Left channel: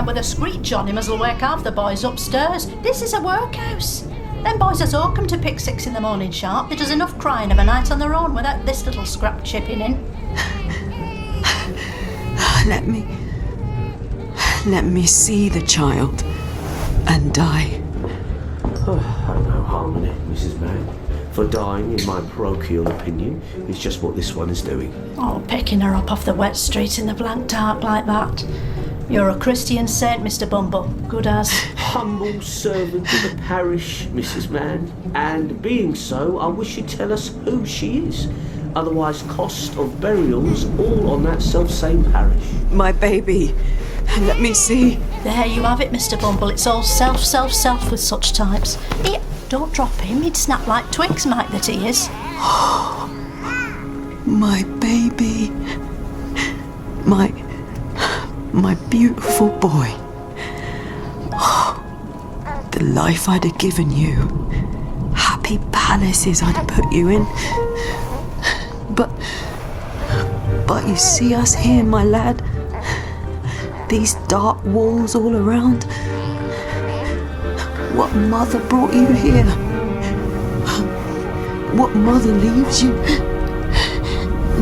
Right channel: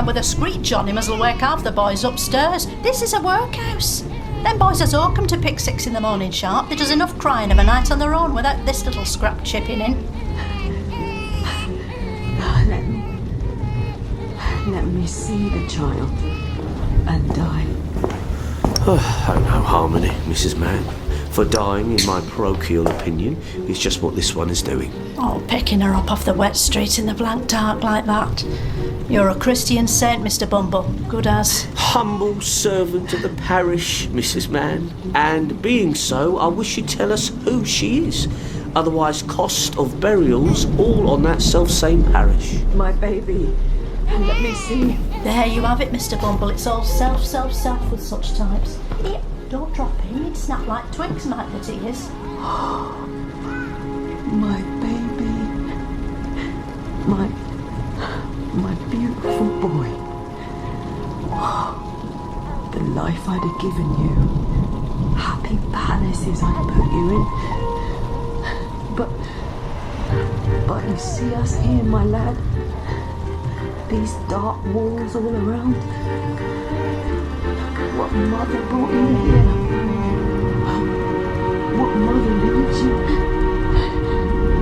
and with a screech on him as'll wake half the boys upstairs. This is a workhouse. Them boys as all come to pick 6 in the morning sharp. They does enough crying of a night on their own without this little scrap chipping in. Let me see the child and die. Oh, no harmony, Mrs. Mann. For dying, in my parochial opinion, is just what this one is doing. Oh, picking her up off the wet street in the blank dark like that. You're a Christian saint, Mr. Bumble. Good as. Humble servant of the parish, Mrs. Mann. And being so, I wish you'd tell us who she is. Otherwise, cost of burials all on that self-same parish. My baby. Let me see. There you have it, Mr. Bumble. It's all self with such types. Here, don't drop him. He'd snap like twigs, Mike, that he is. My baby. My beautiful boy. The life I'd have given you. Happy palaces I'd have put you in. But you see us here, my lad. These dark walls all around. What mother brought you here? What mother leaves you?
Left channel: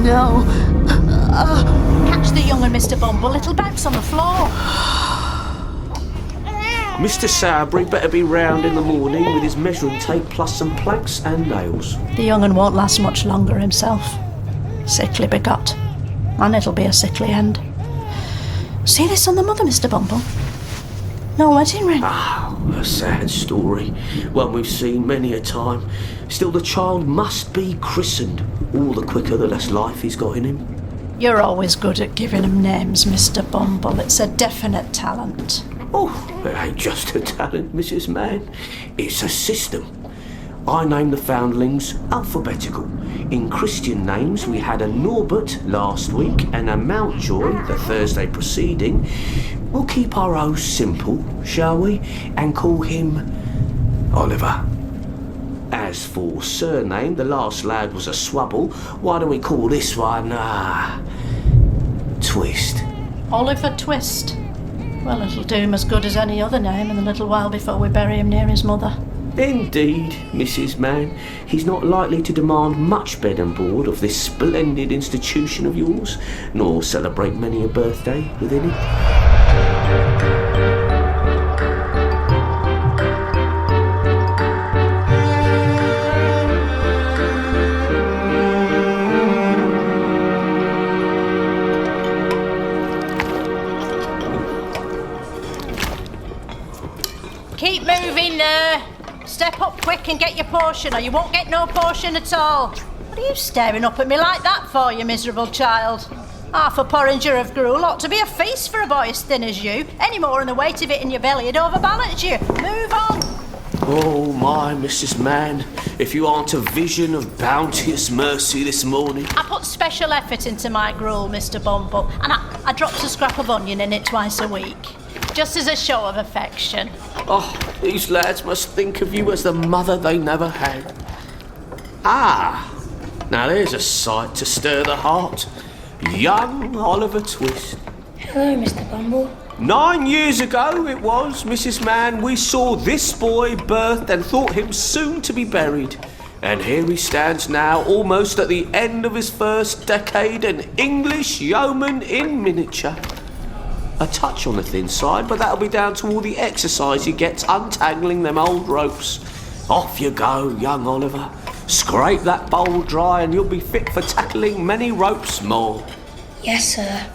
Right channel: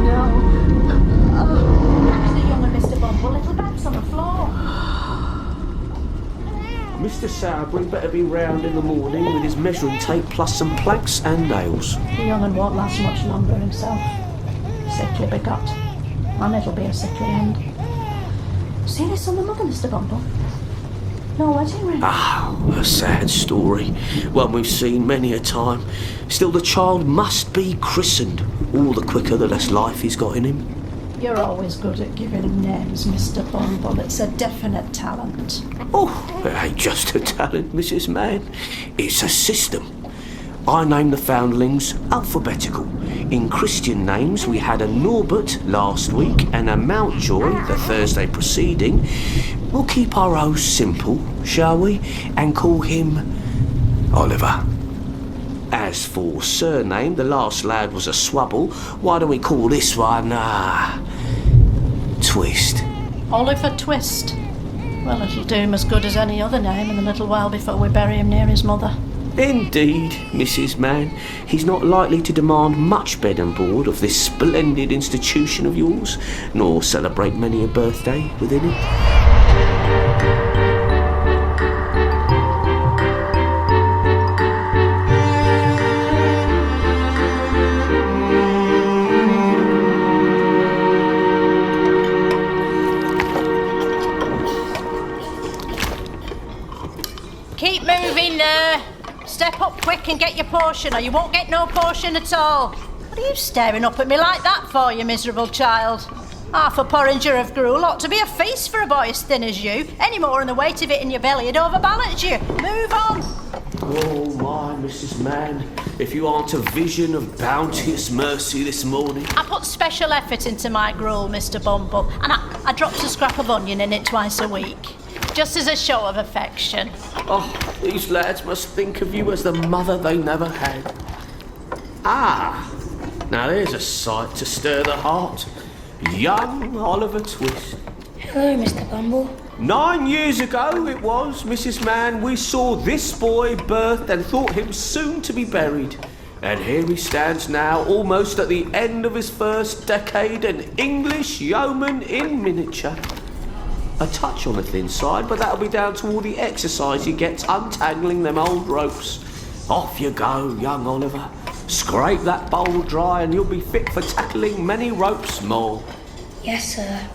Now. Catch the young one, Mr. Bumble. Little bags on the floor. Mr. Sowerbury better be round in the morning with his measuring tape plus some planks and nails. The young un won't last much longer himself. Sickly begot. And it'll be a sickly end. See this on the mother, Mr. Bumble? No wedding ring. A sad story. One we've seen many a time. Still, the child must be christened. All the quicker, the less life he's got in him. You're always good at giving him names, Mr. Bumble. It's a definite talent. Oh, it ain't just a talent, Mrs. Mann. It's a system. I named the foundlings alphabetical. In Christian names, we had a Norbert last week and a Mountjoy the Thursday preceding. We'll keep our O's simple, shall we? And call him Oliver. As for surname, the last lad was a Swubble. Why don't we call this one, Twist? Oliver Twist. Well, it'll do him as good as any other name in a little while before we bury him near his mother. Indeed, Mrs. Mann. He's not likely to demand much bed and board of this splendid institution of yours, nor celebrate many a birthday within it. Keep moving there. Step up quick and get your portion, or you won't get no portion at all. What are you staring up at me like that for, you miserable child? Half a porringer of gruel ought to be a feast for a boy as thin as you. Any more and the weight of it in your belly would overbalance you. Move on. Oh, my, Mrs. Mann, if you aren't a vision of bounteous mercy this morning. I put special effort into my gruel, Mr. Bumble, and I dropped a scrap of onion in it twice a week, just as a show of affection. Oh, these lads must think of you as the mother they never had. Now there's a sight to stir the heart. Young Oliver Twist. Hello, Mr. Bumble. 9 years ago it was, Mrs. Mann, we saw this boy birthed and thought him soon to be buried. And here he stands now, almost at the end of his first decade, an English yeoman in miniature. A touch on the thin side, but that'll be down to all the exercise he gets untangling them old ropes. Off you go, young Oliver. Scrape that bowl dry and you'll be fit for tackling many ropes more. Yes, sir.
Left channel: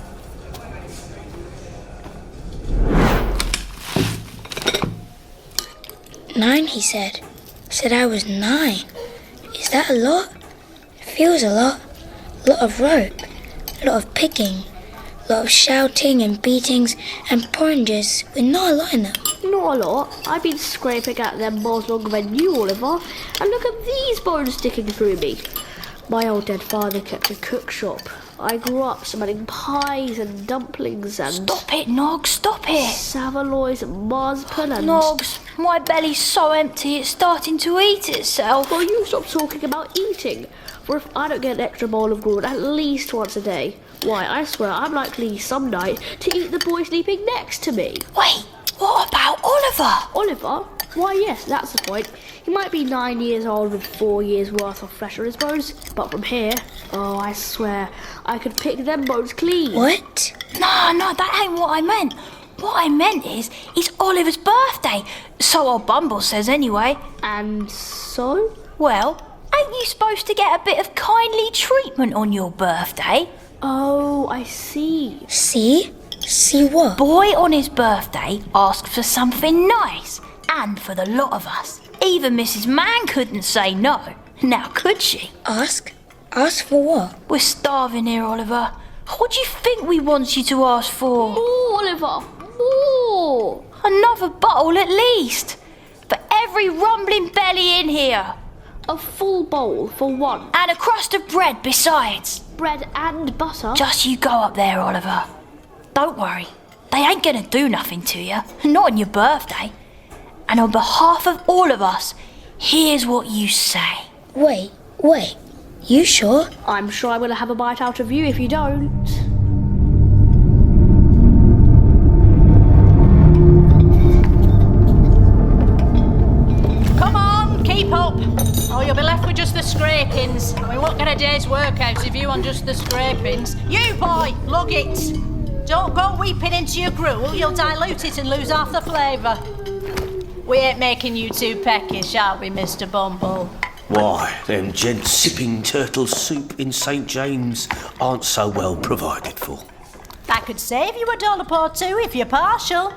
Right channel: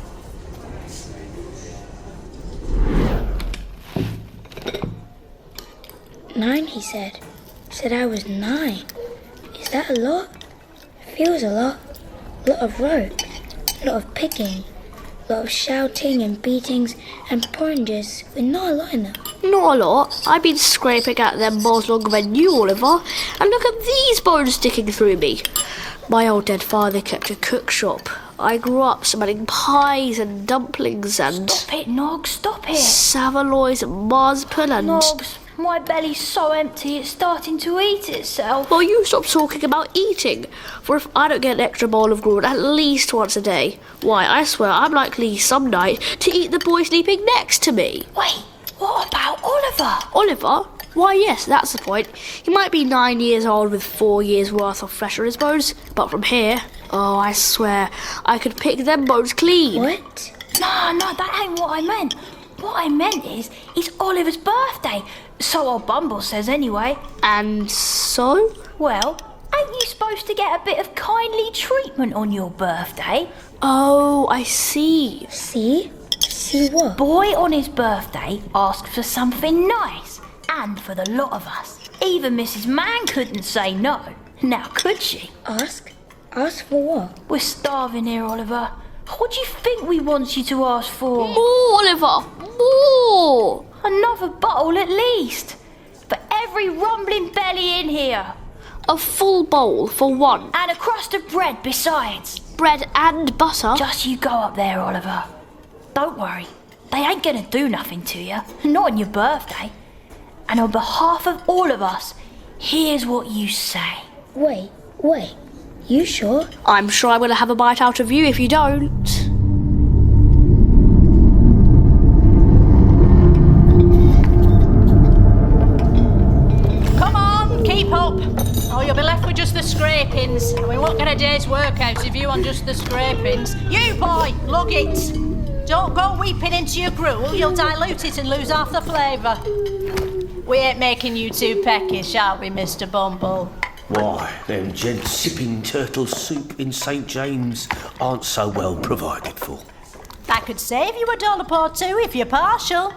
"9, he said. Said I was 9. Is that a lot? Feels a lot. A lot of rope. A lot of picking. A lot of shouting and beatings and porringers with not a lot in them." Not a lot. I've been scraping at them balls longer than you, Oliver. And look at these bones sticking through me. My old dead father kept a cook shop. I grew up smelling pies and dumplings and... Stop it, Nog, stop it. Saveloys and marzipan and... Nogs, my belly's so empty it's starting to eat itself. Well, you stop talking about eating. For if I don't get an extra bowl of gruel at least once a day, Why, I swear I'm likely some night to eat the boy sleeping next to me. Wait, what about Oliver? Oliver? Why, yes, that's the point. He might be 9 years old with 4 years' worth of flesh on his bones, but from here, oh, I swear, I could pick them bones clean. What? No, that ain't what I meant. What I meant is, it's Oliver's birthday. So old Bumble says anyway. And so? Well, ain't you supposed to get a bit of kindly treatment on your birthday? Oh, I see. See? See what? Boy on his birthday asked for something nice. And for the lot of us. Even Mrs. Mann couldn't say no. Now could she? Ask? Ask for what? We're starving here, Oliver. What do you think we want you to ask for? More, Oliver! More! Another bottle at least. For every rumbling belly in here. A full bowl for one. And a crust of bread besides. Bread and butter? Just you go up there, Oliver. Don't worry. They ain't gonna do nothing to you. Not on your birthday. And on behalf of all of us, here's what you say. Wait. You sure? I'm sure I'm going to have a bite out of you if you don't. Come on, keep up. Or you'll be left with just the scrapings. And we won't get a day's work out of you on just the scrapings. You, boy, lug it. Don't go weeping into your gruel. You'll dilute it and lose half the flavour. We ain't making you too peckish, are we, Mr. Bumble? Why, them gents sipping turtle soup in St. James aren't so well provided for. That could save you $1 or $2 if you're partial.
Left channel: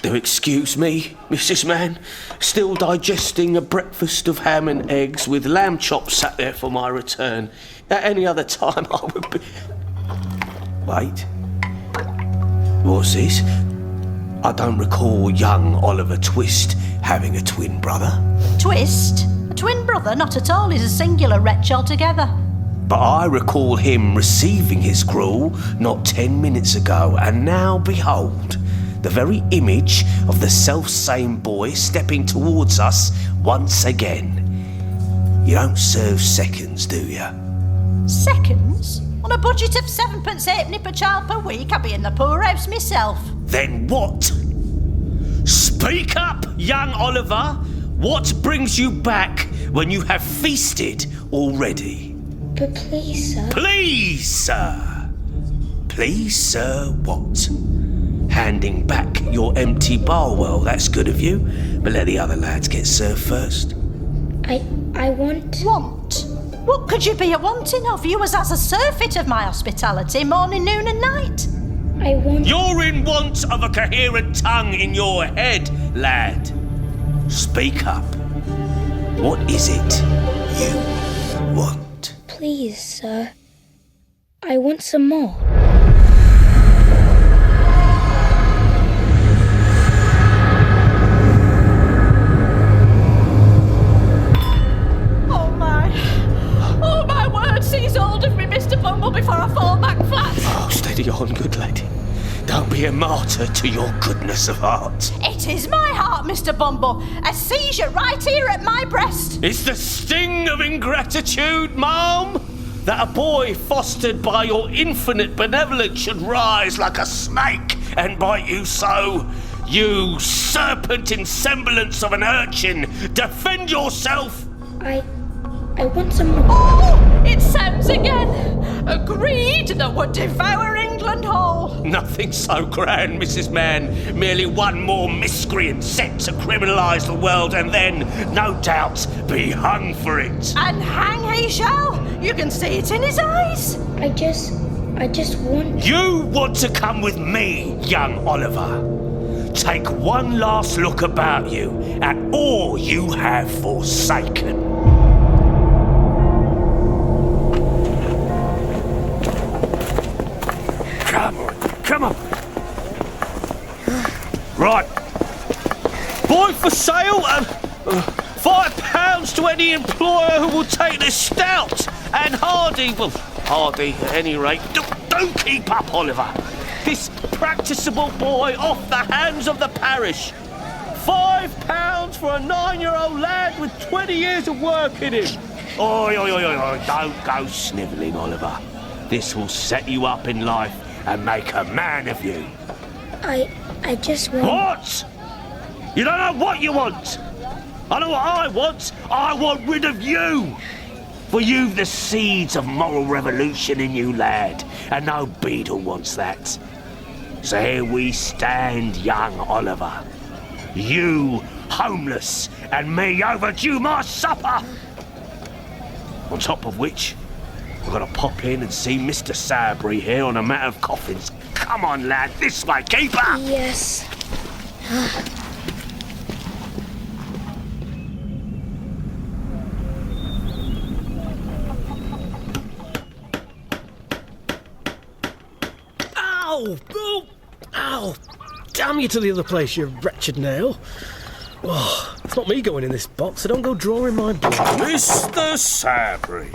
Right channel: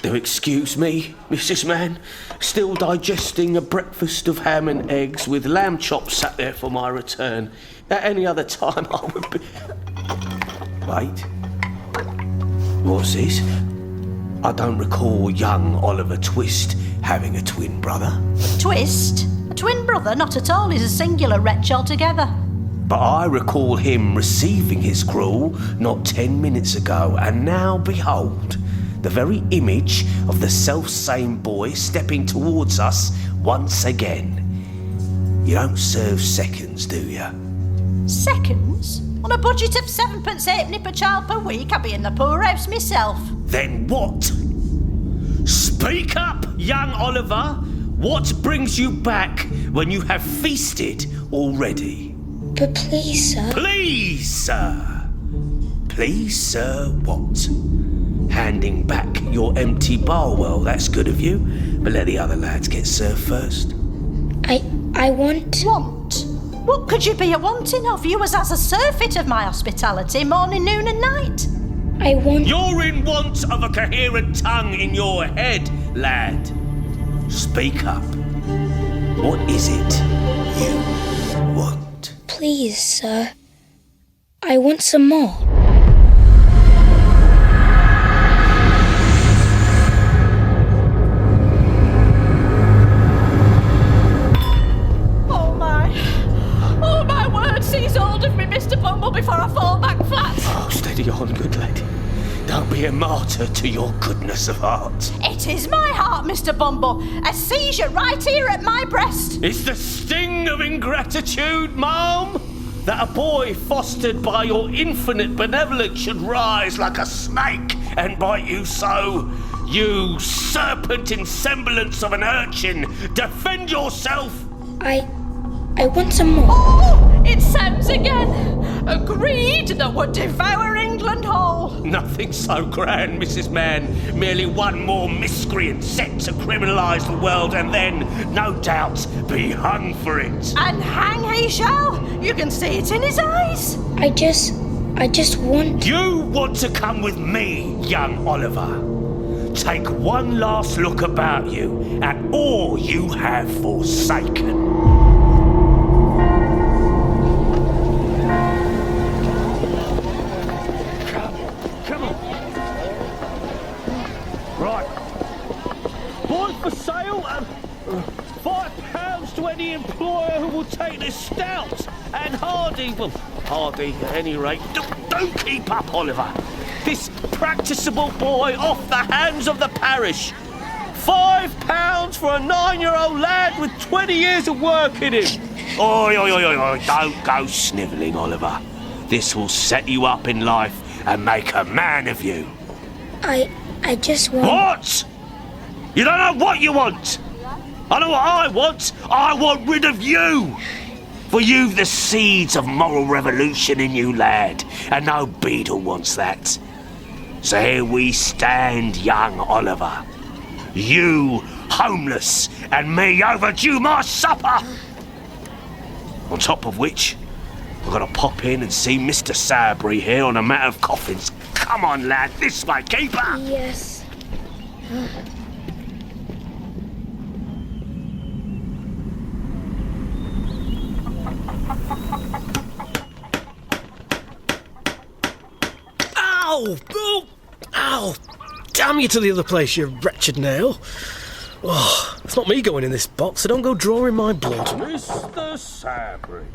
Do excuse me, Mrs. Mann. Still digesting a breakfast of ham and eggs with lamb chops sat there for my return. At any other time I would be... Wait. What's this? I don't recall young Oliver Twist having a twin brother. Twist? A twin brother? Not at all. He's a singular wretch altogether. But I recall him receiving his gruel not 10 minutes ago, and now behold, the very image of the self-same boy stepping towards us once again. You don't serve seconds, do you? Seconds? On a budget of 7pence halfpenny per child per week, I'd be in the poorhouse myself. Then what? Speak up, young Oliver. What brings you back when you have feasted already? But please, sir. Please, sir. Please, sir, what? Handing back your empty bowl. Well, that's good of you, but let the other lads get served first. I want... Want? What could you be a-wanting of? You was as a surfeit of my hospitality, morning, noon and night. I want... You're in want of a coherent tongue in your head, lad. Speak up. What is it you want? Please, sir. I want some more. Oh, my word, seize hold of me, Mr. Bumble, before I fall back flat. Oh, steady on, good lady. Don't be a martyr to your goodness of heart. It is my heart, Mr. Bumble. A seizure right here at my breast. It's the sting of ingratitude, ma'am, that a boy fostered by your infinite benevolence should rise like a snake and bite you so. You serpent in semblance of an urchin, defend yourself. I want some more. Oh, it sounds again. Agreed that would devour England whole. Nothing so grand, Mrs. Mann. Merely one more miscreant set to criminalise the world and then, no doubt, be hung for it. And hang he shall. You can see it in his eyes. I just want... You want to come with me, young Oliver. Take one last look about you at all you have forsaken. Come on. Right. Boy for sale. £5 to any employer who will take this stout and hardy. Well, hardy at any rate. Don't keep up, Oliver. This practicable boy off the hands of the parish. £5 for a 9-year-old lad with 20 years of work in him. Oi, oi, oi, oi, oi, don't go snivelling, Oliver. This will set you up in life and make a man of you. I just want... What? You don't know what you want. I know what I want. I want rid of you. For you've the seeds of moral revolution in you, lad, and no beadle wants that. So here we stand, young Oliver. You homeless, and me overdue my supper. On top of which, I've got to pop in and see Mr. Sabry here on a matter of coffins. Come on, lad, this way, keeper. Yes. Ow! Oh! Ow! Damn you to the other place, you wretched nail. Oh, it's not me going in this box, so don't go drawing my blood. Mr. Sabry,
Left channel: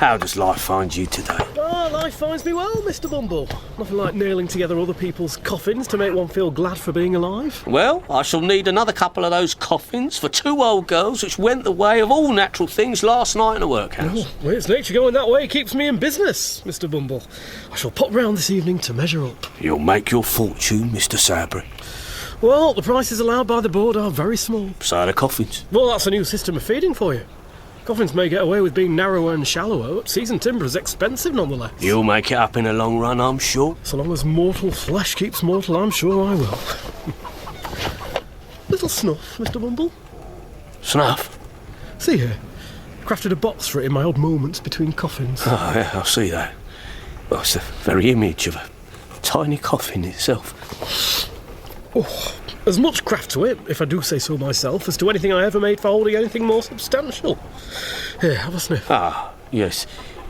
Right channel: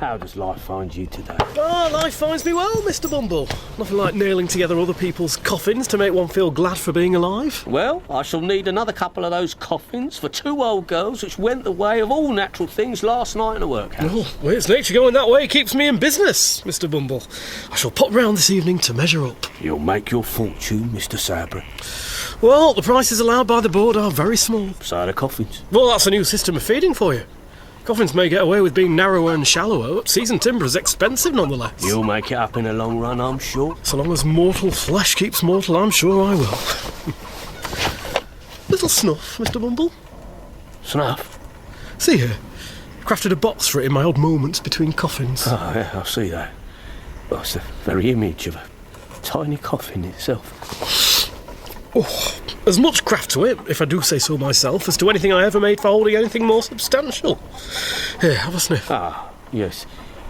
how does life find you today? Ah, life finds me well, Mr. Bumble. Nothing like nailing together other people's coffins to make one feel glad for being alive. Well, I shall need another couple of those coffins for 2 old girls which went the way of all natural things last night in a workhouse. Oh, well, it's nature going that way keeps me in business, Mr. Bumble. I shall pop round this evening to measure up. You'll make your fortune, Mr. Sabry. Well, the prices allowed by the board are very small. So are the coffins. Well, that's a new system of feeding for you. Coffins may get away with being narrower and shallower, but seasoned timber is expensive nonetheless. You'll make it up in the long run, I'm sure. So long as mortal flesh keeps mortal, I'm sure I will. Little snuff, Mr. Bumble. Snuff? See here. Crafted a box for it in my odd moments between coffins. Oh, yeah, I see that. Well, it's the very image of a tiny coffin itself. Oh, as much craft to it, if I do say so myself, as to anything I ever made for holding anything more substantial. Here, have a sniff. Ah, yes,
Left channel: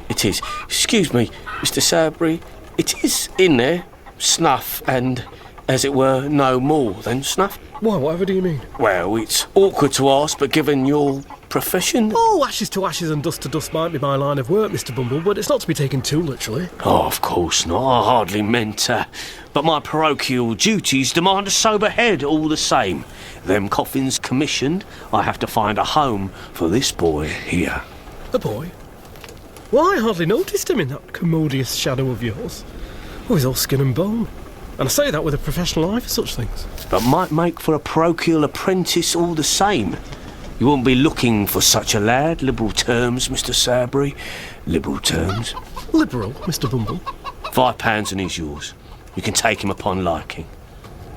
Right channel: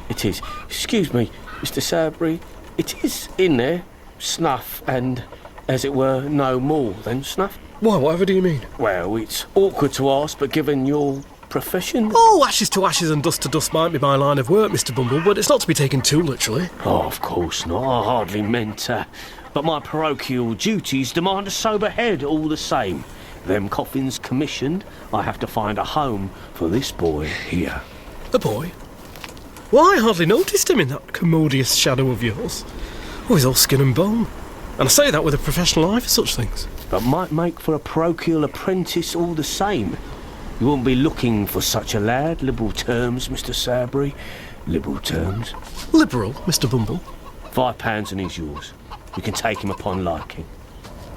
it is. Excuse me, Mr. Sabry, it is in there, snuff, and, as it were, no more than snuff. Why, whatever do you mean? Well, it's awkward to ask, but given your profession... Oh, ashes to ashes and dust to dust might be my line of work, Mr. Bumble, but it's not to be taken too literally. Oh, of course not. I hardly meant... but my parochial duties demand a sober head all the same. Them coffins commissioned, I have to find a home for this boy here. A boy? Why, I hardly noticed him in that commodious shadow of yours. Oh, he's all skin and bone. And I say that with a professional eye for such things. But might make for a parochial apprentice all the same. You won't be looking for such a lad. Liberal terms, Mr. Sabry. Liberal terms. Liberal, Mr. Bumble? £5 and he's yours. You can take him upon liking.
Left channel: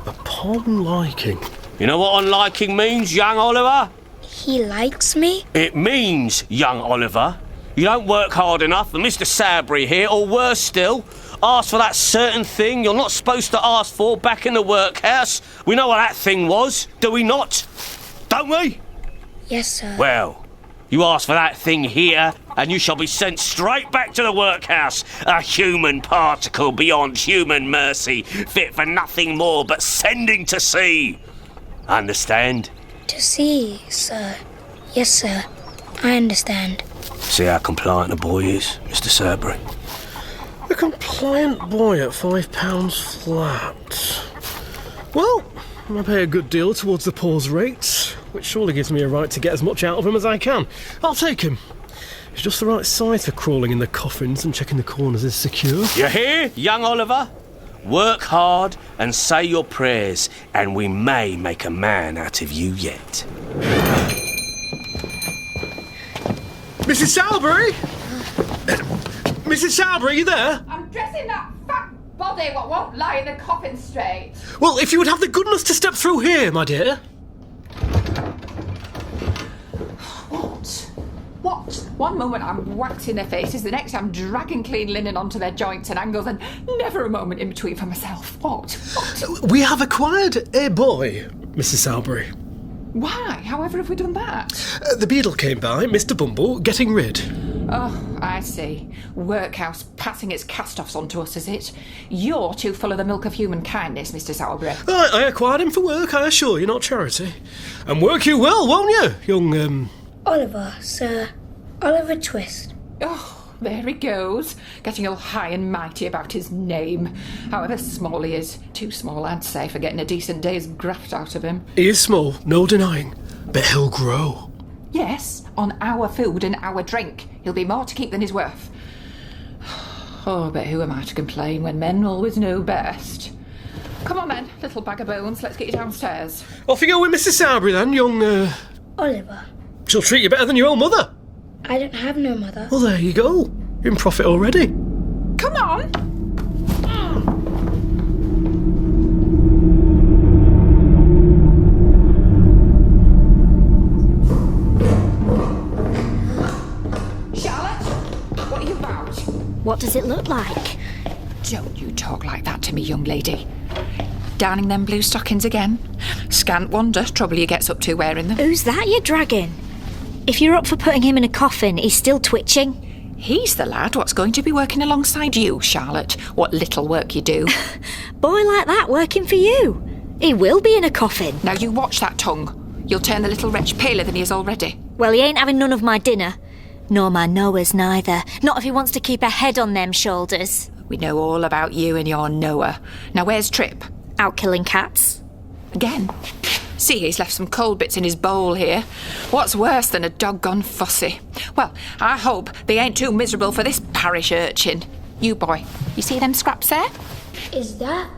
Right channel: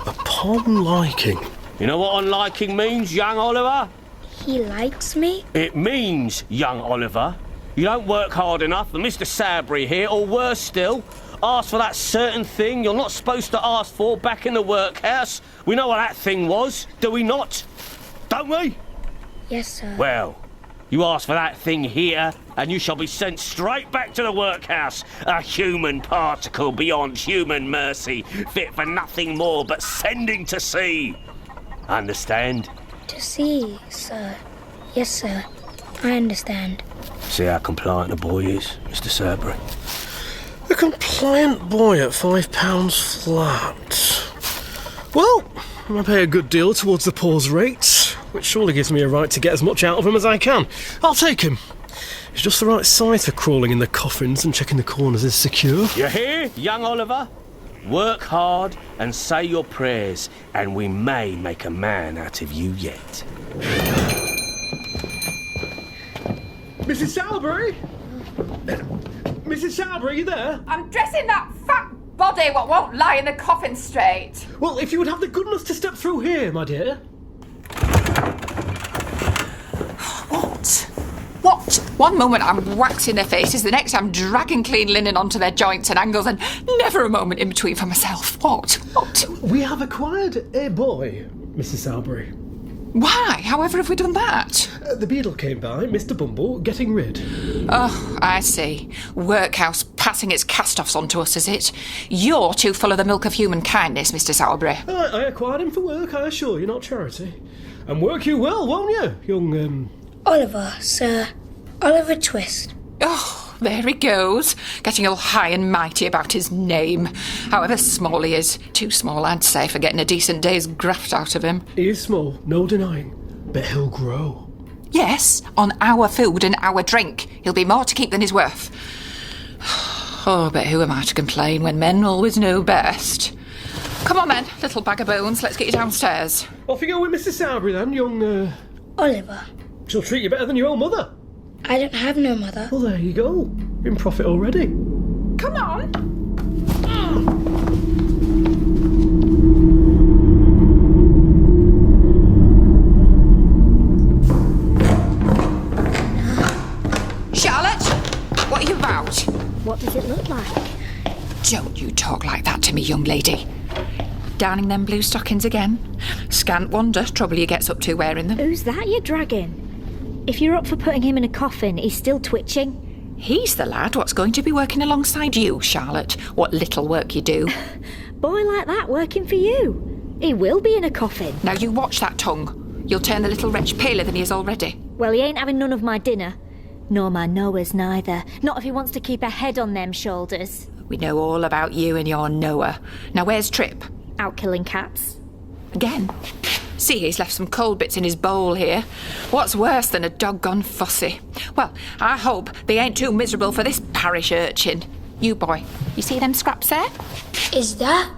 Upon liking? You know what on liking means, young Oliver? He likes me? It means, young Oliver, you don't work hard enough, and Mr. Sabry here, or worse still, ask for that certain thing you're not supposed to ask for back in the workhouse. We know what that thing was, do we not? Don't we? Yes, sir. Well, you ask for that thing here, and you shall be sent straight back to the workhouse, a human particle beyond human mercy, fit for nothing more but sending to sea. Understand? To see, sir. Yes, sir. I understand. See how compliant a boy is, Mr. Sabry? A compliant boy at £5 flat. Well, I pay a good deal towards the poor's rates, which surely gives me a right to get as much out of him as I can. I'll take him. He's just the right size for crawling in the coffins and checking the corners is secure. You hear, young Oliver? Work hard and say your prayers, and we may make a man out of you yet. Mrs. Salbury? Mrs. Salbury, you there? I'm dressing that fat body what won't lie in the coffin straight. Well, if you would have the goodness to step through here, my dear. What? One moment I'm waxing their faces, the next I'm dragging clean linen onto their joints and angles, and never a moment in between for myself. What? We have acquired a boy, Mrs. Salbury. Why? However have we done that? The beadle came by, Mr. Bumble, getting rid. Oh, I see. Workhouse passing its cast-offs onto us, is it? You're too full of the milk of human kindness, Mr. Salbury. I acquired him for work, I assure you, not charity. And work you well, won't you, young, Oliver, sir. Oliver Twist. Oh, there he goes, getting all high and mighty about his name. However small he is. Too small, I'd say, for getting a decent day's graft out of him. He is small, no denying, but he'll grow. Yes, on our food and our drink. He'll be more to keep than he's worth. Oh, but who am I to complain when men always know best? Come on then, little bag of bones, let's get you downstairs. Off you go with Mrs. Sowerby then, young... Oliver, She'll treat you better than your own mother. I don't have no mother. Well, there you go. You're in profit already. Come on. Charlotte, what are you about? What does it look like? Don't you talk like that to me, young lady. Darning them blue stockings again? Scant wonder trouble you gets up to wearing them. Who's that you're dragging? If you're up for putting him in a coffin, he's still twitching. He's the lad what's going to be working alongside you, Charlotte. What little work you do. Boy like that working for you. He will be in a coffin. Now you watch that tongue. You'll turn the little wretch paler than he is already. Well, he ain't having none of my dinner. Nor my Noah's neither. Not if he wants to keep a head on them shoulders. We know all about you and your Noah. Now where's Trip? Out killing cats. Again? See, he's left some cold bits in his bowl here. What's worse than a doggone fussy? Well, I hope they ain't too miserable for this parish urchin. You boy, you see them scraps there? Is that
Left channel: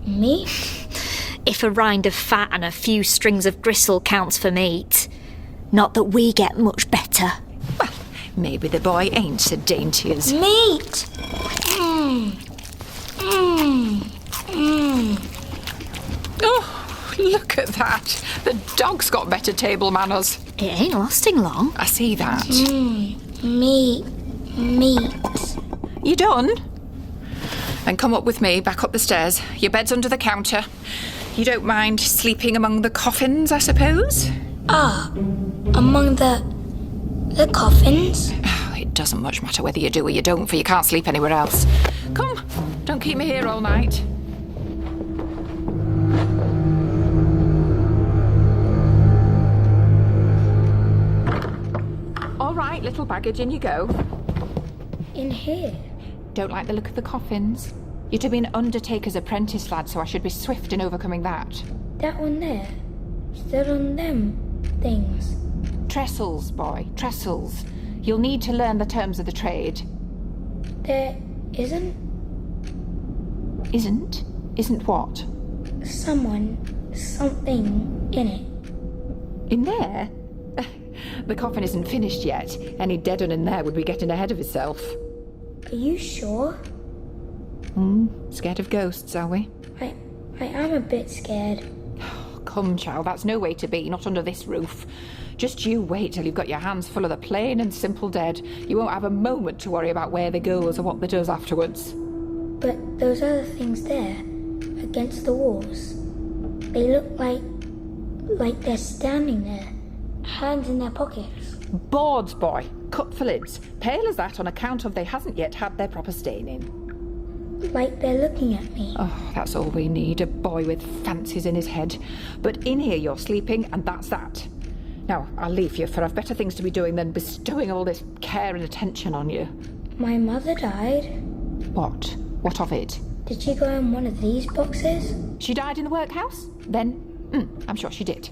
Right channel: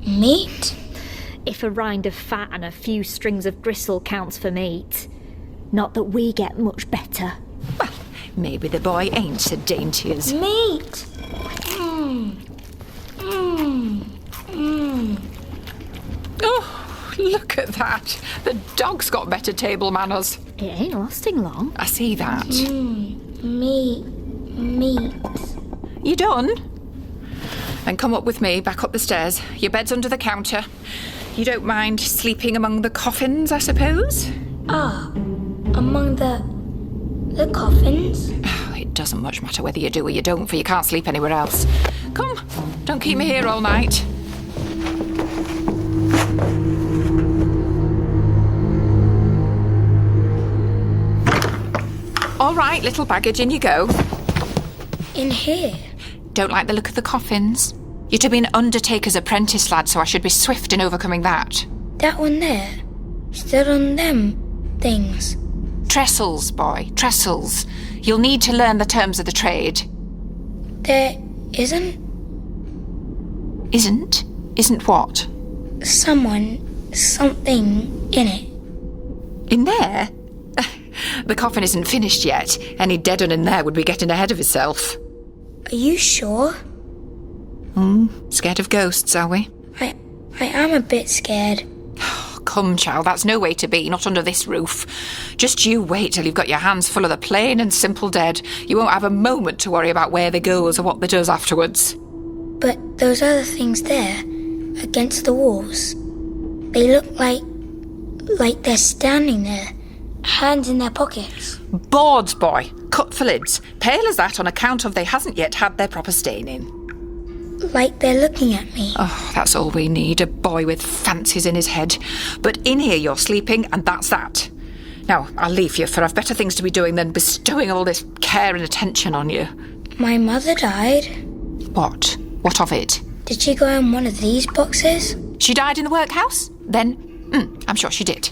meat? If a rind of fat and a few strings of gristle counts for meat. Not that we get much better. Well, maybe the boy ain't so dainty as... Meat! Oh, look at that. The dog's got better table manners. It ain't lasting long. I see that. Meat. You done? Then come up with me, back up the stairs. Your bed's under the counter. You don't mind sleeping among the coffins, I suppose? Among the coffins? Oh, it doesn't much matter whether you do or you don't, for you can't sleep anywhere else. Come, don't keep me here all night. All right, little baggage, in you go. In here? Don't like the look of the coffins? You're to be an undertaker's apprentice, lad, so I should be swift in overcoming that. That one there? Stood on them things? Trestles, boy, trestles. You'll need to learn the terms of the trade. There isn't? Isn't what? Something in it. In there? The coffin isn't finished yet. Any dead un in there would be getting ahead of himself. Are you sure? Scared of ghosts, are we? I am a bit scared. Come, child, that's no way to be, not under this roof. Just you wait till you've got your hands full of the plain and simple dead. You won't have a moment to worry about where they goes or what they does afterwards. But those other things there, against the walls, they look like they're standing there, hands in their pockets. Boards, boy. Cut for lids. Pale as that on account of they hasn't yet had their proper staining. Like they're looking at me. Oh, that's all we need, a boy with fancies in his head. But in here you're sleeping, and that's that. Now, I'll leave you, for I've better things to be doing than bestowing all this care and attention on you. My mother died. What? What of it? Did she go in one of these boxes? She died in the workhouse? Then, I'm sure she did.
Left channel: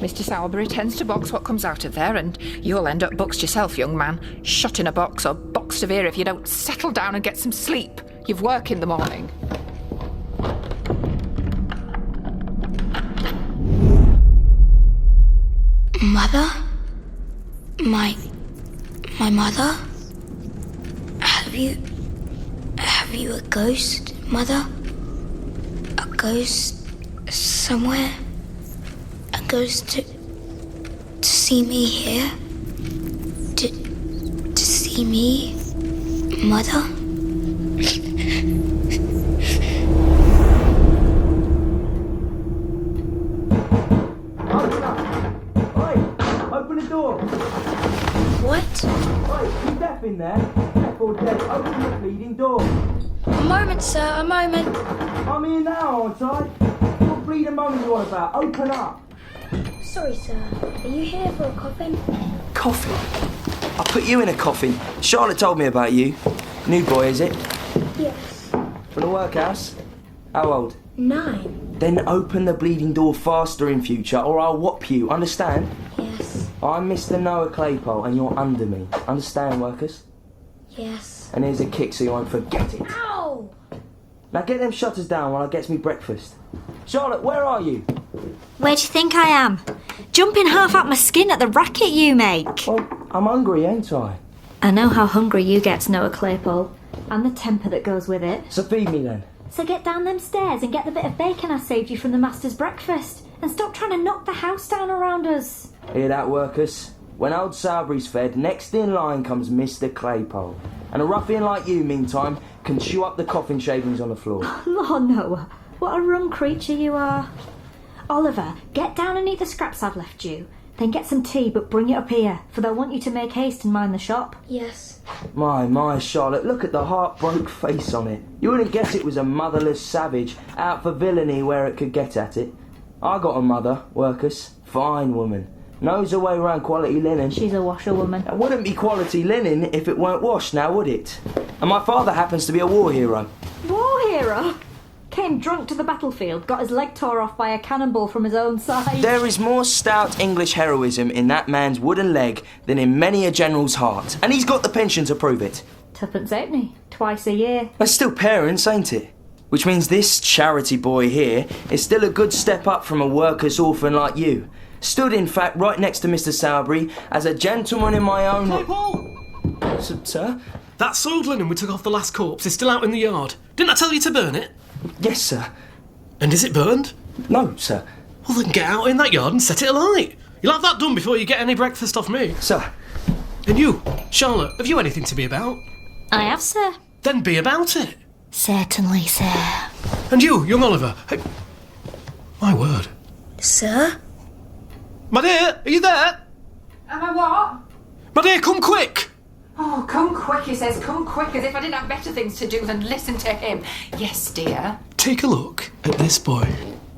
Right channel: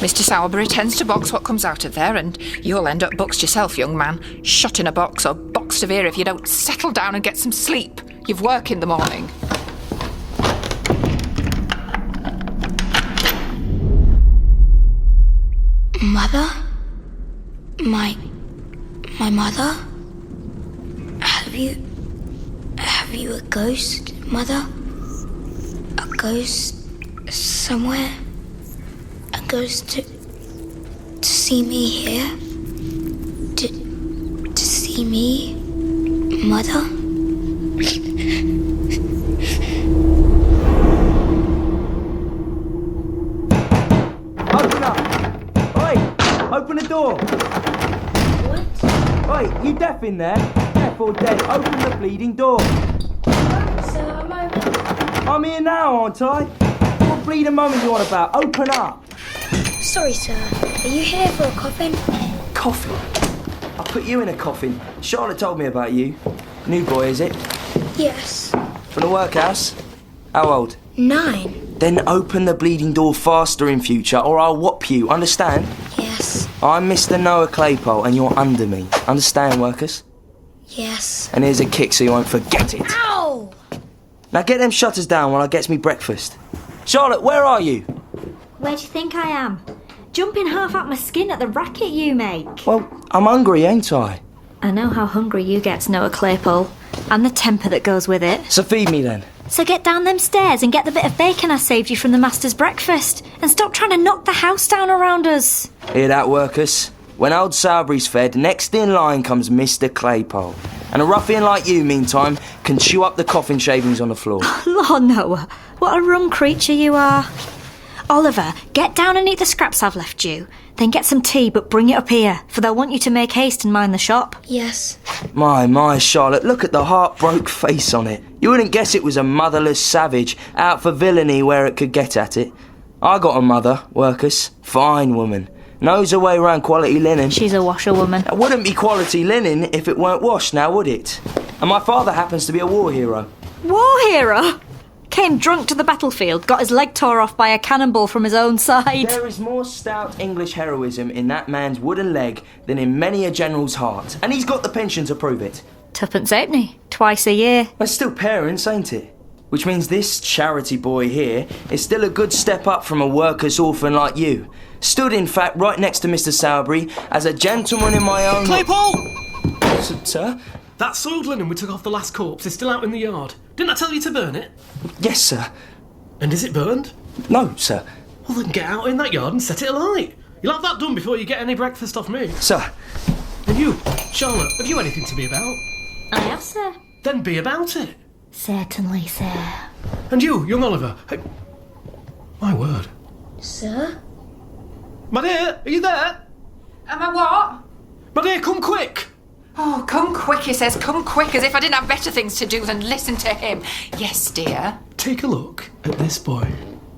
Mr. Sowerbury tends to box what comes out of there, and you'll end up boxed yourself, young man. Shot in a box or boxed of here if you don't settle down and get some sleep. You've work in the morning. Mother? My mother? Have you a ghost, Mother? A ghost somewhere? A ghost to see me here? To see me, Mother? Open up! Oi! Open the door! What? Oi, you deaf in there? Deaf or dead? Open the bleeding door! A moment, sir, a moment. I'm here now, aren't I? What bleeding moment you on about? Open up! Sorry, sir. Are you here for a coffin? Coffin? I put you in a coffin. Charlotte told me about you. New boy, is it? Yes. From the workhouse? How old? 9. Then open the bleeding door faster in future, or I'll whop you, understand? Yes. I'm Mr. Noah Claypole and you're under me. Understand, workers? Yes. And here's a kick so you won't forget it. Ow! Now get them shutters down while I get me breakfast. Charlotte, where are you? Where do you think I am? Jumping half out my skin at the racket you make. Well, I'm hungry, ain't I? I know how hungry you get, Noah Claypole, and the temper that goes with it. So feed me then. So get down them stairs and get the bit of bacon I saved you from the master's breakfast, and stop trying to knock the house down around us. Hear that, workers? When old Sowerbury's fed, next in line comes Mr. Claypole. And a ruffian like you, meantime, can chew up the coffin shavings on the floor. Lord, Noah, what a rum creature you are. Oliver, get down and eat the scraps I've left you. Then get some tea, but bring it up here, for they'll want you to make haste and mind the shop. Yes. My, Charlotte, look at the heart-broke face on it. You wouldn't guess it was a motherless savage, out for villainy where it could get at it. I got a mother, workers. Fine woman. Knows her way around quality linen. She's a washerwoman. It wouldn't be quality linen if it weren't washed, now would it? And my father happens to be a war hero. War hero? Came drunk to the battlefield, got his leg tore off by a cannonball from his own side. There is more stout English heroism in that man's wooden leg than in many a general's heart. And he's got the pension to prove it. Tuppence halfpenny, twice a year. That's still parents, ain't it? Which means this charity boy here is still a good step up from a worker's orphan like you. Stood, in fact, right next to Mr. Sowerbury as a gentleman in my own... Claypole! Sir? That soiled linen we took off the last corpse is still out in the yard. Didn't I tell you to burn it? Yes, sir. And is it burned? No, sir. Well, then get out in that yard and set it alight. You'll have that done before you get any breakfast off me. Sir. And you, Charlotte, have you anything to be about? I have, sir. Then be about it. Certainly, sir. And you, young Oliver. Hey, my word. Sir? My dear, are you there? Am I what? My dear, come quick. Oh, come quick, he says. Come quick, as if I didn't have better things to do than listen to him. Yes, dear. Take a look at this boy.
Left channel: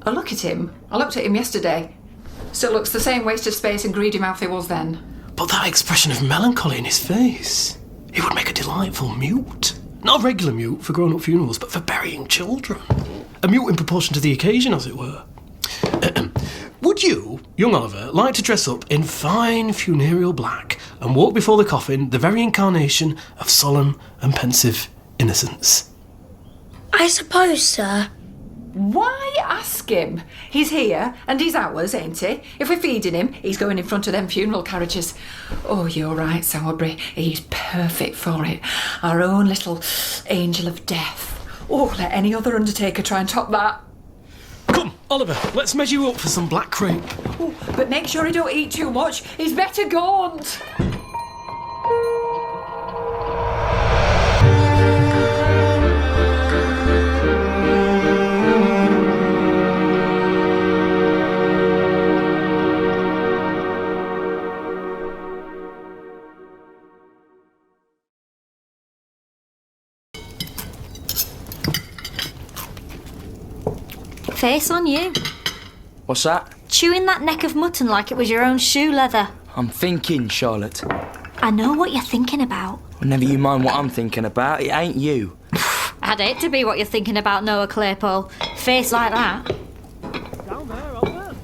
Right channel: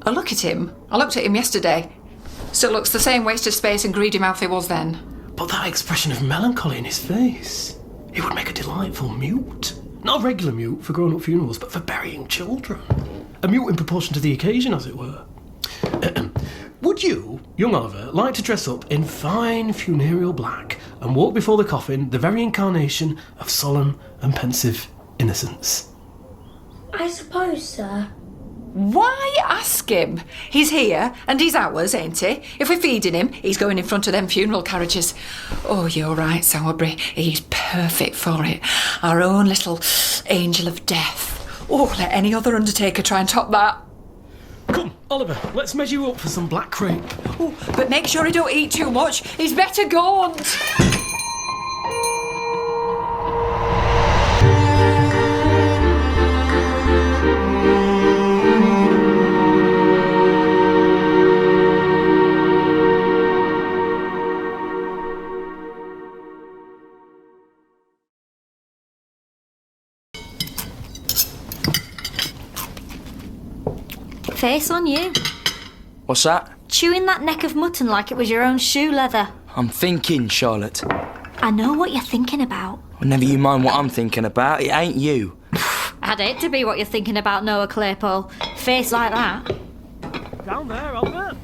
I look at him. I looked at him yesterday. Still looks the same waste of space and greedy mouth he was then. But that expression of melancholy in his face. He would make a delightful mute. Not a regular mute for grown-up funerals, but for burying children. A mute in proportion to the occasion, as it were. Would you, young Oliver, like to dress up in fine funereal black and walk before the coffin, the very incarnation of solemn and pensive innocence? I suppose, sir. Why ask him? He's here, and he's ours, ain't he? If we're feeding him, he's going in front of them funeral carriages. Oh, you're right, Sowerbury. He's perfect for it. Our own little angel of death. Oh, let any other undertaker try and top that. Come, Oliver, let's measure you up for some black crepe. Oh, but make sure he don't eat too much. He's better gaunt. Face on you. What's that? Chewing that neck of mutton like it was your own shoe leather. I'm thinking, Charlotte. I know what you're thinking about. Well, never you mind what I'm thinking about. It ain't you. I'd hate to be what you're thinking about, Noah Claypole. Face like that. Down there, Oliver.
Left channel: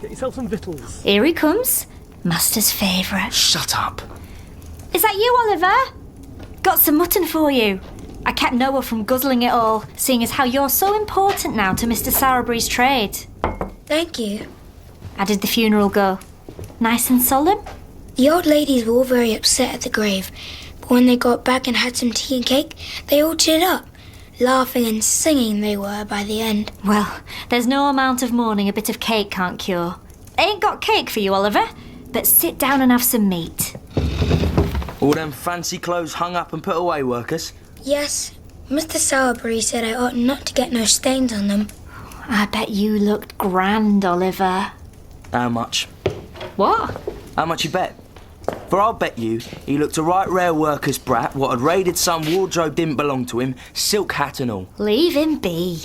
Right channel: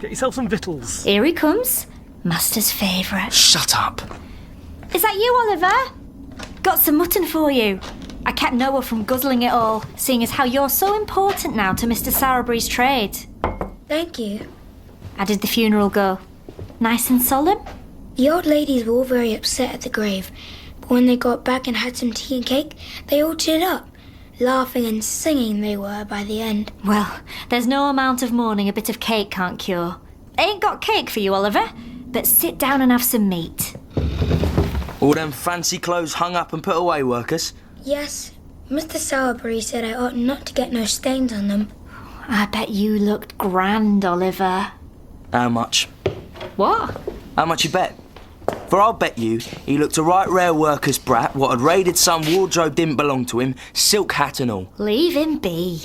Get yourself some victuals. Here he comes. Master's favourite. Shut up. Is that you, Oliver? Got some mutton for you. I kept Noah from guzzling it all, seeing as how you're so important now to Mr. Sowerbury's trade. Thank you. How did the funeral go? Nice and solemn? The old ladies were all very upset at the grave, but when they got back and had some tea and cake, they all cheered up. Laughing and singing they were by the end. Well, there's no amount of mourning a bit of cake can't cure. Ain't got cake for you, Oliver, but sit down and have some meat. All them fancy clothes hung up and put away, workers? Yes, Mr. Sowerbury said I ought not to get no stains on them. I bet you looked grand, Oliver. How much? What? How much you bet? For I'll bet you he looked a right rare worker's brat what had raided some wardrobe didn't belong to him, silk hat and all. Leave him be.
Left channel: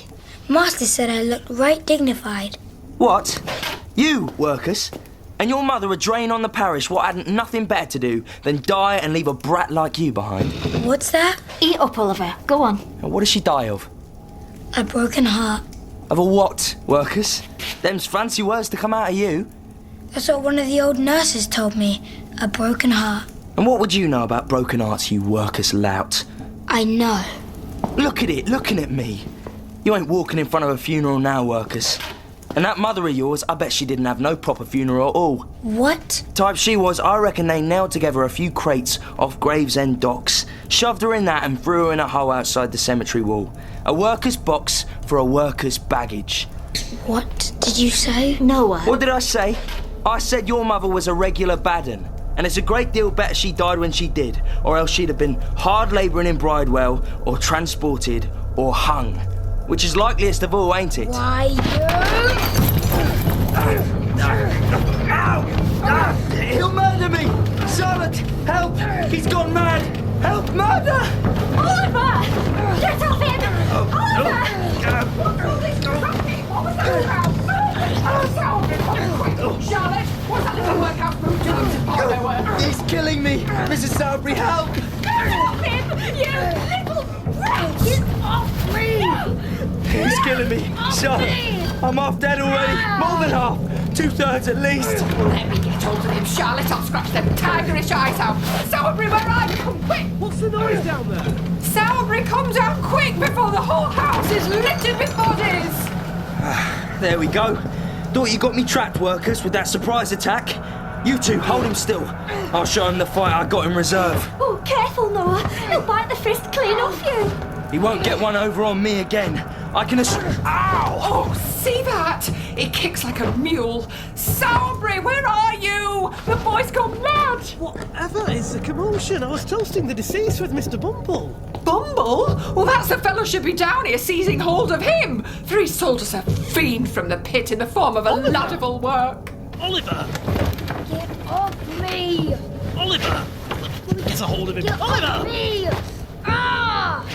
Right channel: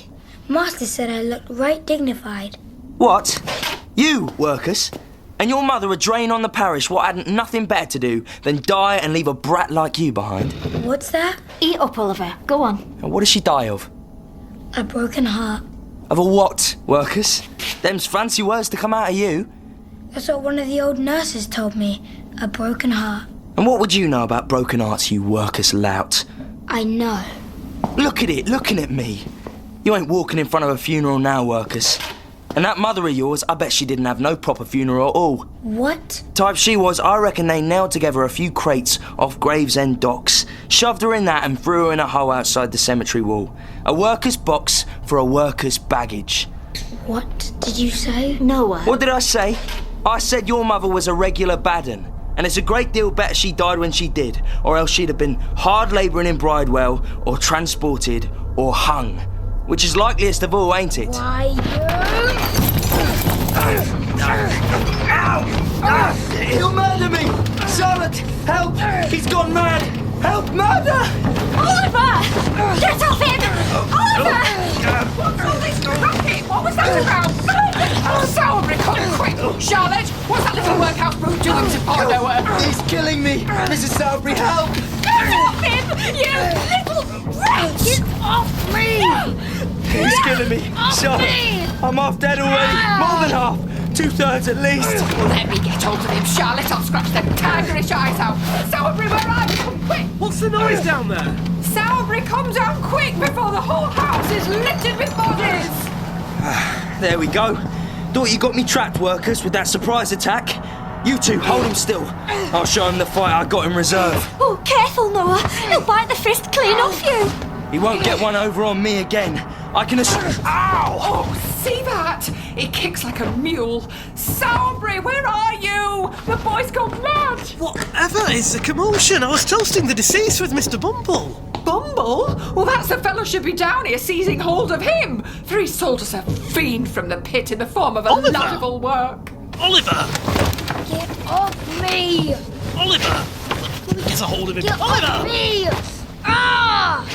Master said I looked right dignified. What? You, workers? And your mother a drain on the parish what hadn't nothing better to do than die and leave a brat like you behind. What's that? Eat up, Oliver. Go on. And what does she die of? A broken heart. Of a what, workers? Them's fancy words to come out of you. That's what one of the old nurses told me. A broken heart. And what would you know about broken hearts, you workus lout? I know. Look at it, looking at me. You ain't walking in front of a funeral now, workers. And that mother of yours, I bet she didn't have no proper funeral at all. What? Type she was, I reckon they nailed together a few crates off Gravesend docks, shoved her in that and threw her in a hole outside the cemetery wall. A worker's box for a worker's baggage. What did you say? Noah. What did I say? I said your mother was a regular bad 'un. And it's a great deal better she died when she did, or else she'd have been hard labouring in Bridewell, or transported, or hung. Which is likeliest of all, ain't it? Why, He'll murder me! Charlotte, help! He's gone mad! Help, murder! Oliver! Get off him! Oliver! What's all this cracking? What was that about? Oh, Sowerbury, come quick! Charlotte, what's that little workhouse brute doing to poor Noah? He's killing me! Mrs. Sowerbury, help! Get off him! You little rat! Get off me! He's killing me! Charlotte, I'm half dead already! More than half! 2/3 at least! Let me get hold of him, Charlotte. I'll scratch them tigerish eyes out. Sowerbury, where are you? Come quick! What's the noise down there? Sowerbury, come down quick before the whole house is littered with bodies! There we go. Thought you got me trapped, workers, with that surprise attack. You two, hold him still. I'll show him the fight I got in reserve. Oh, careful, Noah. He'll bite the fist clean off you. He won't get one over on me again. I can Ow! Oh, see that? It kicks like a mule. Sowerbury, where are you? The boy's gone mad. Whatever is the commotion? I was toasting the deceased with Mr. Bumble. Bumble? Well, that's the fellow should be down here seizing hold of him. For he sold us a fiend from the pit in the form of a lad of all work. Oliver! Get off me! Oliver! Let me get a hold of him. Get Oliver! off me! Ah!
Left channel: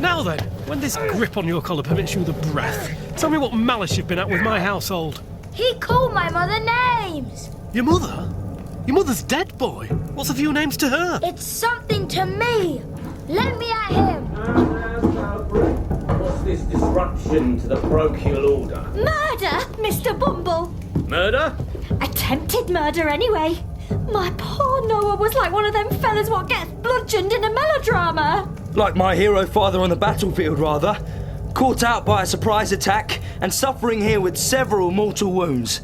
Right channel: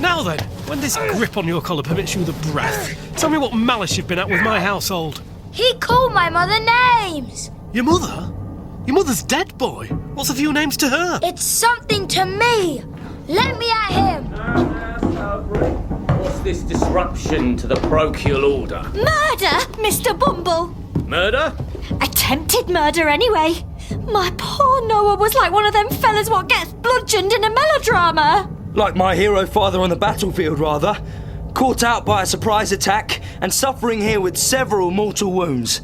Now then, when this grip on your collar permits you the breath, tell me what malice you've been at with my household. He called my mother names! Your mother? Your mother's dead, boy. What's a few names to her? It's something to me! Let me at him! What's this disruption to the parochial order? Murder, Mr. Bumble. Murder? Attempted murder, anyway. My poor Noah was like one of them fellas what gets bludgeoned in a melodrama. Like my hero father on the battlefield, rather. Caught out by a surprise attack and suffering here with several mortal wounds.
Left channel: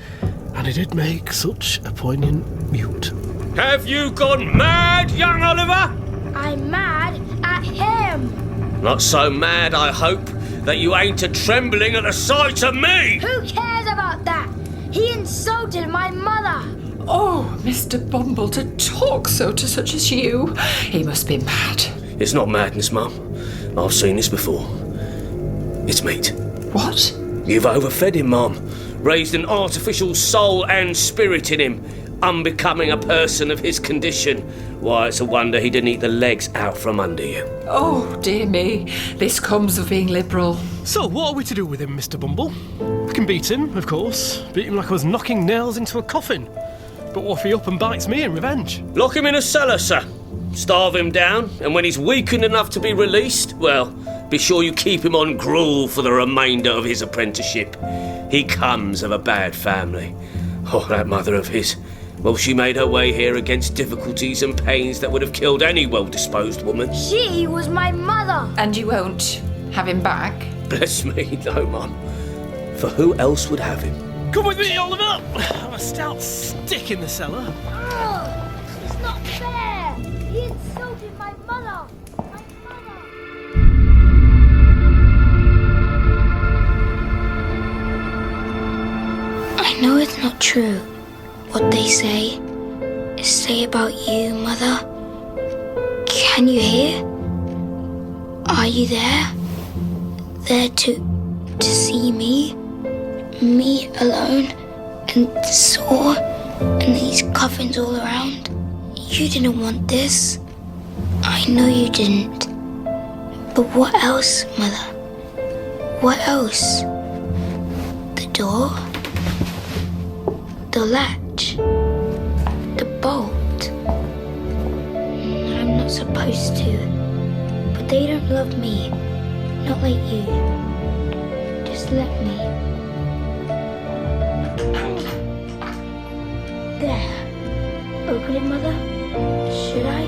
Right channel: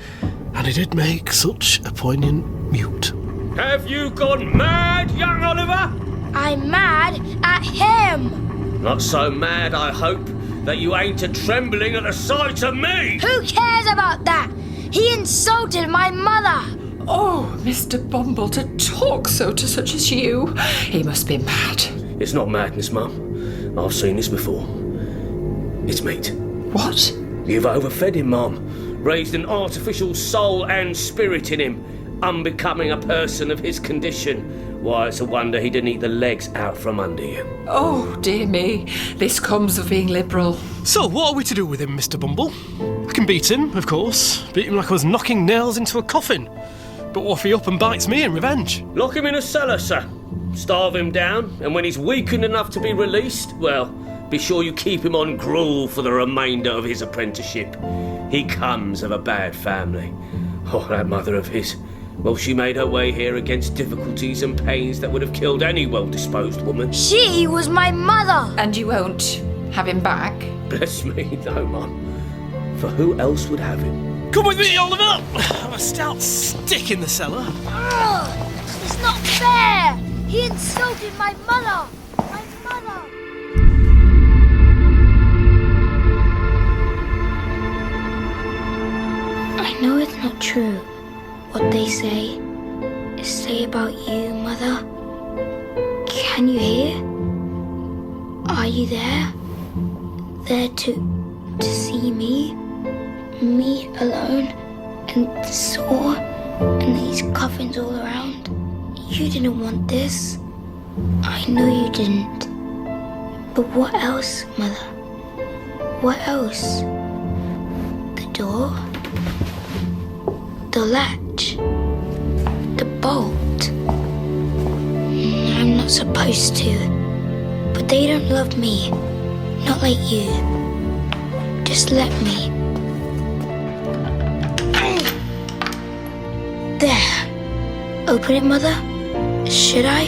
And he did make such a poignant mute. Have you gone mad, young Oliver? I'm mad at him! Not so mad, I hope, that you ain't a trembling at the sight of me. Who cares about that? He insulted my mother! Oh, Mr. Bumble, to talk so to such as you. He must be mad. It's not madness, Mum. I've seen this before. It's meat. What? You've overfed him, Mum. Raised an artificial soul and spirit in him, unbecoming a person of his condition. Why, it's a wonder he didn't eat the legs out from under you. Oh, dear me. This comes of being liberal. So, what are we to do with him, Mr. Bumble? I can beat him, of course. Beat him like I was knocking nails into a coffin. But what if he up and bites me in revenge? Lock him in a cellar, sir. Starve him down, and when he's weakened enough to be released, well, be sure you keep him on gruel for the remainder of his apprenticeship. He comes of a bad family. Oh, that mother of his. Well, she made her way here against difficulties and pains that would have killed any well-disposed woman. She was my mother! And you won't have him back? Bless me, no, Mum. For who else would have him? Come with me, Oliver! I'm a stout stick in the cellar. Oh, it's not fair! He insulted my mother! My mother! I know it's not true what they say about you, Mother. Can you hear? Are you there? There to see me? Me alone and sore and these coffins all around? You didn't want this. I know you didn't. But what else, Mother? What else? The door? The latch? The bolt? I'm not supposed to. But they don't love me. Not like you. Just let me. open it, Mother? Should I?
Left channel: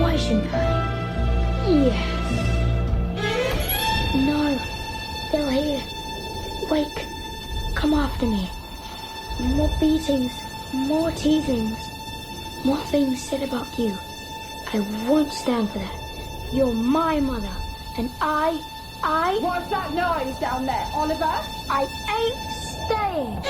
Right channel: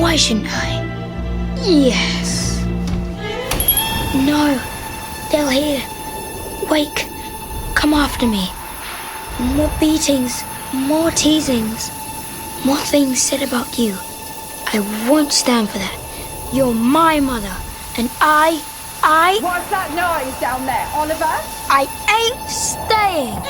Why shouldn't I? Yes. No, they'll hear. Wake, come after me. More beatings, more teasings, more things said about you. I won't stand for that. You're my mother, and I... What's that noise down there, Oliver? I ain't staying.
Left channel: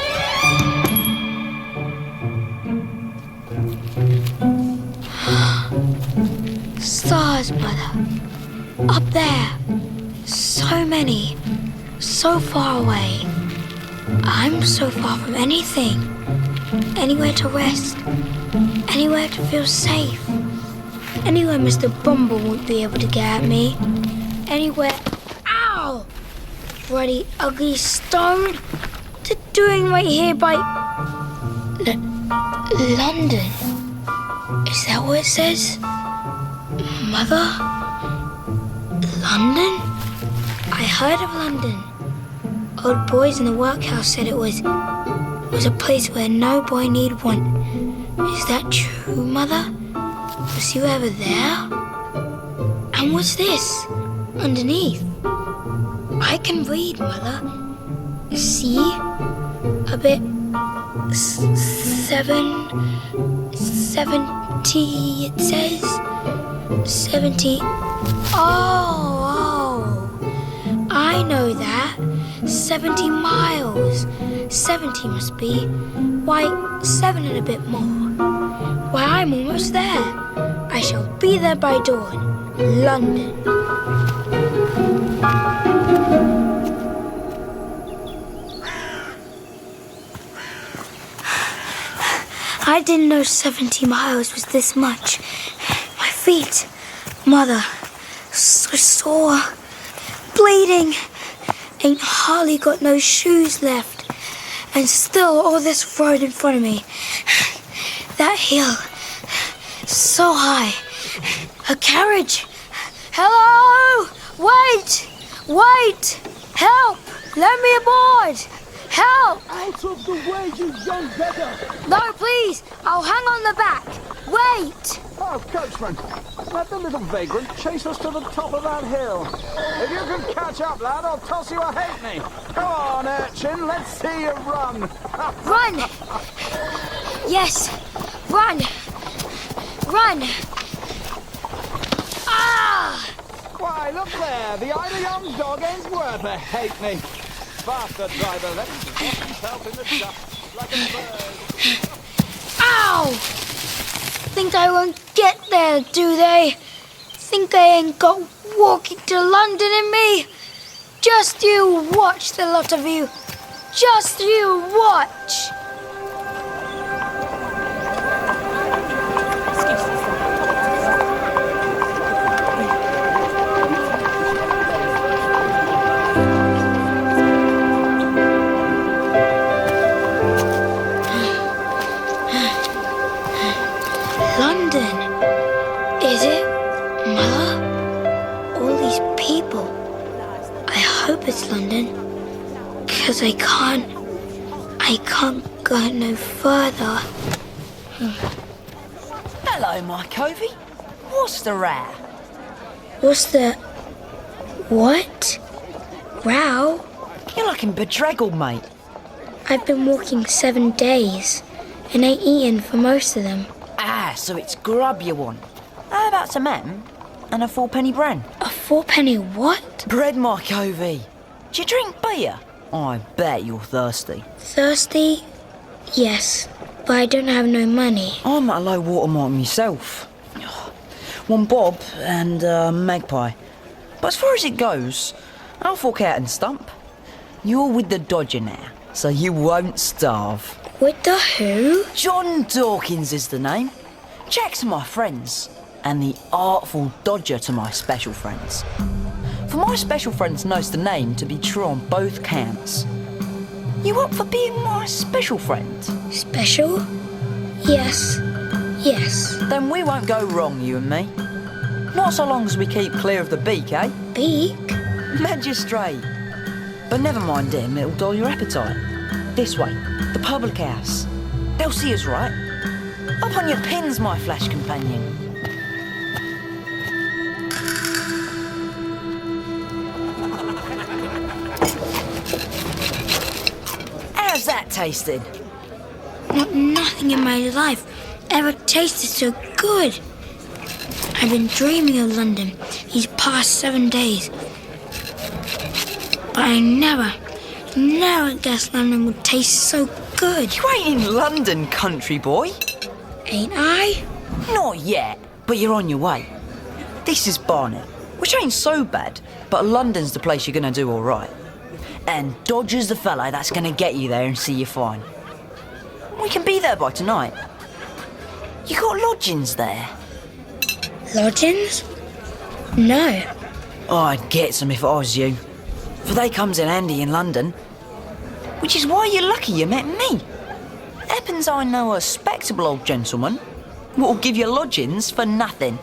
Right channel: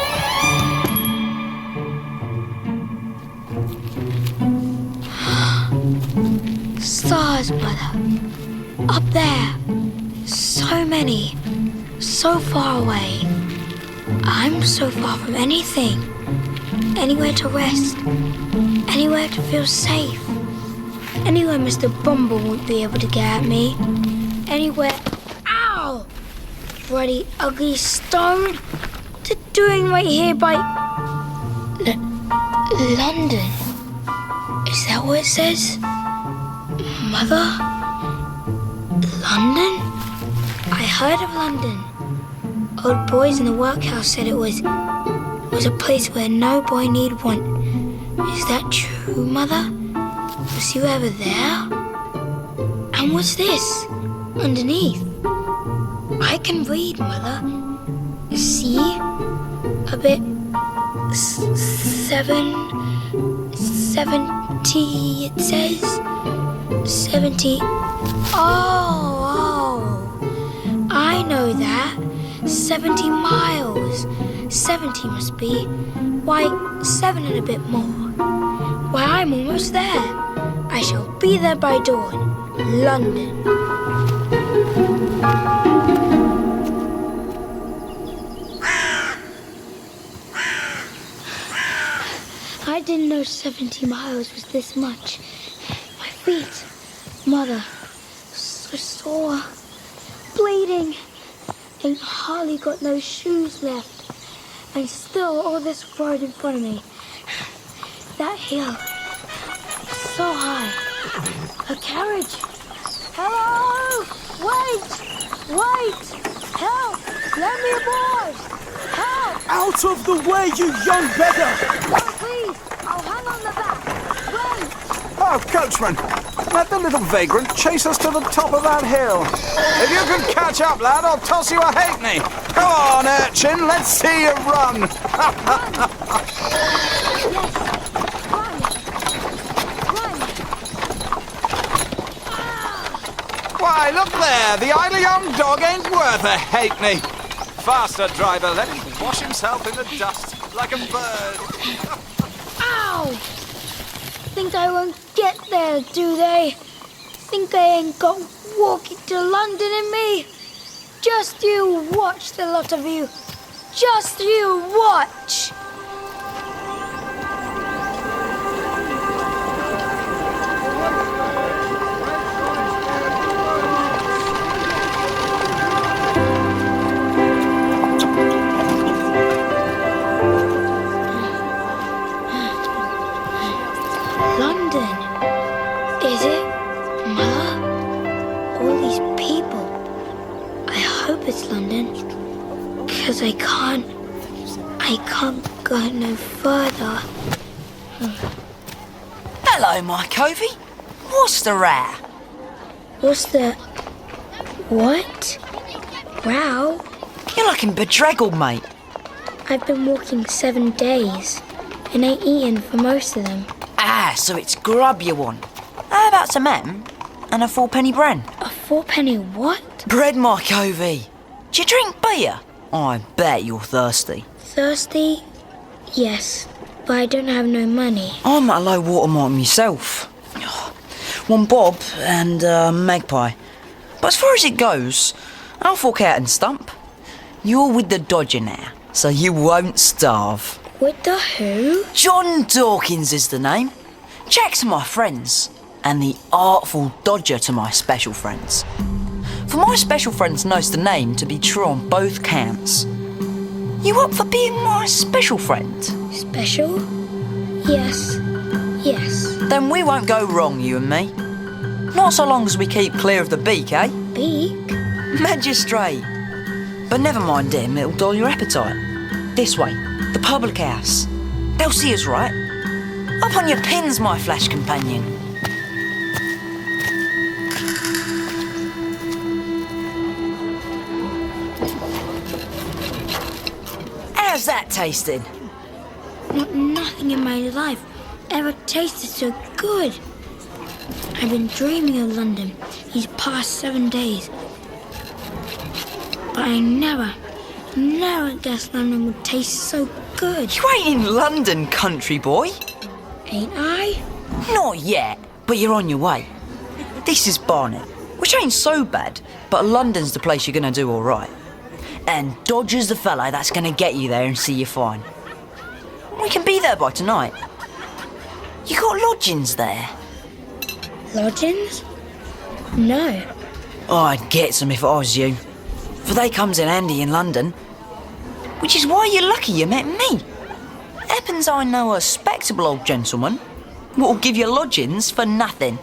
Stars, Mother. Up there. So many. So far away. I'm so far from anything. Anywhere to rest. Anywhere to feel safe. Anywhere Mr. Bumble won't be able to get at me. Anywhere... Ow! Bloody ugly stone. What's it doing right here by... London? Is that what it says? Mother? London? I heard of London. Old boys in the workhouse said it was a place where no boy need want. Is that true, Mother? Was you ever there? And what's this? Underneath? I can read, Mother. See? A bit... 70, it says. 70... Oh, I know that. 70 miles. 70 must be. Why, 7 and a bit more. Why, I'm almost there. I shall be there by dawn. London. I didn't know 70 miles was this much. My feet, Mother, so sore, bleeding. Ain't hardly got no shoes left. And still all this road in front of me. That hill, so high. A carriage. Hello! Wait! Help! Let me aboard! Help! Out of the way, you young beggar! No, please! I'll hang on the back. Wait! Oh, coachman, let the little vagrant chase us to the top of that hill. If you can catch up, lad, I'll toss you a halfpenny. Come on, urchin, let's see you run. Run! Yes, run! Ah! Why, look there, the idle young dog ain't worth a halfpenny. Faster, driver, let him wash himself in the dust like a bird. Ow! Think I won't get there, do they? Think I ain't got walking to London in me? Just you watch, the lot of you. Just you watch. London, is it, Mother? All these people. I hope it's London, 'cause I can't go no further. Hello, my covey. What's the row? What's the... what? Row? You're looking bedraggled, mate. I've been walking 7 days and ain't eaten for most of them. Ah, so it's grub you want. How about some ham and a 4-penny bran? A 4-penny what? Bread, my covey. Do you drink beer? I bet you're thirsty. Thirsty? Yes, but I don't have no money. I'm at a low water mark myself. One bob and a magpie. But as far as it goes, I'll fork out and stump. You're with the Dodger now, so you won't starve. With the who? John Dawkins is the name. Jack's my friends, and the Artful Dodger to my special friends. For my special friends knows the name to be true on both counts. You up for being my special friend? Special? Yes. Then we won't go wrong, you and me. Not so long as we keep clear of the beak, eh? Beak? Magistrate. But never mind him, it'll dull your appetite. This way, the public house. They'll see us, right? Up on your pins, my flesh companion. How's that tasting? Nothing in my life ever tasted so good. I've been dreaming of London these past 7 days. But I never guessed London would taste so good. You ain't in London, country boy. Ain't I? Not yet, but you're on your way. This is Barnet, which ain't so bad, but London's the place you're gonna do all right. And Dodger's the fella that's gonna get you there and see you fine. We can be there by tonight. You got lodgings there? Lodgings? No. Oh, I'd get some if I was you. For they comes in handy in London. Which is why you're lucky you met me. Happens I know a respectable old gentleman what'll give you lodgings for nothing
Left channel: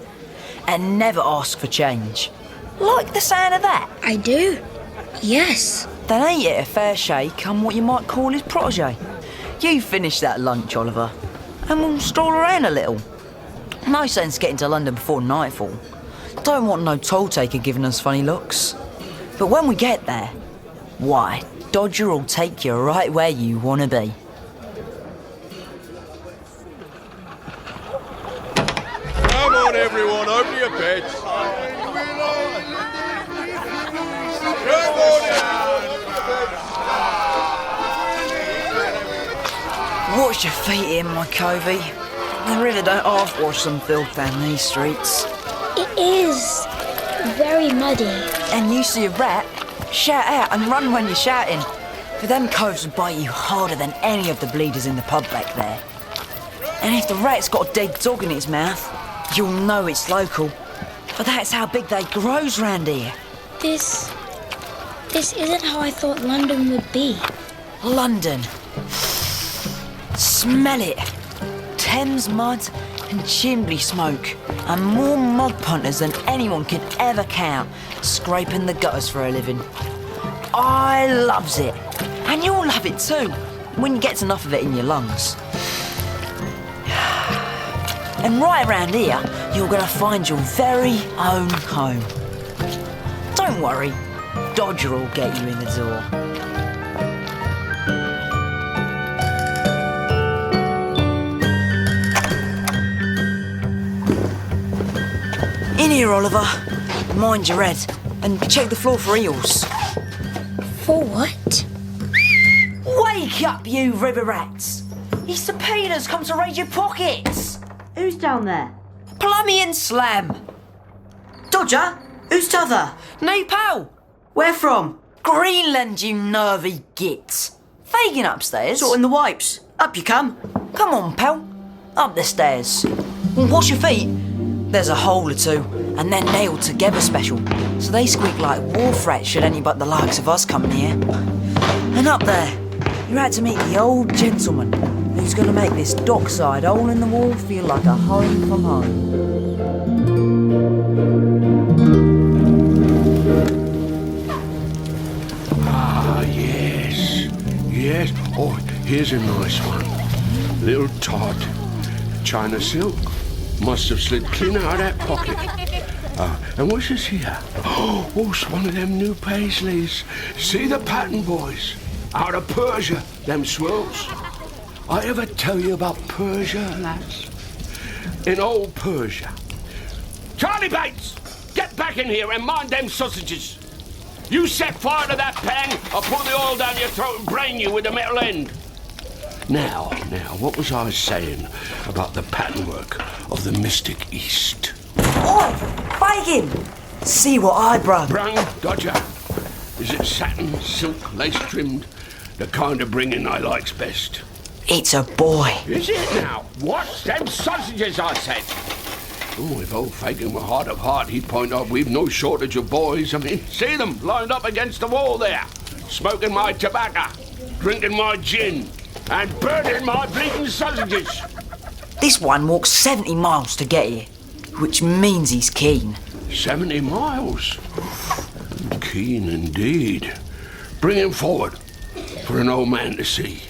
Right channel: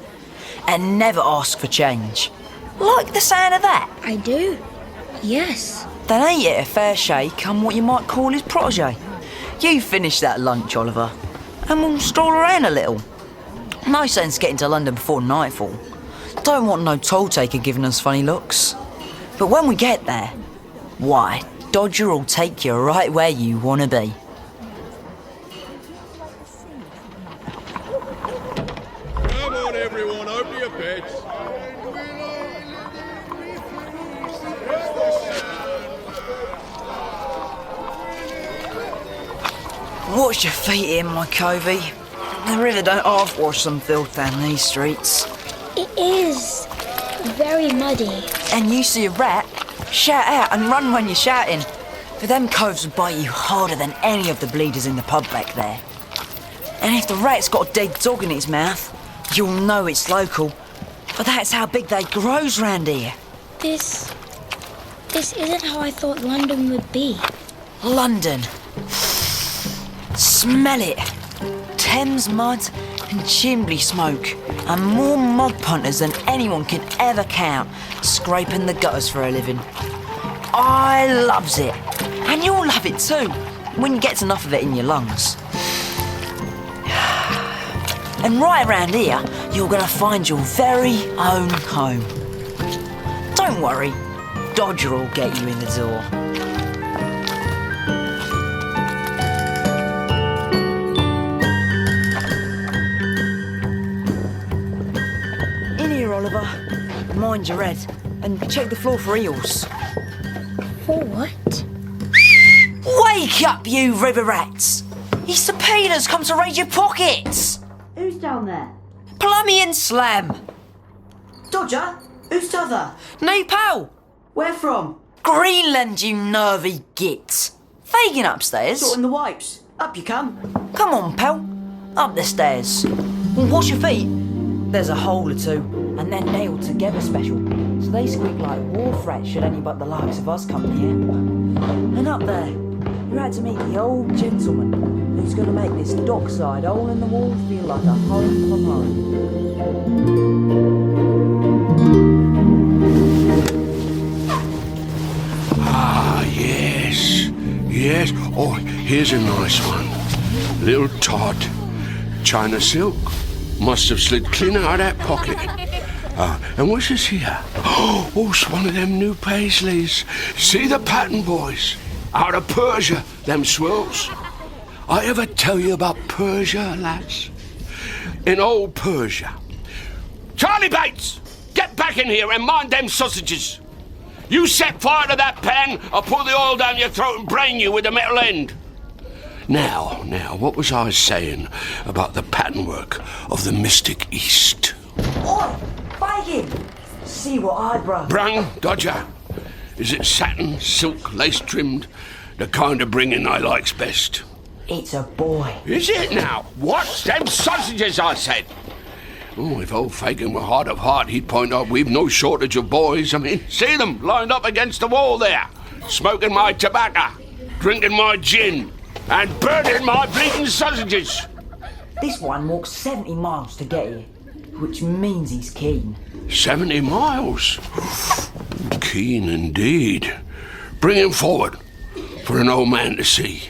and never ask for change. Like the sound of that? I do. Yes. Then ain't it a fair shake on what you might call his protege? You finish that lunch, Oliver, and we'll stroll around a little. No sense getting to London before nightfall. Don't want no toll taker giving us funny looks. But when we get there, why, Dodger will take you right where you want to be. Come on, everyone, open your beds. Wash your feet in, my covey. The river don't half wash some filth down these streets. It is very muddy. And you see a rat, shout out and run when you're shouting. For them coves will bite you harder than any of the bleeders in the pub back there. And if the rat's got a dead dog in its mouth, you'll know it's local. But that's how big they grows round here. This isn't how I thought London would be. London. Smell it. Thames mud and chimney smoke, and more mud punters than anyone can ever count, scraping the gutters for a living. I loves it, and you'll love it too, when you get enough of it in your lungs. And right around here, you're gonna find your very own home. Don't worry, Dodger will get you in the door. In here, Oliver. Mind your head, and check the floor for eels. For what? Wake up, you river rats! His subpoena's come to raid your pockets! Who's down there? Plummy and Slam! Dodger? Who's t'other? No, pal! Where from? Greenland, you nervy git! Fagin upstairs. Sorting the wipes. Up you come. Come on, pal. Up the stairs. Wash your feet. There's a hole or two, and they're nailed together special, so they squeak like wharf rats should any but the likes of us come near. And up there, you're out to meet the old gentleman who's going to make this dockside hole in the wall feel like a home from home. Ah, yes. Yes. Oh, here's a nice one. Little Todd. China silk. Must have slid clean out of that pocket. And what's this here? Oh, it's one of them new Paisleys. See the pattern, boys? Out of Persia, them swirls. I ever tell you about Persia, lads? In old Persia. Charlie Bates, get back in here and mind them sausages. You set fire to that pan, I'll pour the oil down your throat and brain you with the metal end. Now, what was I saying about the patternwork of the mystic East? Oi, Fagin! See what I brung. Brung, Dodger. Is it satin, silk, lace-trimmed? The kind of bringing I likes best. It's a boy. Is it now? What's them sausages, I said? Oh, if old Fagin were hard of heart, he'd point out we've no shortage of boys. I mean, see them lined up against the wall there, smoking my tobacco, drinking my gin, and burning my bleeding sausages. This one walks 70 miles to get here, which means he's keen. 70 miles? Keen indeed. Bring him forward for an old man to see.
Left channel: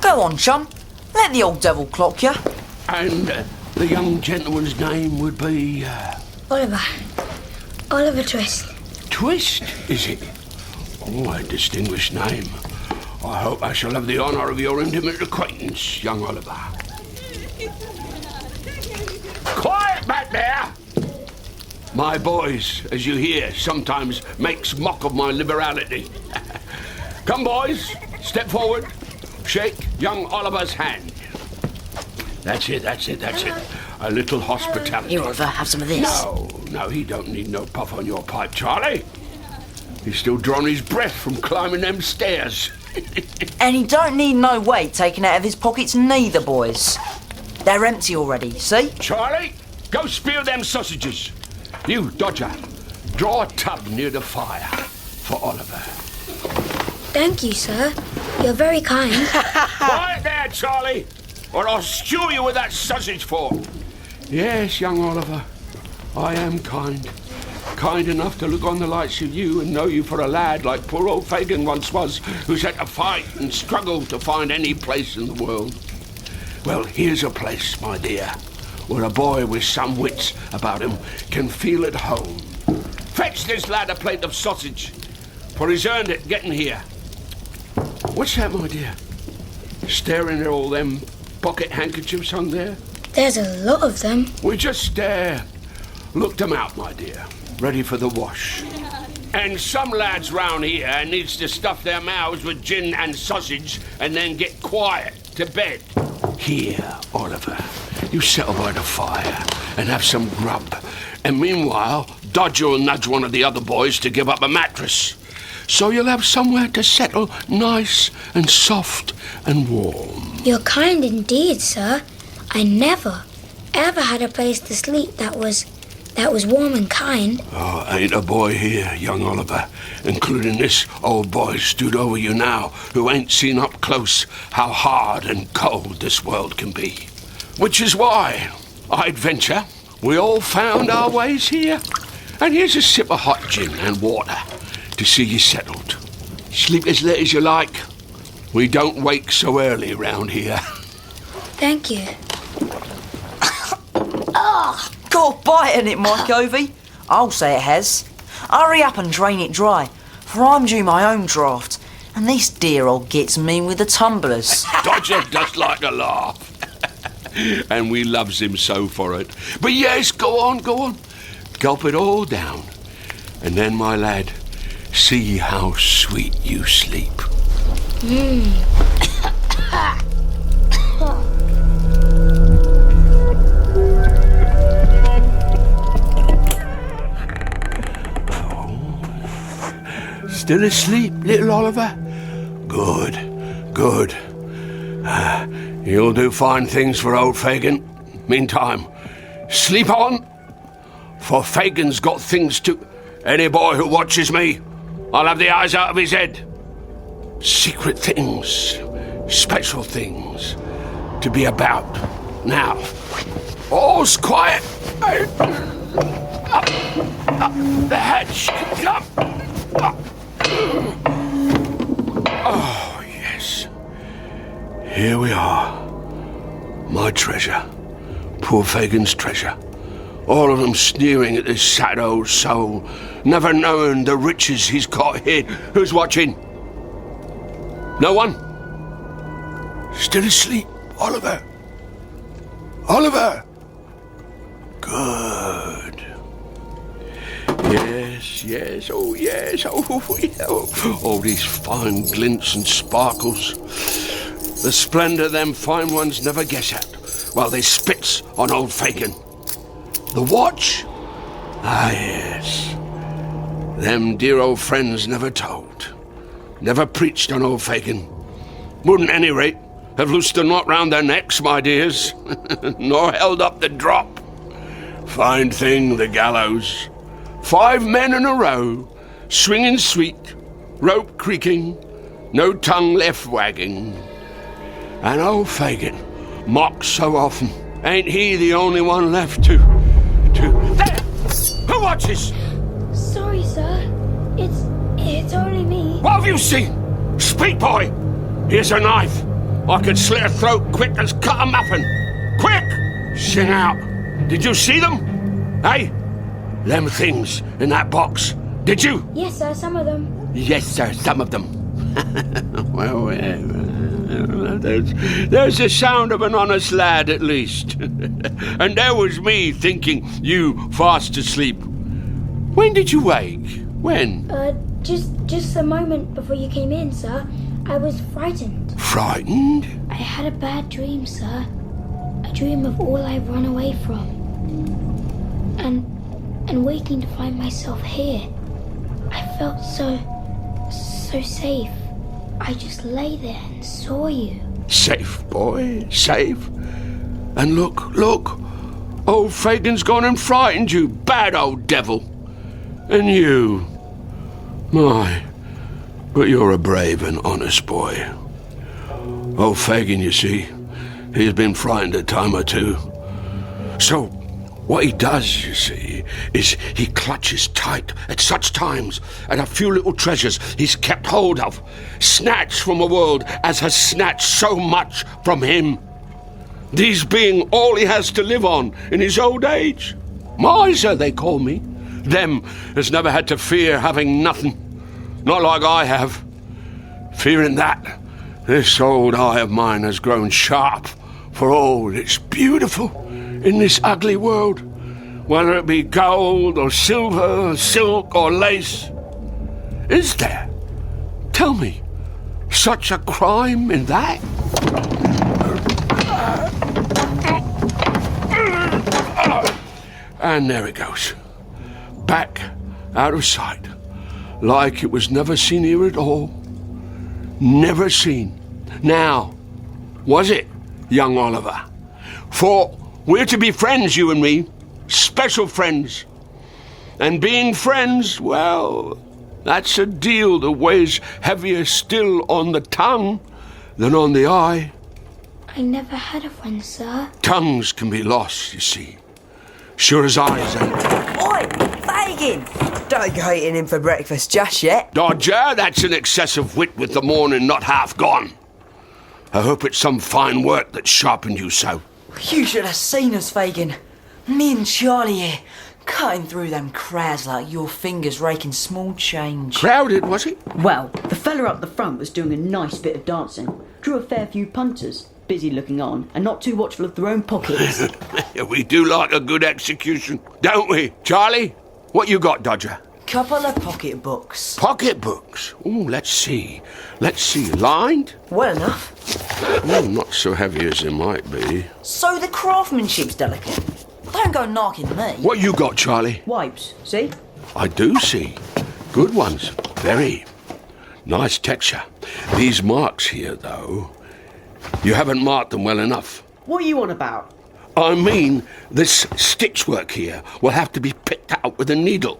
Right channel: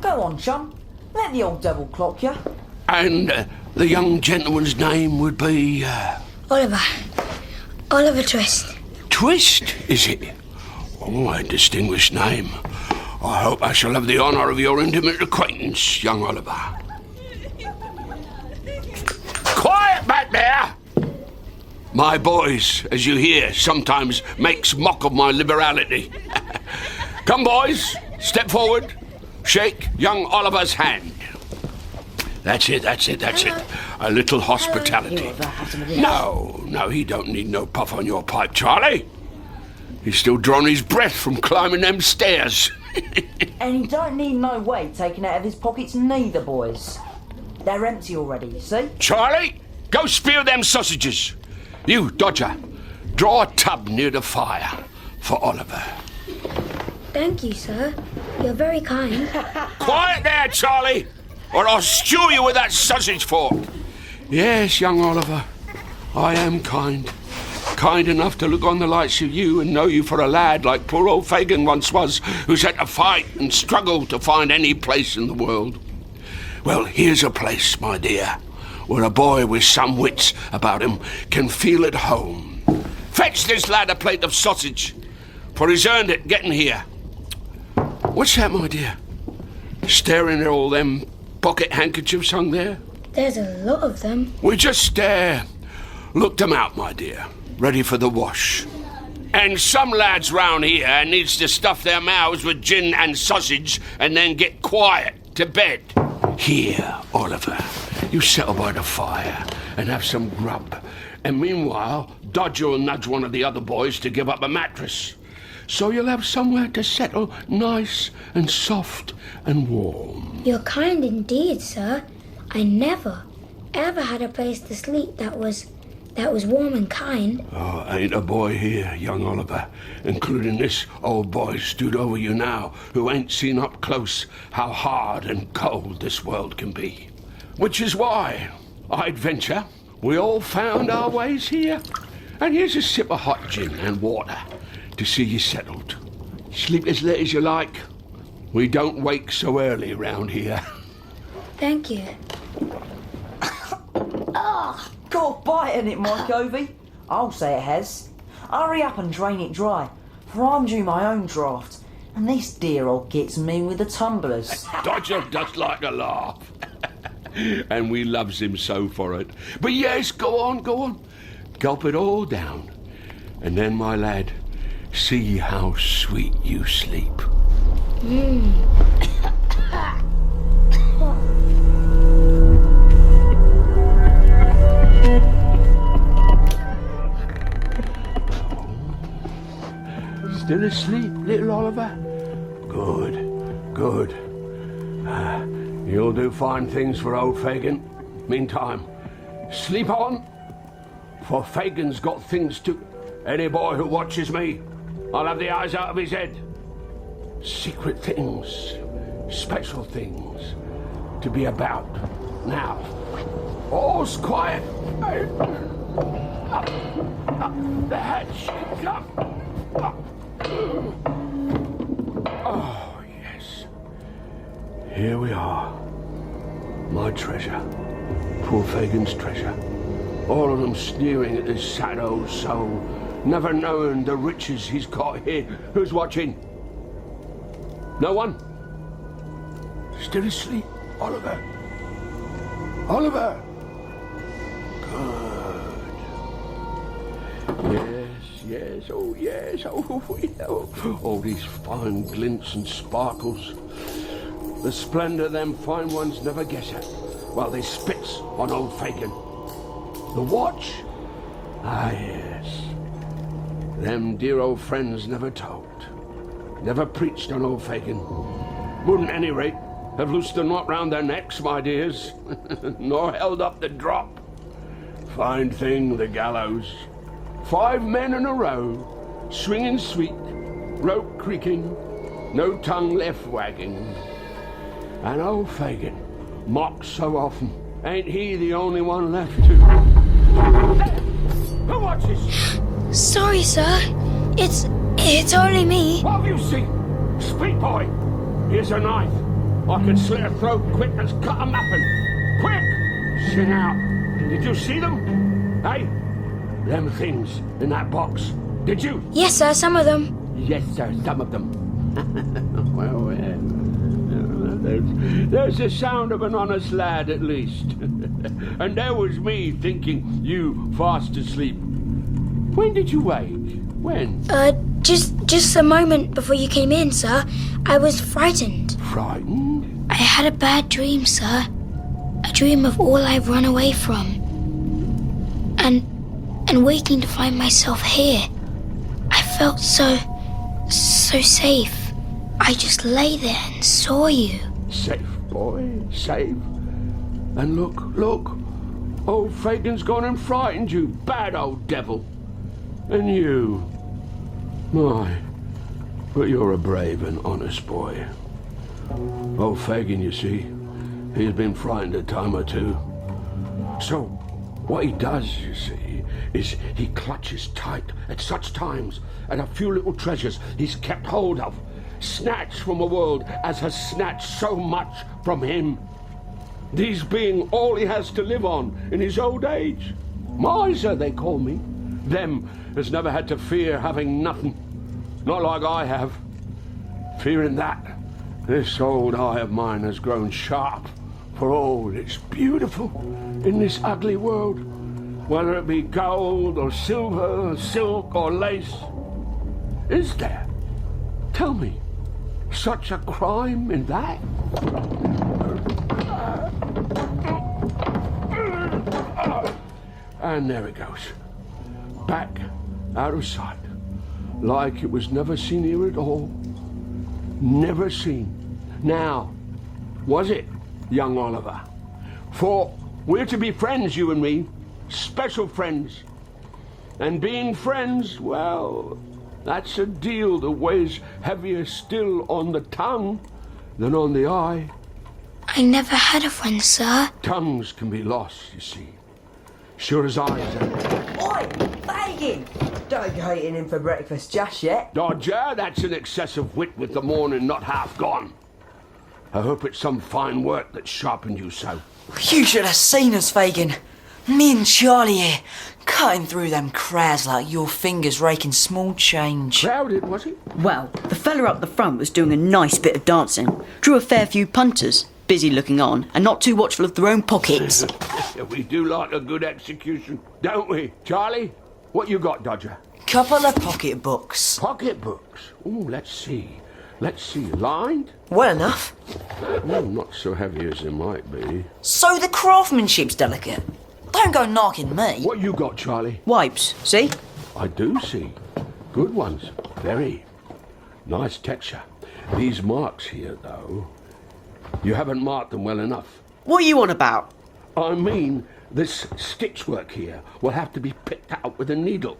Go on, chum. Let the old devil clock you. And the young gentleman's name would be... Oliver Twist. Twist, is it? Oh, a distinguished name. I hope I shall have the honour of your intimate acquaintance, young Oliver. Quiet back there! My boys, as you hear, sometimes makes mock of my liberality. Come, boys, step forward. Shake young Oliver's hand. That's it. A little hospitality. Here, Oliver, have some of this. No, he don't need no puff on your pipe, Charlie. He's still drawing his breath from climbing them stairs. And he don't need no weight taken out of his pockets neither, boys. They're empty already, see? Charlie, go spear them sausages. You, Dodger, draw a tub near the fire for Oliver. Thank you, sir. You're very kind. Quiet there, Charlie, or I'll stew you with that sausage fork. Yes, young Oliver, I am kind. Kind enough to look on the likes of you and know you for a lad like poor old Fagin once was, who's had to fight and struggle to find any place in the world. Well, here's a place, my dear, where a boy with some wits about him can feel at home. Fetch this lad a plate of sausage, for he's earned it getting here. What's that, my dear? Staring at all them pocket handkerchiefs hung there? There's a lot of them. We just looked them out, my dear, ready for the wash. And some lads round here needs to stuff their mouths with gin and sausage and then get quiet to bed. Here, Oliver, you settle by the fire and have some grub. And meanwhile, Dodger will nudge one of the other boys to give up a mattress. So you'll have somewhere to settle nice and soft and warm. You're kind indeed, sir. I never, ever had a place to sleep that was warm and kind. Oh, ain't a boy here, young Oliver, including this old boy stood over you now, who ain't seen up close how hard and cold this world can be. Which is why, I'd venture, we all found our ways here. And here's a sip of hot gin and water to see you settled. Sleep as late as you like. We don't wake so early round here. Thank you. Got a bite in it, Mike Ovey. I'll say it has. Hurry up and drain it dry, for I'm due my own draft. And this dear old gets mean with the tumblers. Dodger does like to laugh. And we loves him so for it. But yes, go on. Gulp it all down. And then, my lad, see how sweet you sleep. Still asleep, little Oliver? Good. You'll do fine things for old Fagin. Meantime, sleep on, for Fagin's got things to... Any boy who watches me, I'll have the eyes out of his head. Secret things, special things to be about. Now, all's quiet. Up the hatch, come. Oh, yes. Here we are. My treasure. Poor Fagin's treasure. All of them sneering at this sad old soul, never knowing the riches he's got hid. Who's watching? No one? Still asleep, Oliver? Oliver? Good. Yes, oh yes, oh, these fine glints and sparkles. The splendour them fine ones never guess at, while they spits on old Fagin. The watch? Ah, yes. Them dear old friends never told, never preached on old Fagin. Wouldn't, at any rate, have loosed the knot round their necks, my dears, nor held up the drop. Fine thing, the gallows. 5 men in a row, swinging sweet, rope creaking, no tongue left wagging. And old Fagin, mocked so often, ain't he the only one left to... There! Who watches? Sorry, sir. It's only me. What have you seen? Speak, boy. Here's a knife. I could slit a throat quick as cut a muffin. Quick! Sing out. Did you see them? Hey? Them things in that box. Did you? Yes, sir, some of them. Yes, sir, some of them. Well, there's the sound of an honest lad, at least. And there was me thinking you fast asleep. When did you wake? When? Just a moment before you came in, sir. I was frightened. Frightened? I had a bad dream, sir. A dream of all I've run away from. And waking to find myself here. I felt so safe. I just lay there and saw you. Safe, boy, safe. And look. Old Fagin's gone and frightened you, bad old devil. And you. My, but you're a brave and honest boy. Old Fagin, you see, he's been frightened a time or two. So, what he does, you see, is he clutches tight at such times at a few little treasures he's kept hold of, snatched from a world as has snatched so much from him. These being all he has to live on in his old age. Miser, they call me. Them has never had to fear having nothing. Not like I have. Fearing that, this old eye of mine has grown sharp for all it's beautiful in this ugly world, whether it be gold or silver, silk or lace. Is there, tell me, such a crime in that? And there it goes. Back, out of sight, like it was never seen here at all. Never seen. Now, was it, young Oliver? For we're to be friends, you and me, special friends. And being friends, well, that's a deal that weighs heavier still on the tongue than on the eye. I never had a friend, sir. Tongues can be lost, you see. Sure as eyes ain't. Oi, Fagin! Don't go eating him for breakfast just yet. Dodger, that's an excess of wit with the morning not half gone. I hope it's some fine work that sharpened you so. You should have seen us, Fagin. Me and Charlie here, cutting through them crowds like your fingers raking small change. Crowded, was it? Well, the fella up the front was doing a nice bit of dancing. Drew a fair few punters, busy looking on and not too watchful of their own pockets. We do like a good execution, don't we? Charlie, what you got, Dodger? Couple of pocket books. Pocket books? Ooh, let's see. Lined? Well enough. Not so heavy as they might be. So the craftsmanship's delicate. Don't go knocking me. What you got, Charlie? Wipes, see? I do see. Good ones. Very. Nice texture. These marks here, though, you haven't marked them well enough. What are you on about? I mean, this stitchwork here will have to be picked out with a needle.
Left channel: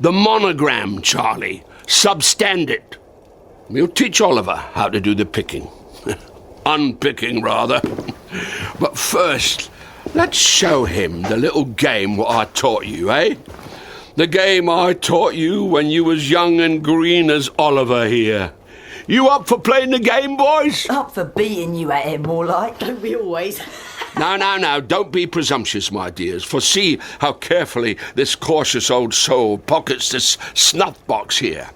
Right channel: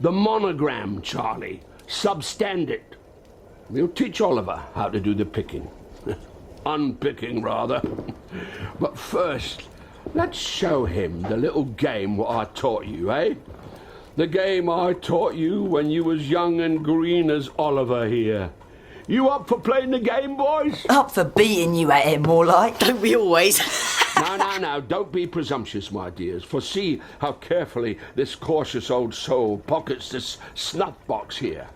The monogram, Charlie. Substandard. We'll teach Oliver how to do the picking. Unpicking, rather. But first, let's show him the little game what I taught you, eh? The game I taught you when you was young and green as Oliver here. You up for playing the game, boys? Up for beating you at it, more like. Don't we always? Now, don't be presumptuous, my dears, for see how carefully this cautious old soul pockets this snuff box here.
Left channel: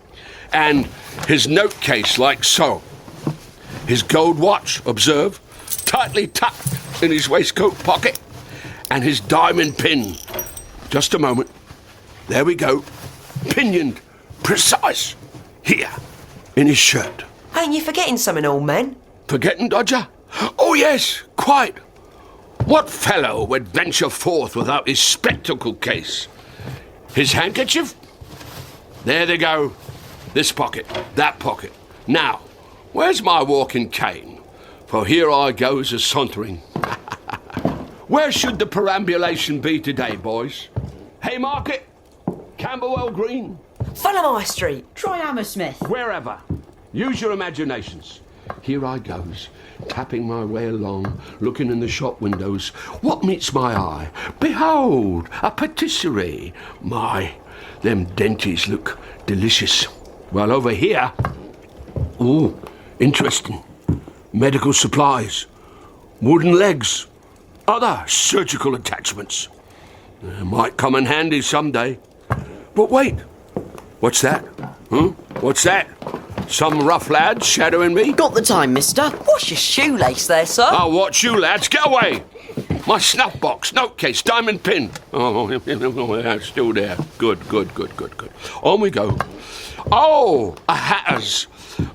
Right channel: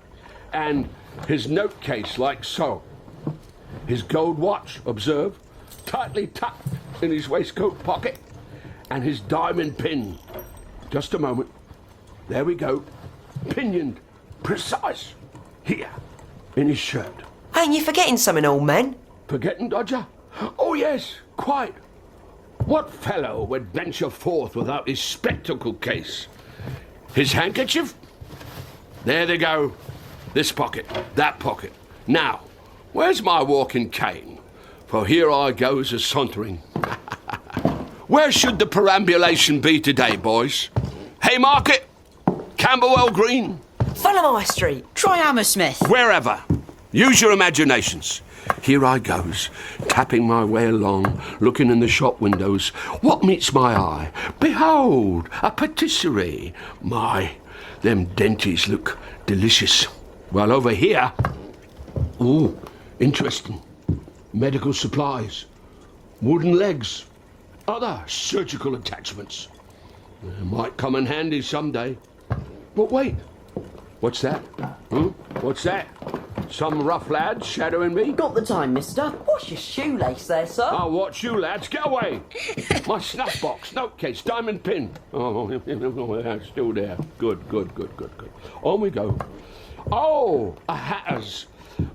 And his note case like so. His gold watch, observe, tightly tucked in his waistcoat pocket. And his diamond pin. Just a moment. There we go. Pinioned. Precise. Here. In his shirt. Ain't you forgetting something, old man? Forgetting, Dodger? Oh, yes, quite. What fellow would venture forth without his spectacle case? His handkerchief? There they go. This pocket, that pocket. Now, where's my walking cane? For here I goes a-sauntering. Where should the perambulation be today, boys? Haymarket? Camberwell Green? Fulham High Street. Try Hammersmith. Wherever. Use your imaginations. Here I goes, tapping my way along, looking in the shop windows. What meets my eye? Behold, a patisserie. My, them denties look delicious. Well, over here... Ooh, interesting. Medical supplies. Wooden legs. other surgical attachments. Might come in handy someday. But wait, what's that? What's that? Some rough lad shadowing me? Got the time, mister. What's your shoelace there, sir? I'll watch you lads. Get away! My snuff box, note case, diamond pin. Oh, yeah, still there. Good. On we go. Oh, a hatter's.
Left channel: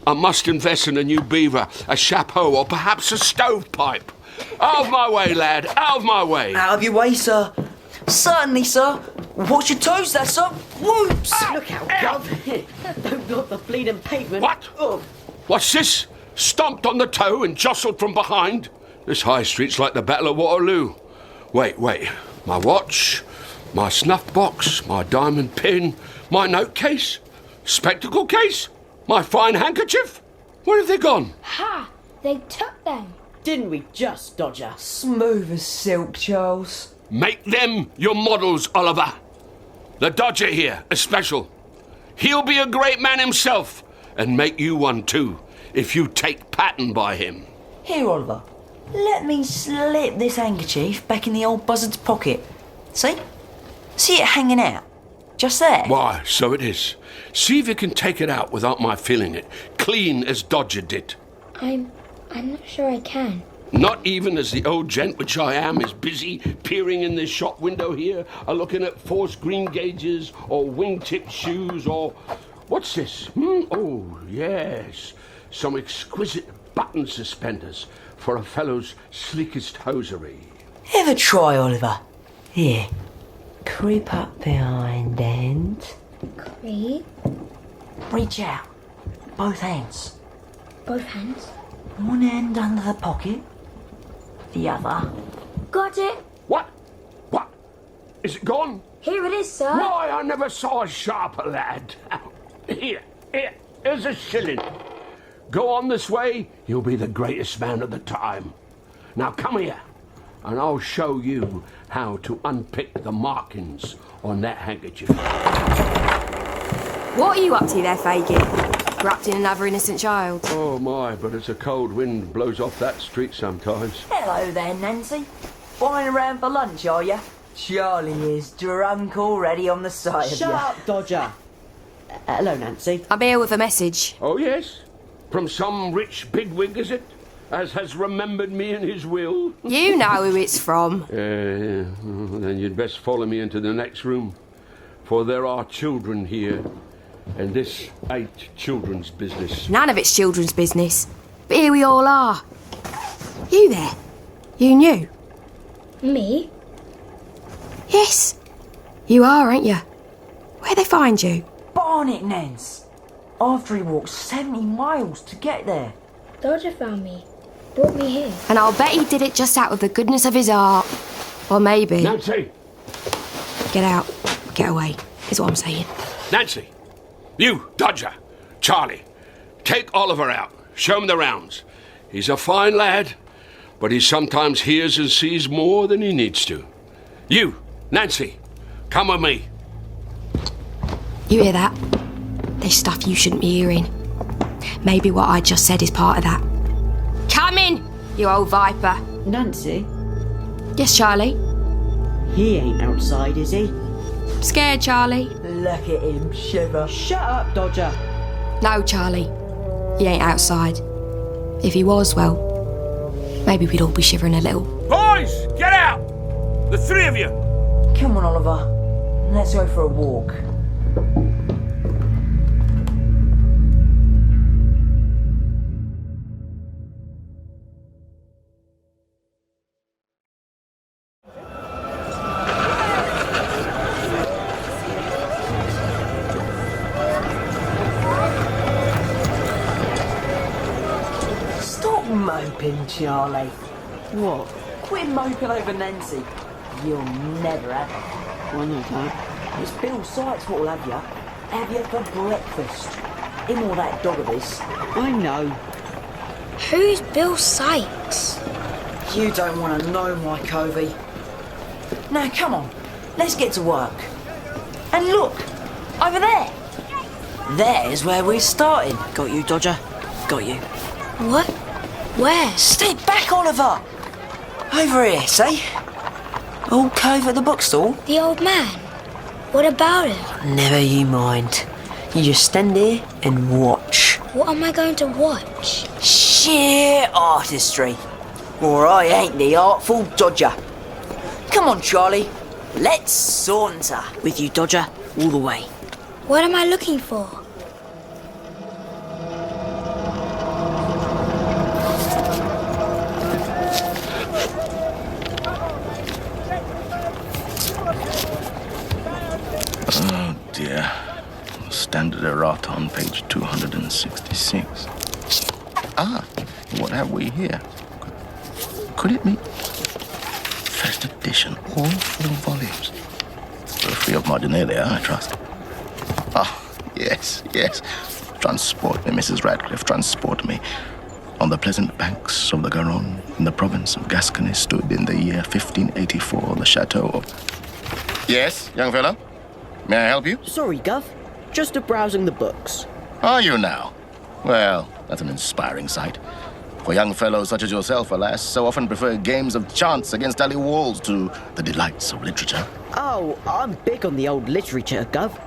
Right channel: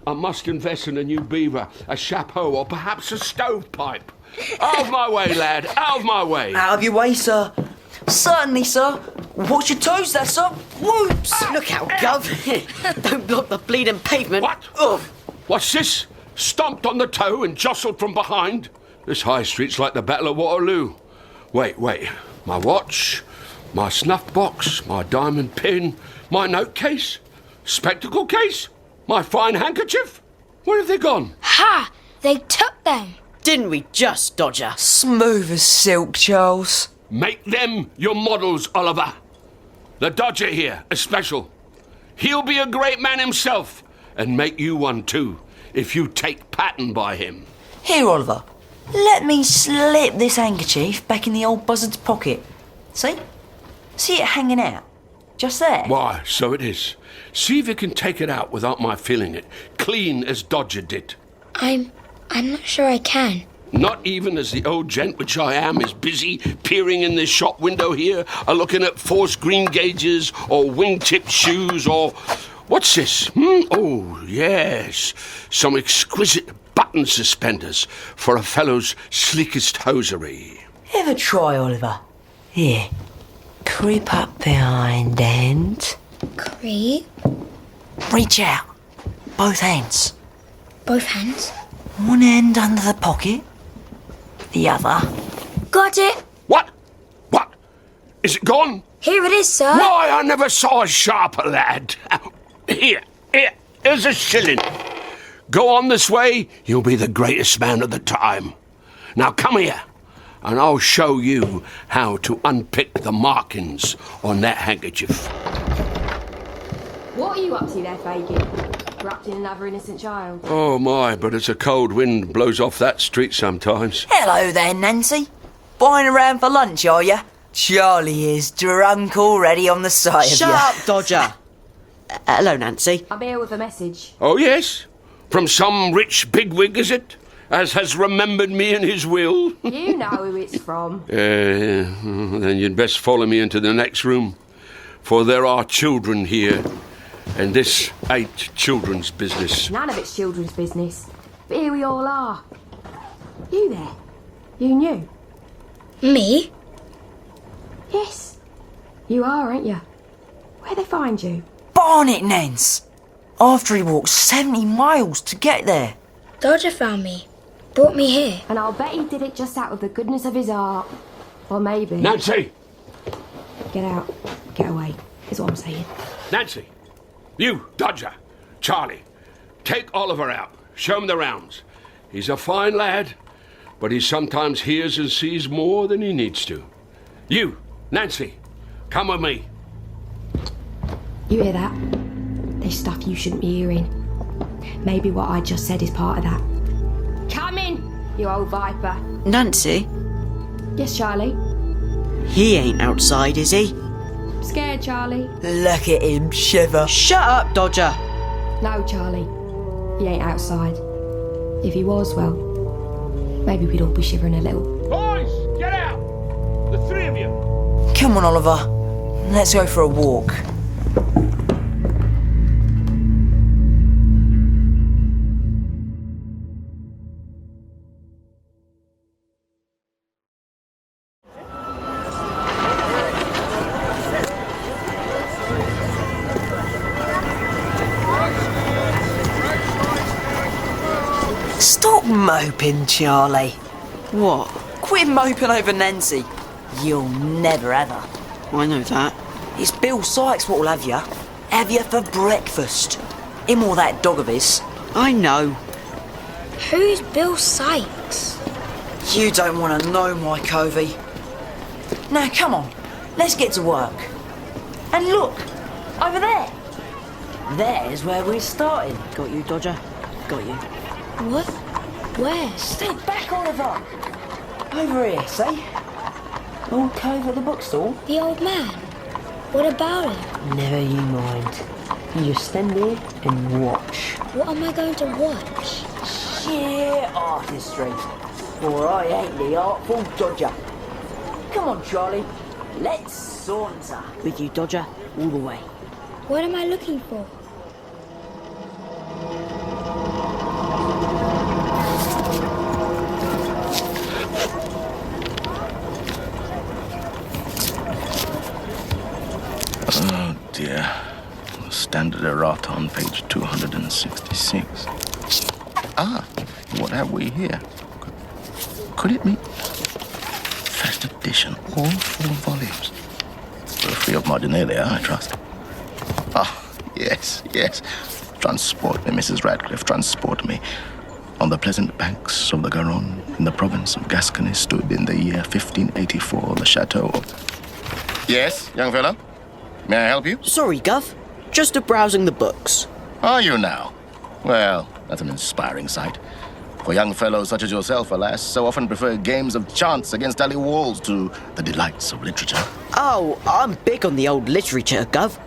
I must invest in a new beaver, a chapeau, or perhaps a stovepipe. Out of my way, lad. Out of my way. Out of your way, sir. Certainly, sir. Watch your toes there, sir. Whoops! Look out, Gov. Don't block the bleeding pavement. What? What's this? Stomped on the toe and jostled from behind? This high street's like the Battle of Waterloo. Wait. My watch, my snuff box, my diamond pin, my note case, spectacle case, my fine handkerchief. Where have they gone? Ha! They took them. Didn't we just, Dodger? Smooth as silk, Charles. Make them your models, Oliver. The Dodger here, a special. He'll be a great man himself, and make you one too, if you take pattern by him. Here, Oliver. Let me slip this handkerchief back in the old buzzard's pocket. See? See it hanging out? Just there. Why, so it is. See if you can take it out without my feeling it, clean as Dodger did. I'm not sure I can. Not even as the old gent which I am is busy peering in this shop window here, looking at forced green gauges or wingtip shoes or... What's this? Oh, yes. Some exquisite button suspenders for a fellow's sleekest hosiery. Ever try, Oliver? Here. Creep up behind and... Creep? Reach out. Both hands. Both hands? One hand under the pocket. The other. Got it. What? Is it gone? Here it is, sir. Why, I never saw a sharper lad. Here's a shilling. Go on this way, you'll be the greatest man of the time. Now come here, and I'll show you how to unpick the markings on that handkerchief. What are you up to there, Fagin? Wrapped in another innocent child? Oh my, but it's a cold wind blows off that street sometimes. Hello there, Nancy. Buying around for lunch, are you? Charlie is drunk already on the sight of you. Shut up, Dodger. Hello, Nancy. I'm here with a message. Oh, yes? From some rich bigwig, is it? As has remembered me in his will? You know who it's from. Then you'd best follow me into the next room. For there are children here. And this ain't children's business. None of it's children's business. But here we all are. You there? You knew? Me? Yes. You are, aren't you? Where'd they find you? Barnet, Nance. After he walked 70 miles to get there. Dodger found me. Brought me here. And I'll bet he did it just out of the goodness of his heart. Or maybe... Nancy! Get out. Get away, is what I'm saying. Nancy! You, Dodger, Charlie, take Oliver out. Show him the rounds. He's a fine lad, but he sometimes hears and sees more than he needs to. You, Nancy, come with me. You hear that? There's stuff you shouldn't be hearing. Maybe what I just said is part of that. Come in, you old viper. Nancy? Yes, Charlie? He ain't outside, is he? Scared, Charlie? Look at him shiver. Shut up, Dodger. No, Charlie. He ain't outside. If he was, well, maybe we'd all be shivering a little. Boys, get out! The three of you! Come on, Oliver. Let's go for a walk. Stop moping, Charlie. What? Quit moping over Nancy. You'll never have her. I know that. It's Bill Sykes what'll have you. Have you for breakfast. Him or that dog of his. I know. Who's Bill Sykes? You don't want to know, my Covey. No, come on. Let's get to work. And look, over there. There's where we're starting. Got you, Dodger. Got you. What? Where? Step back, Oliver. Over here, see? All cove at the bookstall. The old man? What about him? Never you mind. You just stand there and watch. What am I going to watch? Sheer artistry. Or I ain't the artful dodger. Come on, Charlie. Let's saunter. With you, Dodger, all the way. What am I looking for? Oh dear. Standard errata on page 266. Ah, what have we here? Could it be first edition, all 4 volumes? Free of marginalia, I trust. Ah, yes. Transport me, Mrs. Radcliffe, transport me. On the pleasant banks of the Garonne, in the province of Gascony, stood in the year 1584 the chateau of... Yes, young fellow? May I help you? Sorry, Gov. Just browsing the books. Are you now? Well, that's an inspiring sight. For young fellows such as yourself, alas, so often prefer games of chance against alley walls to the delights of literature. Oh, I'm big on the old literature, Gov.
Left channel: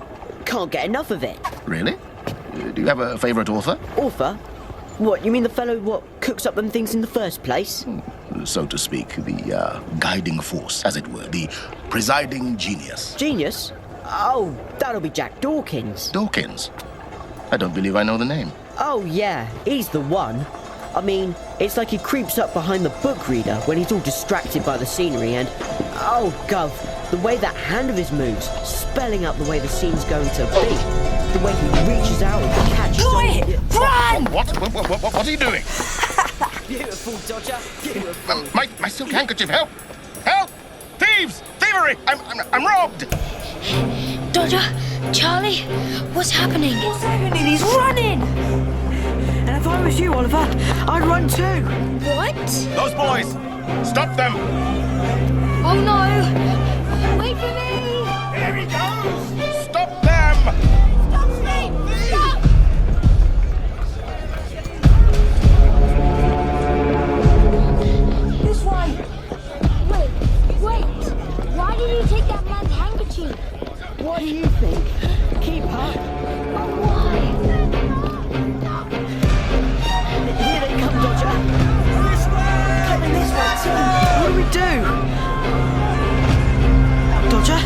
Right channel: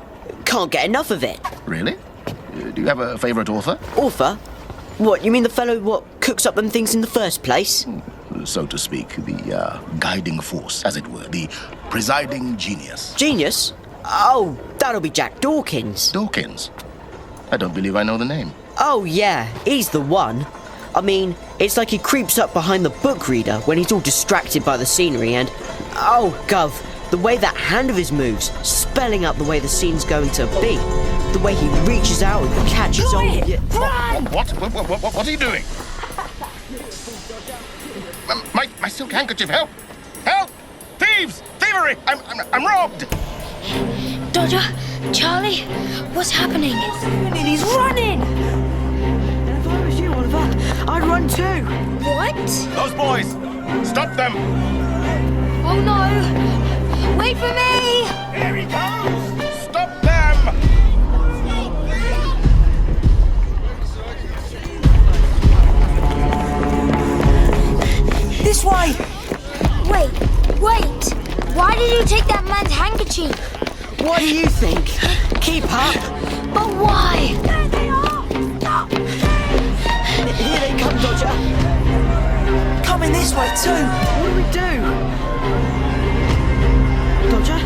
Can't get enough of it. Really? Do you have a favourite author? Author? What, you mean the fellow what cooks up them things in the first place? So to speak, the guiding force, as it were, the presiding genius. Genius? Oh, that'll be Jack Dawkins. Dawkins? I don't believe I know the name. Oh, yeah, he's the one. I mean, it's like he creeps up behind the book reader when he's all distracted by the scenery and... Oh, Gov, the way that hand of his moves, spelling out the way the scene's going to be. The way he reaches out and catches on... Run! What are you doing? My silk handkerchief, help! Help! Thieves! Thievery! I'm robbed! Dodger, Charlie, what's happening? He's running! And if I was you, Oliver, I'd run too. What? Those boys! Stop them! Oh no! Wait for me! Here he goes! Stop them! This way! Wait! Why did you take that man's handkerchief? What do you think? Keep up. But why? Here they come, Dodger. Coming this way too. What do we do? Dodger?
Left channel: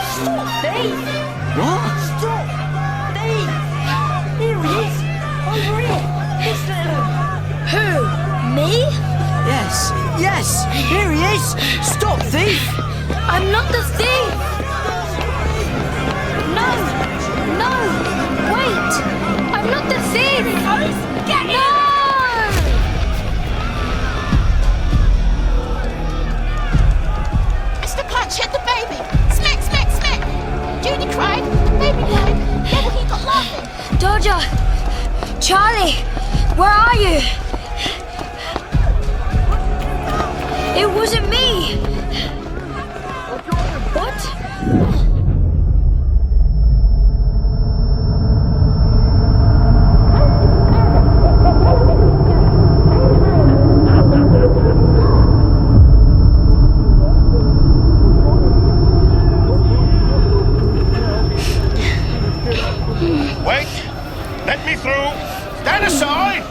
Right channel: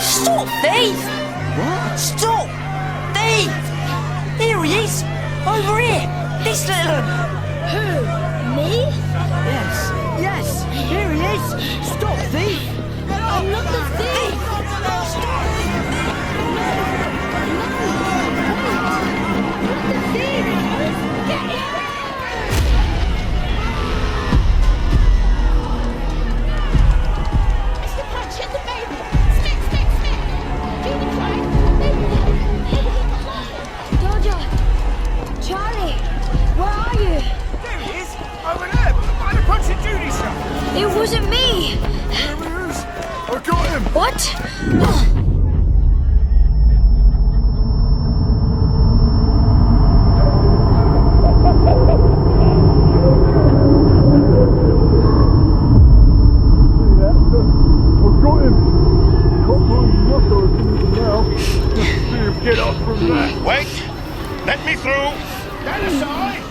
Stop, thief! What? Stop! Thief! Here he is! Over here! This little... Who? Me? Yes, here he is! Stop, thief! I'm not the thief! No! Wait! I'm not the thief! Get no! Mr. Punch and the baby. Smack. Judy cried. Baby cried. Never he got laughing. Dodger! Charlie! Where are you? It wasn't me! I got him! What? Wait! Let me through! Stand aside!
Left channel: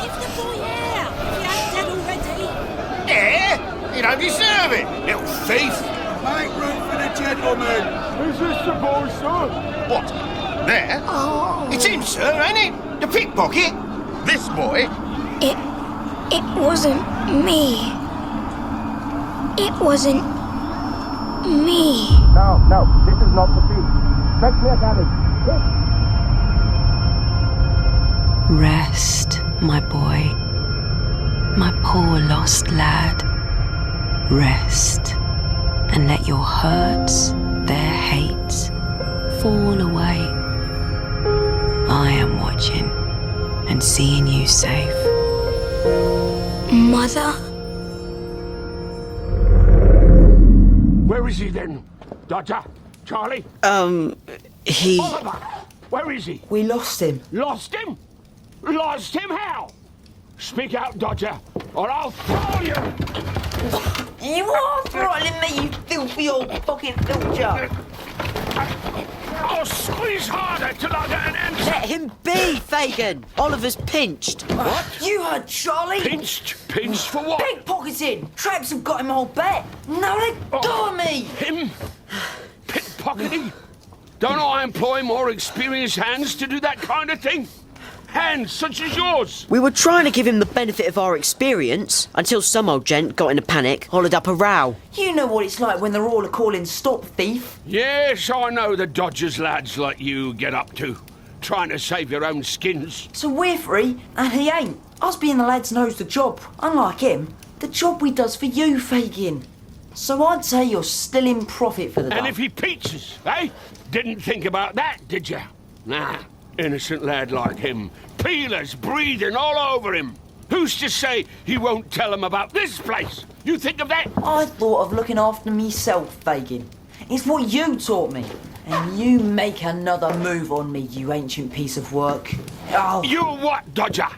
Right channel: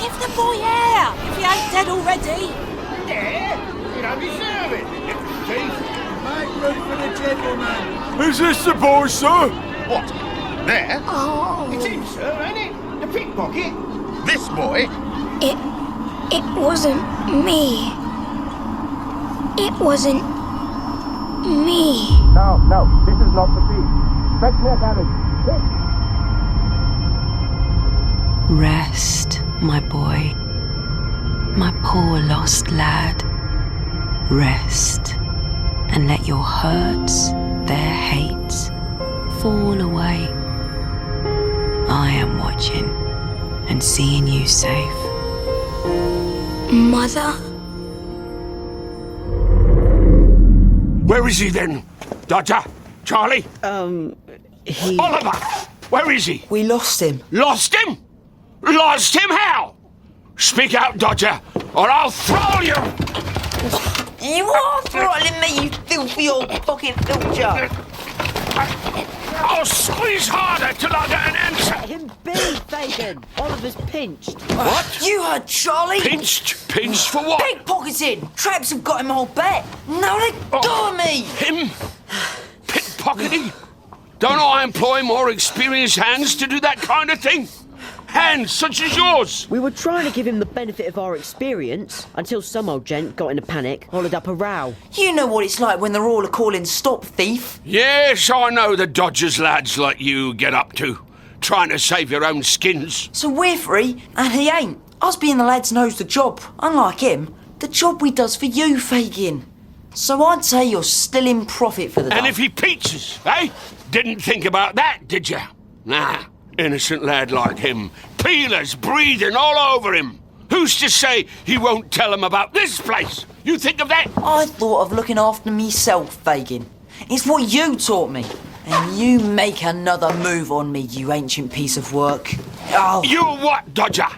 Give the boy air if he ain't dead already. Yeah? You don't deserve it, little thief. Make room for the gentleman. Is this the boy, sir? What? There? Oh. It's him, sir, ain't it? The pickpocket. This boy? It wasn't me. It wasn't me. No, this is not the thief. Fetch me a carriage. Rest, my boy. My poor lost lad. Rest, and let your hurts, their hates, fall away. I am watching and seeing you safe. Mother? Where is he then? Dodger? Charlie? He... Oliver! Where is he? We lost him. Lost him? Lost him how? Speak out, Dodger, or I'll throw you! You are throttling me, you filthy old fucking filcher! I'll squeeze harder till I get an answer. Let him be, Fagin. Oliver's pinched. What? You heard Charlie? Pinched? Pinched for what? Pickpocketing! Traps have got him a whole bet. Now let go of me! Him? Pickpocketing? Don't I employ more experienced hands to do that kind of thing? Hands such as yours. We were trying to give him the benefit of our experience until some old gent got in a panic, hollered up a row. You know what it's like when they're all a-calling stop thief. Yes, I know the dodgers lads like you get up to. Trying to save your own skins. So we're free, and he ain't. Us being the lads knows the job. Unlike him, the job we does for you, Fagin. So I'd say you're still in profit for the day. And if he peaches, eh? Didn't think about that, did you? Nah. Innocent lad like him. Peelers breathing all over him. Who's to say he won't tell him about this place? You think of that? I thought of looking after myself, Fagin. It's what you taught me. And you make another move on me, you ancient piece of work. Oh. You what, Dodger?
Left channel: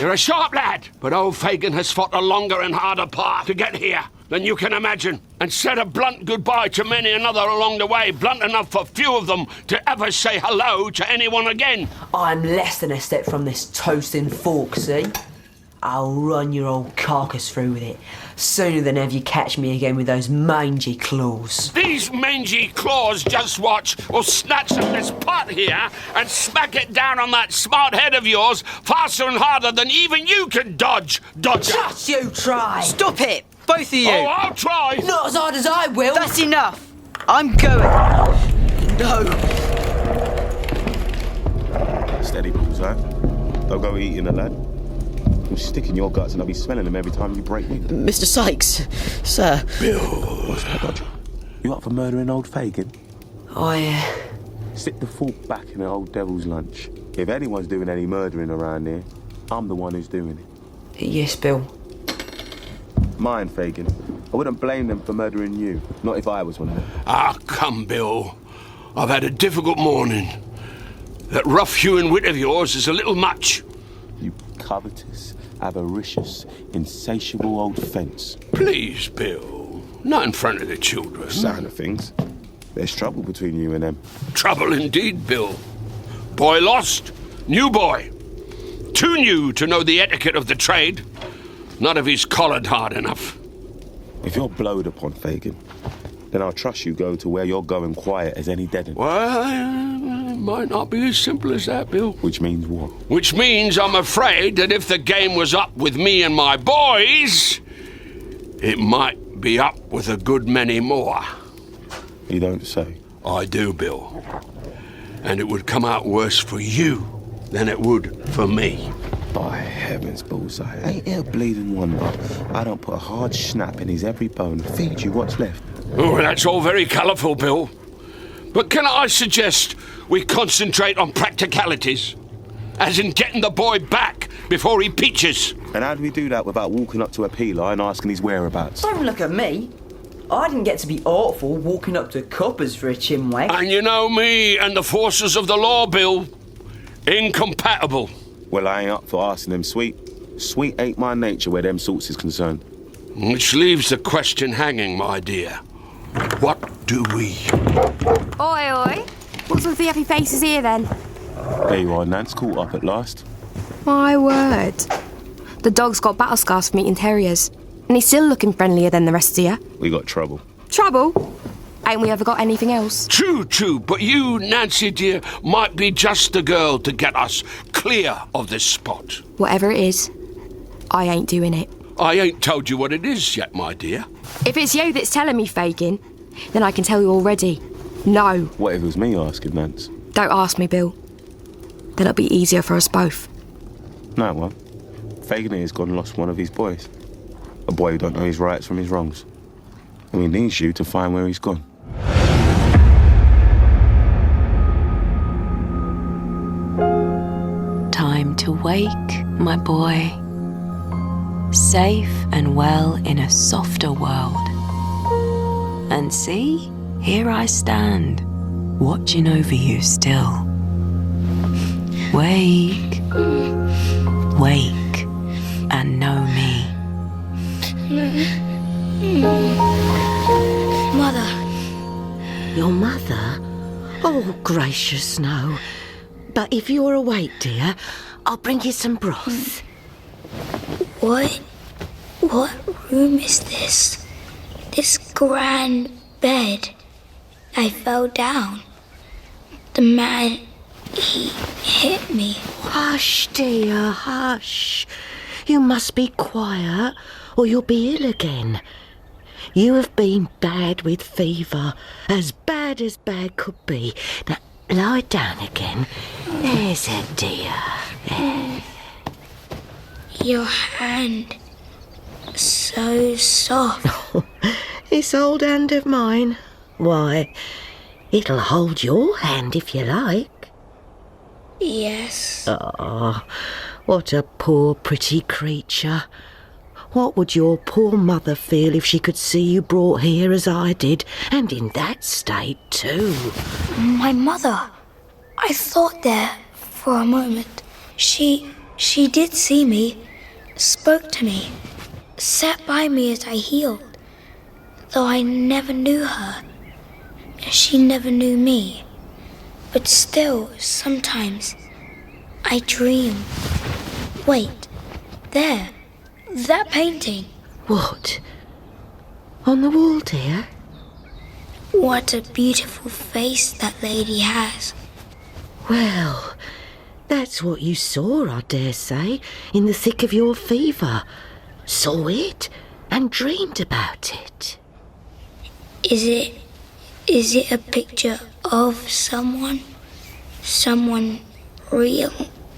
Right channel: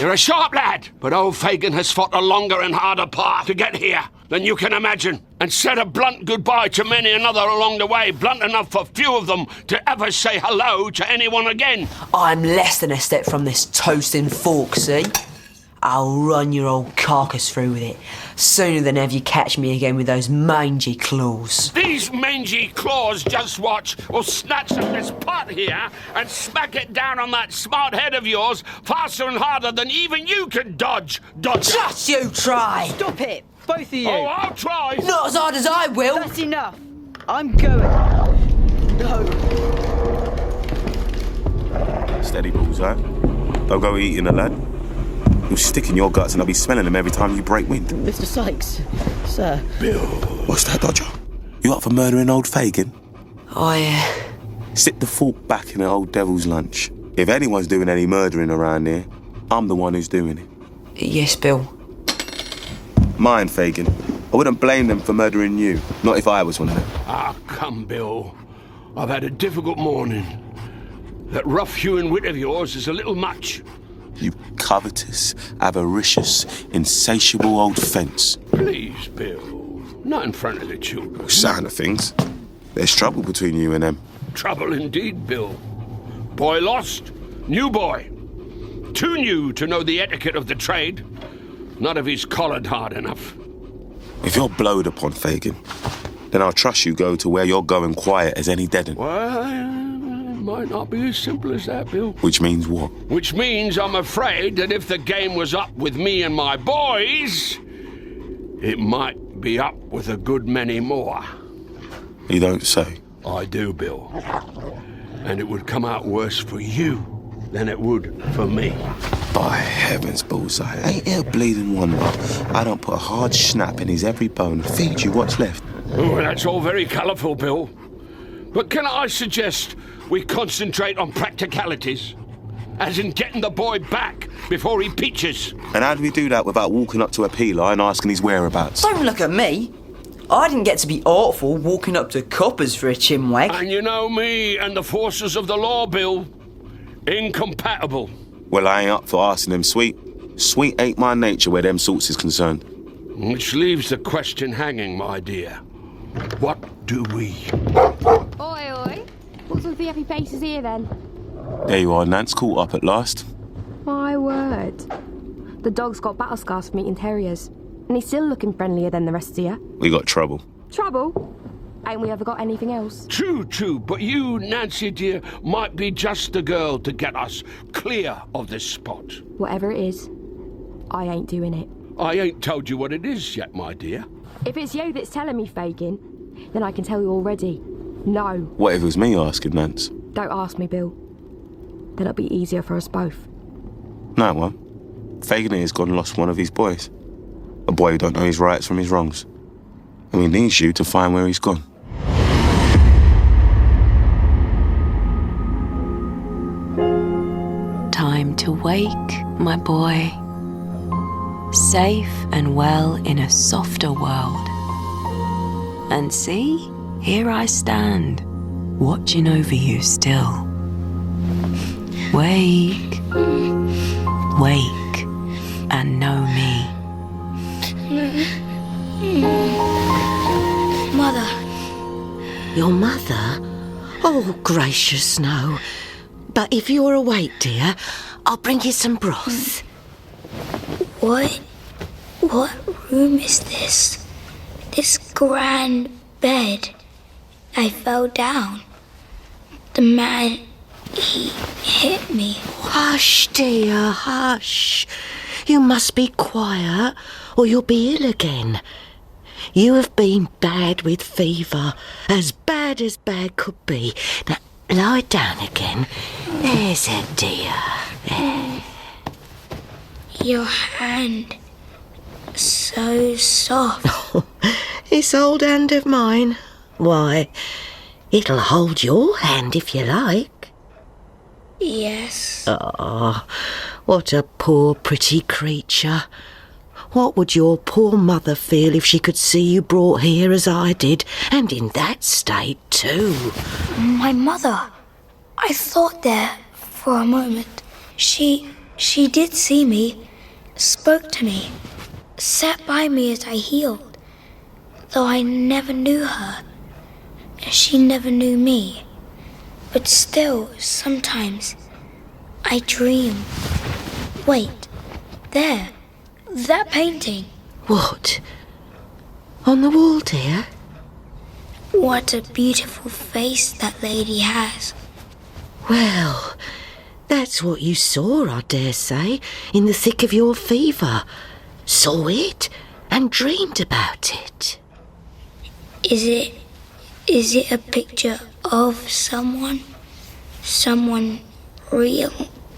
You're a sharp lad, but old Fagin has fought a longer and harder path to get here than you can imagine, and said a blunt goodbye to many another along the way, blunt enough for few of them to ever say hello to anyone again. I'm less than a step from this toasting fork, see? I'll run your old carcass through with it, sooner than ever you catch me again with those mangy claws. These mangy claws, just watch, will snatch up this pot here and smack it down on that smart head of yours faster and harder than even you can dodge, Dodger. Just you try! Stop it, both of you! Oh, I'll try! Not as hard as I will! That's enough! I'm going! No! Steady, bullseye. Don't go eating a lad. You'll stick in your guts and I'll be smelling them every time you break wind. Mr. Sykes, sir. Bill. What's that, Dodger? You up for murdering old Fagin? Sit the fork back in the old devil's lunch. If anyone's doing any murdering around here, I'm the one who's doing it. Yes, Bill. Mind, Fagin. I wouldn't blame them for murdering you, not if I was one of them. Ah, come, Bill. I've had a difficult morning. That rough-hewn wit of yours is a little much. You covetous, avaricious, insatiable old fence. Please, Bill. Not in front of the children. Sign of things. There's trouble between you and them. Trouble indeed, Bill. Boy lost. New boy. Too new to know the etiquette of the trade. Not if he's collared hard enough. If you're blowed upon, Fagin, then I'll trust you go to where you're going quiet as any dead 'un. Well, might not be as simple as that, Bill. Which means what? Which means I'm afraid that if the game was up with me and my boys, it might be up with a good many more. You don't say. I do, Bill. And it would come out worse for you than it would for me. By heavens, Bullseye, ain't it a bleeding wonder I don't put a hard snap in his every bone and feed you what's left? Oh, that's all very colourful, Bill. But can I suggest we concentrate on practicalities? As in getting the boy back before he peaches. And how do we do that without walking up to a peeler and asking his whereabouts? Don't look at me. I didn't get to be artful walking up to coppers for a chinwag. And you know me and the forces of the law, Bill. Incompatible. Well, I ain't up for asking them sweet. Sweet ain't my nature where them sorts is concerned. Which leaves the question hanging, my dear. What do we? Oi, oi. What's with the happy faces here, then? There you are, Nance, caught up at last. My word. The dog's got battle scars from eating terriers, and he's still looking friendlier than the rest of you. We got trouble. Trouble? Ain't we ever got anything else? True, but you, Nancy dear, might be just the girl to get us clear of this spot. Whatever it is, I ain't doing it. I ain't told you what it is yet, my dear. If it's you that's telling me, Fagin, then I can tell you already. No. What if it was me asking, Nance? Don't ask me, Bill. Then it'll be easier for us both. No, it won't. Fagin here's gone and lost one of his boys. A boy who don't know his rights from his wrongs. And he needs you to find where he's gone. Time to wake, my boy. Safe and well in a softer world. And see, here I stand, watching over you still. Wake, wake, and know me. Your mother? Oh, gracious, no. But if you're awake, dear, I'll bring you some broth. What room is this? This grand bed. I fell down. The man, he hit me. Hush, dear, hush. You must be quiet, or you'll be ill again. You have been bad with fever, as bad could be. Now, lie down again. There's it, dear. There. Your hand, so soft. This old hand of mine. Why, it'll hold your hand if you like. Yes. Ah, what a poor, pretty creature. What would your poor mother feel if she could see you brought here as I did, and in that state too? My mother. I thought there for a moment. She did see me, spoke to me, sat by me as I healed, though I never knew her. She never knew me. But still, sometimes, I dream. Wait, there, that painting. What? On the wall, dear? What a beautiful face that lady has. Well, that's what you saw, I dare say, in the thick of your fever. Saw it and dreamed about it. Is it a picture of someone? Someone real,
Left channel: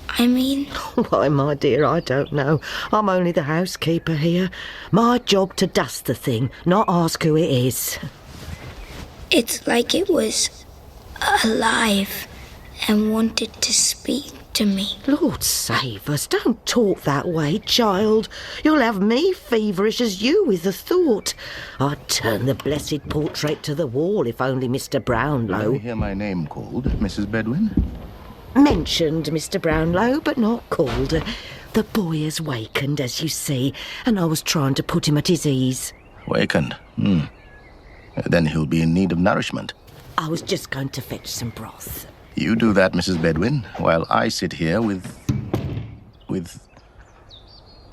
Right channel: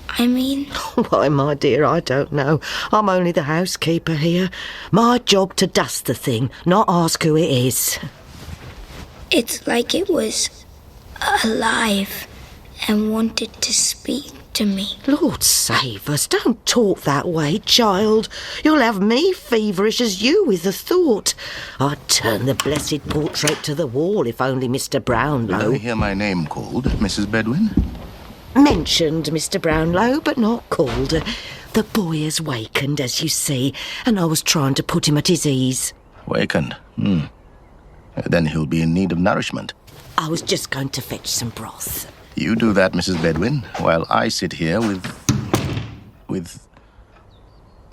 I mean? Why, my dear, I don't know. I'm only the housekeeper here. My job to dust the thing, not ask who it is. It's like it was alive and wanted to speak to me. Lord save us, don't talk that way, child. You'll have me feverish as you with the thought. I'd turn the blessed portrait to the wall if only Mr. Brownlow... Did you hear my name called, Mrs. Bedwin? Mentioned, Mr. Brownlow, but not called. The boy has wakened, as you see, and I was trying to put him at his ease. Wakened? Then he'll be in need of nourishment. I was just going to fetch some broth. You do that, Mrs. Bedwin, while I sit here with...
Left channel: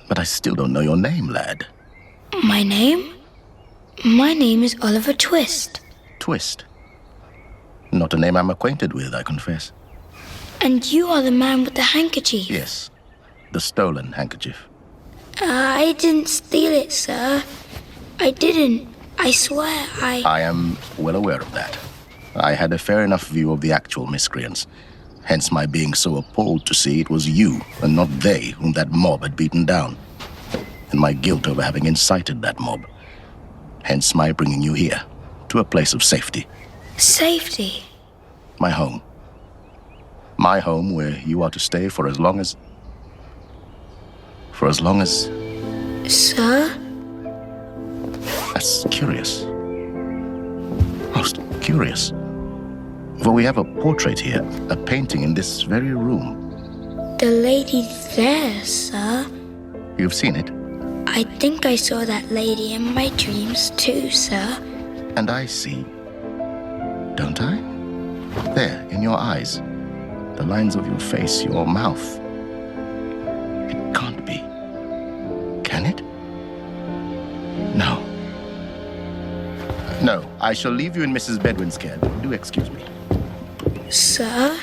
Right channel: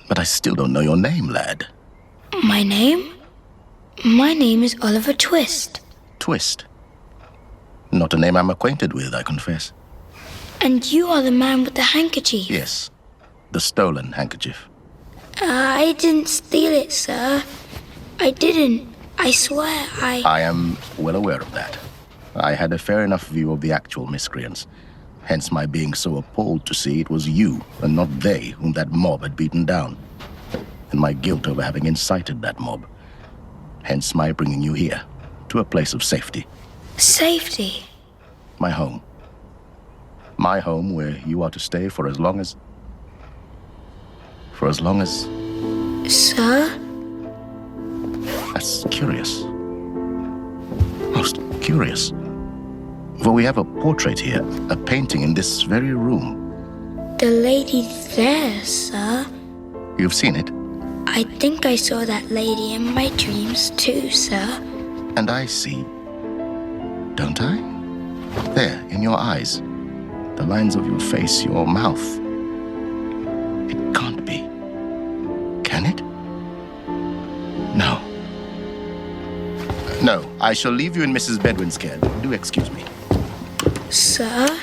But I still don't know your name, lad. My name? My name is Oliver Twist. Twist? Not a name I'm acquainted with, I confess. And you are the man with the handkerchief? Yes, the stolen handkerchief. I didn't steal it, sir. I didn't. I swear I am well aware of that. I had a fair enough view of the actual miscreants, hence my being so appalled to see it was you, and not they, whom that mob had beaten down, and my guilt over having incited that mob, hence my bringing you here, to a place of safety. Safety? My home. My home where you are to stay for as long as... Sir? That's curious. Most curious. For we have a portrait here, a painting in this very room. The lady there, sir. You've seen it? I think I saw that lady in my dreams too, sir. And I see, don't I? There, in your eyes, the lines of your face, your mouth. It can't be. Can it? No. No, I shall leave you in Mrs. Bedwin's care. Do excuse me. Sir?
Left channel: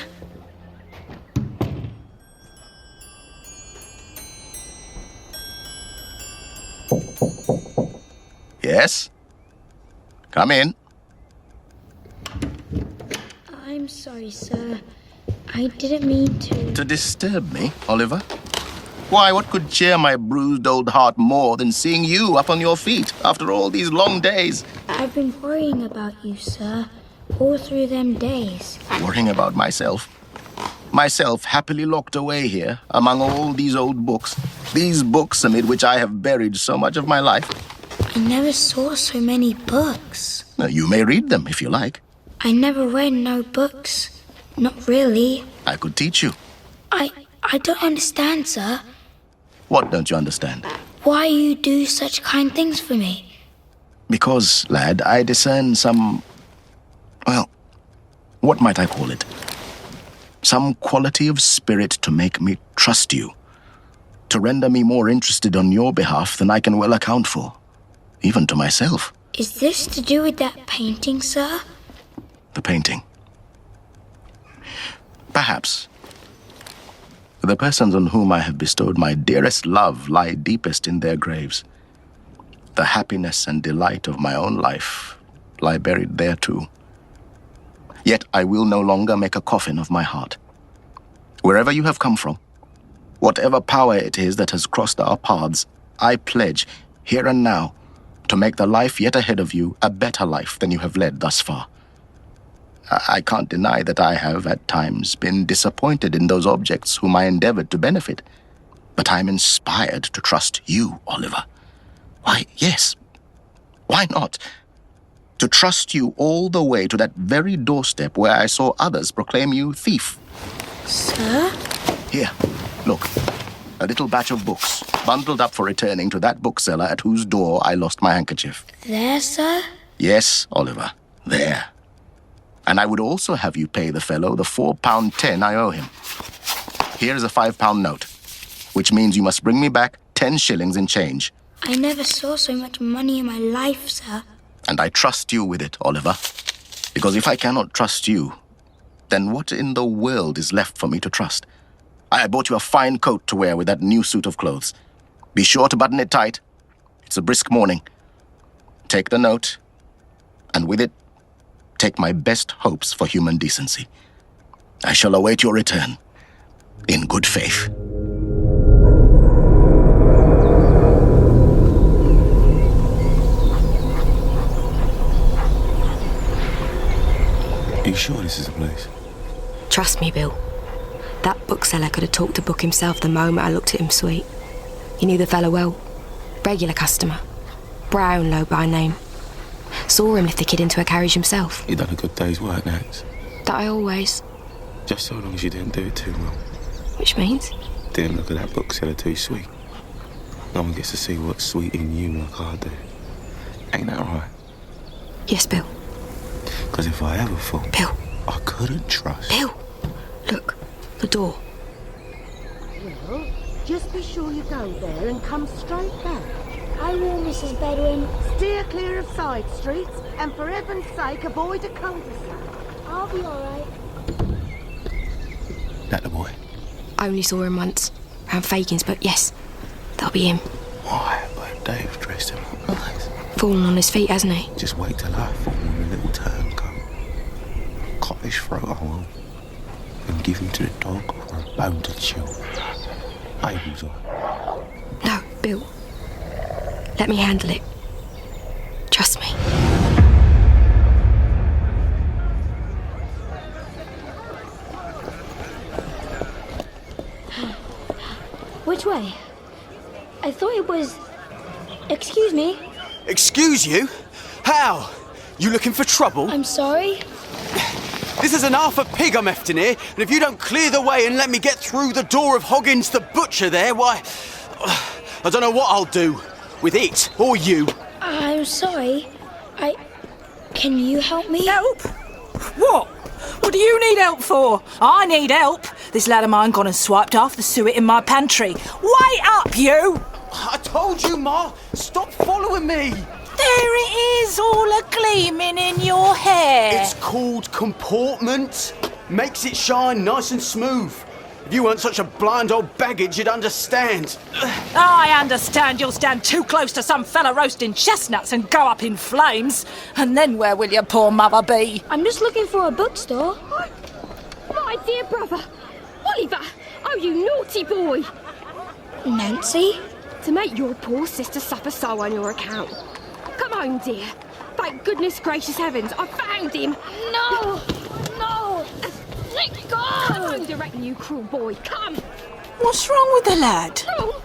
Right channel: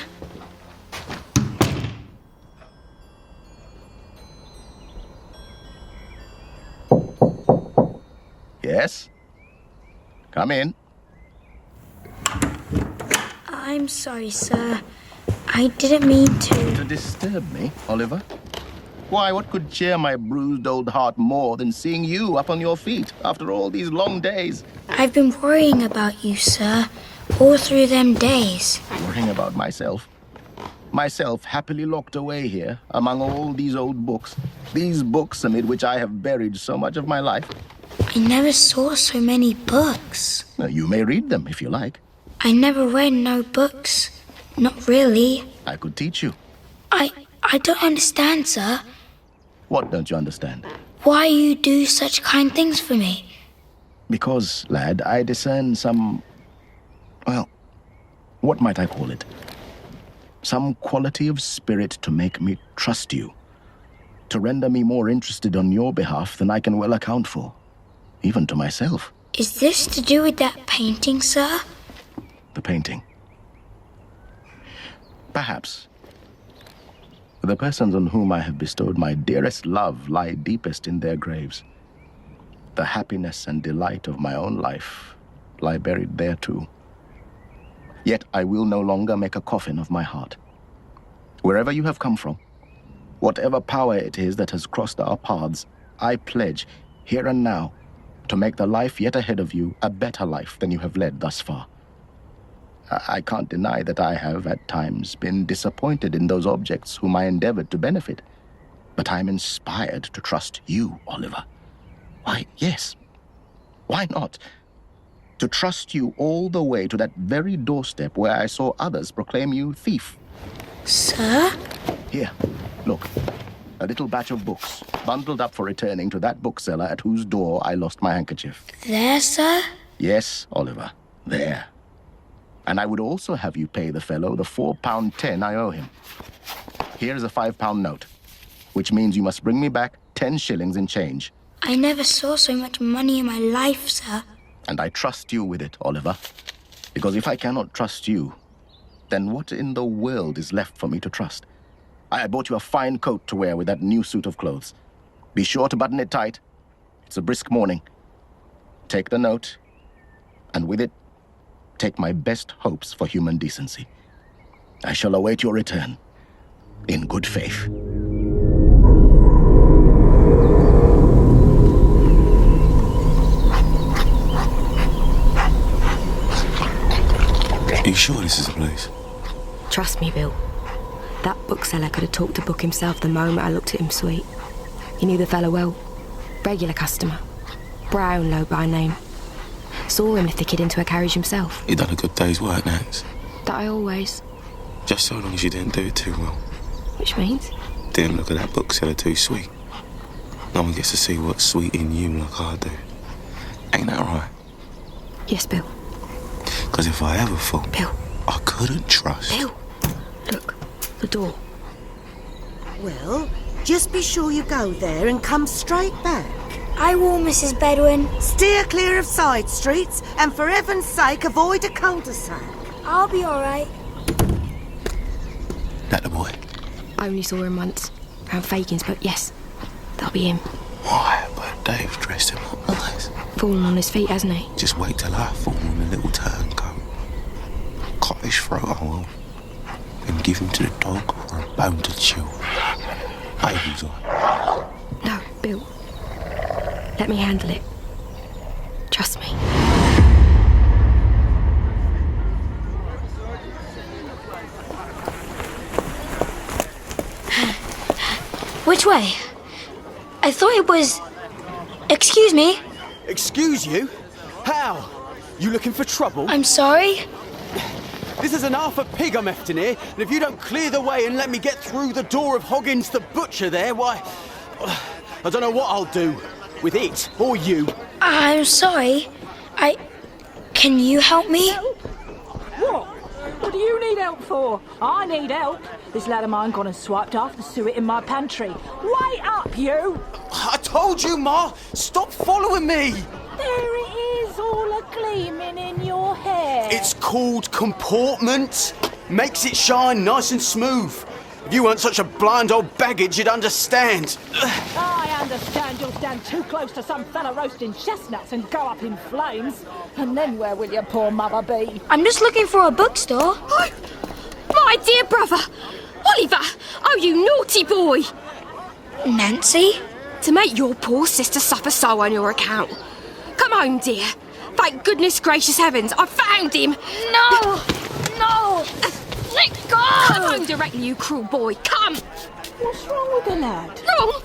Yes? Come in. I'm sorry, sir. I didn't mean to... To disturb me, Oliver? Why, what could cheer my bruised old heart more than seeing you up on your feet after all these long days? I've been worrying about you, sir, all through them days. Worrying about myself? Myself happily locked away here among all these old books. These books amid which I have buried so much of my life. I never saw so many books. Now, you may read them if you like. I never read no books. Not really. I could teach you. I don't understand, sir. What don't you understand? Why you do such kind things for me? Because, lad, I discern some Well, what might I call it? Some quality of spirit to make me trust you. To render me more interested on your behalf than I can well account for. Even to myself. Is this to do with that painting, sir? The painting. Perhaps. The persons on whom I have bestowed my dearest love lie deepest in their graves. The happiness and delight of my own life lie buried there too. Yet I will no longer make a coffin of my heart. Wherever you have come from, whatever power it is that has crossed our paths, I pledge, here and now, to make the life yet ahead of you a better life than you have led thus far. I can't deny that I have, at times, been disappointed in those objects whom I endeavored to benefit. But I'm inspired to trust you, Oliver. Why, yes. Why not? To trust you all the way to that very doorstep where I saw others proclaim you thief. Sir? Here, look. A little batch of books, bundled up for returning to that bookseller at whose door I lost my handkerchief. There, sir? Yes, Oliver, there. And I would also have you pay the fellow the £4.10 I owe him. Here is a £5 note, which means you must bring me back 10 shillings in change. I never saw so much money in my life, sir. And I trust you with it, Oliver. Because if I cannot trust you, then what in the world is left for me to trust? I bought you a fine coat to wear with that new suit of clothes. Be sure to button it tight. It's a brisk morning. Take the note, and with it, take my best hopes for human decency. I shall await your return, in good faith. Are you sure this is the place? Trust me, Bill. That bookseller could have talked a book himself the moment I looked at him sweet. He knew the fellow well. Regular customer. Brownlow by name. Saw him lift the kid into a carriage himself. You done a good day's work, Nance. That I always. Just so long as you didn't do it too well. Which means? Didn't look at that bookseller too sweet. No one gets to see what's sweet in you like I do. Ain't that right? Yes, Bill. Because if I ever thought Bill. I couldn't trust... Bill! Look, the door. Well, just be sure you go there and come straight back. I will, Mrs. Bedouin. Steer clear of side streets and for heaven's sake avoid a cul-de-sac. I'll be all right. That the boy? I only saw him once. Round Fagin's, but yes, that'll be him. Why, but Dave's dressed him up nice. Fallen on his feet, hasn't he? Just wait till I fall on the little turncoat. Cut his throat, I will. And give him to the dog for a bone to chew. Abel's on. No, Bill. Let me handle it. Trust me. Which way? I thought it was... Excuse me? Excuse you? How? You looking for trouble? I'm sorry? This is an half a pig I'm hefting here, and if you don't clear the way and let me get through the door of Hoggins the butcher there, why... I don't know what I'll do with it, or you. I'm sorry. Can you help me? Help? What? What do you need help for? I need help. This lad of mine gone and swiped half the suet in my pantry. Wait up, you! I told you, Ma! Stop following me! There it is, all a-gleaming in your hair. It's called comportment. Makes it shine nice and smooth. If you weren't such a blind old baggage, you'd understand. I understand you'll stand too close to some fella roasting chestnuts and go up in flames. And then where will your poor mother be? I'm just looking for a bookstore. My dear brother, Oliver, oh you naughty boy. Nancy? To make your poor sister suffer so on your account. Come home, dear. Thank goodness gracious heavens, I found him. No! No! Let go! Come home directly, you cruel boy, come! What's wrong with the lad? Wrong?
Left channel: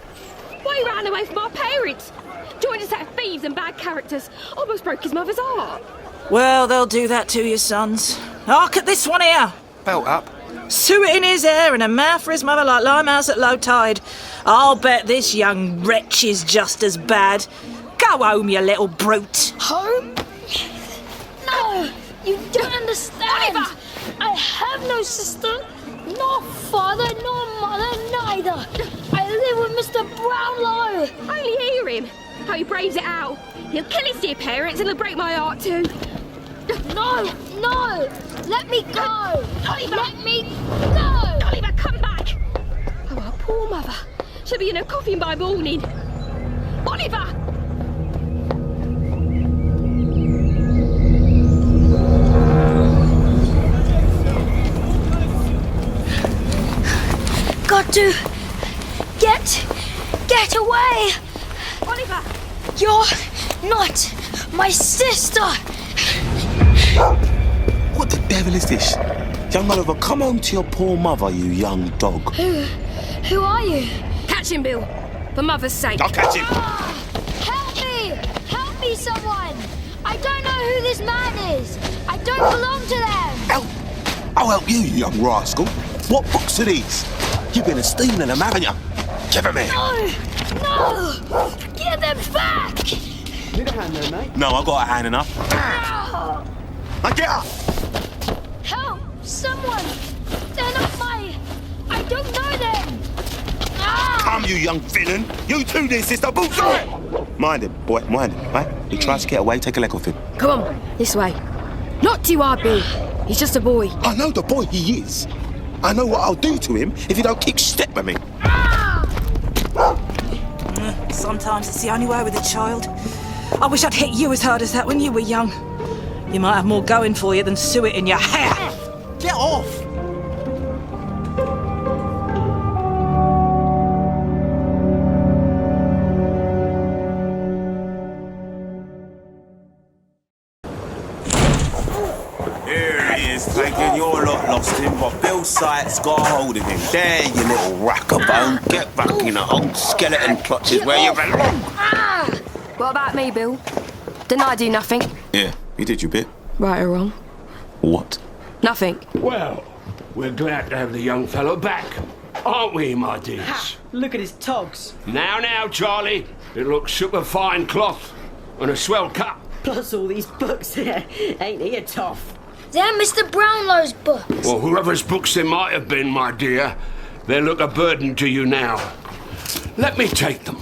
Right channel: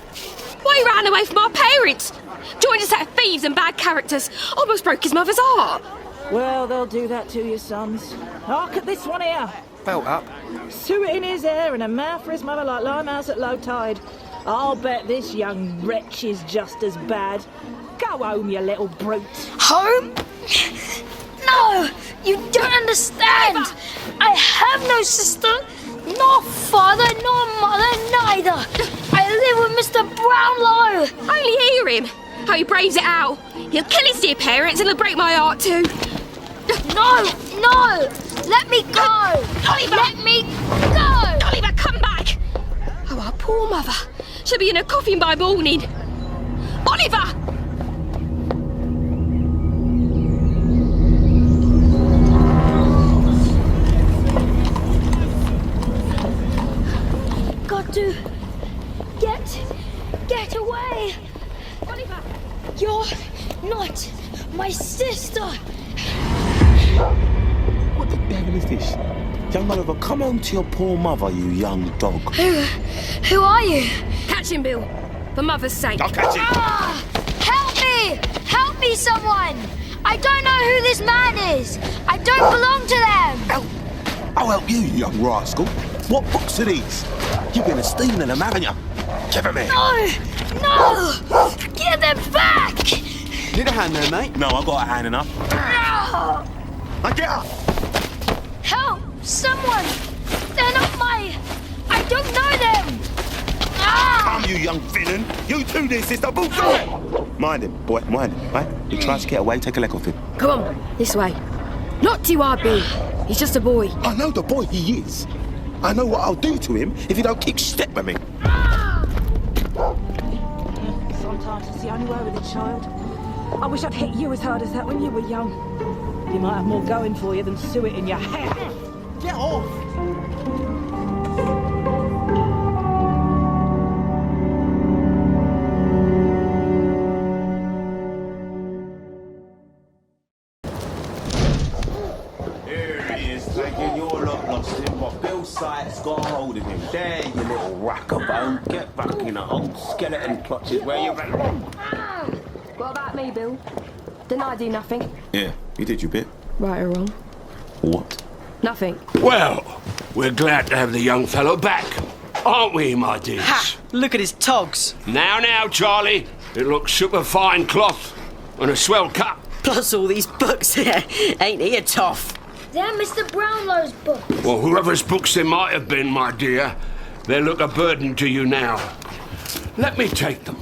Why he ran away from our parents? Joined a set of thieves and bad characters. Almost broke his mother's heart. Well, they'll do that to you, sons. Hark at this one here. Belt up. Suet in his hair and a mouth for his mother like Limehouse at low tide. I'll bet this young wretch is just as bad. Go home, you little brute. Home? No! You don't understand. Oliver! I have no sister, nor father, nor mother, neither. I live with Mr. Brownlow. Only hear him. How he braves it out. He'll kill his dear parents and he'll break my heart too. No, no. Let me go. Oliver! Let me go. Oliver, come back. Oh, our poor mother. She'll be in a coffin by morning. Oliver! Got to get away. Oliver! You're not my sister. What the devil is this? Young Oliver, come home to your poor mother, you young dog. Who are you? Catch him, Bill. For mother's sake. I'll catch him. Help me! Help me, someone! I don't know who this man is. I don't belong to them. I'll help you, you young rascal. What books are these? You've been stealing them, haven't you? Give them here. No! Give them back! Need a hand there, mate? No, I got a hand enough. No! Now get up! Help! Someone! They're not my... I don't know them! Come, you young villain! You too, dear sister! Boots on! Mind him, boy, mind him, right? He tries to get away, take a leg off him. Come on, this way. Not too hard, Bill. He's just a boy. I know the boy he is. I know what I'll do to him if he don't kick step at me. Sometimes it's the only way with a child. I wish I'd hit you as hard as that when you were young. You might have more going for you than suet in your hair. Get off! Here he is, thinking your lot lost him, but Bill Sykes got a hold of him. There, you little rackabone. Get back in the old skeleton clutches where you belong. What about me, Bill? Didn't I do nothing? Yeah, you did your bit. Right or wrong? What? Nothing. Well, we're glad to have the young fellow back, aren't we, my dears? Ha! Look at his togs. Now, Charlie. It looks super fine cloth and a swell cut. Plus all these books here. Ain't he a toff? They're Mr. Brownlow's books. Well, whoever's books they might have been, my dear, they look a burden to you now. Let me take them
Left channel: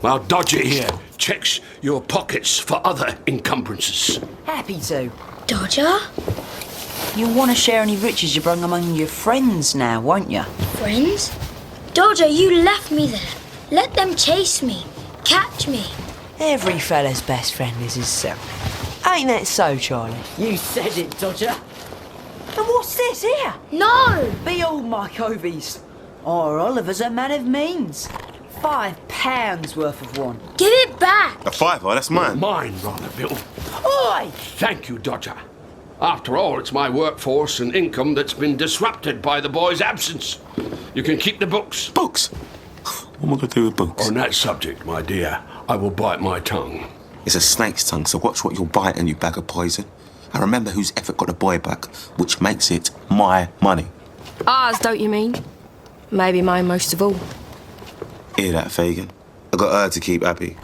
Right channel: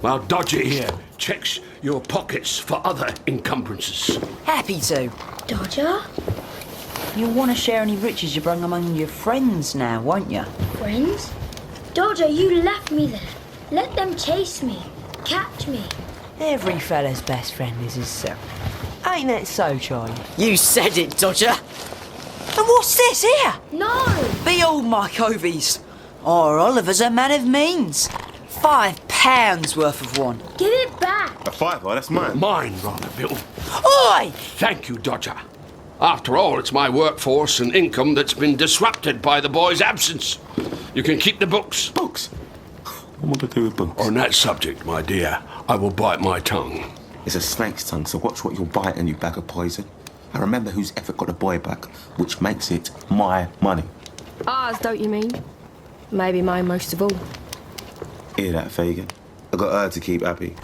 while Dodger here checks your pockets for other encumbrances. Happy to. Dodger? You'll want to share any riches you bring among your friends now, won't you? Friends? Dodger, you left me there. Let them chase me. Catch me. Every fella's best friend is himself. Ain't that so, Charlie? You said it, Dodger. And what's this here? No! Behold my covies. Our Oliver's a man of means. £5 worth of one. Give it back. A fiver, that's mine. Mine, rather, Bill. Oi! Thank you, Dodger. After all, it's my workforce and income that's been disrupted by the boy's absence. You can keep the books. Books? What am I going to do with books? On that subject, my dear, I will bite my tongue. It's a snake's tongue, so watch what you're biting, you bag of poison. I remember whose effort got the boy back, which makes it my money. Ours, don't you mean? Maybe mine most of all. Hear that, Fagin? I got her to keep happy.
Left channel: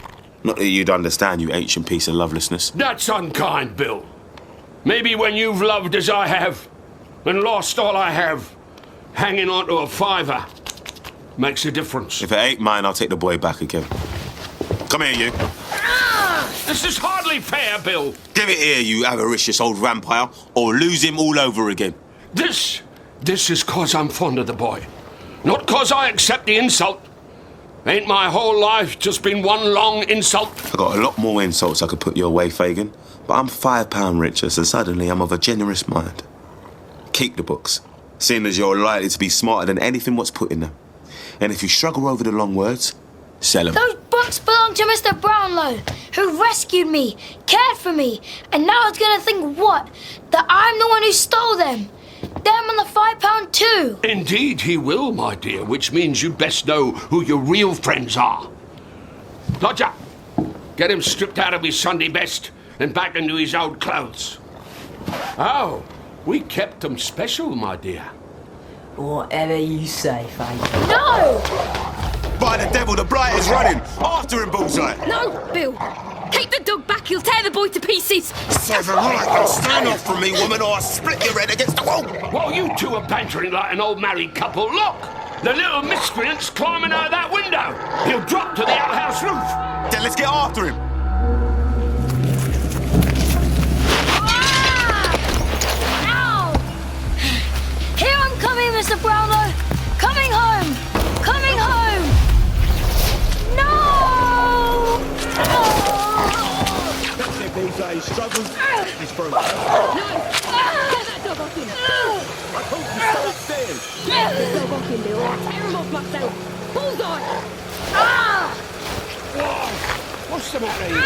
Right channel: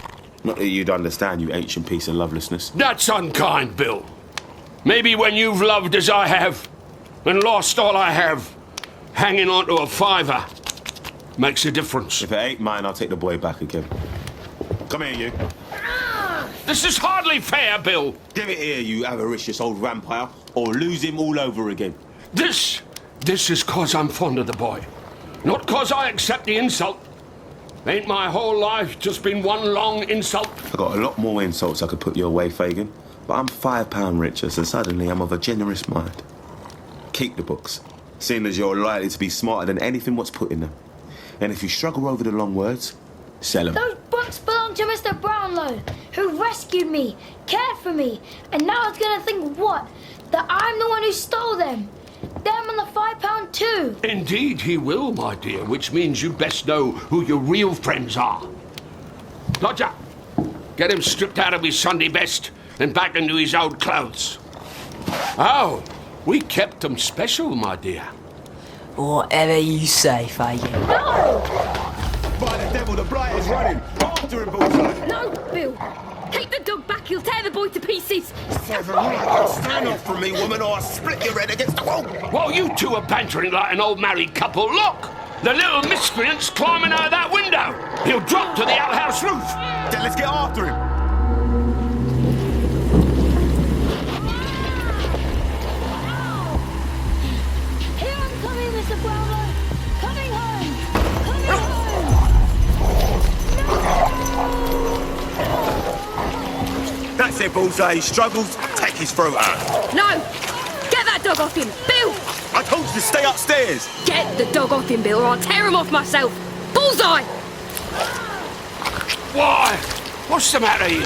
Not that you'd understand, you ancient piece of lovelessness. That's unkind, Bill. Maybe when you've loved as I have, and lost all I have, hanging on to a fiver makes a difference. If it ain't mine, I'll take the boy back again. Come here, you. This is hardly fair, Bill. Give it here, you avaricious old vampire, or lose him all over again. This is 'cause I'm fond of the boy. Not 'cause I accept the insult. Ain't my whole life just been one long insult? I got a lot more insults I could put your way, Fagin, but I'm £5 richer, so suddenly I'm of a generous mind. Keep the books, seeing as you're likely to be smarter than anything what's put in them. And if you struggle over the long words, sell them. Those books belong to Mr. Brownlow, who rescued me, cared for me, and now it's gonna think what? That I'm the one who stole them. Them and the £5 too. Indeed he will, my dear, which means you'd best know who your real friends are. Dodger, get him stripped out of his Sunday best and back into his old clothes. Oh, we kept them special, my dear. Whatever you say, Fagin. No! By the devil, the blight is running! After him, Bullseye! No, Bill! Keep the dog back, he'll tear the boy to pieces. Stand off from me, woman, or I'll split your head against the wall. While you two are bantering like an old married couple, look! The little miscreant's climbing out of that window. He'll drop to the outhouse roof. Then let's get after him. Here I'm coming, Mr. Brownlow. Coming home. Coming home. No! That's it, Bullseye. He struggles. Take his throat. No! Get that dog off him! Bill! I told you to stay upstairs. Get the dog off him, Bill, or I'll tear him off myself! Bullseye! Why? What's the matter here?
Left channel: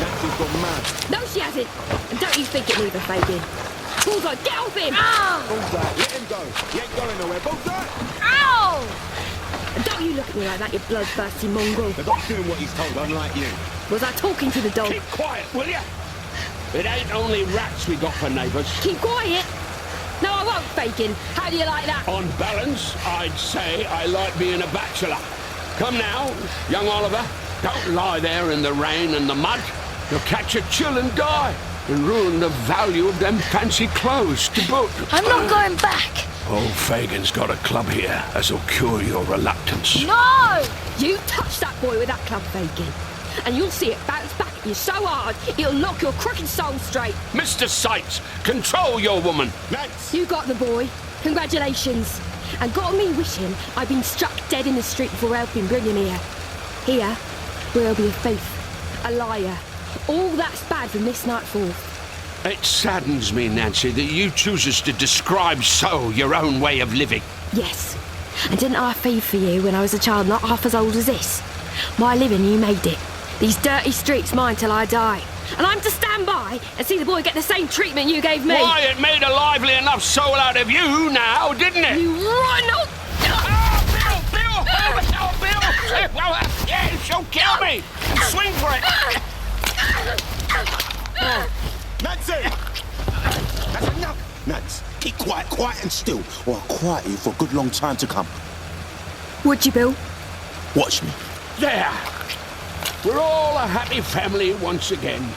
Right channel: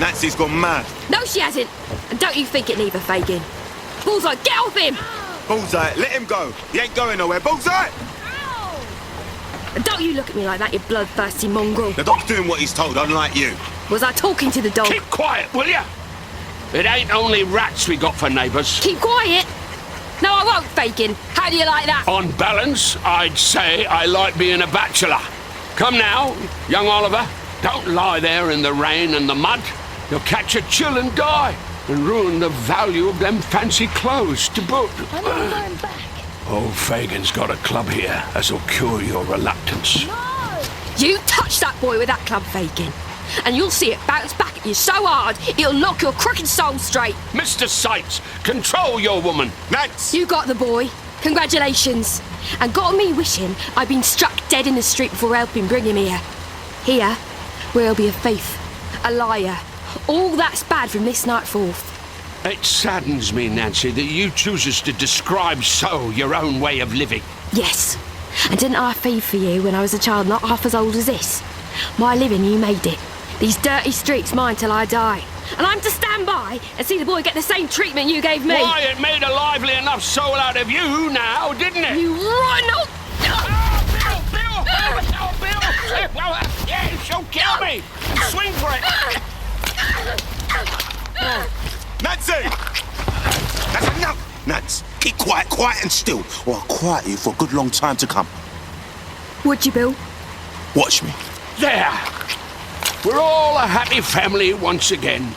Nancy's gone mad. No, she hasn't! And don't you think it neither, Fagin. Bullseye, get off him! Bullseye, let him go. He ain't going nowhere. Bullseye! And don't you look at me like that, you bloodthirsty mongrel. The dog's doing what he's told, unlike you. Was I talking to the dog? Keep quiet, will you? It ain't only rats we got for neighbours. Keep quiet! No, I won't, Fagin. How do you like that? On balance, I'd say I like being a bachelor. Come now, young Oliver. Don't lie there in the rain and the mud. You'll catch a chill and die, and ruin the value of them fancy clothes to boot. I'm not going back. Old Fagin's got a club here as'll cure your reluctance. No! You touch that boy with that club, Fagin, and you'll see it bounce back at you so hard, it'll knock your crooked soul straight. Mr. Sights, control your woman. Nance! You got the boy. Congratulations. And got me wishing I'd been struck dead in the street before helping bring him here. Here, where he'll be a thief, a liar. All that's bad from this night forth. It saddens me, Nancy, that you chooses to describe so your own way of living. Yes. And didn't I thieve for you when I was a child not half as old as this? My living, you made it. These dirty streets mine till I die. And I'm to stand by and see the boy get the same treatment you gave me. Why, it made a lively enough soul out of you now, didn't it? You rotten old... Oh, Bill! Oh, Bill! Yeah, she'll kill me! Swing for it! Nancy! That's enough! Nance, keep quiet and still, or I'll quiet you for a good long time to come. Would you, Bill? Watch me. There! We're all a happy family once again.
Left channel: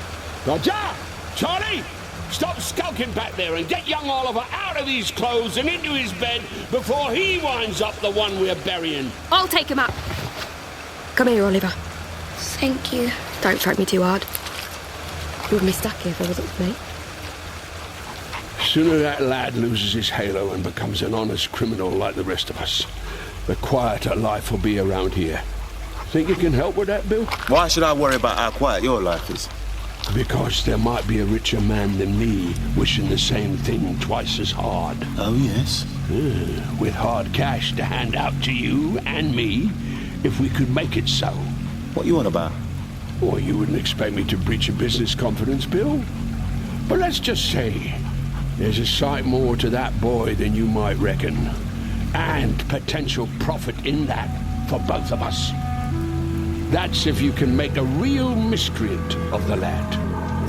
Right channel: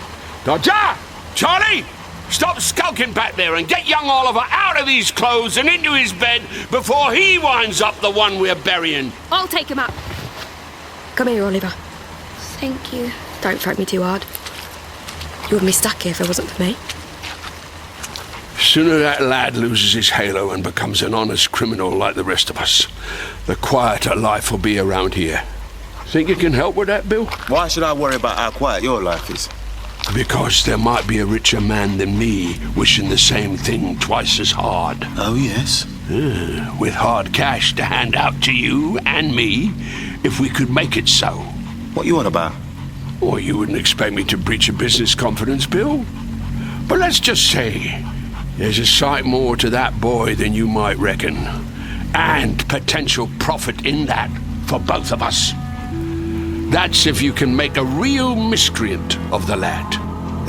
Dodger! Charlie! Stop skulking back there and get young Oliver out of these clothes and into his bed before he winds up the one we're burying. I'll take him up. Come here, Oliver. Thank you. Don't throw me too hard. You wouldn't be stuck here if it wasn't for me. Sooner that lad loses his halo and becomes an honest criminal like the rest of us, the quieter life will be around here. Think you can help with that, Bill? Why should I worry about how quiet your life is? Because there might be a richer man than me wishing the same thing twice as hard. Oh, yes? With hard cash to hand out to you and me, if we could make it so. What you on about? Well, you wouldn't expect me to breach a business confidence, Bill. But let's just say there's a sight more to that boy than you might reckon. And potential profit in that for both of us. That's if you can make a real miscreant of the lad.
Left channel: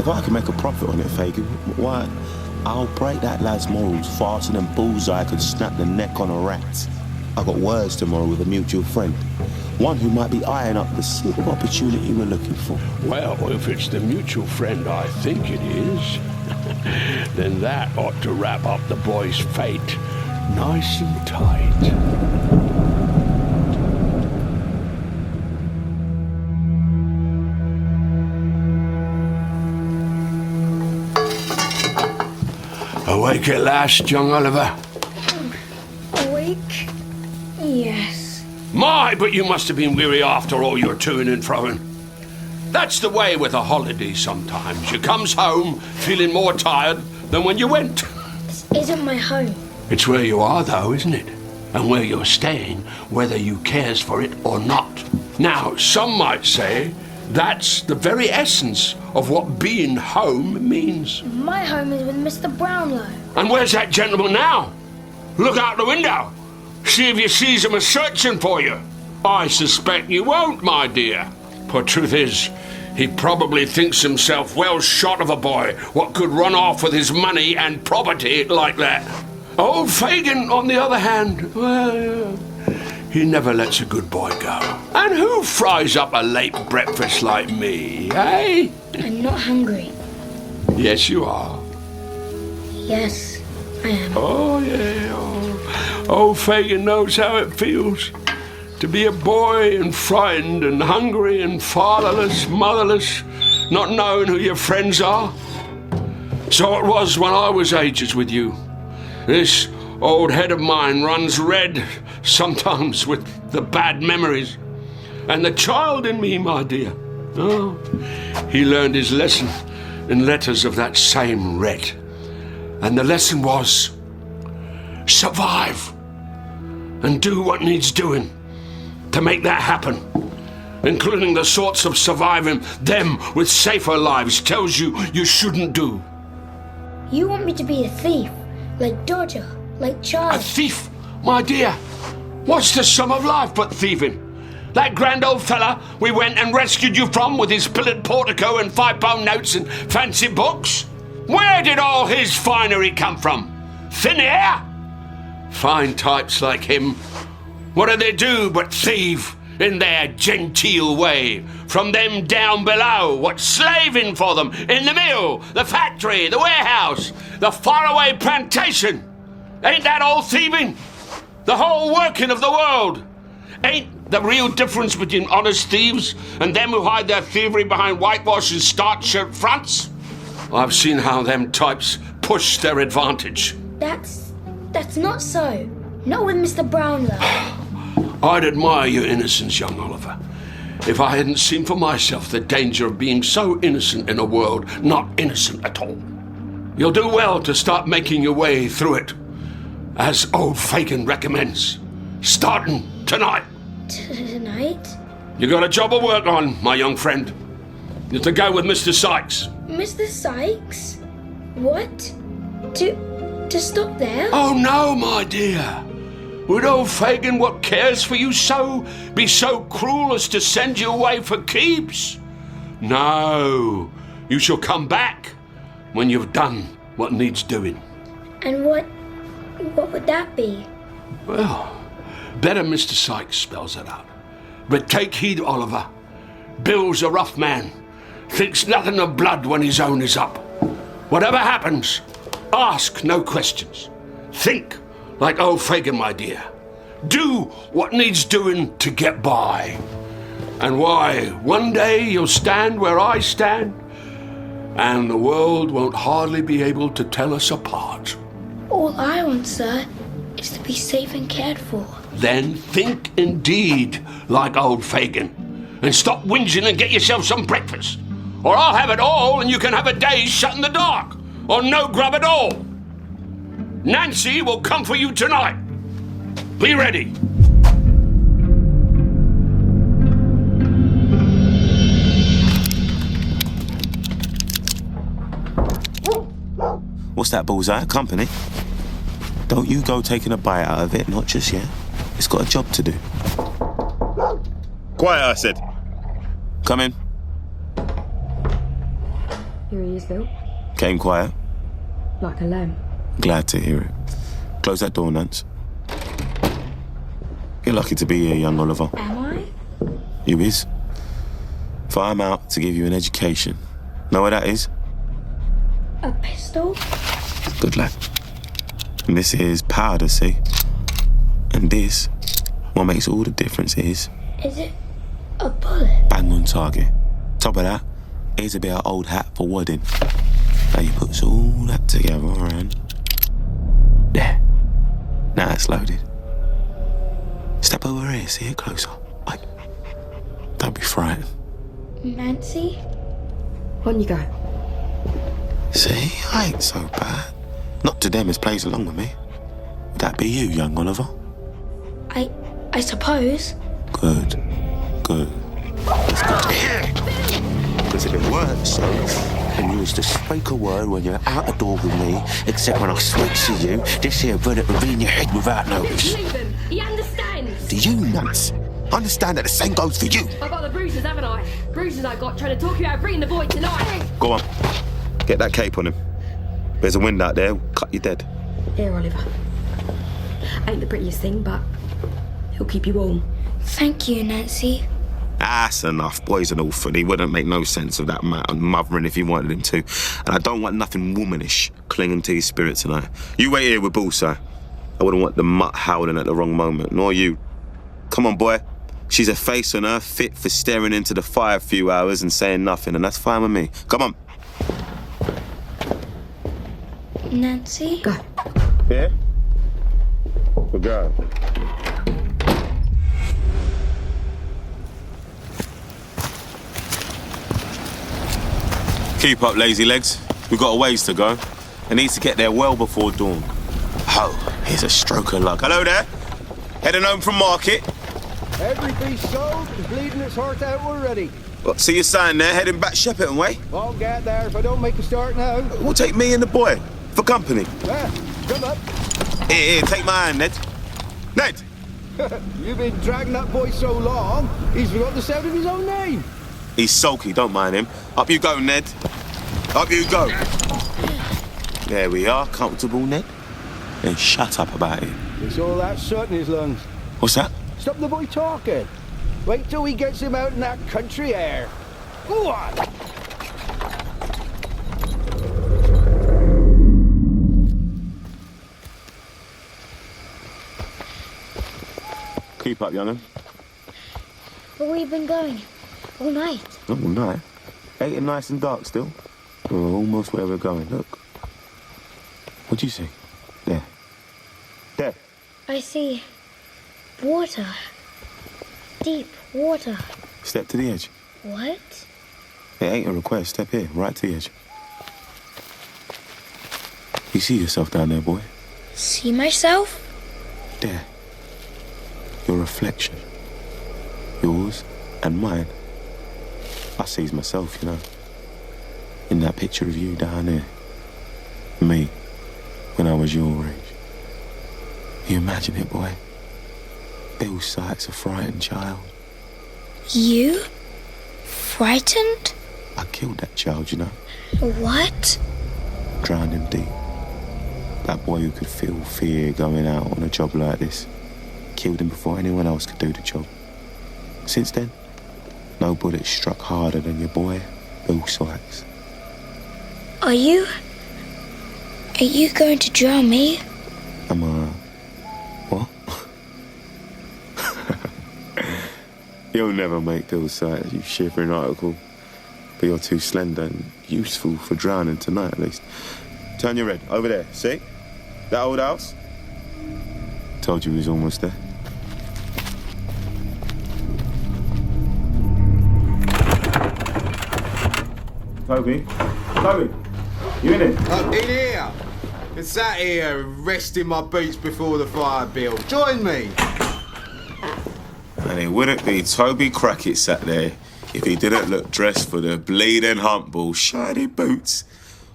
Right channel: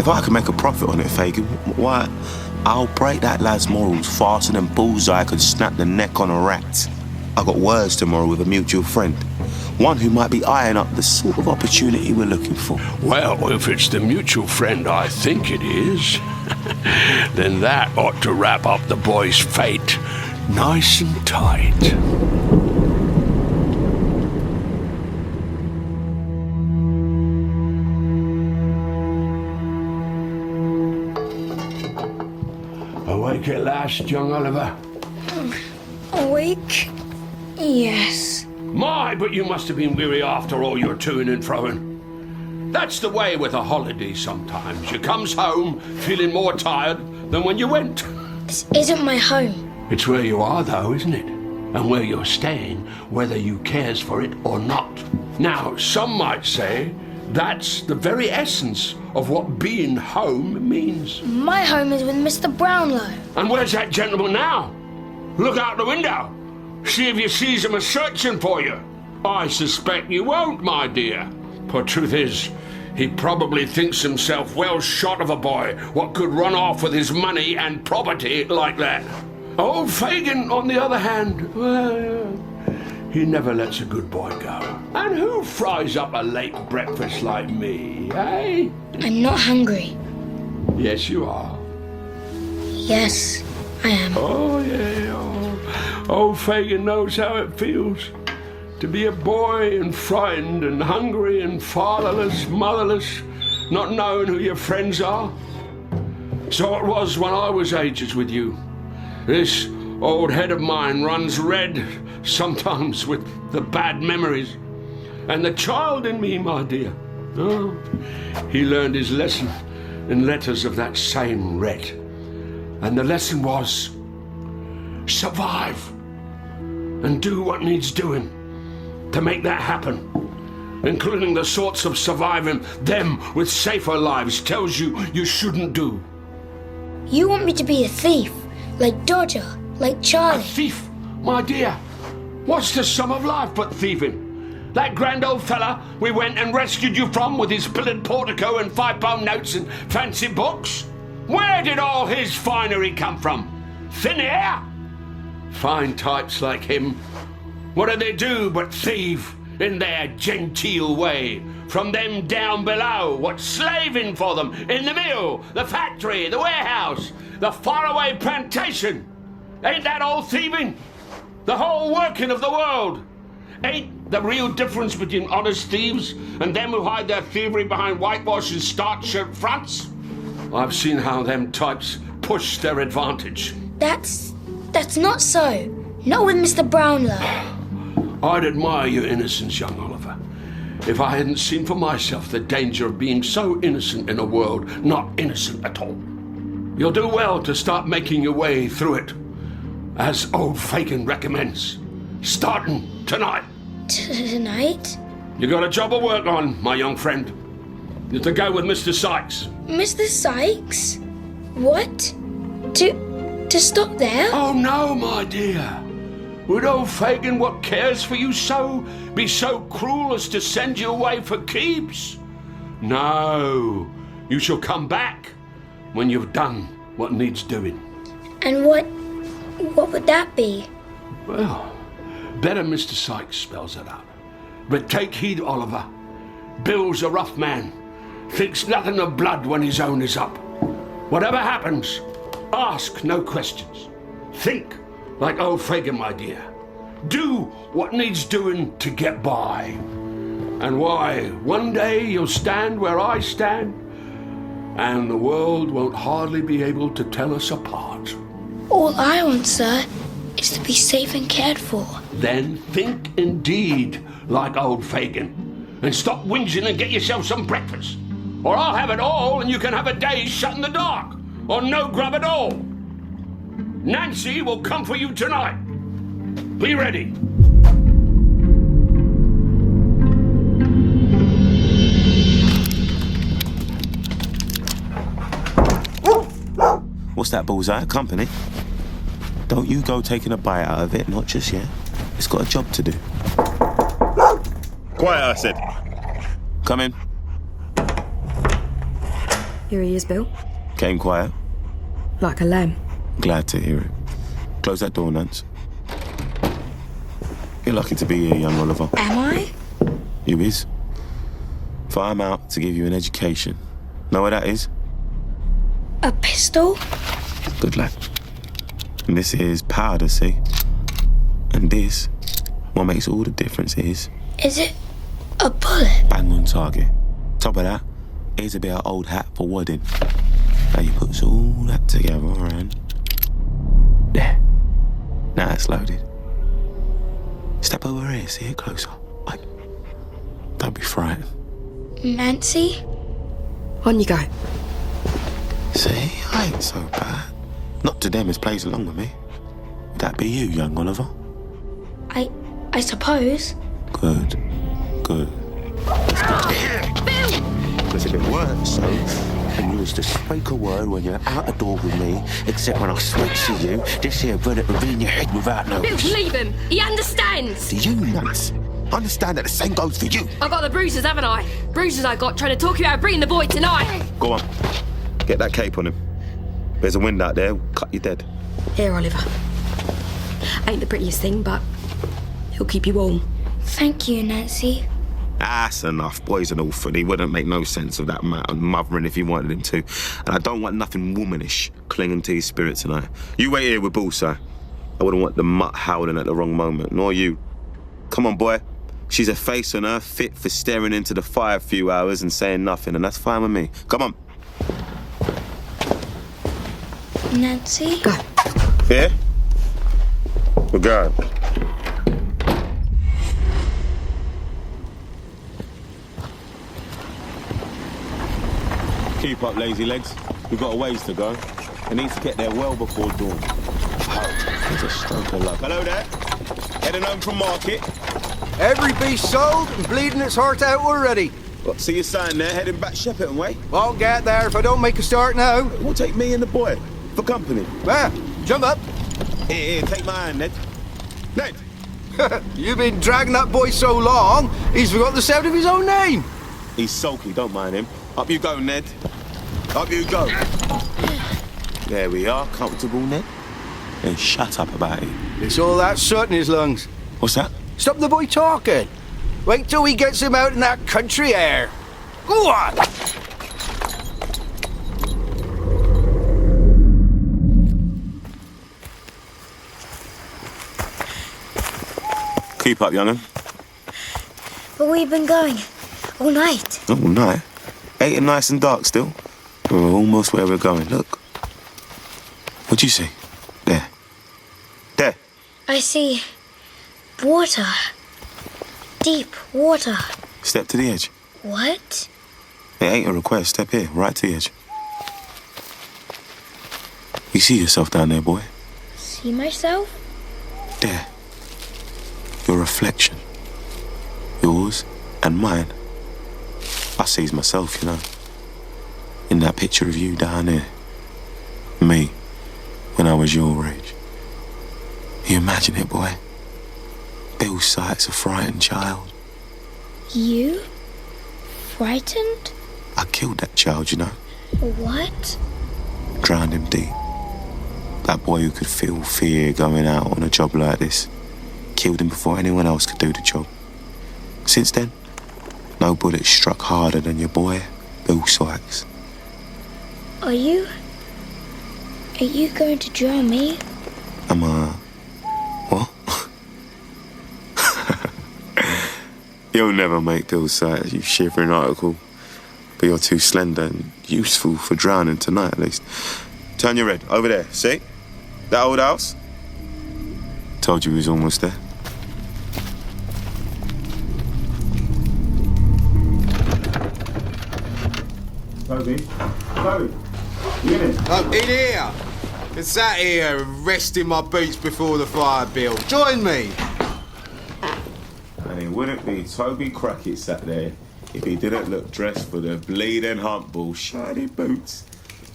If I can make a profit on it, Fagin, why, I'll break that lad's morals faster than Bullseye could snap the neck on a rat. I got words tomorrow with a mutual friend. One who might be eyeing up the sort of opportunity we're looking for. Well, if it's the mutual friend I think it is, then that ought to wrap up the boy's fate nice and tight. Awake at last, young Oliver? Awake? Yes. My, but you must have been weary after all your toing and froing. That's the way with a holiday sometimes. You comes home feeling more tired than when you went. This isn't my home. It's where you are, though, isn't it? And where you're staying, whether you cares for it or not. Now, some might say that's the very essence of what being home means. My home is with Mr. Brownlow. And where's that gentleman now? Look out the window. See if you sees him a-searching for you. I suspect you won't, my dear. For truth is, he probably thinks himself well shot of a boy what could run off with his money and property like that. Old Fagin, on the other hand, well, he never lets a good boy go. And who fries up a late breakfast like me, eh? I'm not hungry. Yes, you are. Yes, I am. Oh, yeah. Old Fagin knows how it feels to be a boy and frightened and hungry and fatherless, motherless, not knowing who your friends are. So it was when I was ages with you. This old head of mine runs red sometimes with the bad memories. And the child in me, my dear, oh, he learned his lesson in letters of that same red. And the lesson was, survive and do what needs doing to make that happen, including the sorts of surviving them with safer lives tells you shouldn't do. You want me to be a thief, like Dodger, like Charlie. A thief, my dear? What's the sum of life but thieving? That grand old fella we went and rescued you from with his pillared portico and £5 notes and fancy books? Where did all his finery come from? Thin air? Fine types like him, what do they do but thieve in their genteel way from them down below, what's slaving for them in the mill, the factory, the warehouse, the faraway plantation? Ain't that all thieving? The whole working of the world? Ain't the real difference between honest thieves and them who hide their thievery behind whitewash and starched shirt fronts? I've seen how them types push their advantage. That's not so. Not with Mr. Brownlow. I'd admire your innocence, young Oliver, if I hadn't seen for myself the danger of being so innocent in a world not innocent at all. You'll do well to start making your way through it, as old Fagin recommends, starting tonight. Tonight? You got a job of work on, my young friend. You're to go with Mr. Sykes. Mr. Sykes? What? To stop there? Oh, no, my dear. Would old Fagin, what cares for you so, be so cruel as to send you away for keeps? No, you shall come back when you've done what needs doing. And what would that be? Well, better Mr. Sykes spells it out. But take heed, Oliver. Bill's a rough man. Thinks nothing of blood when his own is up. Whatever happens, ask no questions. Think like old Fagin, my dear. Do what needs doing to get by. And why, one day you'll stand where I stand, and the world won't hardly be able to tell us apart. All I want, sir, is to be safe and cared for. Then think indeed like old Fagin, and stop whinging and get yourself some breakfast. Or I'll have it all and you can have a day shut in the dark, or no grub at all. Nancy will come for you tonight. Be ready. What's that, bullseye? Company? Don't you go taking a bite out of it, not just yet. It's got a job to do. Quiet, I said. Come in. Here he is, Bill. Came quiet. Like a lamb. Glad to hear it. Close that door, Nance. You're lucky to be here, young Oliver. Am I? You is. For I'm out to give you an education. Know what that is? A pistol? Good lad. And this is powder, see? And this, what makes all the difference is... Is it a bullet? Bang on target. Top of that, here's a bit of old hat for wadding. Now you put all that together and... There. Now it's loaded. Step over here, see it closer. Like, don't be frightened. Nancy? On you go. See, I ain't so bad. Not to them as plays along with me. Would that be you, young Oliver? I suppose. Good. Good. It's good to hear. Because if it weren't so, and you was to speak a word when you're out the door with me, except when I switch to you, this here bullet would be in your head without notice. Bill, leave him. He understands. Do you, Nance? Understand that the same goes for you. I've got the bruises, haven't I? Bruises I got trying to talk you out of bringing the boy tonight. Go on. Get that cape on him. There's a wind out there, cut you dead. Here, Oliver. Ain't the prettiest thing, but He'll keep you warm. Thank you, Nancy. That's enough. Boy's an orphan. He wouldn't make no sense of that mothering if he wanted him to. And I don't want nothing womanish clinging to his spirit tonight. You wait here with Bullseye. I wouldn't want the mutt howling at the wrong moment, nor you. Come on, boy. She's a face on her, fit for staring into the fire a few hours and saying nothing, and that's fine with me. Come on. Nancy? Go. Here? We're going. Keep up, lazy legs. We've got a ways to go. I need to get there well before dawn. Oh, here's a stroke of luck. Hello there. Heading home from market. Every beast sold and bleeding its heart out already. What, see your sign there, heading back Shepperton way? Won't get there if I don't make a start now. We'll take me and the boy for company. Well, jump up. Here, take my hand, Ned. Ned! You've been dragging that boy so long, he's forgot the sound of his own name. He's sulky, don't mind him. Up you go, Ned. Up you go. There we are, comfortable, Ned. Then shut up about it. It's all that soot in his lungs. What's that? Stop the boy talking. Wait till he gets him out in that country air. Go on. Keep up, young'un. But we've been going all night. All night? Ain't it nice and dark still? We're almost where we're going. Look. What'd you see? There. There. I see water. Deep water. Step to the edge. What? It ain't a request. Step here, right to the edge. You see yourself down there, boy? See myself? There. Your reflection. Yours and mine. I sees myself, you know. In that picture of you down there. Me, when I was your age. You imagine it, boy? Bill Sykes, a frightened child. You? Frightened? I killed that child, you know. What? Drowned him deep. That boy who could feel fear going out on a job like this. Killed him before anyone else could do the job. Since then, no bullet struck harder than your boy, Bill Sykes. Are you going to drown me? Am I... what? You'll never make Bill Sykes, you shivering article. But you're too slender and useful for drowning tonight, at least. Turn your head, over there, see? That old house? Told you he was almost there. Toby? Toby? You in it? I'm in here. I sat here resting my boots before the fire, Bill. Join me. And it wouldn't be Toby Crackett sat there if he didn't look dressed for the bleeding humpball, shiny boots,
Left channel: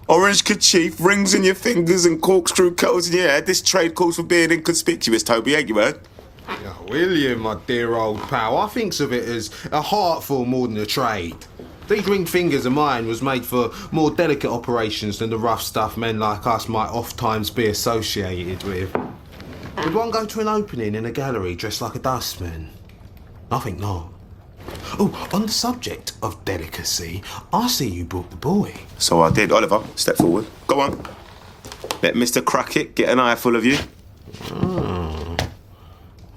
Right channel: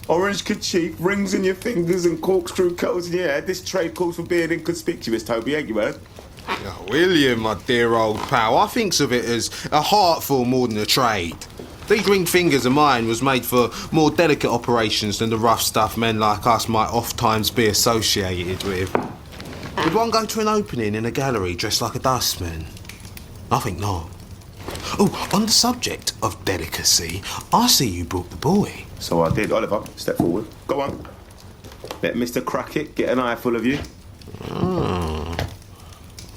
orange kerchief, rings in your fingers and corkscrew curls in your hair. This trade calls for being inconspicuous, Toby, ain't you, heard? Oh, William, my dear old pal, I thinks of it as a heartful more than a trade. These ringed fingers of mine was made for more delicate operations than the rough stuff men like us might oft-times be associated with. Would one go to an opening in a gallery dressed like a dustman? I think not. Oh, on the subject of delicacy, I see you brought the boy. So I did. Oliver, step forward. Go on. Let Mr. Crackett get an eyeful of you. Oh.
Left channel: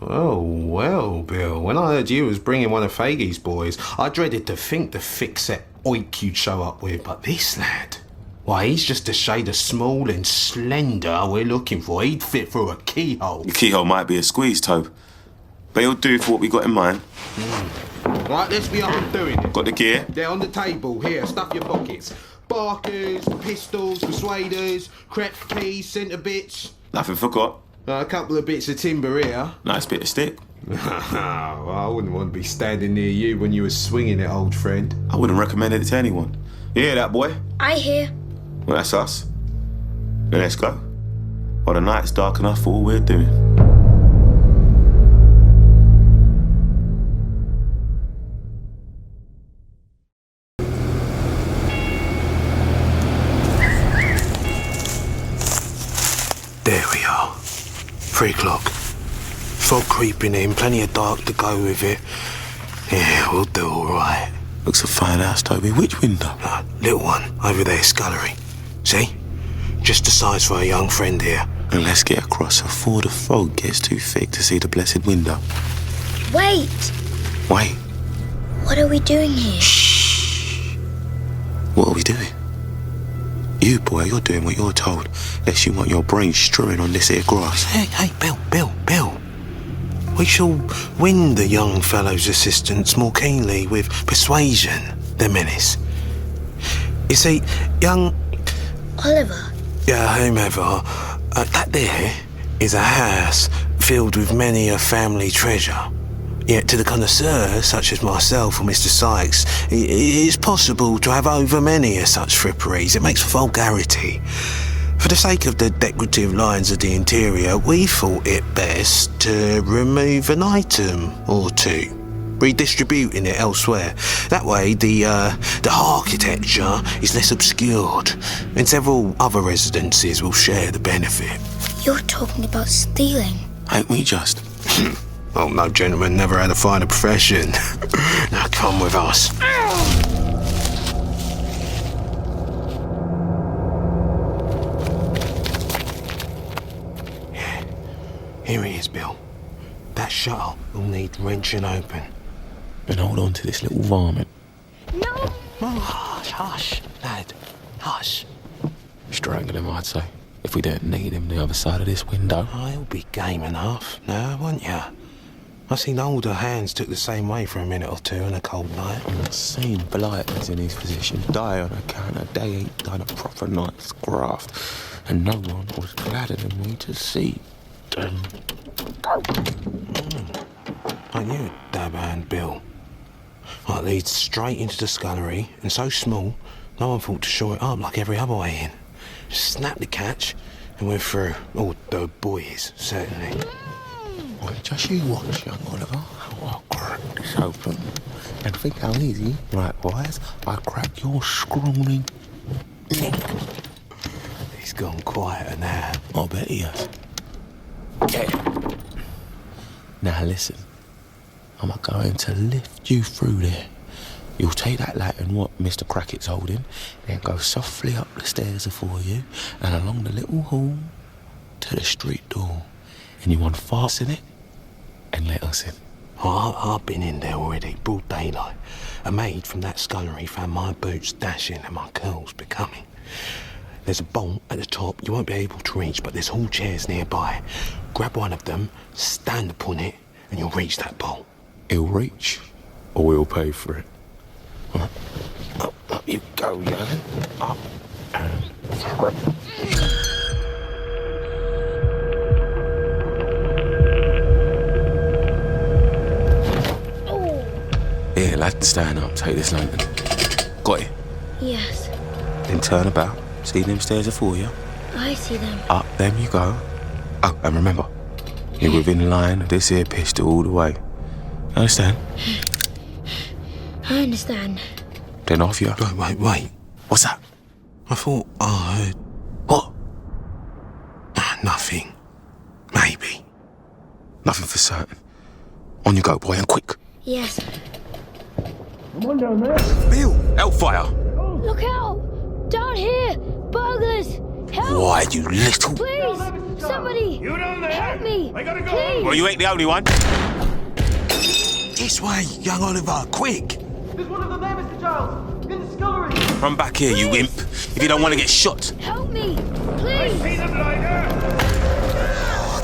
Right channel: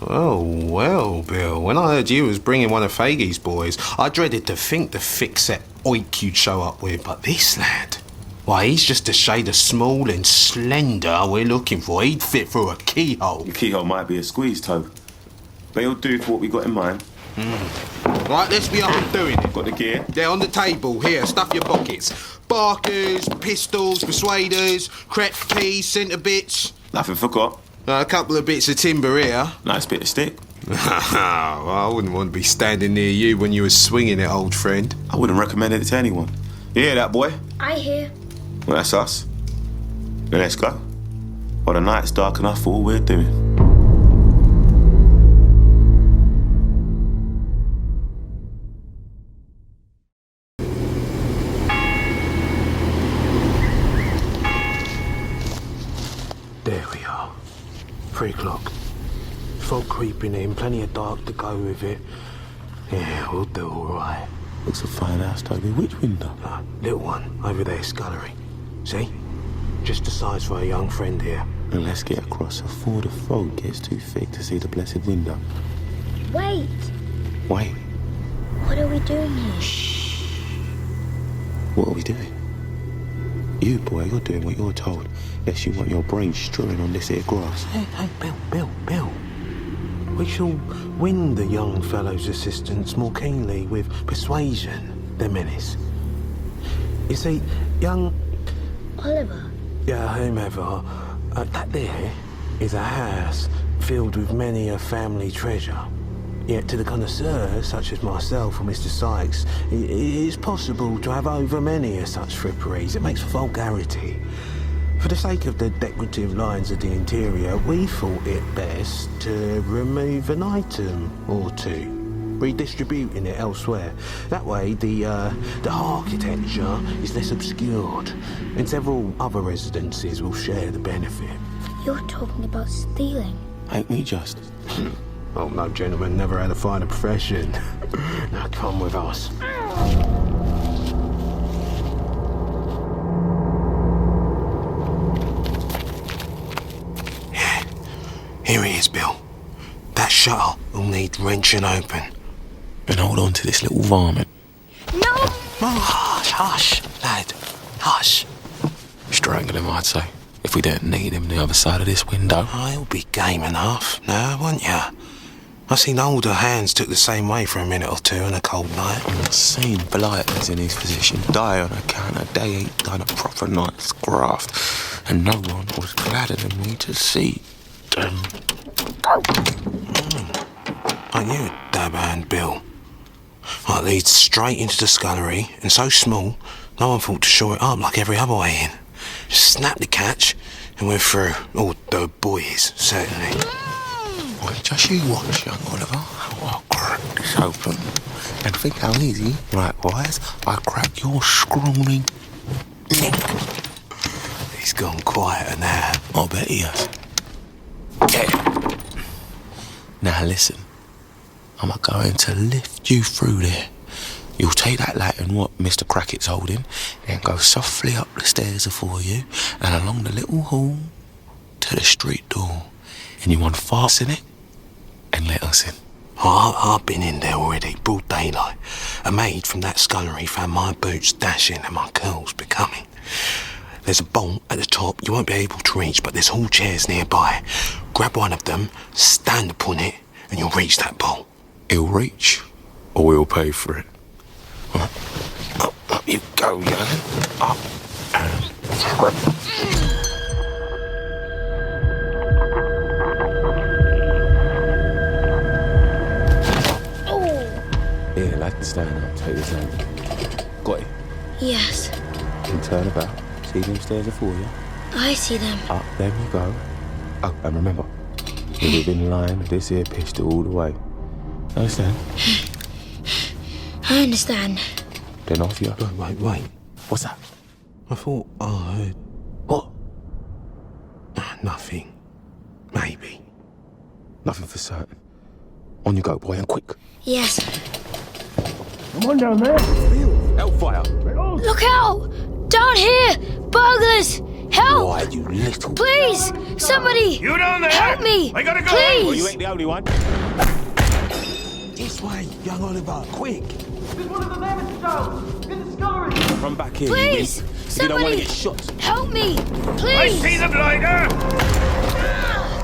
Oh, well, Bill, when I heard you was bringing one of Faggy's boys, I dreaded to think the thick-set oik you'd show up with. But this lad, why, he's just a shade of small and slender we're looking for. He'd fit through a keyhole. Your keyhole might be a squeeze, Tobe. But he'll do for what we got in mind. Right, let's be up and doing it. Got the gear? They're on the table. Here, stuff your pockets. Barkers, pistols, persuaders, crepe keys, centre bits. Nothing forgot. A couple of bits of timber here. Nice bit of stick. Well, I wouldn't want to be standing near you when you were swinging it, old friend. I wouldn't recommend it to anyone. You hear that, boy? I hear. Well, that's us. Then let's go. While the night's dark enough for all we're doing. There we are. 3 o'clock. Fog creeping in, plenty of dark to go with it. Yeah, we'll do all right. Looks a fine house, Toby. Which window? Little one, over there, scullery. See? Just the size for a young friend here. And let's get across before the fog gets too thick to see the blessed window. Wait! Wait. What are we doing here? Shh. What are we doing? You, boy, you're doing what you're told, lest you want your brain strewing on this here grass. Hey, Bill. We shall win the young fellow's assistance more keenly with persuasion than menace. You see, young... Oliver? Yeah, whomever. That there is a house filled with many a family treasure. Yet to the connoisseur, such as myself or Mr. Sykes, it is possible to have over many of such fripperies. It makes for vulgarity. For the sake of the decorative lines of the interior, we thought it best to remove an item or two, redistributing it elsewhere. That way, the architecture is less obscured, and several other residences will share the benefit. You're talking about stealing. Ain't we just? Oh, no gentleman never had a finer profession. Now come with us. Yeah, here it is, Bill. That shutter will need wrenching open. And hold on to this little varmint. No! Oh, hush, lad. Hush. Strangle him, I'd say. If we don't need him the other side of this window. Oh, he'll be game enough now, won't you? I seen older hands took the same way for a minute or two on a cold night. I've seen blighters in his position die on account of they ain't done a proper night's graft, and no one was gladder than me to see them go. I knew a dab hand, Bill. It leads straight into the scullery, and so small, no one thought to shore it up like every other way in. Just snap the catch, and we're through. Or the boys, certainly. Well, just you watch, young Oliver, how I'll crack this open. And think how easy, likewise, I crack your scrawny neck. He's gone quieter now. I bet he has. Yeah. Now listen, I'm going to lift you through there. You'll take that lantern what Mr. Crackett's holding, then go softly up the stairs afore you, and along the little hall to the street door. And you unfasten it and let us in. I've been in there already, broad daylight. A maid from that scullery found my boots dashing and my curls becoming. There's a bolt at the top you won't be able to reach, but there's hall chairs nearby. Grab one of them, stand upon it, and you'll reach that bolt. He'll reach, or we'll pay for it. Up you go, young. Up and through. Here, lad, stand up, take this lantern. Got it? Yes. Then turn about. See them stairs afore you? I see them. Up them you go. Oh, and remember, you're within line of this here pistol all the way. Understand? I understand. Then off you. Wait. What's that? I thought I heard... What? Nothing. Maybe. Nothing for certain. On you go, boy, and quick. Yes. Come on down there. Bill! Hellfire! Look out! Down here! Burglars! Help! Why, you little... Please! Somebody! You down there? Help me! I gotta go. Please! Well, you ain't the only one. This way, young Oliver, quick! There's one of them there, Mr. Giles! In the scullery! Run back here, you wimp. If you don't want to get shot. Help me! I Please! see the blinder.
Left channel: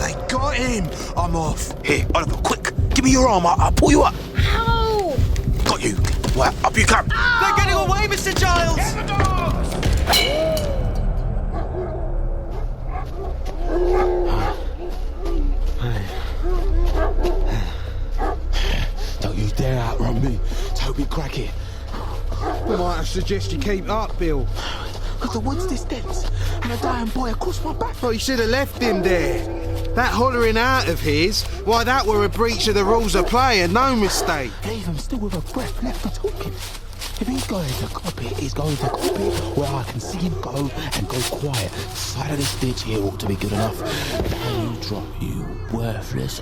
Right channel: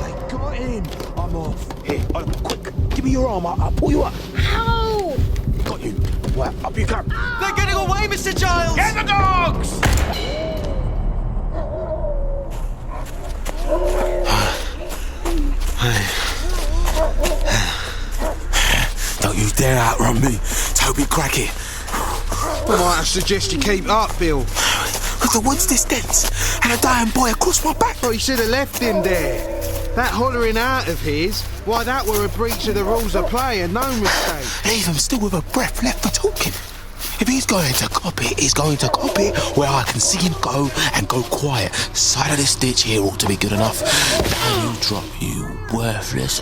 They got him! I'm off. Here, Oliver, quick. Give me your arm, I'll pull you up. Ow! Got you. Well, up you come. They're getting away, Mr. Giles! Get the dogs! Don't you dare outrun me, Toby Crackett. I might suggest you keep up, Bill. Because the wood's this dense, and a dying boy across my back. Well, you should have left him there. That hollering out of his, why, that were a breach of the rules of play and no mistake. Leave him still with a breath left for talking. If he's going to cop it, he's going to cop it where I can see him go and go quiet. Side of this ditch here ought to be good enough. Down you drop, you worthless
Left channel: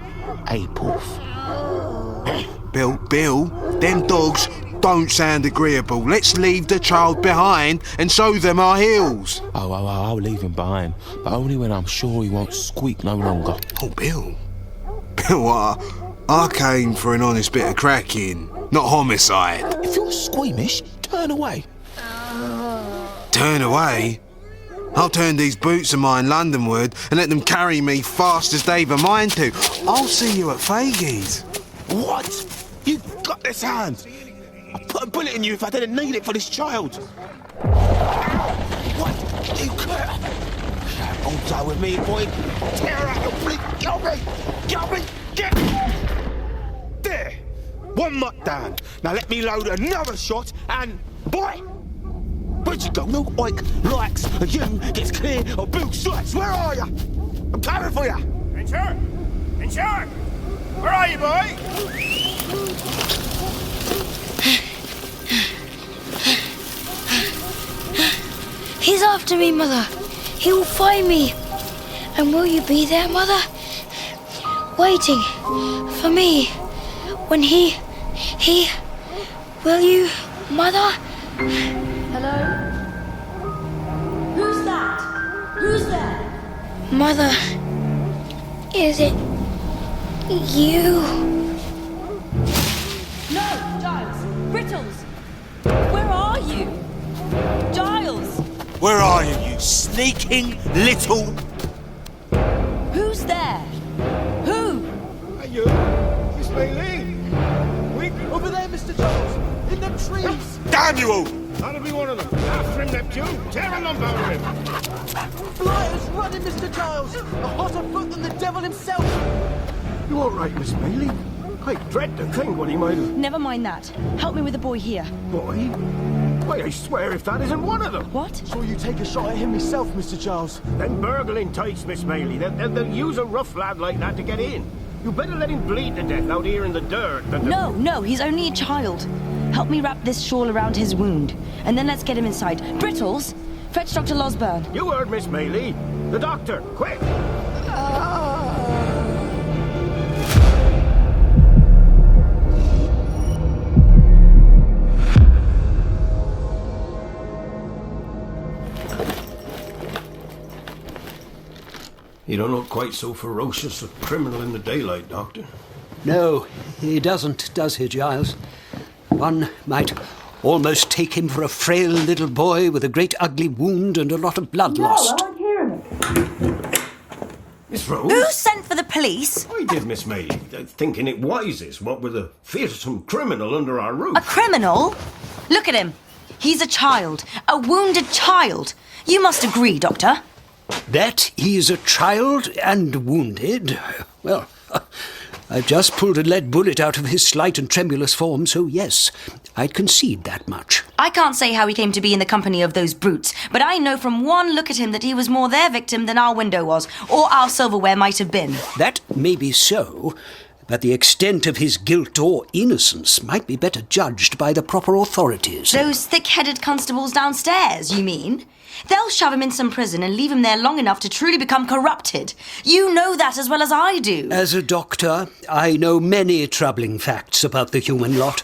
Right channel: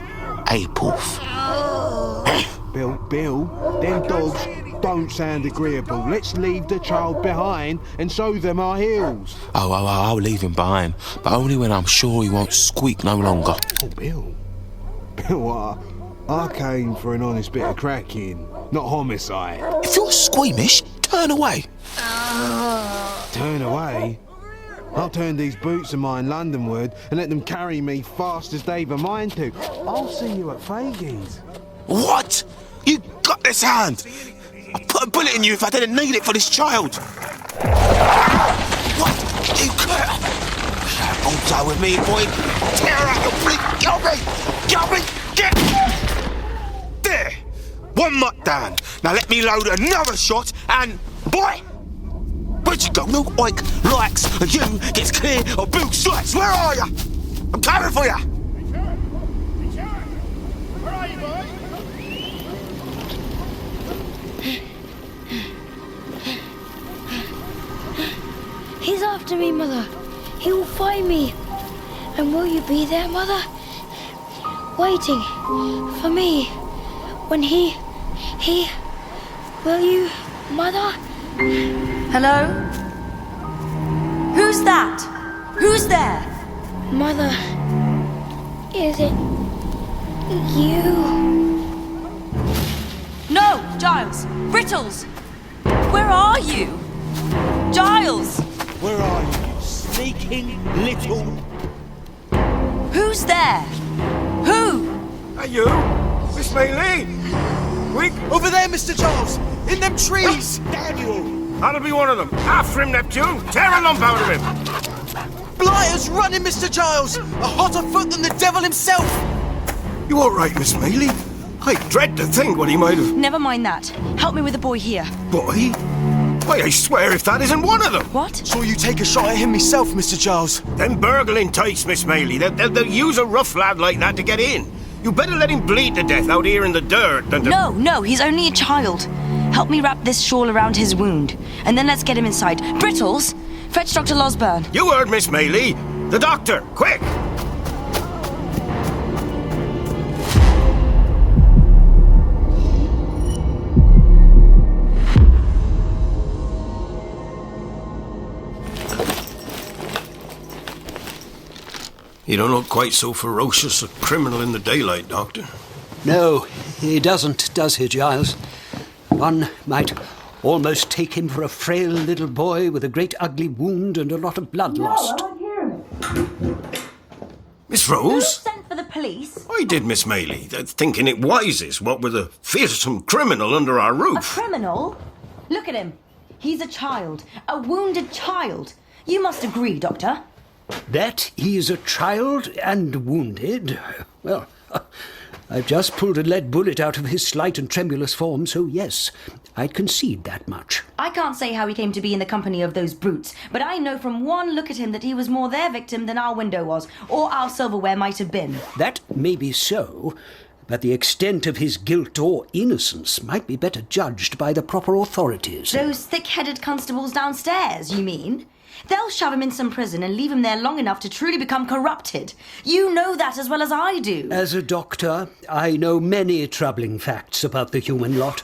Apelf. Bill, them dogs don't sound agreeable. Let's leave the child behind and show them our heels. Oh, I'll leave him behind, but only when I'm sure he won't squeak no longer. Oh, Bill, I came for an honest bit of cracking, not homicide. If you're squeamish, turn away. Turn away? I'll turn these boots of mine Londonward and let them carry me fast as they've a mind to. I'll see you at Faggy's. What? You got this hand? I'd put a bullet in you if I didn't need it for this child. What? You can't. Hold tight with me, boy. Tear out your bleak. Get me. There. One mutt down. Now let me load another shot and... Boy! Where'd you go? No oink likes and you gets clear of Bill Strikes. Where are you? I'm coming for you. Richard! Where are you, boy? He's after me, Mother. He will find me. And will you be there, Mother? Waiting for me. When he... Will you, Mother? Hello? Who's that? Who's there? Mother, is it you? No, Giles! Brittles! Where are you? Giles! Where are you, you sneaking little... Who's there? Who? Are you? Miss Bailey? We... Over there, Mr. Giles! In them trees! Damn you all! That'll be one of them. After him, Neptune! Tear a lump out of him! Blighter's running, Mr. Giles! A hotter foot than the devil himself! You all right, Miss Bailey? I dread to think what he might have... Never mind that. Help me with the boy here. Boy? Why, I swear if that isn't one of them! What? Saw you take a shot at him myself, Mr. Giles. Them burgling types, Miss Bailey. They'll use a rough lad like that to get in. You better let him bleed to death out here in the dirt than to... No, he's only a child. Help me wrap this shawl around his wound, and then let's get him inside. Brittles, fetch Dr. Losburn. You heard, Miss Bailey. The doctor, quick! You don't look quite so ferocious a criminal in the daylight, Doctor. No, he doesn't, does he, Giles? One might almost take him for a frail little boy with a great ugly wound and a lot of blood lost. Miss Rose? Who sent for the police? I did, Miss Maylie, thinking it wisest, what with a fearsome criminal under our roof. A criminal? Look at him. He's a child. A wounded child. You must agree, Doctor. That he's a child and wounded? Well, I've just pulled a lead bullet out of his slight and tremulous form, so yes, I'd concede that much. I can't say how he came to be in the company of those brutes, but I know from one look at him that he was more their victim than our window was, or our silverware might have been. That may be so, but the extent of his guilt or innocence might be better judged by the proper authorities. Those thick-headed constables downstairs, you mean? They'll shove him in some prison and leave him there long enough to truly become corrupted. You know that as well as I do. As a doctor, I know many troubling facts about the human lot.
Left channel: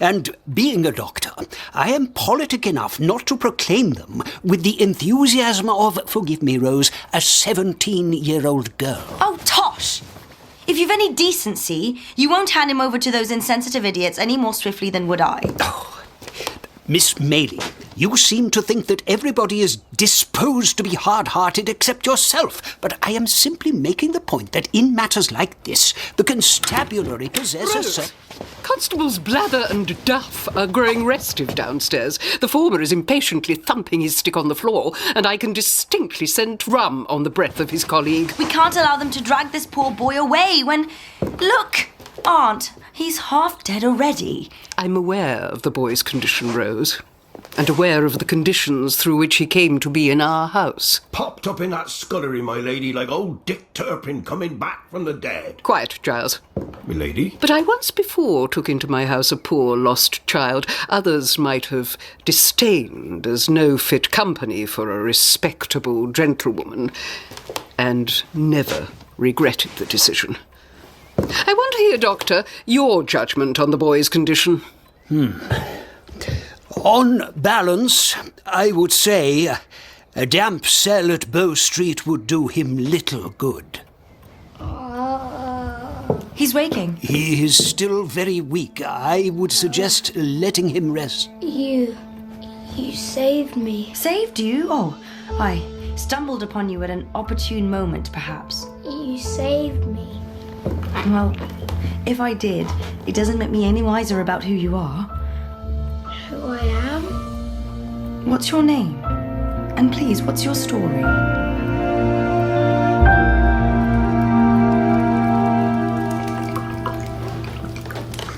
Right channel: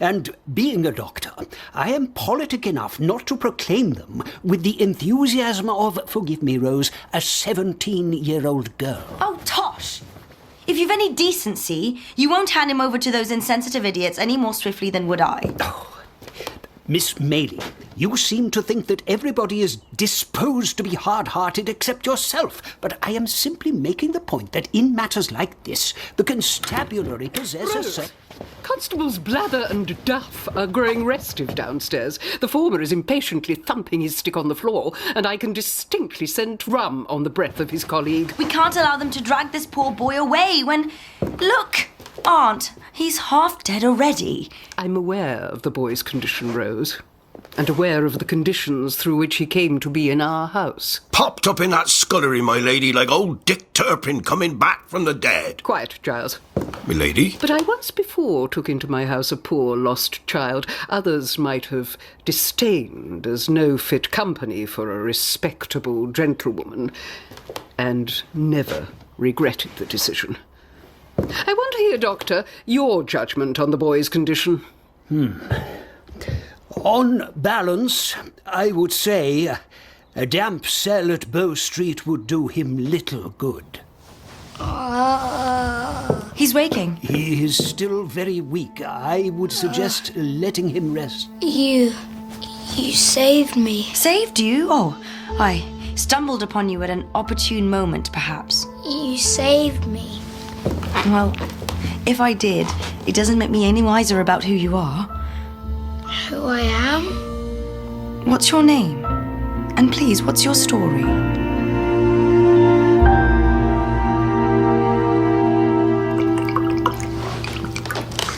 And being a doctor, I am politic enough not to proclaim them with the enthusiasm of, forgive me, Rose, a 17-year-old girl. Oh, tosh! If you've any decency, you won't hand him over to those insensitive idiots any more swiftly than would I. Oh, Miss Maylie, you seem to think that everybody is disposed to be hard-hearted except yourself, but I am simply making the point that in matters like this, the constabulary possesses... Constables Blather and Duff are growing restive downstairs. The former is impatiently thumping his stick on the floor, and I can distinctly scent rum on the breath of his colleague. We can't allow them to drag this poor boy away when... Look, Aunt, he's half dead already. I'm aware of the boy's condition, Rose, and aware of the conditions through which he came to be in our house. Popped up in that scullery, my lady, like old Dick Turpin coming back from the dead. Quiet, Giles. My lady? But I once before took into my house a poor lost child. Others might have disdained as no fit company for a respectable gentlewoman, and never regretted the decision. I want to hear, Doctor, your judgment on the boy's condition. On balance, I would say a damp cell at Bow Street would do him little good. He's waking. He is still very weak. I would suggest letting him rest. You saved me. Saved you? Oh, I stumbled upon you at an opportune moment, perhaps. You saved me. Well, if I did, it doesn't make me any wiser about who you are. Who I am? What's your name? And please, what's your story?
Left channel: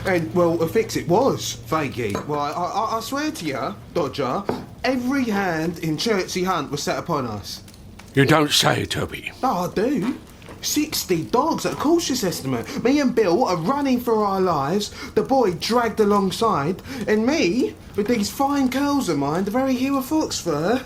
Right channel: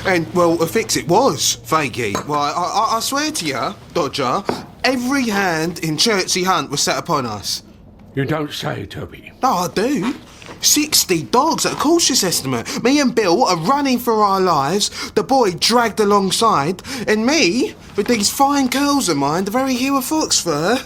And, well, a fix it was, Faggy. Well, I swear to you, Dodger, every hand in Chertsey Hunt was set upon us. You don't say, Toby. No, I do. 60 dogs at a cautious estimate. Me and Bill are running for our lives, the boy dragged alongside, and me, with these fine curls of mine, the very hue of foxfur.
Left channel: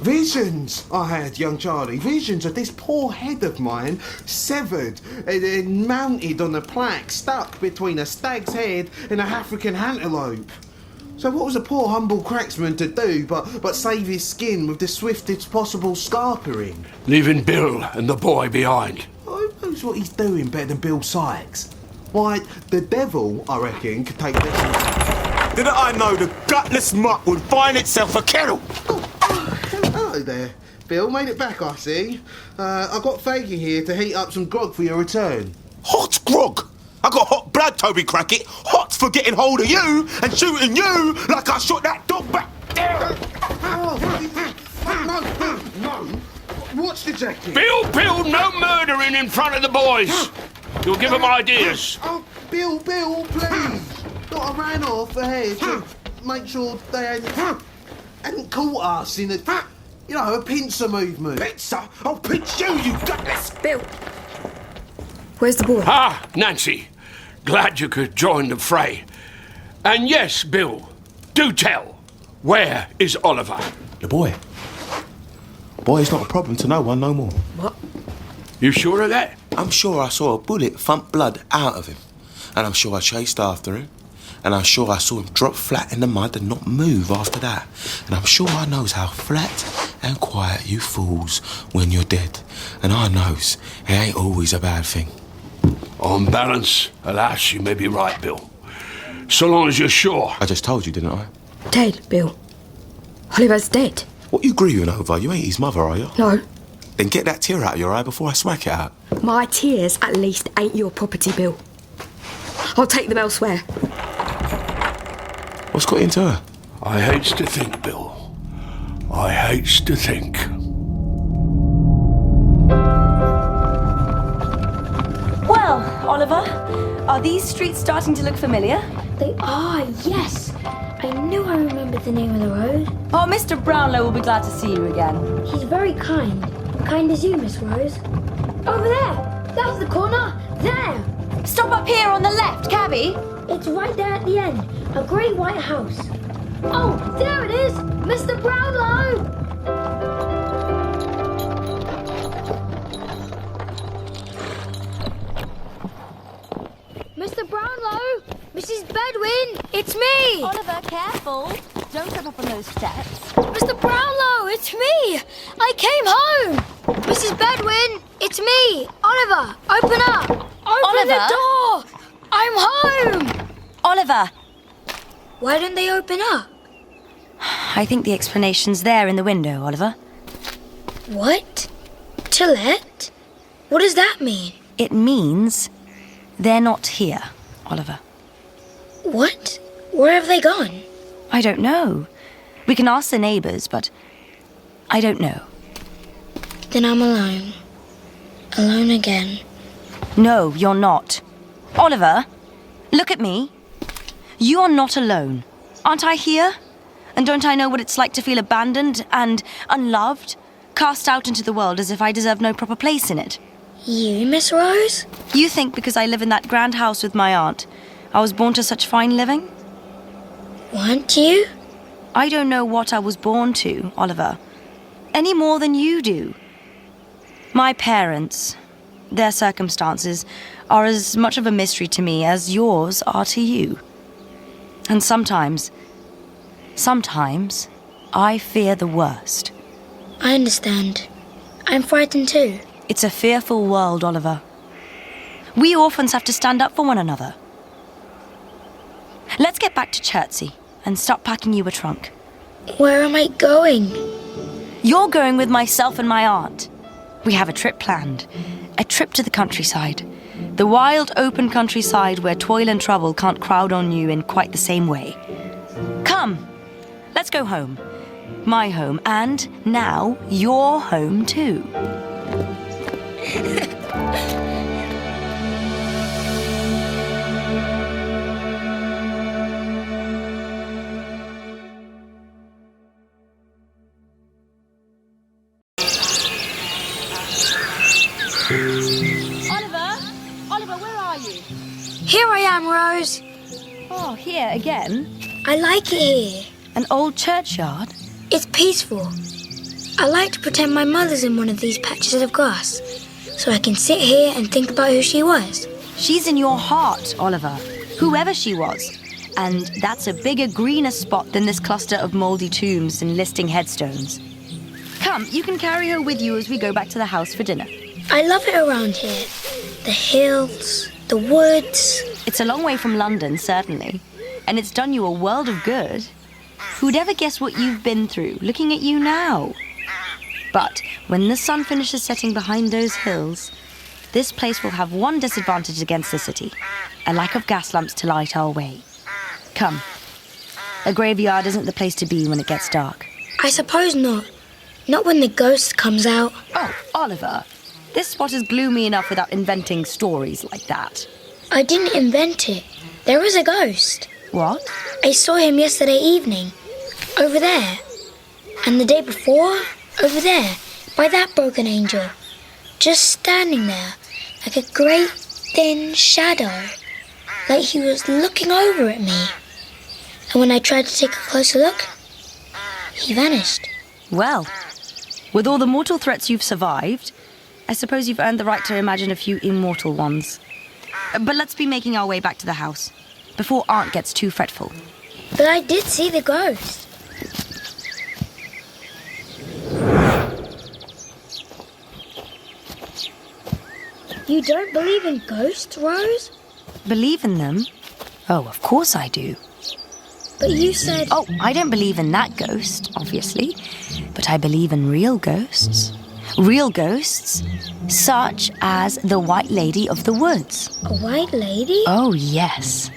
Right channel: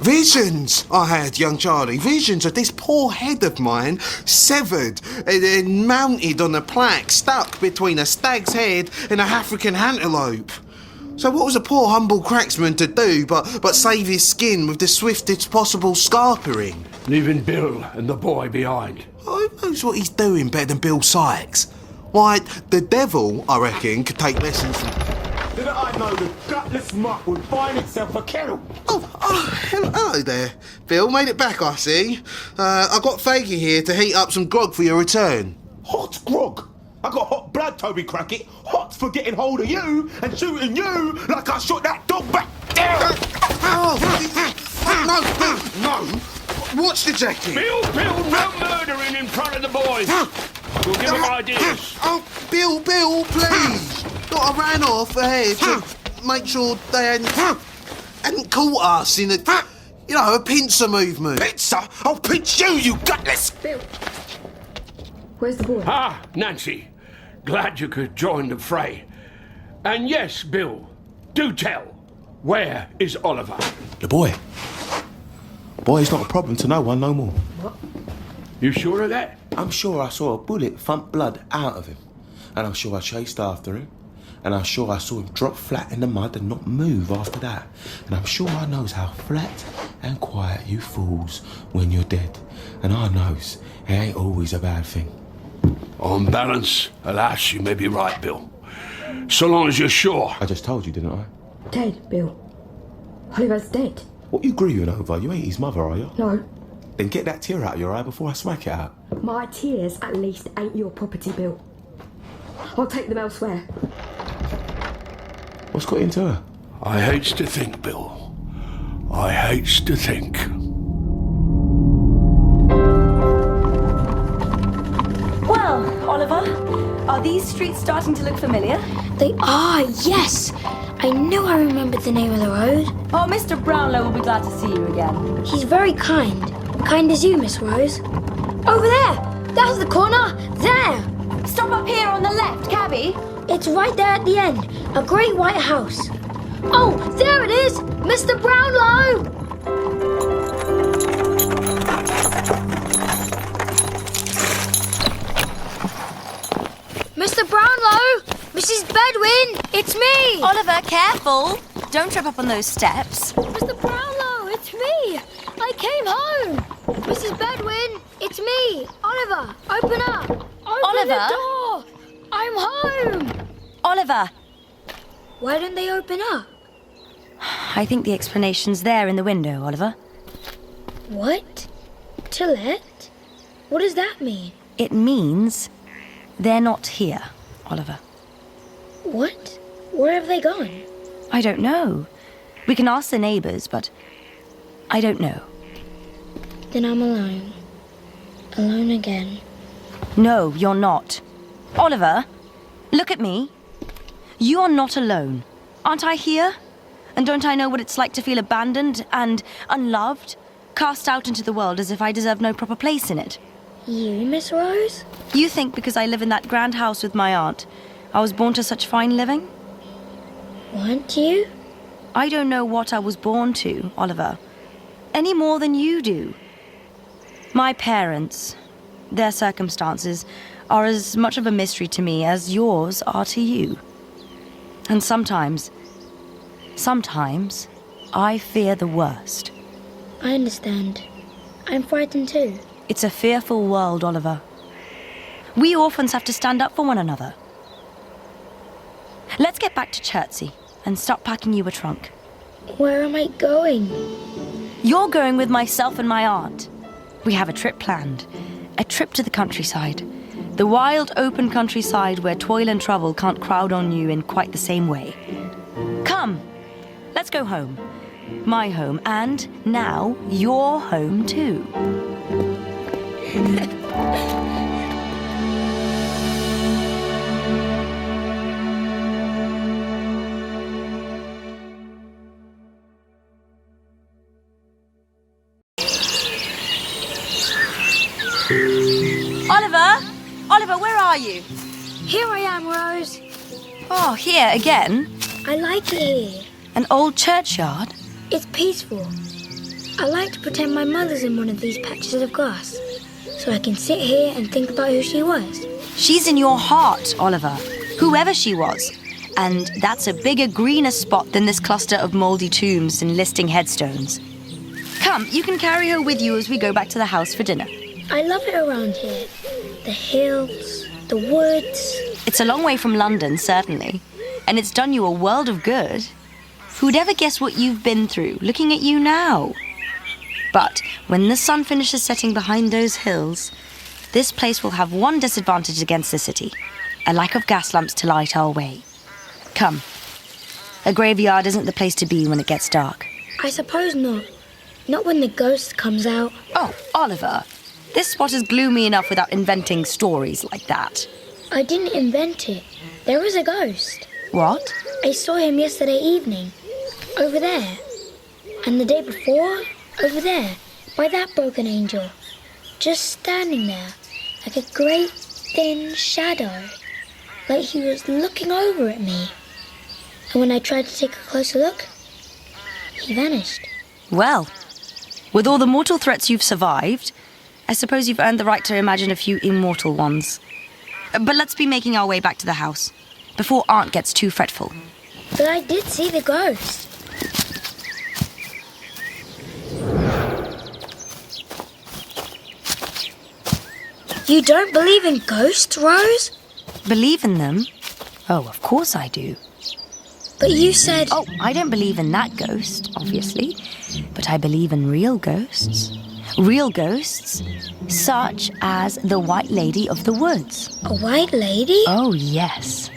Visions I had, young Charlie, visions of this poor head of mine severed and mounted on a plaque stuck between a stag's head and a African antelope. So what was a poor humble cracksman to do but save his skin with the swiftest possible scarpering? Leaving Bill and the boy behind. Who knows what he's doing better than Bill Sykes? Why, the devil, I reckon, could take lessons from... Didn't I know the gutless muck would find itself a kettle? Oh, hello there. Bill, made it back, I see. I got Faggy here to heat up some grog for your return. Hot grog? I got hot blood, Toby Crackett. Hot for getting hold of you and shooting you like I shot that dog back. No. Watch the jacket. Bill, no murdering in front of the boys. You'll give them ideas. Oh, Bill, please. I ran off ahead to make sure they hadn't caught us in a pincer movement. Pincer? I'll pinch you, you gutless. Bill. Where's the boy? Ah, Nancy. Glad you could join the fray. And yes, Bill, do tell. Where is Oliver? The boy. Boy's not a problem to no one no more. What? You sure of that? I'm sure I saw a bullet thump blood out of him. And I'm sure I chased after him. And I'm sure I saw him drop flat in the mud and not move after that. And I'm sure I knows how flat and quiet you fools when you're dead. And I knows it ain't always a bad thing. On balance, alas, you may be right, Bill. So long as you're sure. I just told you, didn't I? Dead, Bill. Oliver's dead. What you grieving over? You ain't his mother, are you? No. Then get that tear out of your eye before I smack it out. My tears, at least, ain't your property, Bill. I'll take them elsewhere. What's got into her? I hates to think, Bill. I hates to think. Well, Oliver, are these streets starting to look familiar? They are, yes. I knew I remembered the name of the road. Oh, Mr. Brownlow will be glad to see you again. He's very kind. Kind as you, Miss Rose. Over there. That's the corner. There. Stop up here on the left, cabby. It's right there at the end. A great white house. Oh, there it is. Mr. Brownlow. Mr. Brownlow. Mrs. Bedwin. It's me. Oliver, careful. Don't trip up on those steps. Mr. Brownlow, it's me. I came home. Mrs. Bedwin, it's me. Oliver, open up. Open the door. I'm home. Oliver. Why don't they open up? I think the explanation's there in the window, Oliver. What? To let? What does that mean? It means they're not here, Oliver. What? Where have they gone? I don't know. We can ask the neighbours, but I don't know. Then I'm alone. Alone again. No, you're not. Oliver, look at me. You are not alone. Aren't I here? And don't I know what it's like to feel abandoned and unloved? Cast out into the world as if I deserve no proper place in it. You, Miss Rose? You think because I live in that grand house with my aunt, I was born to such fine living? Weren't you? I don't know what I was born to, Oliver. Any more than you do. My parents, their circumstances, are as much of a mystery to me as yours are to you. And sometimes I fear the worst. I understand. I'm frightened too. It's a fearful world, Oliver. We orphans have to stand up for one another. Let's get back to Chertsey and start packing you a trunk. Where am I going? You're going with myself and my aunt. We have a trip planned. A trip to the countryside. The wild, open countryside where toil and trouble can't crowd on you in quite the same way. Come, let's go home. My home, and now your home too. Oliver, where are you? Here I am, Rose. Oh, here again? I like it here. An old churchyard? It's peaceful. I like to pretend my mother's in one of these patches of grass, so I can sit here and think about who she was. She's in your heart, Oliver, whoever she was. And that's a bigger, greener spot than this cluster of mouldy tombs and listing headstones. Come, you can carry her with you as we go back to the house for dinner. I love it around here. The hills, the woods. It's a long way from London, certainly. And it's done you a world of good. Who'd ever guess what you've been through, looking at you now? But when the sun finishes setting behind those hills, this place will have one disadvantage against the city. A lack of gas lamps to light our way. Come. A graveyard isn't the place to be when it gets dark. I suppose not. Not when the ghost comes out. Oh, Oliver. This spot is gloomy enough without inventing stories like that. I didn't invent it. There was a ghost. What? I saw him yesterday evening. Over there. And the day before, over there, by that broken angel. Just standing there, like a great thin shadow. Like he was looking over at me. And when I tried to take a closer look, he vanished. Well, with all the mortal threats you've survived, I suppose you've earned the right to imagine a few immortal ones. But let's be making our way back to the house, before Aunt gets too fretful. But I did see the ghost. You don't believe in ghosts, Rose? Believe in them? Oh, of course I do. But you said... Oh, I don't believe in that ghost, obviously. But I believe in real ghosts. Real ghosts, such as the White Lady of the Woods. A white lady? Oh, yes.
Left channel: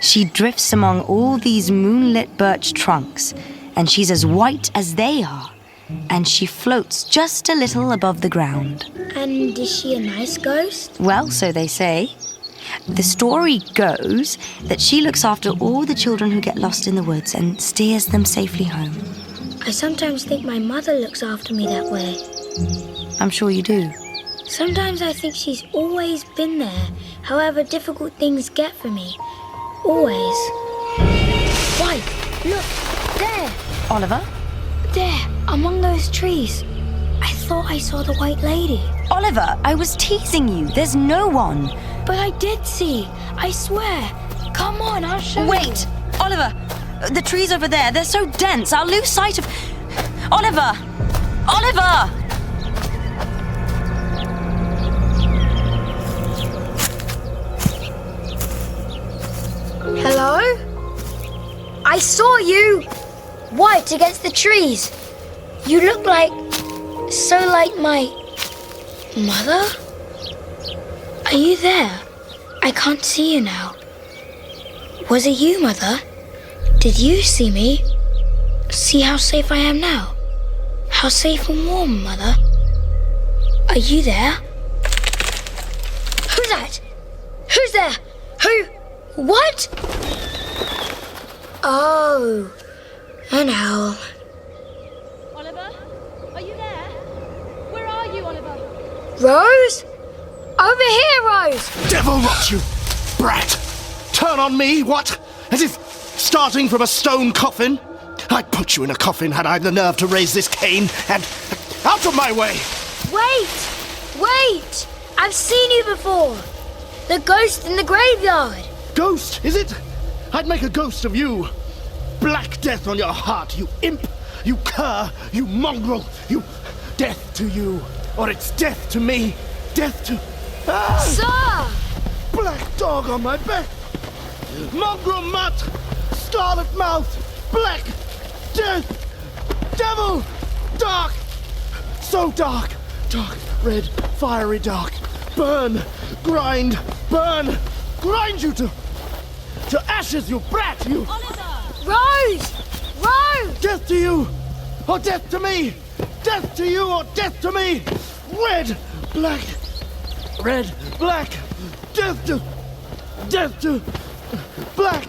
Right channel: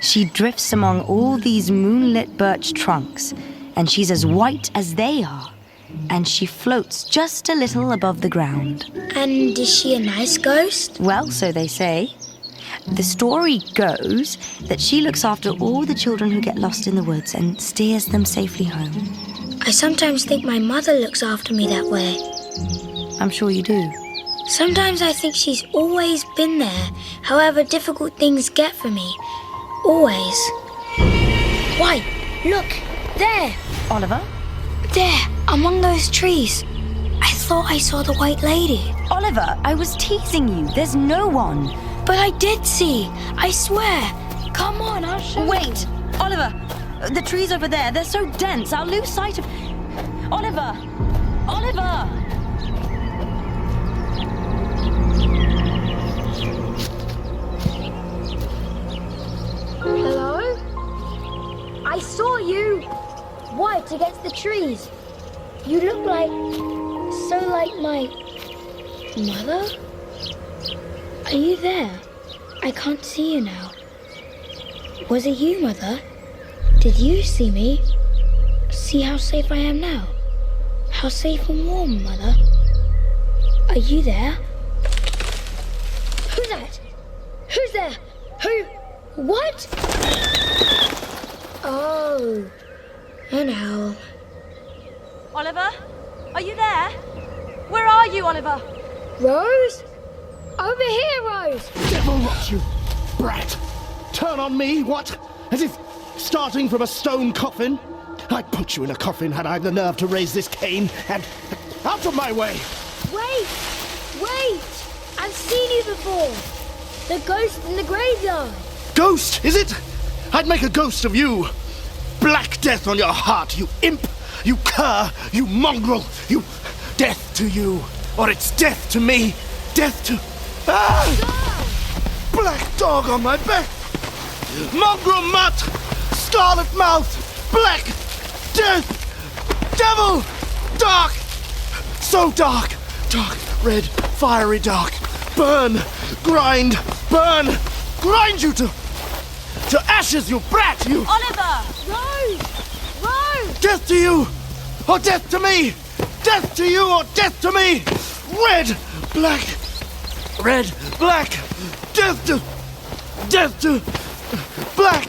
She drifts among all these moonlit birch trunks, and she's as white as they are. And she floats just a little above the ground. And is she a nice ghost? Well, so they say. The story goes that she looks after all the children who get lost in the woods and steers them safely home. I sometimes think my mother looks after me that way. I'm sure you do. Sometimes I think she's always been there, however difficult things get for me. Always. Why, look, there! Oliver? There, among those trees. I thought I saw the White Lady. Oliver, I was teasing you. There's no one. But I did see. I swear. Come on, I'll show you. Wait, Oliver. The trees over there, they're so dense. I'll lose sight of... Oliver! Oliver! Hello? I saw you! White against the trees. You look like... so like my... mother? Are you there? I can't see you now. Was it you, Mother? Did you see me? See how safe I am now? How safe and warm, Mother? Are you there? Who's that? Who's there? Who? What? Oh, an owl. Oliver? Are you there? Where are you, Oliver? Rose? Over here, Rose! Devil rot you, brat! Turn on me, what? As if starting from a stone coffin? I'd put you in a coffin had I the nerve to raise this cane, and... out of my way! Wait! Wait! I've seen you before! The ghost in the graveyard. Ghost, is it? I'd make a ghost of you. Black death on your heart, you imp, you cur, you mongrel, you... Death to you, or it's death to me. Death to... Ah! Sir! Black dog on my back. Mongrel mutt, scarlet mouth, black death, devil, dark, so dark, dark, red, fiery dark, burn, grind you to ashes, you brat, you... Oliver! Rose! Rose! Death to you, or death to me! Death to you, or death to me! Red, black, death to, black,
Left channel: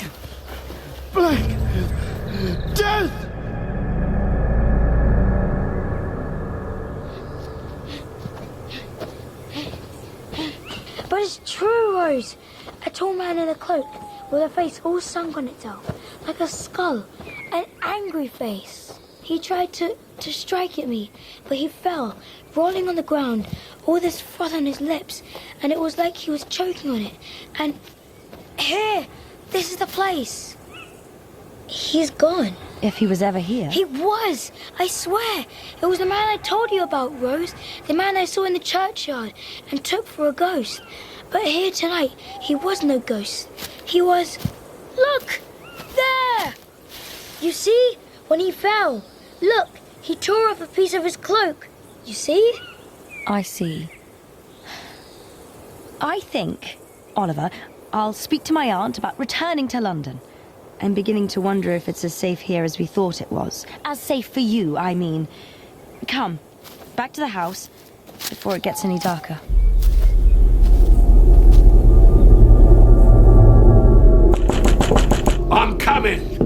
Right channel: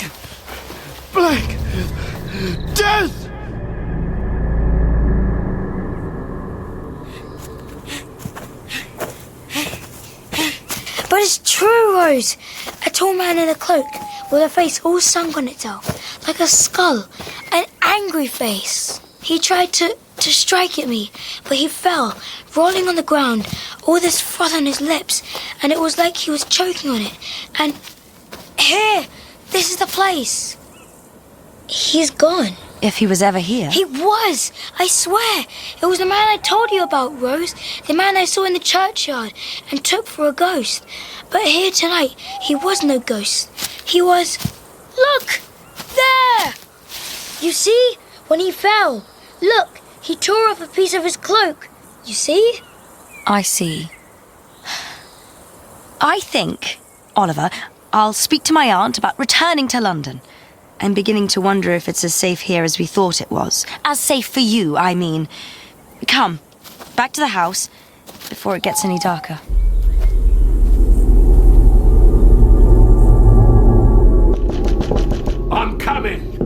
death! But it's true, Rose. A tall man in a cloak with a face all sunk on itself, like a skull, an angry face. He tried to strike at me, but he fell, rolling on the ground, all this froth on his lips, and it was like he was choking on it. And here, this is the place. He's gone. If he was ever here. He was! I swear! It was the man I told you about, Rose. The man I saw in the churchyard and took for a ghost. But here tonight, he was no ghost. He was... Look! There! You see? When he fell. Look! He tore off a piece of his cloak. You see? I see. I think, Oliver, I'll speak to my aunt about returning to London. I'm beginning to wonder if it's as safe here as we thought it was. As safe for you, I mean. Come, back to the house before it gets any darker. I'm coming.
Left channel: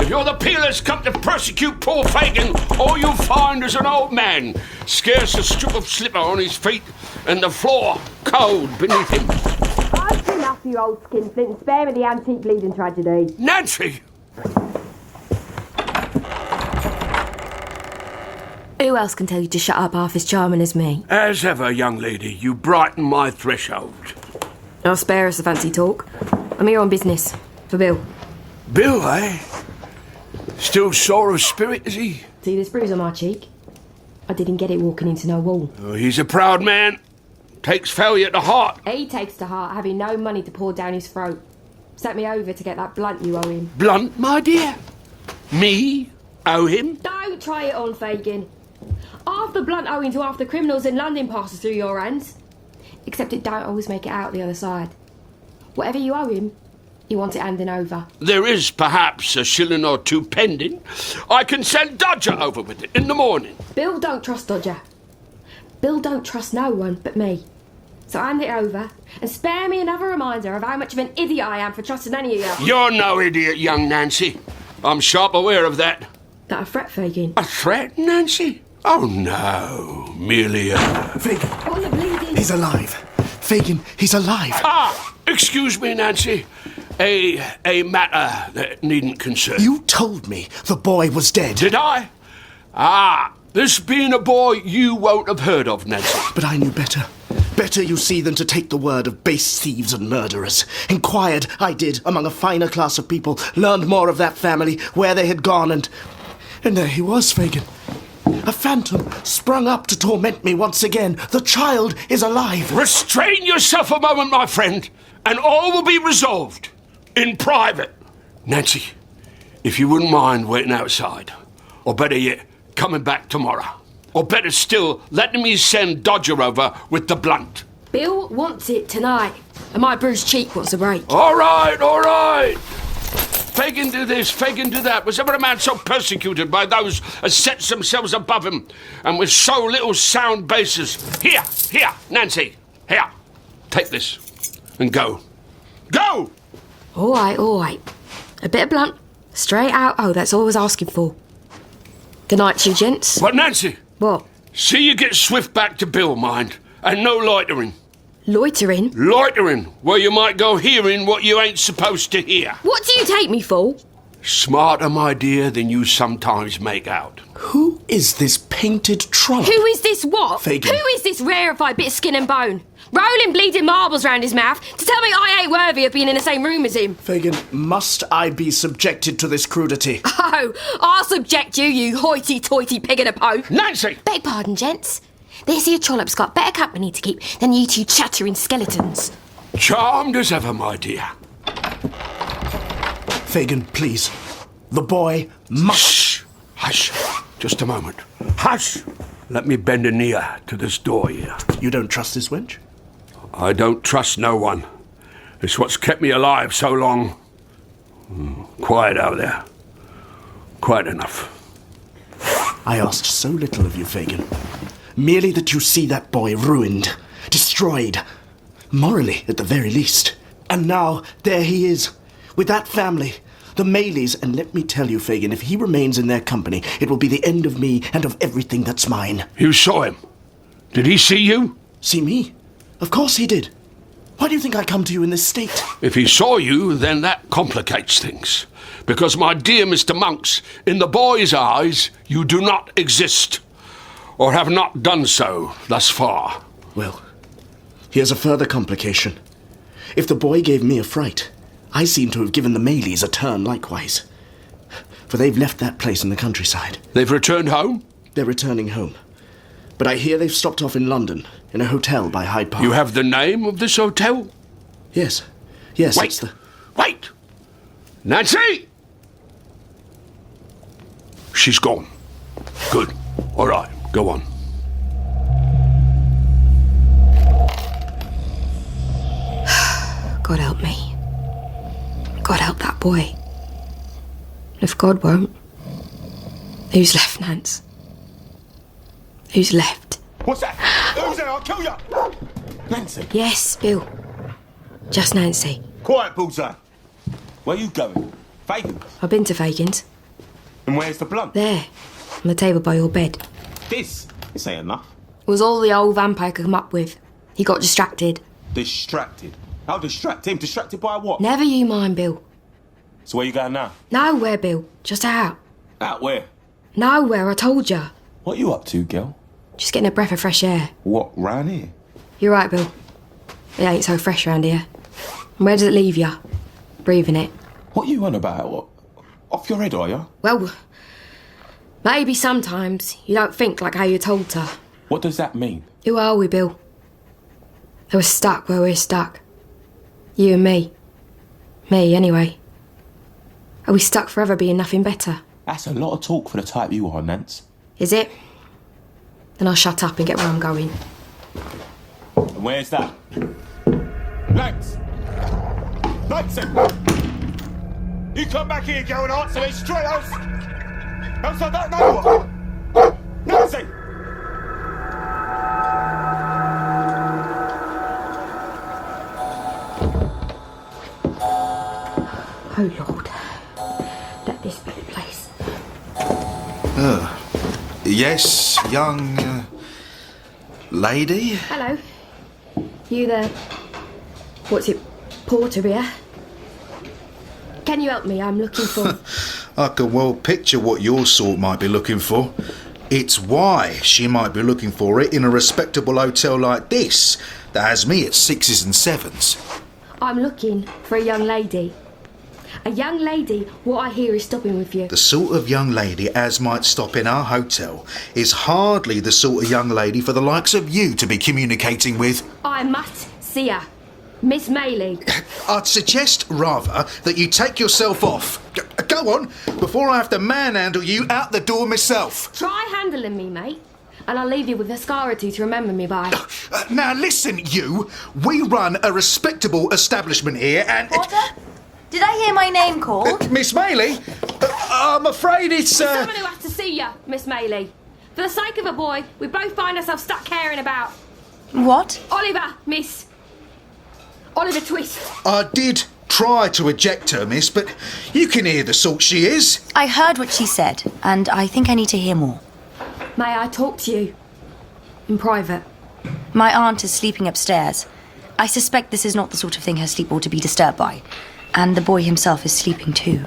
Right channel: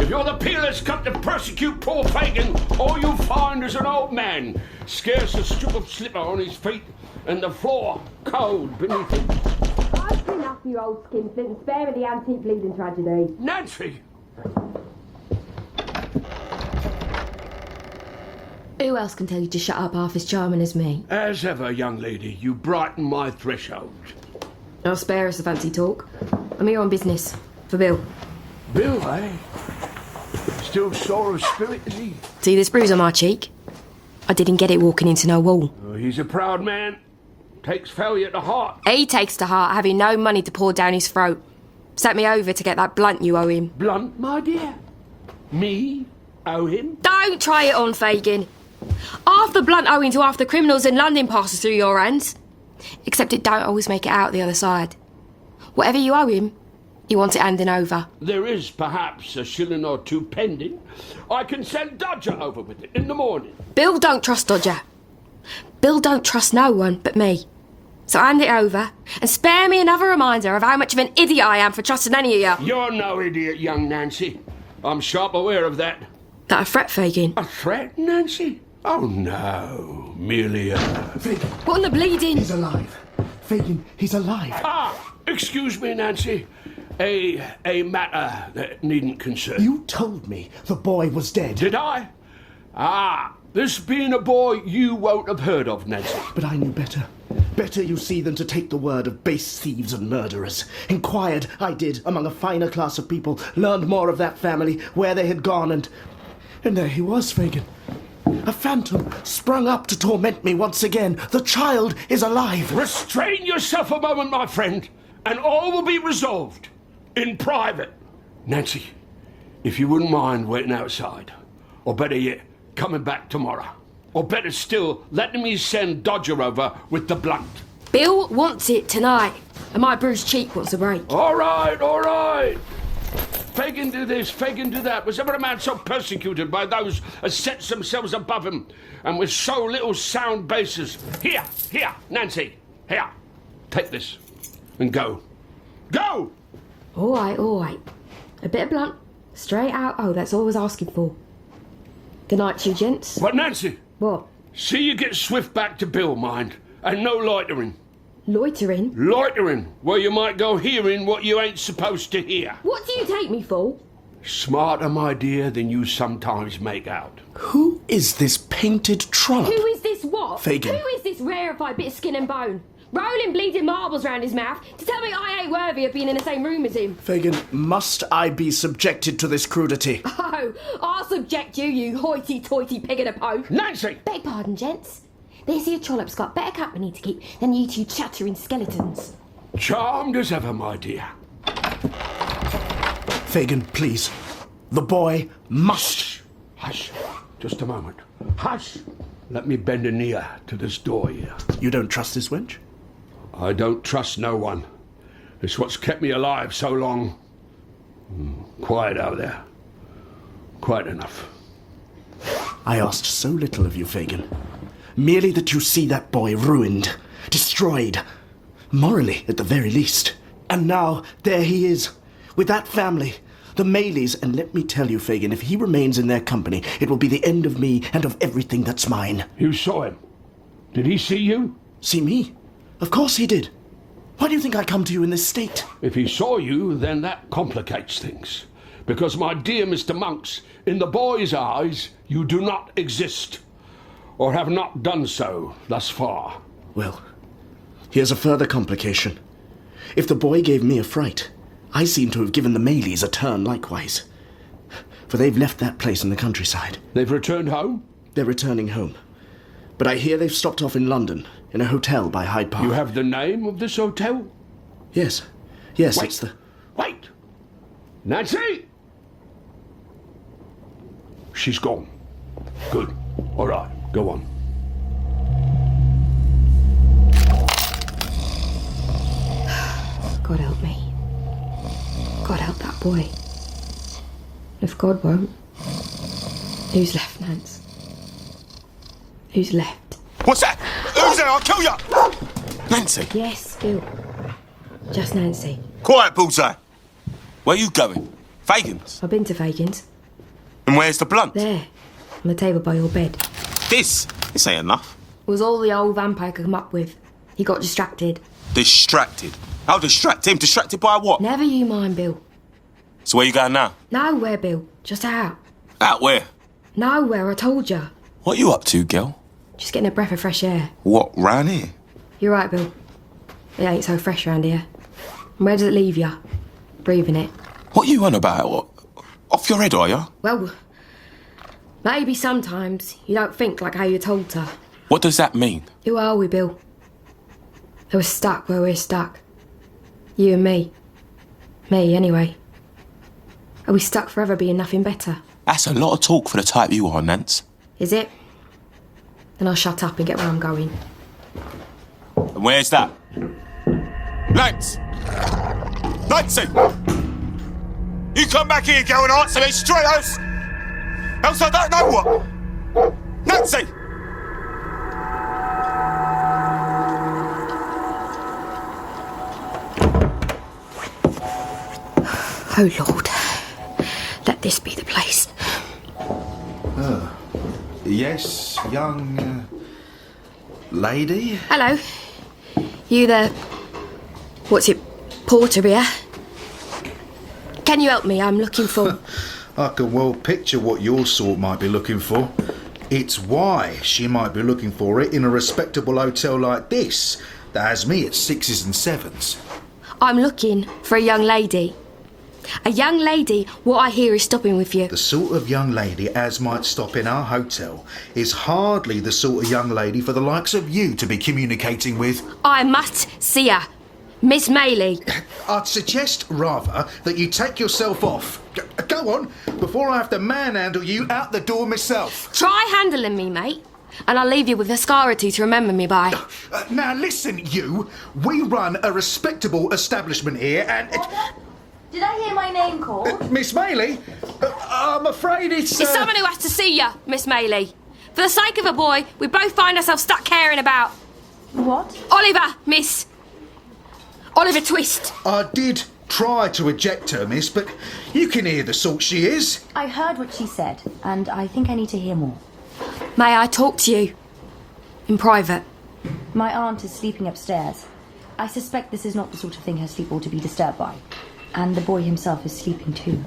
If you're the peelers come to persecute poor Fagin, all you'll find is an old man, scarce a strip of slipper on his feet, and the floor cold beneath him. I've been after you old skinflint and spare me the antique bleeding tragedy. Nancy! Who else can tell you to shut up half as charming as me? As ever, young lady, you brighten my threshold. I'll spare us the fancy talk. I'm here on business. For Bill. Bill, eh? Still sore of spirit, is he? See this bruise on my cheek? I didn't get it walking into no wall. Oh, he's a proud man. Takes failure to heart. He takes to heart having no money to pour down his throat. Sent me over to get that blunt you owe him. Blunt, my dear? Me? Owe him? Don't try it on, Fagin. Half the blunt owing to half the criminals in London passes through your hands. Except it don't always make it out the other side. Whatever you owe him, you want it handing over. There is perhaps a shilling or two pending. I can send Dodger over with it in the morning. Bill don't trust Dodger. Bill don't trust no one but me. So hand it over and spare me another reminder of how much of an idiot I am for trusting any of you. You're no idiot, young Nancy. I'm sharp aware of that. That a threat, Fagin? A threat, Nancy? Oh, no. Merely a... Fagin. What in the bleeding? He's alive. Fagin, he's alive. Ah, excuse me, Nancy. A matter that needn't concern. You told me the boy was dead. Did I? Ah, this being a boy you won't have heard of, Nancy. But I knew better. Better, you see, than to take the word of base thieves and murderers. Inquired, I did, among a finer class of people, learned more of that family, where they had gone, and there he was, Fagin. A phantom sprung up to torment me once again. The child is alive. Restrain yourself a moment, my friend, and all will be resolved. In private. Nancy, if you wouldn't mind waiting outside, or better yet, coming back tomorrow, or better still, letting me send Dodger over with the blunt. Bill wants it tonight, and my bruised cheek wants a break. All right. Fagin do this, Fagin do that. Was ever a man so persecuted by those as sets themselves above him, and with so little sound basis? Here, Nancy, here. Take this, and go. Go! All right. A bit of blunt, straight out. Oh, that's all I was asking for. Good night, you gents. But Nancy. What? See you get swift back to Bill, mind, and no loitering. Loitering? Loitering, where you might go hearing what you ain't supposed to hear. What do you take me for? Smarter, my dear, than you sometimes make out. Who is this painted trump? Who is this what? Fagin. Who is this rarefied bit of skin and bone? Rolling bleeding marbles round his mouth to tell me I ain't worthy of being in the same room as him. Fagin, must I be subjected to this crudity? Oh, I'll subject you, you hoity-toity pig in a poke. Nancy! Beg pardon, gents. This here trollop's got better company to keep than you two chattering skeletons. Charmed as ever, my dear. Fagin, please. The boy must... Shh! Hush. Just a moment. Hush! Let me bend an ear to this door here. You don't trust this wench? I don't trust no one. It's what's kept me alive so long. Quiet out there. Quiet enough. I asked so little of you, Fagin. Merely that you see that boy ruined, destroyed. Morally, at the very least. And now, there he is, with that family, the Mayleys, and let me tell you, Fagin, if he remains in their company, it will be the end of me and of everything that's mine. You saw him? Did he see you? See me? Of course he did. Why do you think I come to you in this state? If he saw you, then that complicates things. Because, my dear Mr. Monks, in the boy's eyes, you do not exist. Or have not done so thus far. Well, here's a further complication. If the boy gave me a fright, I seem to have given the Mayleys a turn likewise. For they've left that place in the countryside. They've returned home? They're returning home. But I hear they've stopped off in London, in a hotel by Hyde Park. You have the name of this hotel? Yes. Yes, Wait. it's the... Wait! Nancy! She's gone. Good. All right, go on. God help me. God help that boy. If God won't, who's left, Nance? Who's left? What's that? Who's there? I'll kill you! Nancy, Yes, Bill. Just Nancy. Quiet, Bullseye. where you going? Fagin's? I've been to Fagin's. And where's the blunt? There, on the table by your bed. This ain't enough. It was all the old vampire could come up with. He got distracted. Distracted? How distract him? Distracted by what? Never you mind, Bill. So where you going now? Nowhere, Bill. Just out. Out where? Nowhere, I told ya. What you up to, girl? Just getting a breath of fresh air. What, round here? You're right, Bill. It ain't so fresh round here. And where does it leave ya? Breathing it. What you on about? What? Off your head, are you? Well, maybe sometimes you don't think like how you're told to. What does that mean? Who are we, Bill? We're stuck where we're stuck. You and me. Me, anyway. Are we stuck forever being nothing better? That's a lot of talk for the type you are, Nance. Is it? Then I'll shut up and get where I'm going. And where's that? Nance! Nancy! You come back here, girl, and answer me straight, else I don't know what! Nancy! Oh, Lord. Let this be the place. Yes, young lady? Hello. You the... what's it? Porter here? Can you help me? I'm looking for... I can well picture what your sort might be looking for. It's why she might be looking for it in a respectable hotel like this that has me at 6s and 7s. I'm looking for a young lady. A young lady what I hear is stopping with you. The sort of young lady as might stop in our hotel is hardly the sort of young lady for the likes of you to be communicating with. I must see her. Miss Maylie. I'd suggest, rather, that you take yourself off. Go on, before I have to manhandle you out the door myself. Try handling me, mate, and I'll leave you with a scar or two to remember me by. Now listen, you. We run a respectable establishment here and... Did I hear my name called? Miss Maylie? I'm afraid it's... It's someone who has to see you, Miss Maylie. For the sake of a boy, we both find ourselves stuck caring about. What? Oliver, miss. Oliver Twist. I did try to eject her, miss, but you can hear the sort she is. I heard what she said, and I think I need to hear more. May I talk to you? In private. My aunt is sleeping upstairs. I suspect this is not the sort of thing her sleep ought to be disturbed by. And the boy himself is sleeping too.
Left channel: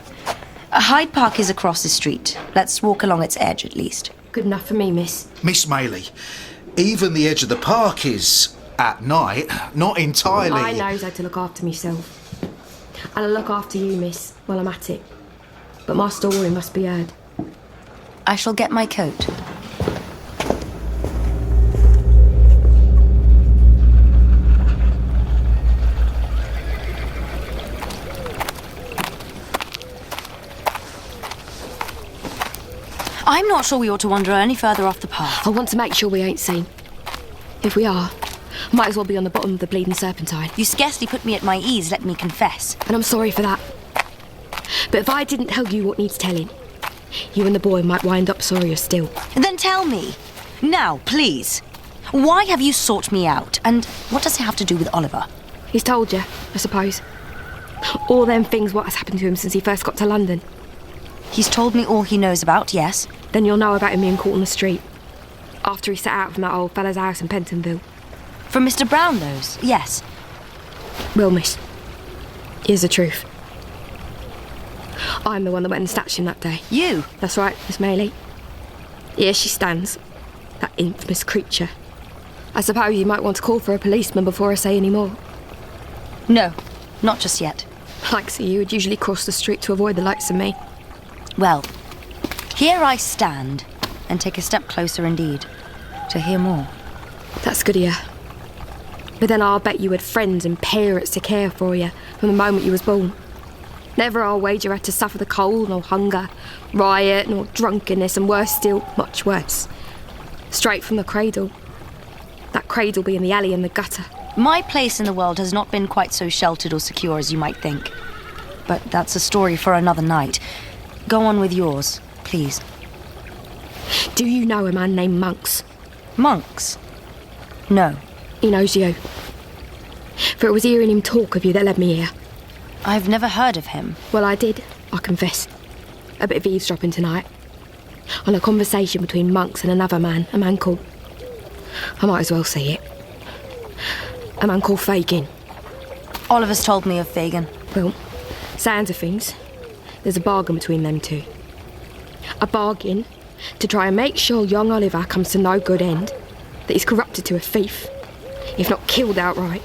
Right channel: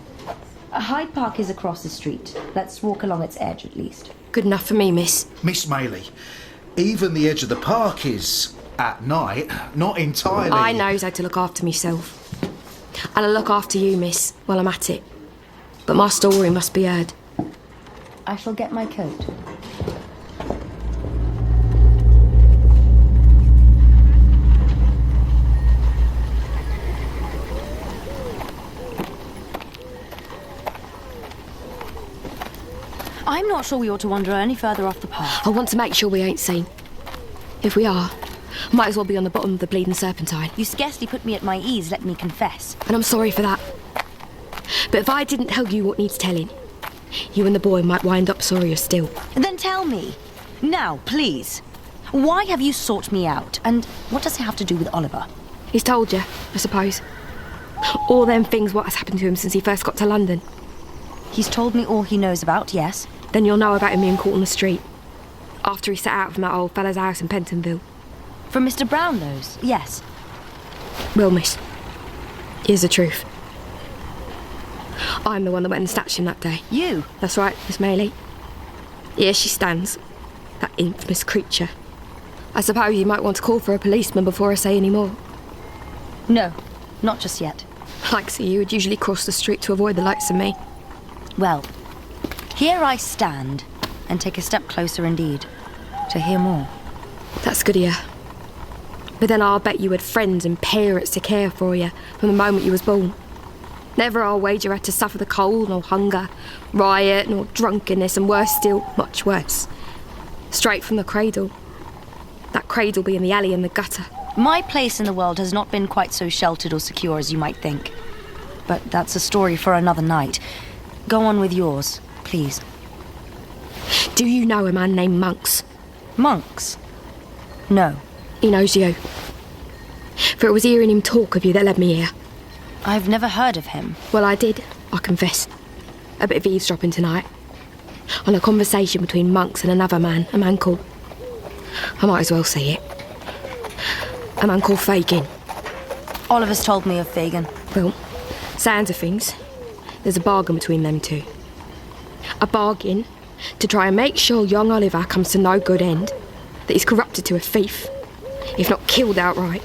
Hyde Park is across the street. Let's walk along its edge at least. Good enough for me, miss. Miss Maylie, even the edge of the park is, at night, not entirely... I knows how to look after myself. And I'll look after you, miss, while I'm at it. But my story must be heard. I shall get my coat. I'm not sure we ought to wander any further off the path. I want to make sure we ain't seen. If we are, might as well be on the bottom of the bleeding serpentine. You scarcely put me at my ease, let me confess. And I'm sorry for that. But if I didn't tell you what needs telling, you and the boy might wind up sorrier still. Then tell me. Now, please. Why have you sought me out? And what does it have to do with Oliver? He's told you, I suppose. All them things what has happened to him since he first got to London. He's told me all he knows about, yes. Then you'll know about him being caught on the street. After he set out from that old fella's house in Pentonville. From Mr. Brownlow's, yes. Well, miss, here's the truth. I'm the one that went and snatched him that day. You? That's right, Miss Maylie. Here she stands, that infamous creature. I suppose you might want to call for a policeman before I say any more. No, not just yet. Like so you would usually cross the street to avoid the likes of me. Well, here I stand, and take a step closer indeed, to hear more. That's good of you. But then I'll bet you had friends and parents to care for you from the moment you was born. Never I'll wager had to suffer the cold, nor hunger, riot, nor drunkenness, and worse still, much worse. Straight from the cradle. That cradle being the alley and the gutter. My place in the world has not been quite so sheltered or secure as you might think. But that's a story for another night. Go on with yours, please. Do you know a man named Monks? Monks? No. He knows you. For it was hearing him talk of you that led me here. I've never heard of him. Well, I did, I confess. A bit of eavesdropping tonight. On a conversation between Monks and another man, a man called... I might as well say it. A man called Fagin. Oliver's told me of Fagin. Well, sounds of things. There's a bargain between them two. A bargain to try and make sure young Oliver comes to no good end, that he's corrupted to a thief, if not killed outright.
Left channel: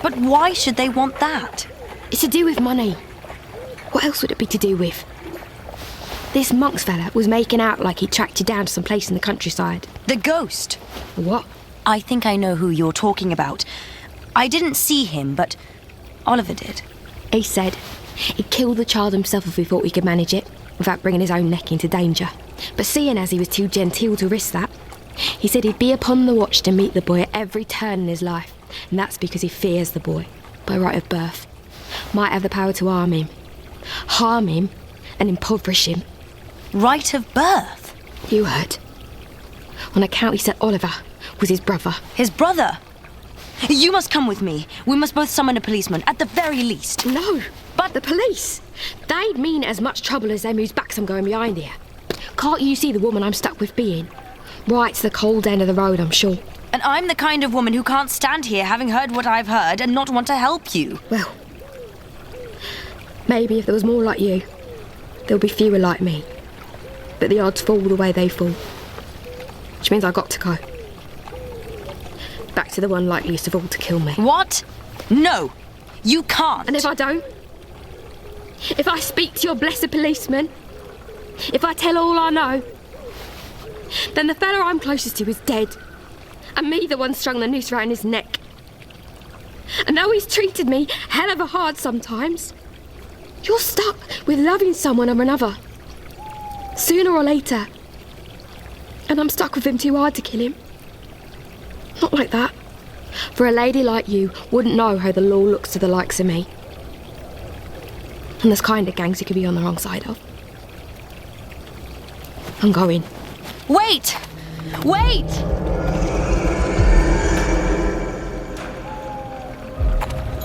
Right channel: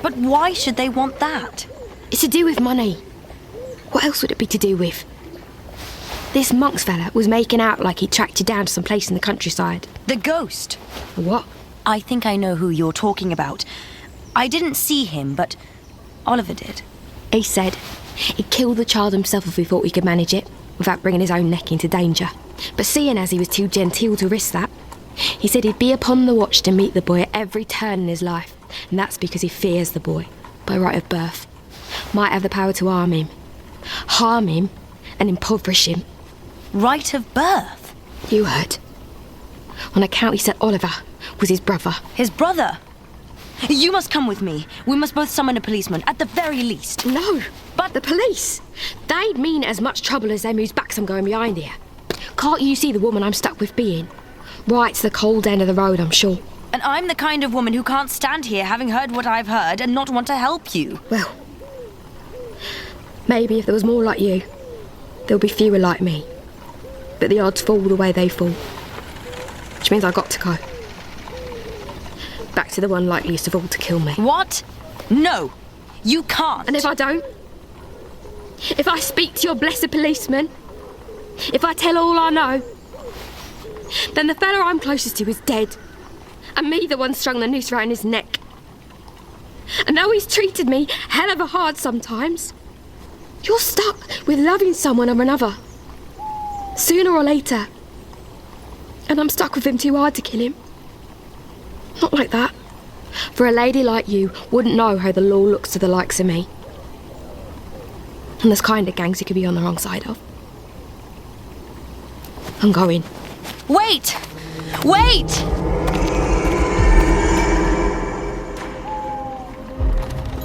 But why should they want that? It's to do with money. What else would it be to do with? This Monks fella was making out like he tracked you down to some place in the countryside. The ghost? What? I think I know who you're talking about. I didn't see him, but Oliver did. He said he'd kill the child himself if he thought he could manage it, without bringing his own neck into danger. But seeing as he was too genteel to risk that, he said he'd be upon the watch to meet the boy at every turn in his life, and that's because he fears the boy, by right of birth. Might have the power to harm him and impoverish him. Right of birth? You heard. On account he said Oliver was his brother. His brother? You must come with me. We must both summon a policeman, at the very least. No, but the police. They'd mean as much trouble as them whose backs I'm going behind here. Can't you see the woman I'm stuck with being? Right to the cold end of the road, I'm sure. And I'm the kind of woman who can't stand here having heard what I've heard and not want to help you. Well, maybe if there was more like you, there'll be fewer like me. But the odds fall the way they fall. Which means I've got to go. Back to the one likeliest of all to kill me. What? No, you can't. And if I don't? If I speak to your blessed policeman? If I tell all I know? Then the fella I'm closest to is dead. And me the one strung the noose round his neck. And though he's treated me hell of a hard sometimes, you're stuck with loving someone or another. Sooner or later. And I'm stuck with him too hard to kill him. Not like that. For a lady like you wouldn't know how the law looks to the likes of me. And there's kind of gangs you could be on the wrong side of. I'm going. Wait! Wait!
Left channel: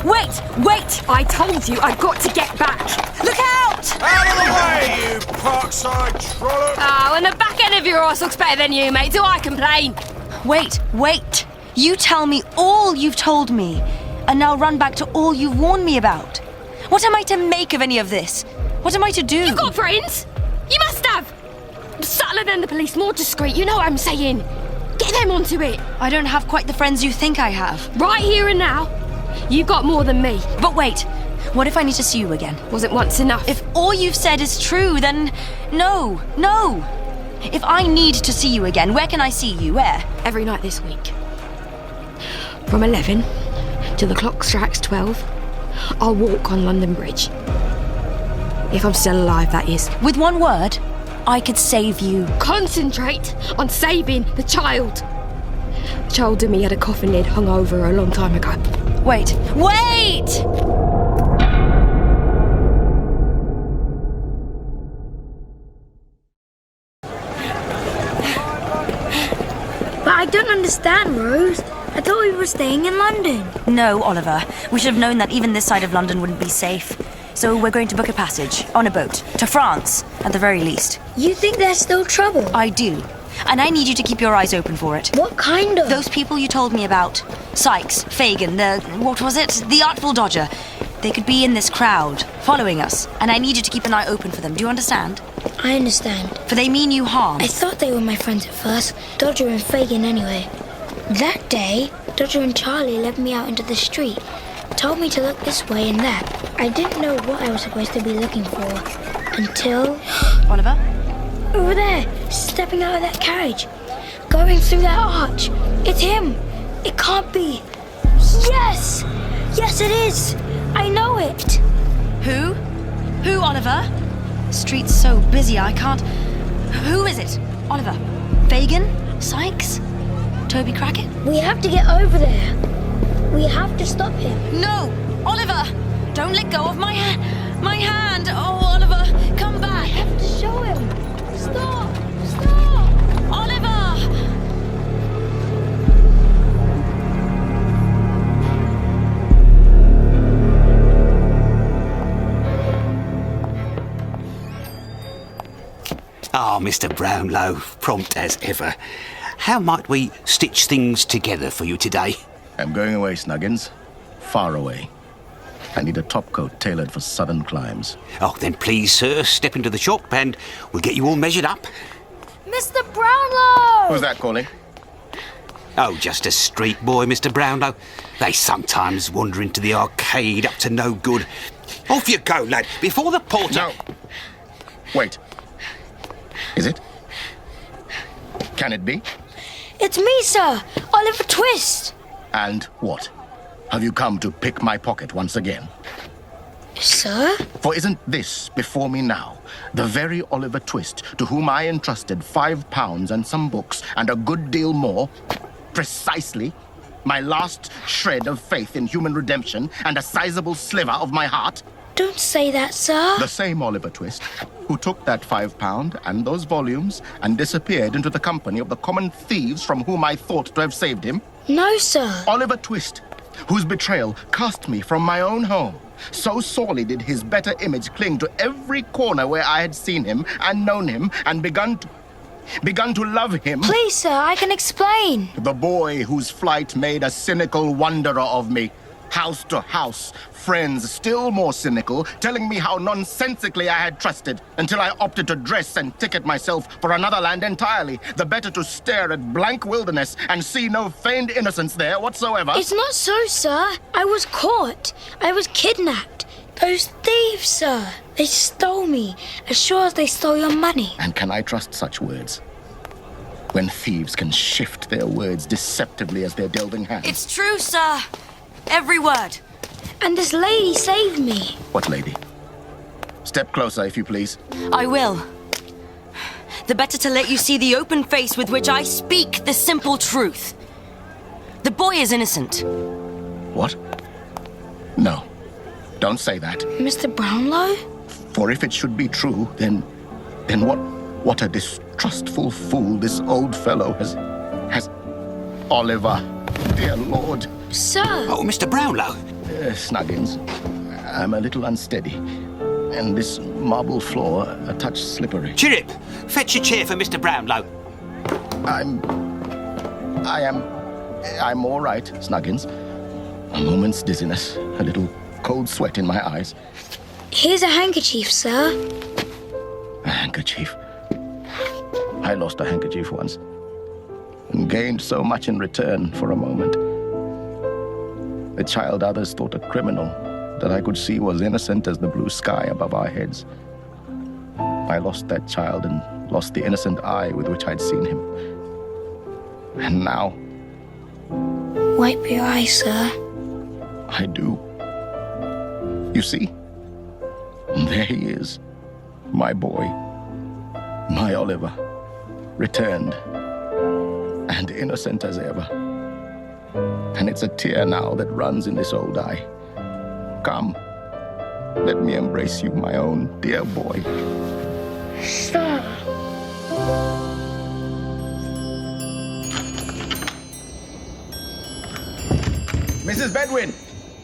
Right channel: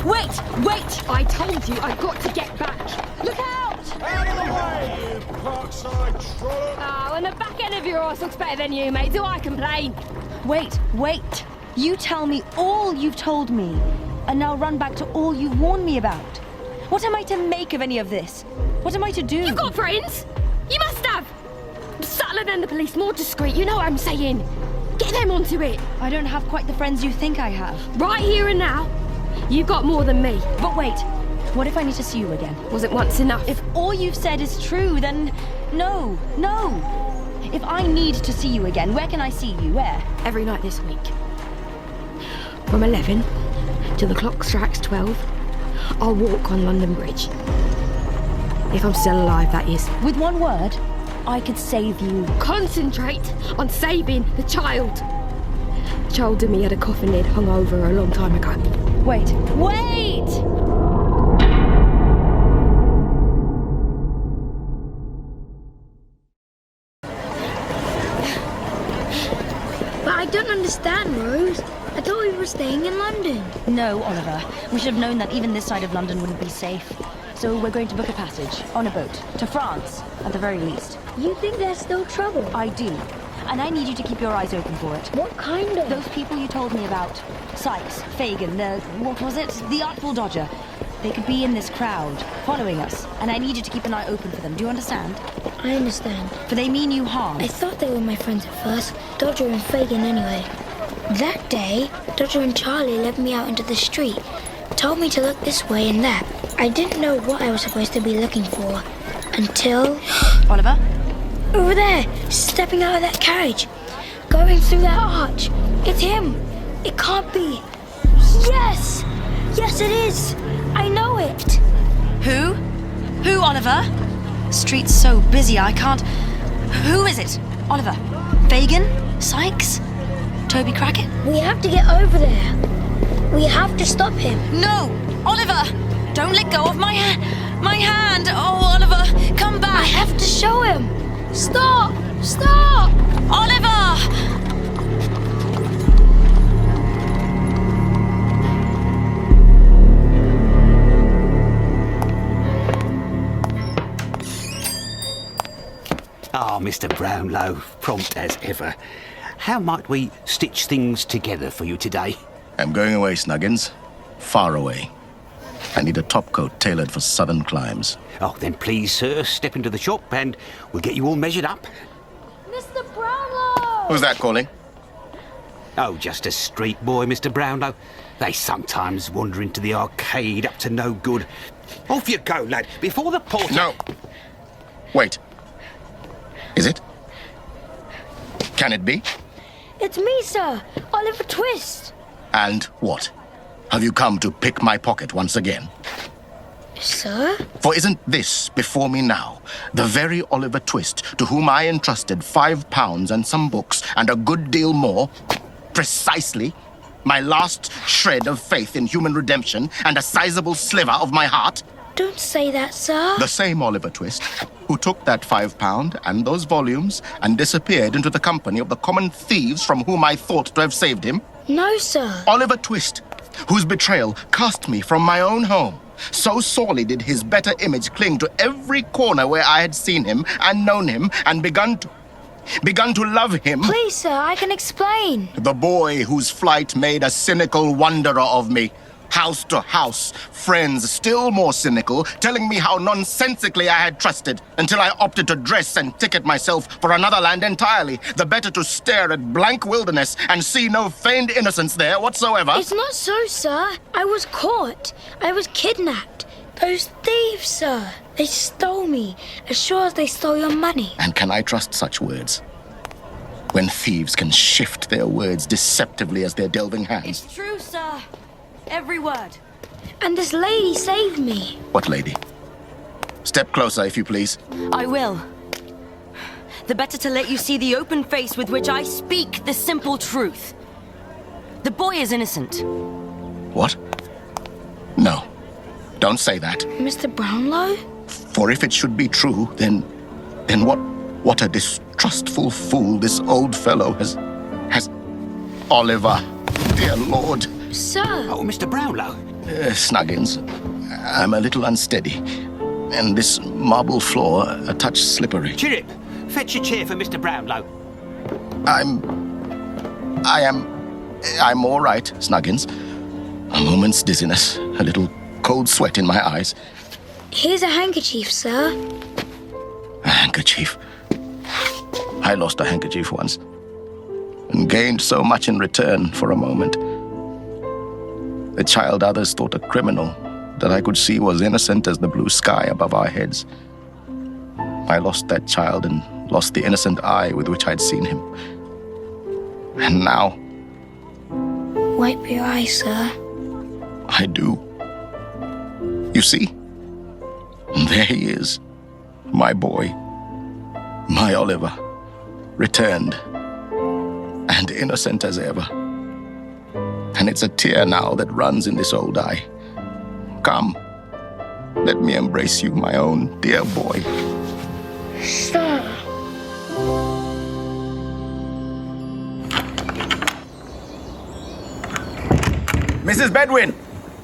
Wait! I told you I've got to get back. Look out! Out of the way, you parkside trollop! Oh, and the back end of your horse looks better than you, mate. Do I complain? Wait. You tell me all you've told me, and now run back to all you've warned me about. What am I to make of any of this? What am I to do? You've got friends! You must have! Subtler than the police, more discreet, you know what I'm saying. Get them onto it. I don't have quite the friends you think I have. Right here and now, you've got more than me. But wait, what if I need to see you again? Wasn't once enough. If all you've said is true, then no. If I need to see you again, where can I see you? Where? Every night this week. From 11 till the clock strikes 12, I'll walk on London Bridge. If I'm still alive, that is. With one word, I could save you. Concentrate on saving the child. The child in me had a coffin lid hung over her a long time ago. Wait! But I don't understand, Rose. I thought we were staying in London. No, Oliver. We should have known that even this side of London wouldn't be safe. So we're going to book a passage, on a boat, to France, at the very least. You think there's still trouble? I do. And I need you to keep your eyes open for it. What kind of? Those people you told me about. Sykes, Fagin, the Artful Dodger. They could be in this crowd, following us. And I need you to keep an eye open for them. Do you understand? I understand. For they mean you harm. I thought they were my friends at first. Dodger and Fagin anyway. That day, Dodger and Charlie led me out into the street. Told me to look this way and that. I didn't know what I was supposed to be looking for. Until... Oliver? Over there, stepping out of that carriage. Going through that arch. It's him. It can't be. Yes! Yes, it is. I know it. Who? Who, Oliver? Street's so busy, I can't... Who is it? Oliver? Fagin? Sykes? Toby Crackett? We have to get over there. We have to stop him. No! Oliver! Don't let go of my hand! Oh, Oliver, come back! I have to show him. Stop! Stop! Oliver! Ah, Mr. Brownlow, prompt as ever. How might we stitch things together for you today? I'm going away, Snuggins. Far away. I need a topcoat tailored for southern climes. Oh, then please, sir, step into the shop and we'll get you all measured up. Mr. Brownlow! Who's that calling? Oh, just a street boy, Mr. Brownlow. They sometimes wander into the arcade up to no good. Off you go, lad, before the porter... No. Wait. Is it? Can it be? It's me, sir. Oliver Twist. And what? Have you come to pick my pocket once again? Sir? For isn't this before me now the very Oliver Twist to whom I entrusted £5 and some books and a good deal more? Precisely. My last shred of faith in human redemption and a sizable sliver of my heart? Don't say that, sir. The same Oliver Twist who took that £5 and those volumes and disappeared into the company of the common thieves from whom I thought to have saved him? No, sir. Oliver Twist, whose betrayal cast me from my own home. So sorely did his better image cling to every corner where I had seen him and known him and begun to love him. Please, sir, I can explain. The boy whose flight made a cynical wanderer of me. House to house, friends still more cynical, telling me how nonsensically I had trusted, until I opted to dress and ticket myself for another land entirely, the better to stare at blank wilderness and see no feigned innocence there whatsoever. It's not so, sir. I was caught. I was kidnapped. Those thieves, sir. They stole me, as sure as they stole your money. And can I trust such words? When thieves can shift their words deceptively as their delving hands. It's true, sir. Every word. And this lady saved me. What lady? Step closer, if you please. I will. The better to let you see the open face with which I speak the simple truth. The boy is innocent. What? No. Don't say that. Mr. Brownlow? For if it should be true, then what a distrustful fool this old fellow has... Oliver, dear Lord. Sir! Oh, Mr. Brownlow. Snuggins, I'm a little unsteady, and this marble floor a touch slippery. Chirrip, fetch a chair for Mr. Brownlow. I'm all right, Snuggins. A moment's dizziness, a little cold sweat in my eyes. Here's a handkerchief, sir. A handkerchief? I lost a handkerchief once and gained so much in return for a moment. The child others thought a criminal that I could see was innocent as the blue sky above our heads. I lost that child and lost the innocent eye with which I'd seen him. And now... Wipe your eye, sir. I do. You see? There he is. My boy. My Oliver. Returned. And innocent as ever. And it's a tear now that runs in this old eye. Come. Let me embrace you, my own dear boy. Sir. Mrs. Bedwin!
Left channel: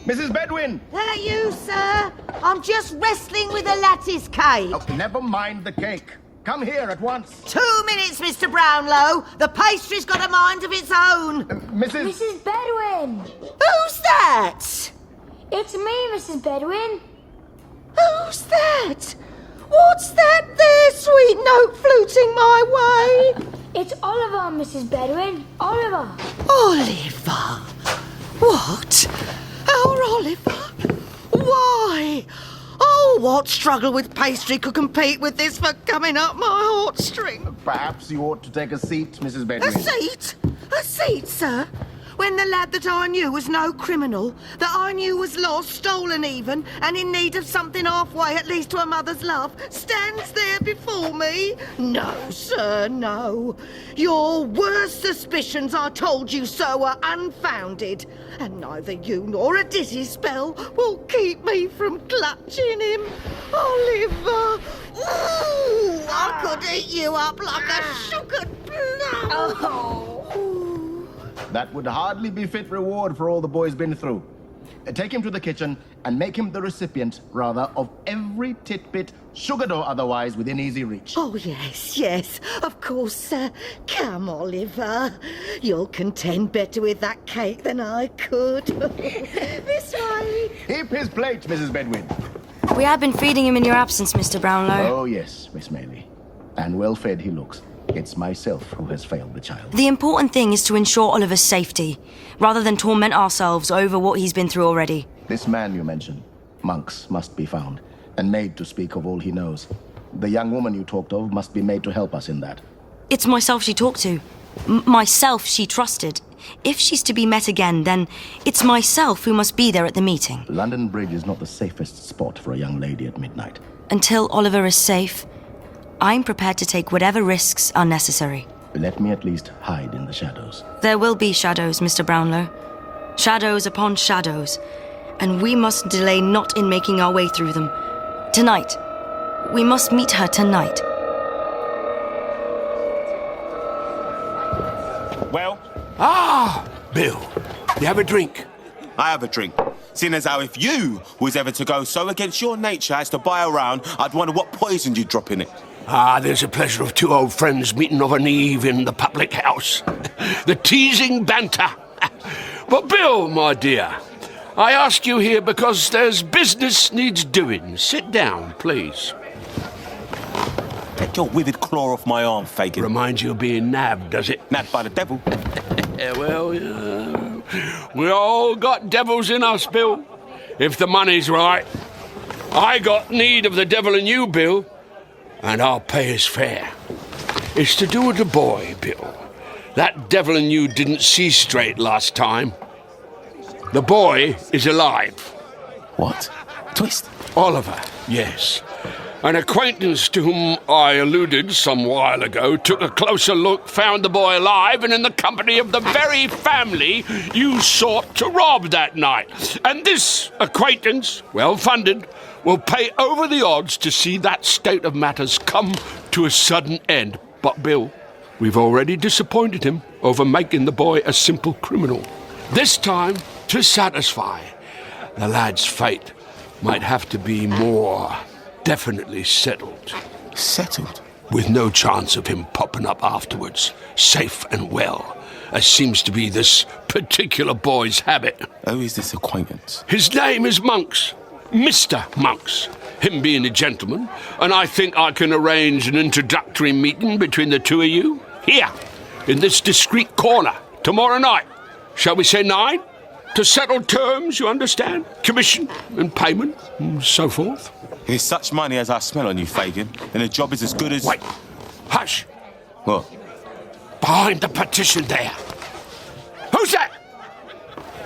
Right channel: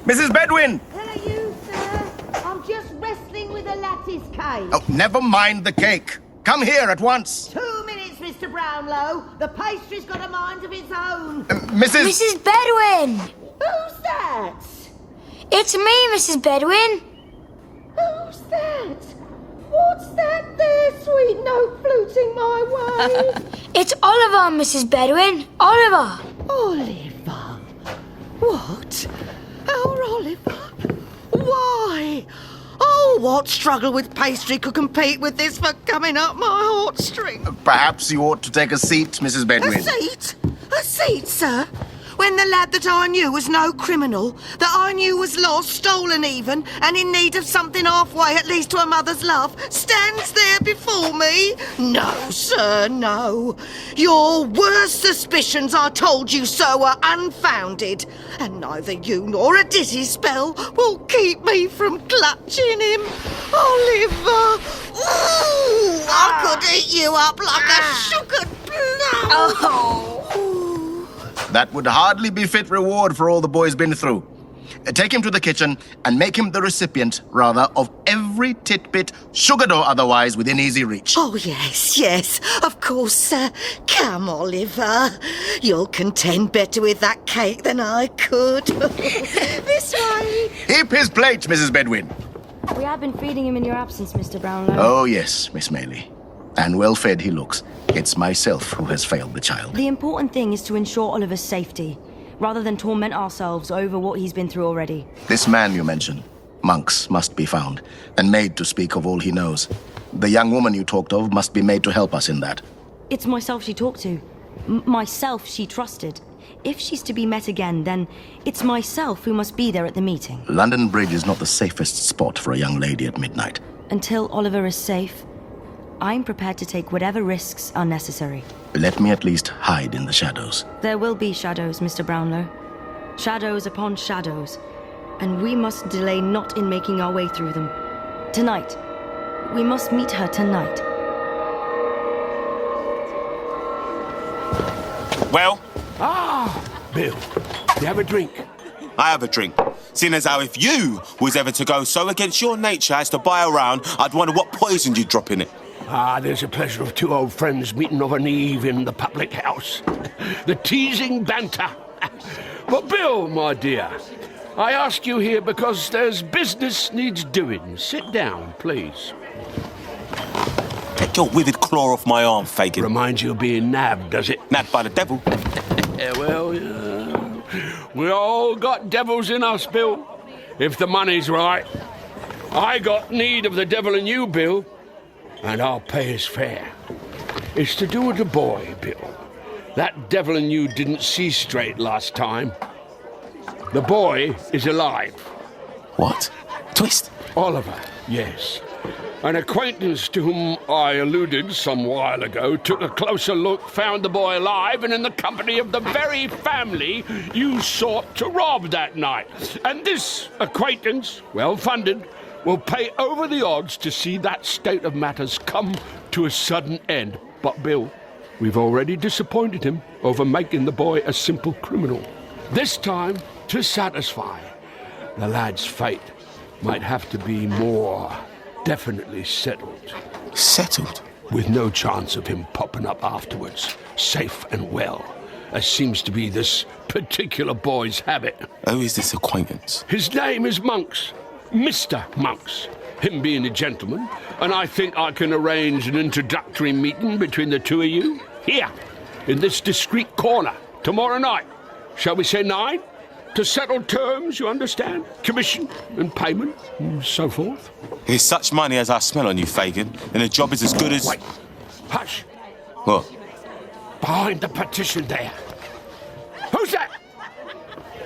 Mrs. Bedwin! Hello, you, sir. I'm just wrestling with a lattice cake. Oh, never mind the cake. Come here at once. 2 minutes, Mr. Brownlow. The pastry's got a mind of its own. Mrs. Bedwin! Who's that? It's me, Mrs. Bedwin. Who's that? What's that there, sweet note fluting my way? It's Oliver, Mrs. Bedwin. Oliver. Oliver? What? Our Oliver? Why? Oh, what struggle with pastry could compete with this for coming up my heartstring? Perhaps you ought to take a seat, Mrs. Bedwin. A seat? A seat, sir? When the lad that I knew was no criminal, that I knew was lost, stolen even, and in need of something halfway at least to a mother's love, stands there before me? No, sir, no. Your worst suspicions, I told you so, are unfounded. And neither you nor a dizzy spell will keep me from clutching him. Oliver! Ooh, I could eat you up like a sugared plum. Oh. That would hardly be fit reward for all the boy's been through. Take him to the kitchen and make him the recipient, rather, of every titbit, sugared or otherwise, within easy reach. Oh, yes, of course, sir. Come, Oliver. You'll contend better with that cake than I could. This way. Heap his plate, Mrs. Bedwin. We have been feeding him in your absence, Mr. Brownlow. Oh, yes, Miss Maylie. And well fed he looks. It's myself who has failed the child. The important thing is to ensure Oliver's safety, rather than torment ourselves over what he's been through already. This man you mentioned, Monks, must be found, and made to speak of all he knows. The young woman you talked of must be made to help us in that. It's myself she talked to. Myself she trusted. If she's to be met again, then it's myself who must be there at the meeting. London Bridge is not the safest spot for a young lady at midnight. Until Oliver is safe, I'm prepared to take whatever risks are necessary. Let me at least hide in the shadows. There will be shadows, Mr. Brownlow. Shadows upon shadows. And we must delay not in making our way through them. Tonight. We must meet her tonight. Well? Ah, Bill, you have a drink? I have a drink. Seeing as how if you was ever to go so against your nature as to buy a round, I'd wonder what poison you'd drop in it. Ah, there's a pleasure of two old friends meeting of an eve in the public house. The teasing banter. But Bill, my dear, I asked you here because there's business needs doing. Sit down, please. Take your withered claw off my arm, Fagin. Reminds you of being nabbed, does it? Nabbed by the devil. Yeah, well, we all got devils in us, Bill. If the money's right. I got need of the devil in you, Bill. And I'll pay his fare. It's to do with the boy, Bill. That devil in you didn't see straight last time. The boy is alive. What? Twist? Oliver, yes. An acquaintance to whom I alluded some while ago took a closer look, found the boy alive and in the company of the very family you sought to rob that night. And this acquaintance, well-funded, will pay over the odds to see that state of matters come to a sudden end. But, Bill, we've already disappointed him over making the boy a simple criminal. This time, to satisfy, the lad's fate might have to be more definitely settled. Settled? With no chance of him popping up afterwards, safe and well, as seems to be this particular boy's habit. Who is this acquaintance? His name is Monks. Mr. Monks, him being a gentleman, and I think I can arrange an introductory meeting between the two of you here, in this discreet corner, tomorrow night. Shall we say 9? To settle terms, you understand? Commission and payment and so forth. Here's such money as I smell on you, Fagin, and the job is as good as... Wait. Hush. What? Behind the partition there. Who's that?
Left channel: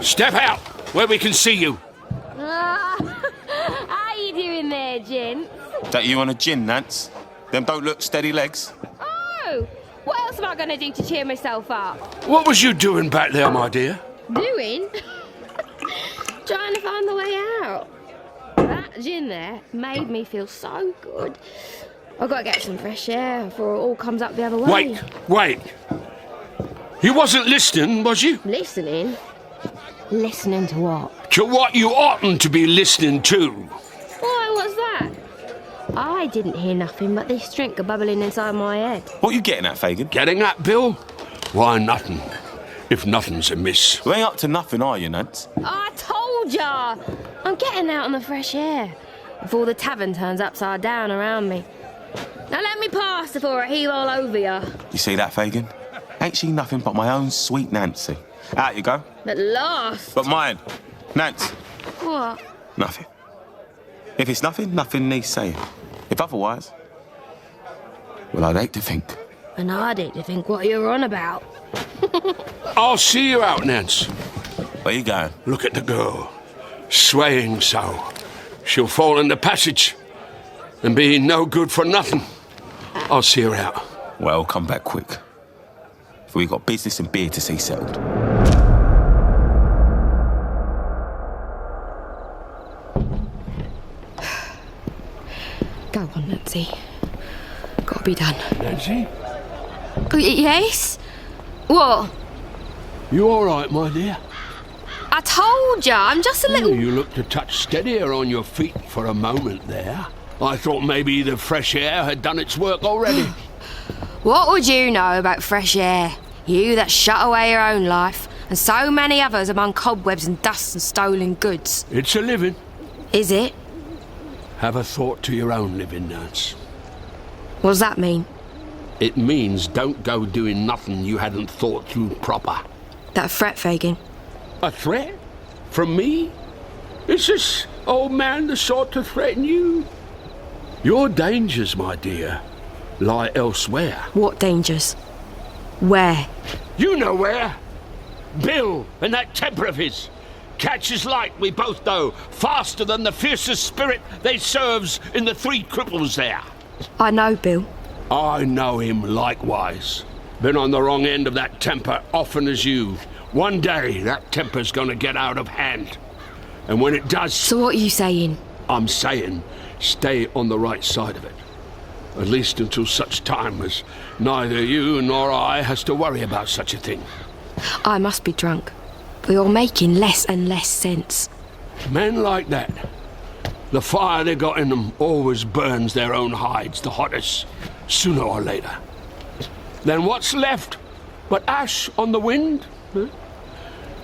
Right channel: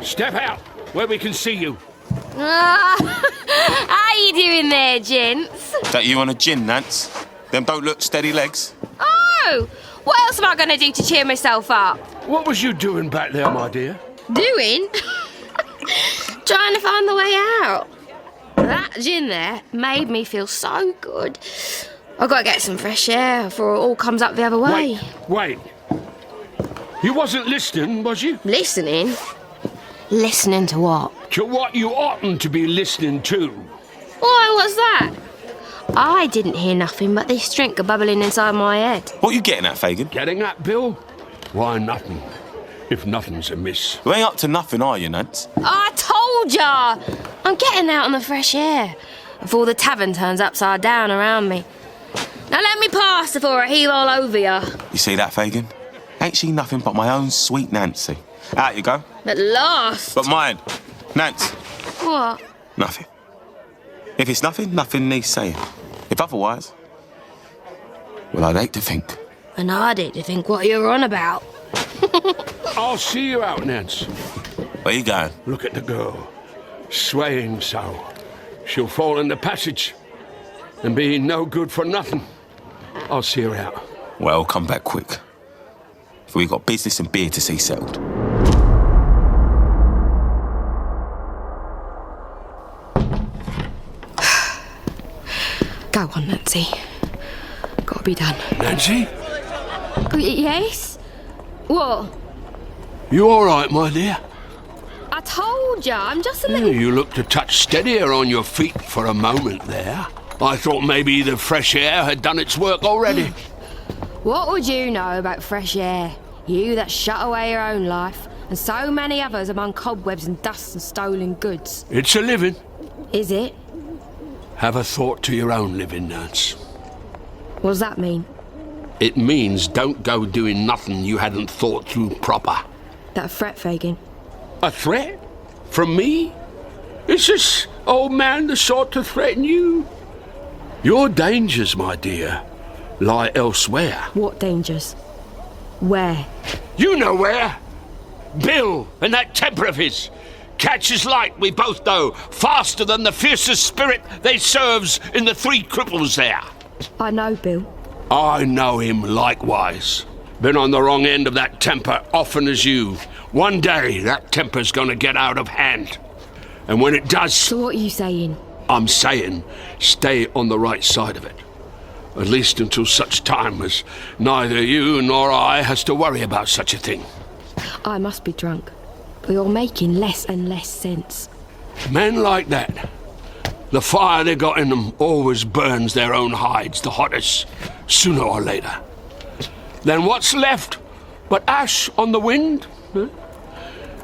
Step out, where we can see you. How you doing there, gents? That you on a gin, Nance? Them don't look steady legs. Oh, what else am I going to do to cheer myself up? What was you doing back there, my dear? Doing? Trying to find the way out. That gin there made me feel so good. I've got to get some fresh air before it all comes up the other way. Wait. You wasn't listening, was you? Listening? Listening to what? To what you oughtn't to be listening to. Why, what's that? I didn't hear nothing but this drink bubbling inside my head. What you getting at, Fagin? Getting at, Bill? Why, nothing. If nothing's amiss. You ain't up to nothing, are you, Nance? I told ya! I'm getting out in the fresh air before the tavern turns upside down around me. Now let me pass before I heave all over ya. You see that, Fagin? Ain't she nothing but my own sweet Nancy? Out you go. At last. But mine. Nance. What? Nothing. If it's nothing, nothing needs saying. If otherwise, well, I'd hate to think. And I'd hate to think what you're on about. I'll see you out, Nance. Where you going? Look at the girl. Swaying so. She'll fall in the passage and be no good for nothing. I'll see her out. Well, come back quick. For we got business and beer to see settled. Go on, Nancy. Gotta be done. Nancy? Oh, yes? What? You all right, my dear? I told ya, I'm just a little... You looked a touch steadier on your feet for a moment there. I thought maybe the fresh air had done its work already. What would you know about fresh air? You that shut away your own life, and so many others among cobwebs and dust and stolen goods. It's a living. Is it? Have a thought to your own living, Nance. What does that mean? It means don't go doing nothing you hadn't thought through proper. That threat, Fagin. A threat? From me? Is this old man the sort to threaten you? Your dangers, my dear, lie elsewhere. What dangers? Where? You know where. Bill and that temper of his. Catches light, we both know, faster than the fiercest spirit they serves in the three cripples there. I know, Bill. I know him likewise. Been on the wrong end of that temper often as you. One day that temper's gonna get out of hand. And when it does... So what are you saying? I'm saying stay on the right side of it. At least until such time as neither you nor I has to worry about such a thing. I must be drunk. But you're making less and less sense. Men like that, the fire they got in them always burns their own hides the hottest, sooner or later. Then what's left but ash on the wind? Huh?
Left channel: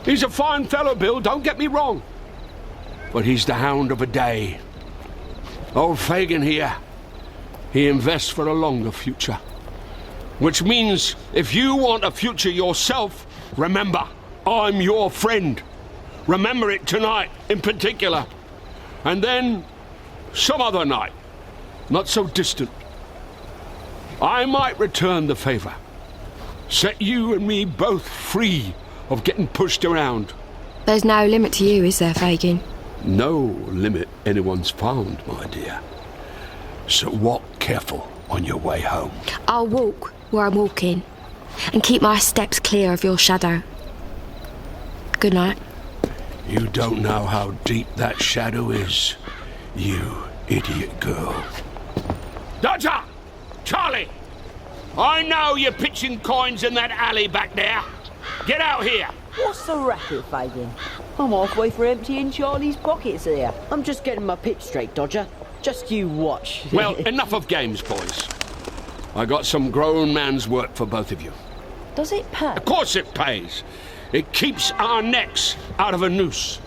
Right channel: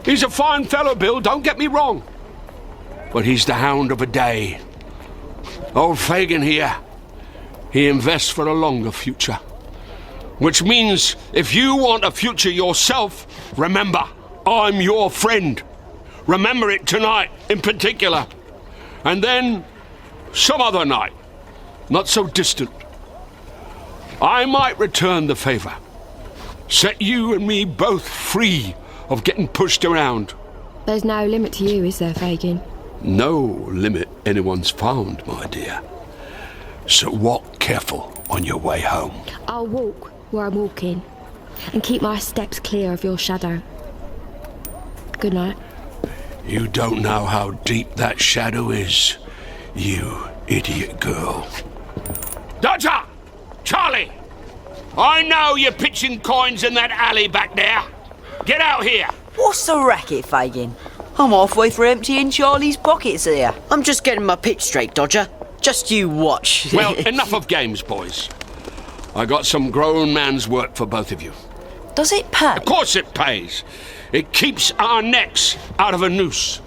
He's a fine fellow, Bill, don't get me wrong. But he's the hound of a day. Old Fagin here, he invests for a longer future. Which means if you want a future yourself, remember, I'm your friend. Remember it tonight in particular. And then some other night, not so distant. I might return the favour. Set you and me both free of getting pushed around. There's no limit to you, is there, Fagin? No limit anyone's found, my dear. So walk careful on your way home. I'll walk where I'm walking and keep my steps clear of your shadow. Good night. You don't know how deep that shadow is, you idiot girl. Dodger! Charlie! I know you're pitching coins in that alley back there. Get out here. What's the racket, Fagin? I'm halfway through emptying Charlie's pockets here. I'm just getting my pitch straight, Dodger. Just you watch. Well, enough of games, boys. I got some grown man's work for both of you. Does it pay? Of course it pays. It keeps our necks out of a noose.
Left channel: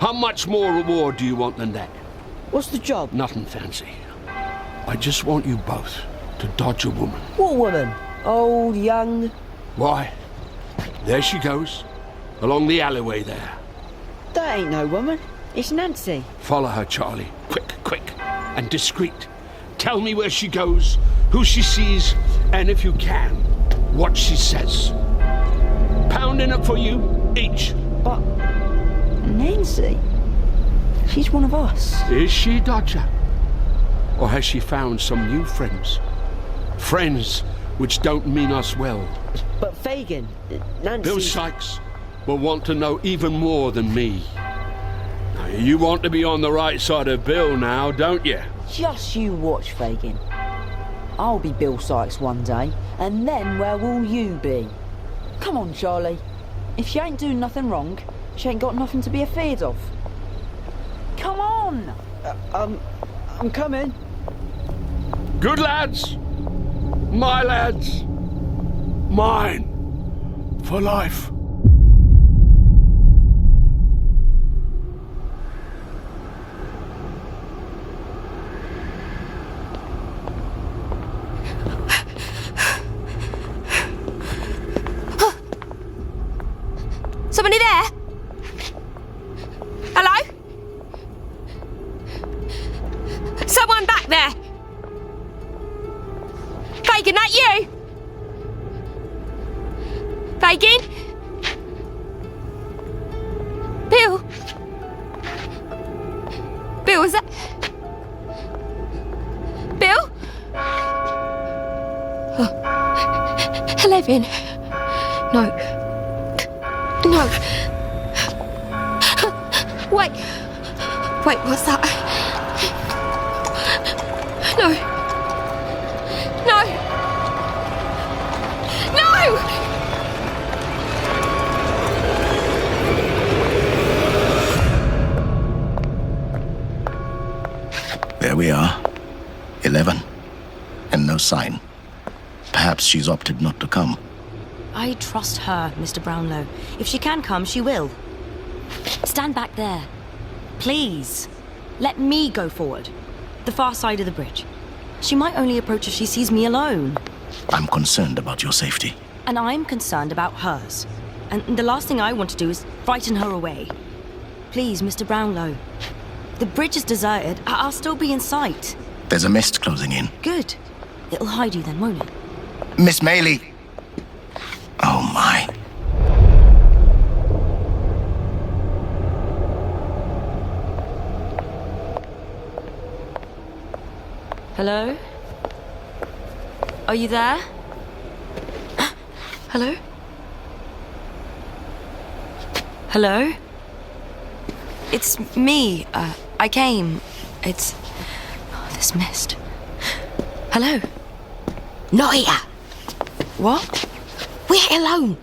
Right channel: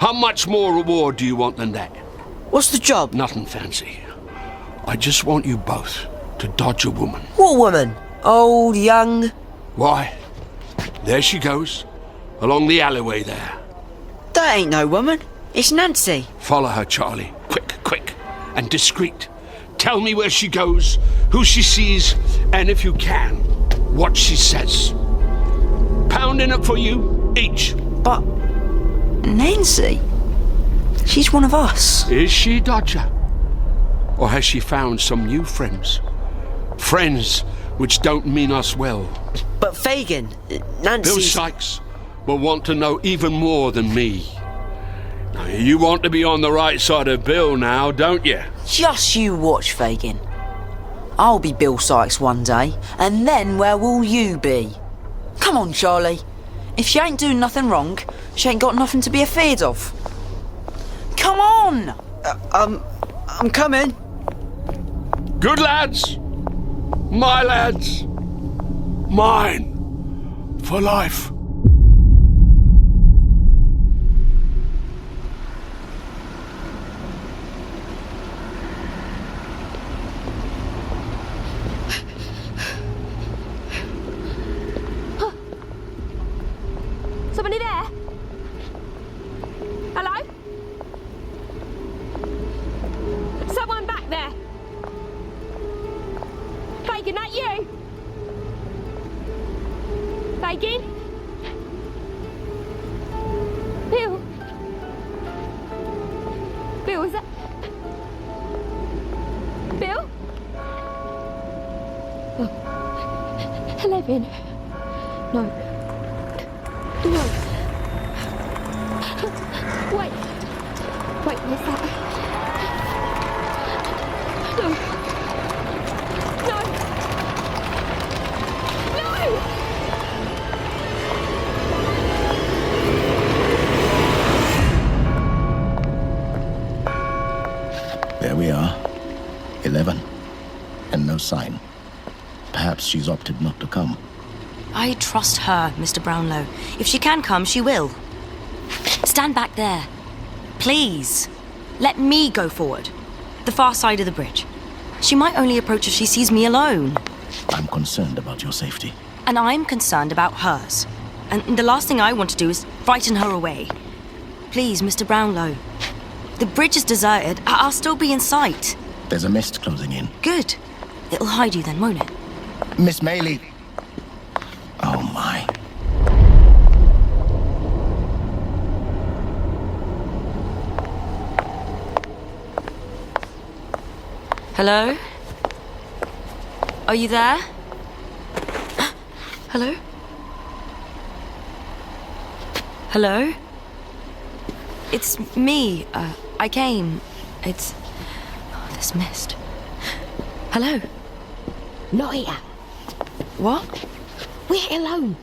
How much more reward do you want than that? What's the job? Nothing fancy. I just want you both to dodge a woman. What woman? Old, young? Why? There she goes, along the alleyway there. That ain't no woman. It's Nancy. Follow her, Charlie. Quick, quick, and discreet. Tell me where she goes, who she sees, and if you can, what she says. Pounding it for you, each. But Nancy? She's one of us. Is she, Dodger? Or has she found some new friends? Friends which don't mean us well. But Fagin, Nancy... Bill Sykes will want to know even more than me. Now, you want to be on the right side of Bill now, don't you? Just you watch, Fagin. I'll be Bill Sykes one day, and then where will you be? Come on, Charlie. If she ain't doing nothing wrong, she ain't got nothing to be afeard of. Come on! I'm coming. Good lads. My lads. Mine. For life. Somebody there? Hello? Someone back there? Fagin, that you? Fagin? Bill? Bill, is that... Bill? Oh. 11. No. No. Wait. Wait, what's that? No. No. No! There we are. 11. And no sign. Perhaps she's opted not to come. I trust her, Mr. Brownlow. If she can come, she will. Stand back there. Please. Let me go forward. The far side of the bridge. She might only approach if she sees me alone. I'm concerned about your safety. And I'm concerned about hers. And the last thing I want to do is frighten her away. Please, Mr. Brownlow. The bridge is deserted. I'll still be in sight. There's a mist closing in. Good. It'll hide you then, won't it? Miss Maylie. Oh, my. Hello? Are you there? Hello? Hello? It's me. I came. It's... Oh, this mist. Hello? Not here. What? We ain't alone.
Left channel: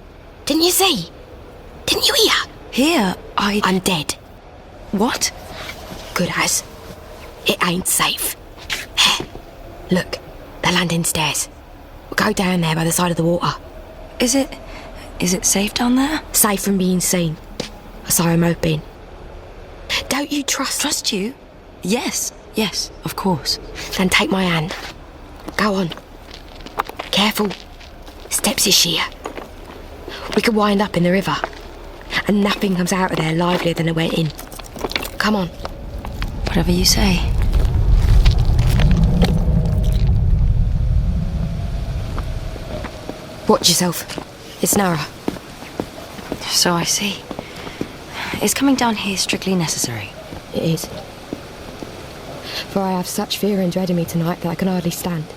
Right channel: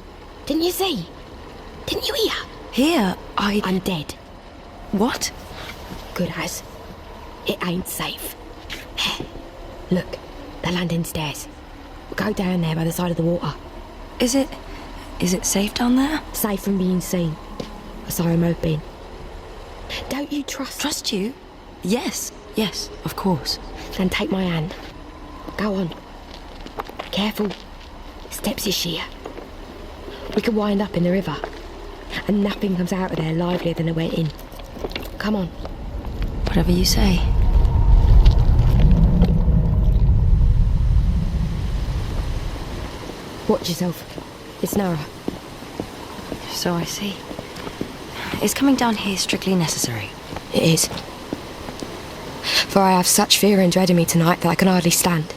Didn't you see? Didn't you hear? Here, I'm dead. What? Good as. It ain't safe. Look, the landing stairs. We'll go down there by the side of the water. Is it safe down there? Safe from being seen. So I'm hoping. Don't you trust... Trust you? Yes, of course. Then take my hand. Go on. Careful. Steps is sheer. We could wind up in the river. And nothing comes out of there livelier than it went in. Come on. Whatever you say. Watch yourself. It's narrow. So I see. Is coming down here strictly necessary? It is. For I have such fear and dread in me tonight that I can hardly stand.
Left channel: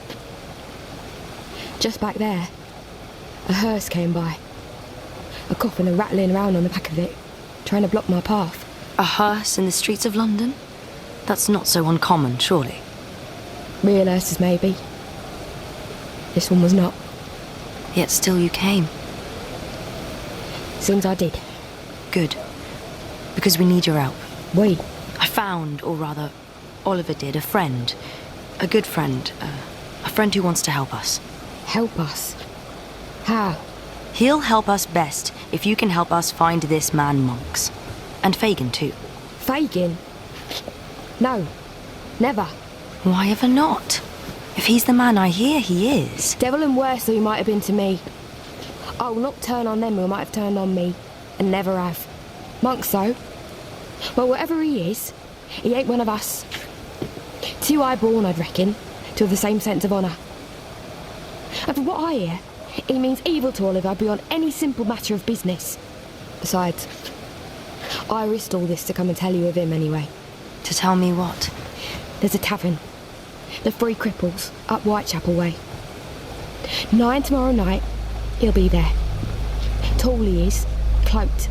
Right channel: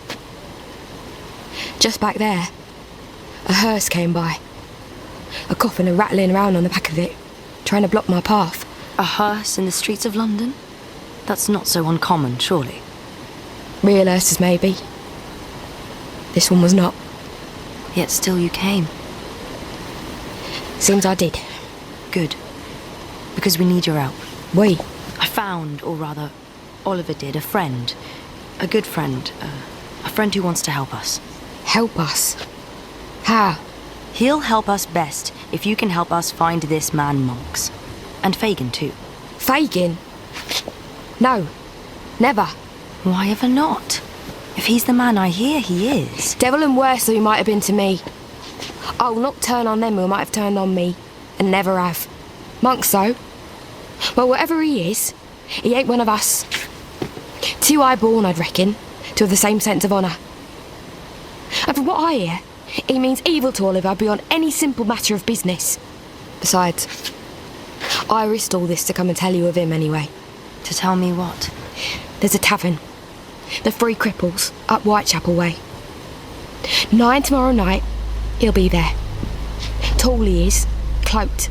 Just back there, a hearse came by. A coffin and rattling around on the back of it, trying to block my path. A hearse in the streets of London? That's not so uncommon, surely. Real hearses, maybe. This one was not. Yet still you came. Seems I did. Good. Because we need your help. We? I found, or rather, Oliver did, a friend. A good friend. A friend who wants to help us. Help us? How? He'll help us best if you can help us find this man Monks. And Fagin, too. Fagin? No. Never. Why ever not? If he's the man I hear he is. Devil and worse than he might have been to me. I will not turn on them who might have turned on me, and never have. Monks, though. Well, whatever he is, he ain't one of us. Too high born, I'd reckon, to have the same sense of honour. And from what I hear, he means evil to Oliver beyond any simple matter of business. Besides, I risked all this to come and tell you of him anyway. To tell me what? There's a tavern. The Three Cripples, up Whitechapel way. 9 tomorrow night, he'll be there. Tall he is, cloaked,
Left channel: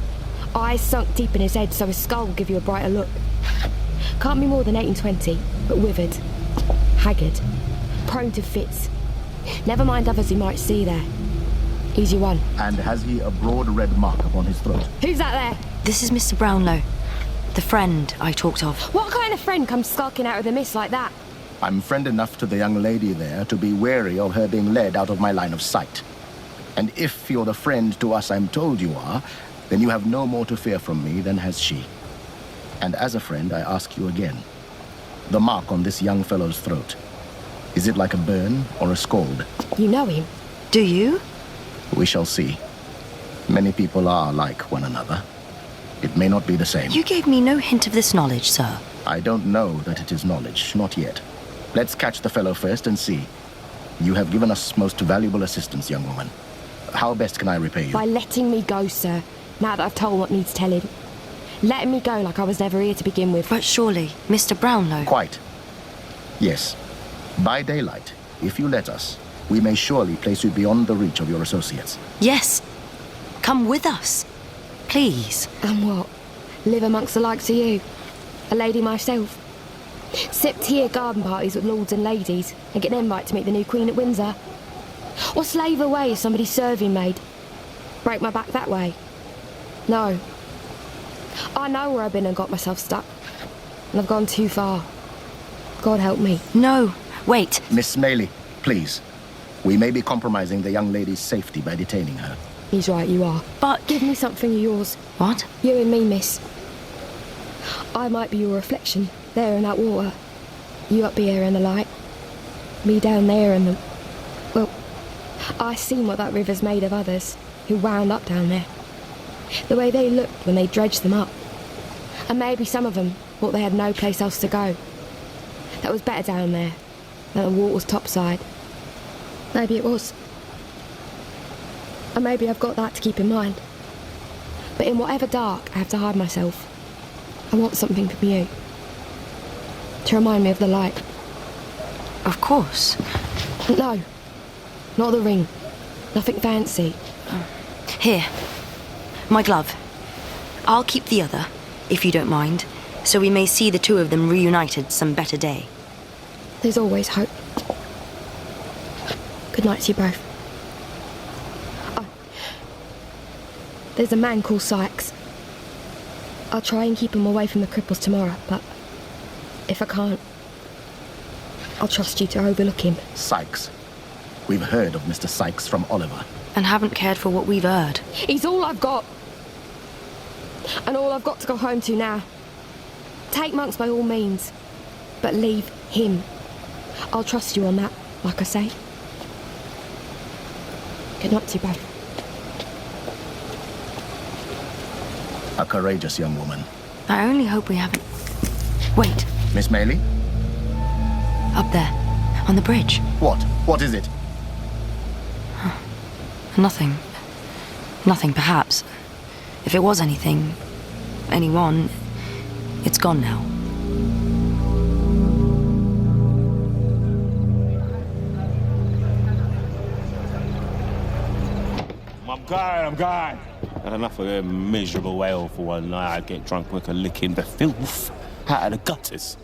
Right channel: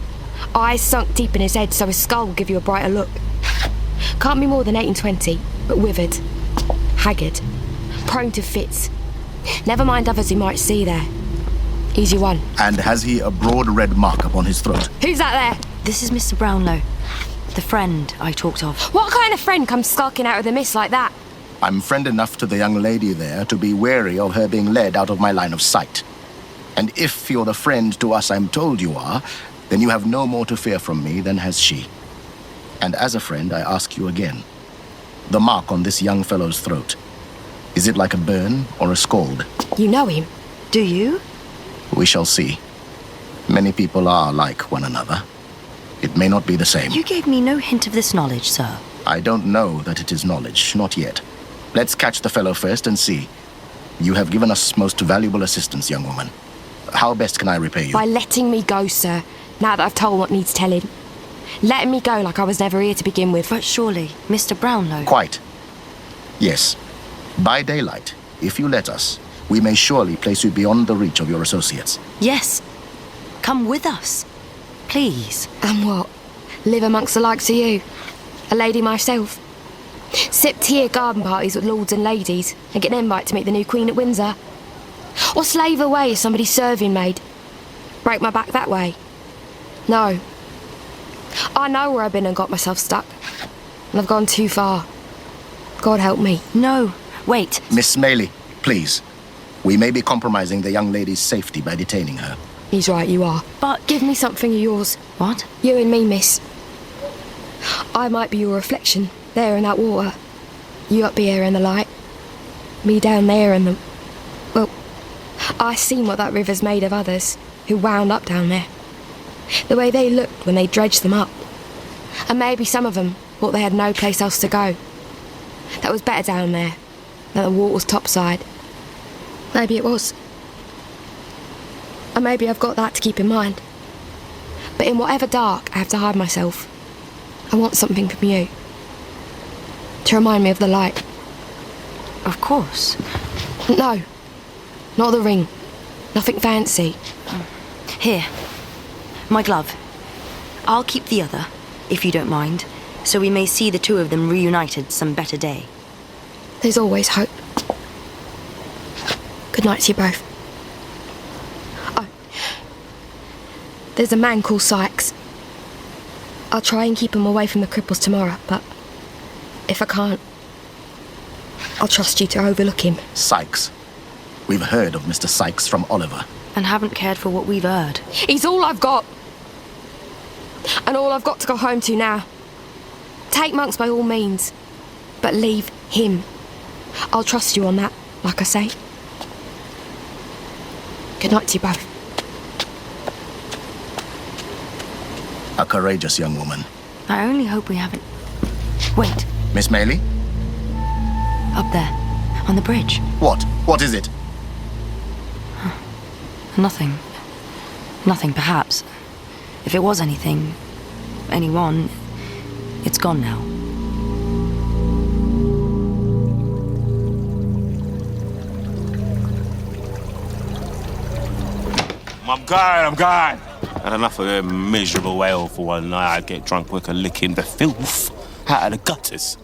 eyes sunk deep in his head so his skull will give you a brighter look. Can't be more than 8 and 20, but withered, haggard, prone to fits. Never mind others he might see there. Easy one. And has he a broad red mark upon his throat? Who's that there? This is Mr. Brownlow, the friend I talked of. What kind of friend comes skulking out of the mist like that? I'm friend enough to the young lady there to be wary of her being led out of my line of sight. And if you're the friend to us I'm told you are, then you have no more to fear from me than has she. And as a friend, I ask you again, the mark on this young fellow's throat, is it like a burn or a scald? You know him. Do you? We shall see. Many people are like one another. It may not be the same. You gave me no hint of this knowledge, sir. I don't know that it is knowledge, not yet. Let's catch the fellow first and see. You have given us most valuable assistance, young woman. How best can I repay you? By letting me go, sir, now that I've told what needs telling. Letting me go like I was never here to begin with. But surely, Mr. Brownlow... Quite. Yes. By daylight, if you let us, we may surely place you beyond the reach of your associates. Yes. Come with us. Please. And what? Live amongst the likes of you? A lady myself? Sip tea at garden parties with lords and ladies and get an invite to meet the new Queen at Windsor? Or slave away as somebody's serving maid? Break my back that way? No. I know where I've been and got myself stuck. And I've gone too far. God help me. No. Wait. Miss Smaley, please. We may be compromising the young lady's safety by detaining her. He's right, you are. But... Give me something of yours. What? You and me, miss. I might be your reflection, there in that water. You up here in the light. Me down there in the... Well, I seen what that river's made of others who wound up down there. The way they looked when they dredged them up. And maybe some of them thought they had no place else to go. That was better down there than the water's topside. Maybe it was. And maybe I've got that to keep in mind. But in whatever dark I have to hide myself, I want something from you. To remind me of the light. Of course. No. Not the ring. Nothing fancy. Here. My glove. I'll keep the other, if you don't mind, so we may see the two of them reunited some better day. There's always hope. Good night to you both. Oh. There's a man called Sykes. I'll try and keep him away from the cripples tomorrow, but if I can't, I'll trust you to overlook him. Sykes. We've heard of Mr. Sykes from Oliver. And haven't cared for what we've heard. He's all I've got. And all I've got to go home to now. Take Monks by all means, but leave him. I'll trust you on that, like I say. Good night to you both. A courageous young woman. I only hope we haven't... Wait. Miss Maley? Up there, on the bridge. What? What is it? Nothing. Nothing, perhaps. If it was anything, anyone, it's gone now. I'm gone. Had enough of a miserable whale for one night. I'd get drunk with a licking the filth out of the gutters.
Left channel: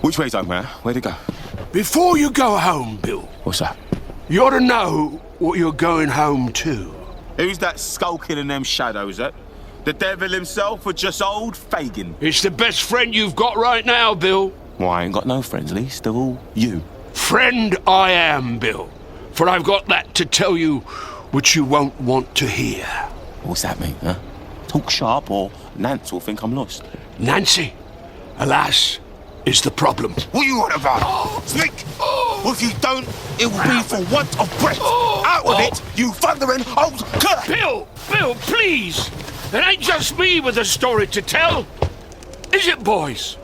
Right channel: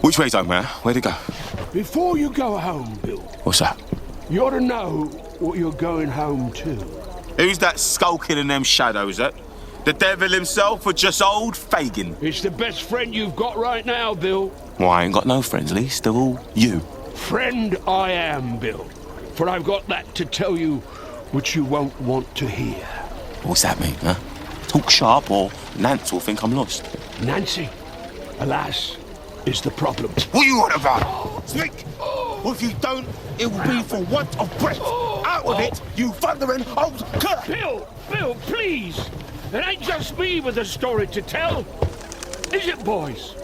Which way's home, man? Where'd it go? Before you go home, Bill. What's that? You ought to know what you're going home to. Who's that skulking in them shadows, eh? The devil himself or just old Fagin? It's the best friend you've got right now, Bill. Well, I ain't got no friends, Least. They're all you. Friend I am, Bill. For I've got that to tell you which you won't want to hear. What's that mean, huh? Talk sharp or Nance will think I'm lost. Nancy? Alas, is the problem. What are you on about? Speak! Or if you don't, it will be for want of breath. Out with it, you thundering old cur! Bill, please! It ain't just me with a story to tell. Is it, boys?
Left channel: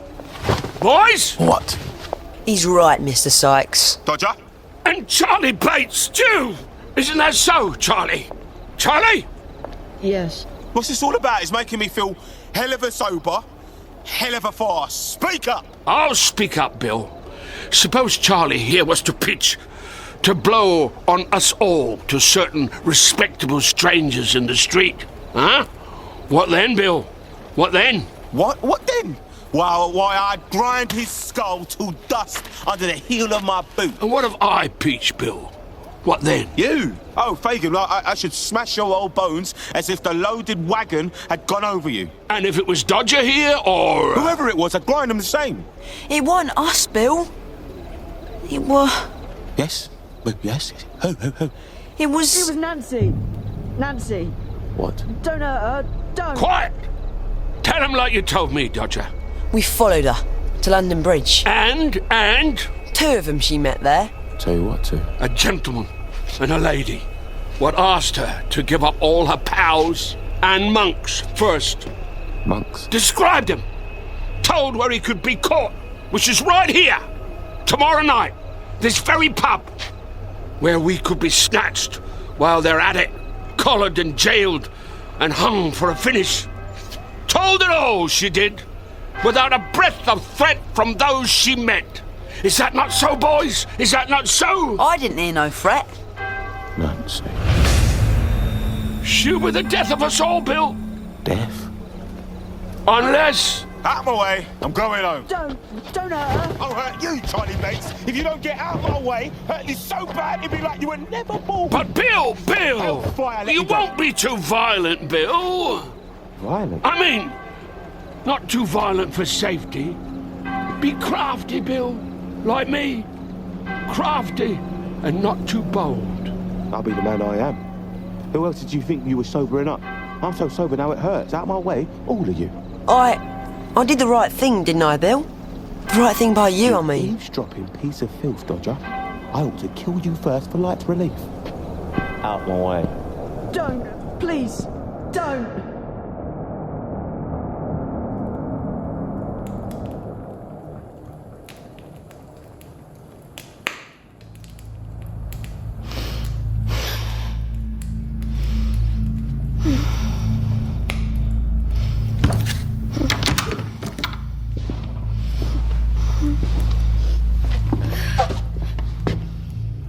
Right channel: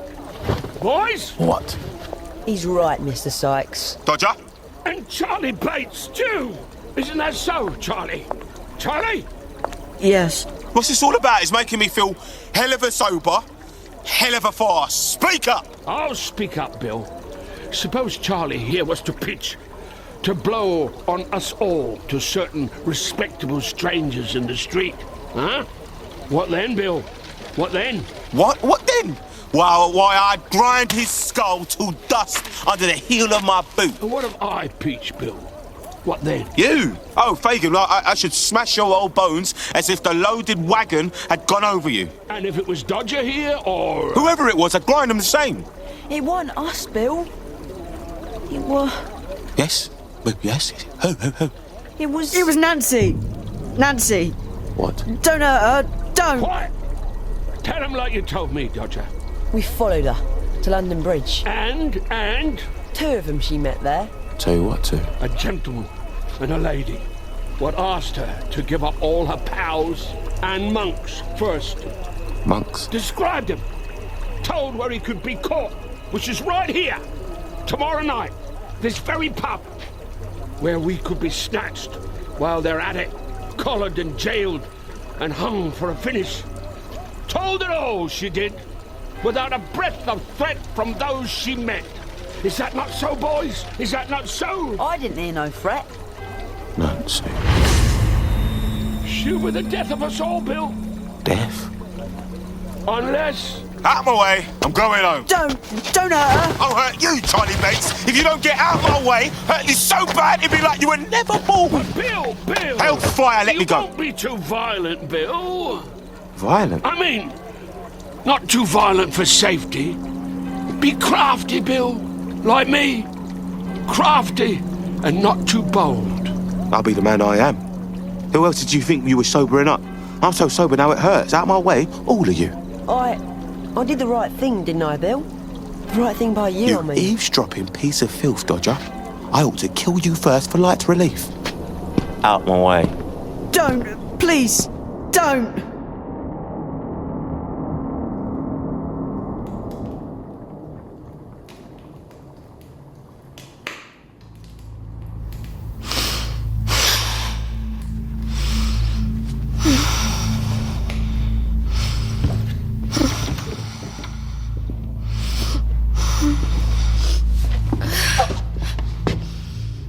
Boys? What? He's right, Mr. Sykes. Dodger? And Charlie Bates, too! Isn't that so, Charlie? Charlie? Yes. What's this all about? It's making me feel hell of a sober, hell of a fast. Speak up! I'll speak up, Bill. Suppose Charlie here was to pitch, to blow on us all to certain respectable strangers in the street. Huh? What then, Bill? What then? What then? Well, why, I'd grind his skull to dust under the heel of my boot. And what if I pitch, Bill? What then? You? Oh, Fagin, I should smash your old bones as if the loaded wagon had gone over you. And if it was Dodger here, or... Whoever it was, I'd grind them the same. It wasn't us, Bill. It was... Yes? Yes? Who? It was Nancy. Nancy. What? Don't hurt her. Don't. Quiet! Tell him like you told me, Dodger. We followed her to London Bridge. And? Two of them she met there. Tell you what to. A gentleman and a lady. What asked her to give up all her pals and monks first. Monks? Described him. Told where he could be caught, which is right here. Tomorrow night. This very pub. Where we could be snatched while they're at it. Collared and jailed and hung for a finish. Told it all, she did. Without a breath of threat from those she met. Is that not so, boys? Is that not so? I didn't hear no threat. Nancy. She were the death of us all, Bill. Death? Unless... Out of my way, I'm going home. Don't hurt her. I'll hurt you, Charlie Bates. If you don't get out of my way, hurt you so bad it'd be like you were never born. But Bill! Hellfire, let me go. You won't be too violent, Bill. Violent? I mean, not too violent for safety. Be crafty, Bill. Like me. Crafty and not too bold. I'll be the man I am. Who else did you think you were sobering up? I'm so sober now it hurts. Out of my way, all of you. I did the right thing, didn't I, Bill? The right thing by you, I mean. Eavesdropping piece of filth, Dodger. I ought to kill you first for light relief. Out my way. Don't. Please. Don't.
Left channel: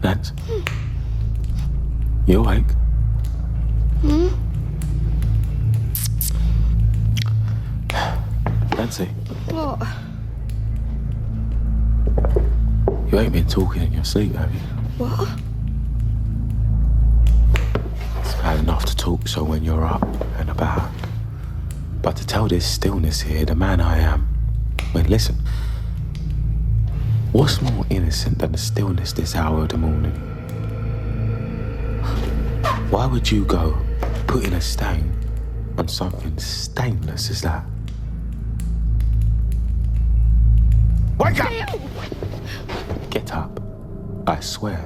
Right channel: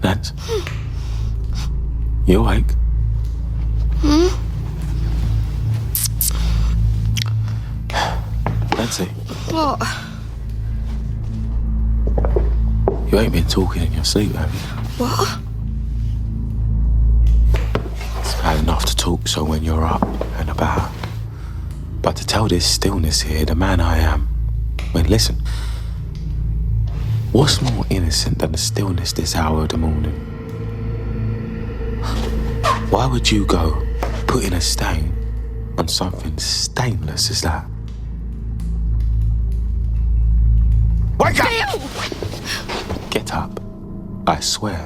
Nance? You awake? Nancy? What? You ain't been talking in your sleep, have you? What? It's bad enough to talk so when you're up and about. But to tell this stillness here, the man I am... Well, listen. What's more innocent than the stillness this hour of the morning? Why would you go putting a stain on something stainless as that? Wake up! Bill! Get up. I swear.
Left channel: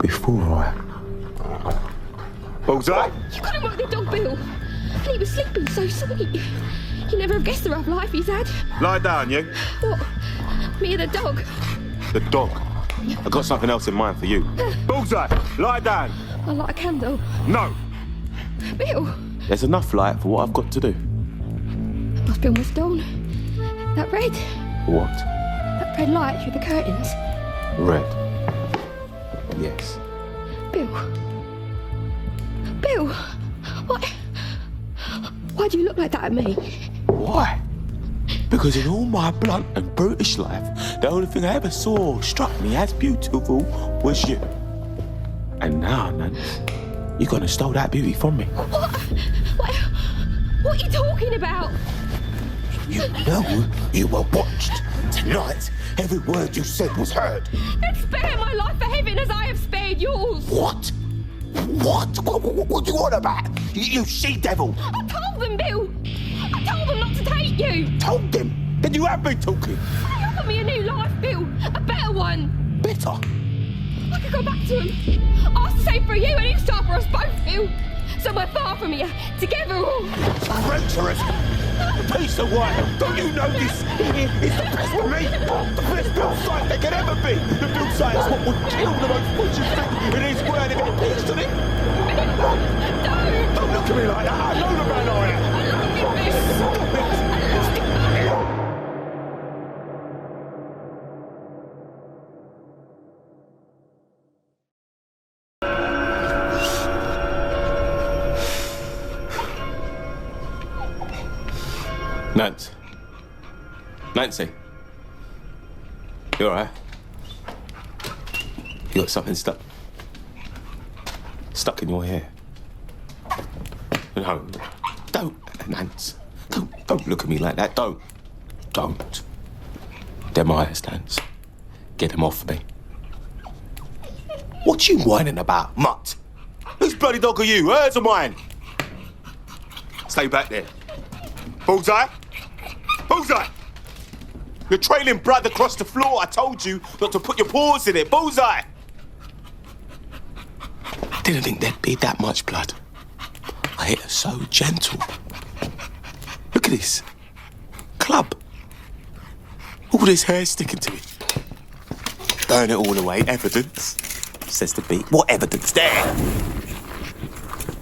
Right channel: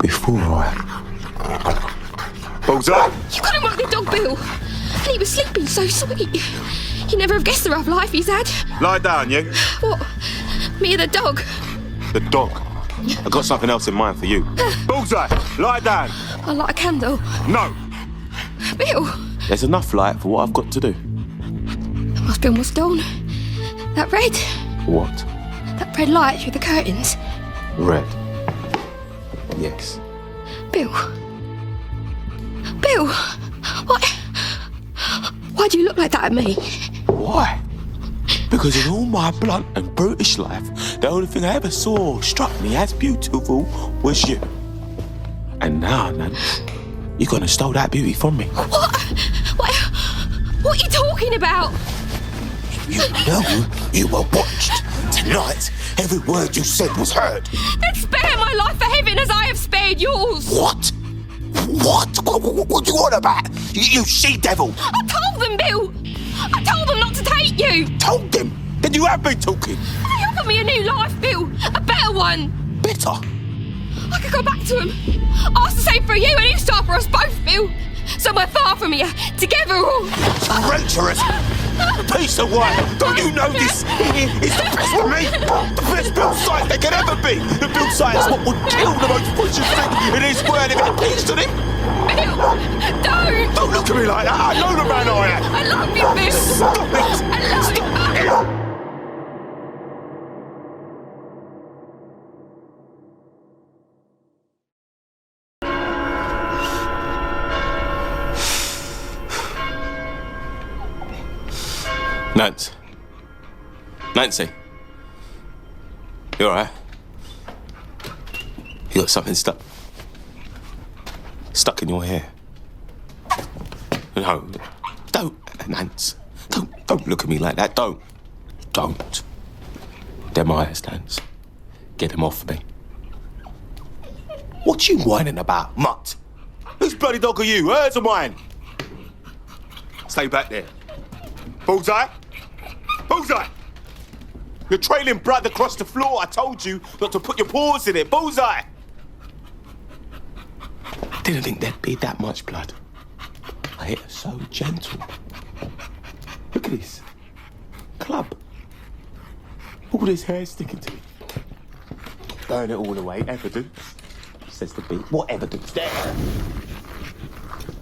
Before I... Bullseye! You couldn't work the dog, Bill. And he was sleeping so sweet. You never have guessed the rough life he's had. Lie down, you. What? Me and the dog? The dog. I got something else in mind for you. Bullseye! Lie down! I light a candle. No! Bill! There's enough light for what I've got to do. Must be almost dawn. That red. What? That red light through the curtains. Red. Yes. Bill. Bill! Why do you look like that at me? Why? Because in all my blunt and brutish life, the only thing I ever saw or struck me as beautiful was you. And now, Nance, you're gonna steal that beauty from me. What are you talking about? You know you were watched. Tonight, every word you said was heard. Then spare my life for heaven as I have spared yours. What? What you on about? You she-devil! I told them, Bill! I told them not to take you! Told them? Then you have been talking. He offered me a new life, Bill. A better one. Better? I could go back to him. Ask the same for you and you start for us both, Bill. So we're far from here, together all. Treacherous. Piece of work. Don't you know this? It's the best of me. The best built site there can ever be. The built site is what would kill the most precious thing in his word if it appeals to him. Don't! Don't look at me like that. I know the man I am. I love you, Bill. Stop it. Stop it. Nancy. You alright? You got something stuck in your hair? No, don't, Nance. Don't look at me like that. Don't. Them eyes, Nance. Get them off me. What you whining about, mutt? Whose bloody dog are you? Hers or mine? Stay back there. Bullseye? Bullseye! You're trailing blood across the floor. I told you not to put your paws in it. Bullseye! I didn't think there'd be that much blood. I hit her so gentle. Look at this. Club. All this hair sticking to it. Burn it all away. Evidence, says the beat. What evidence there?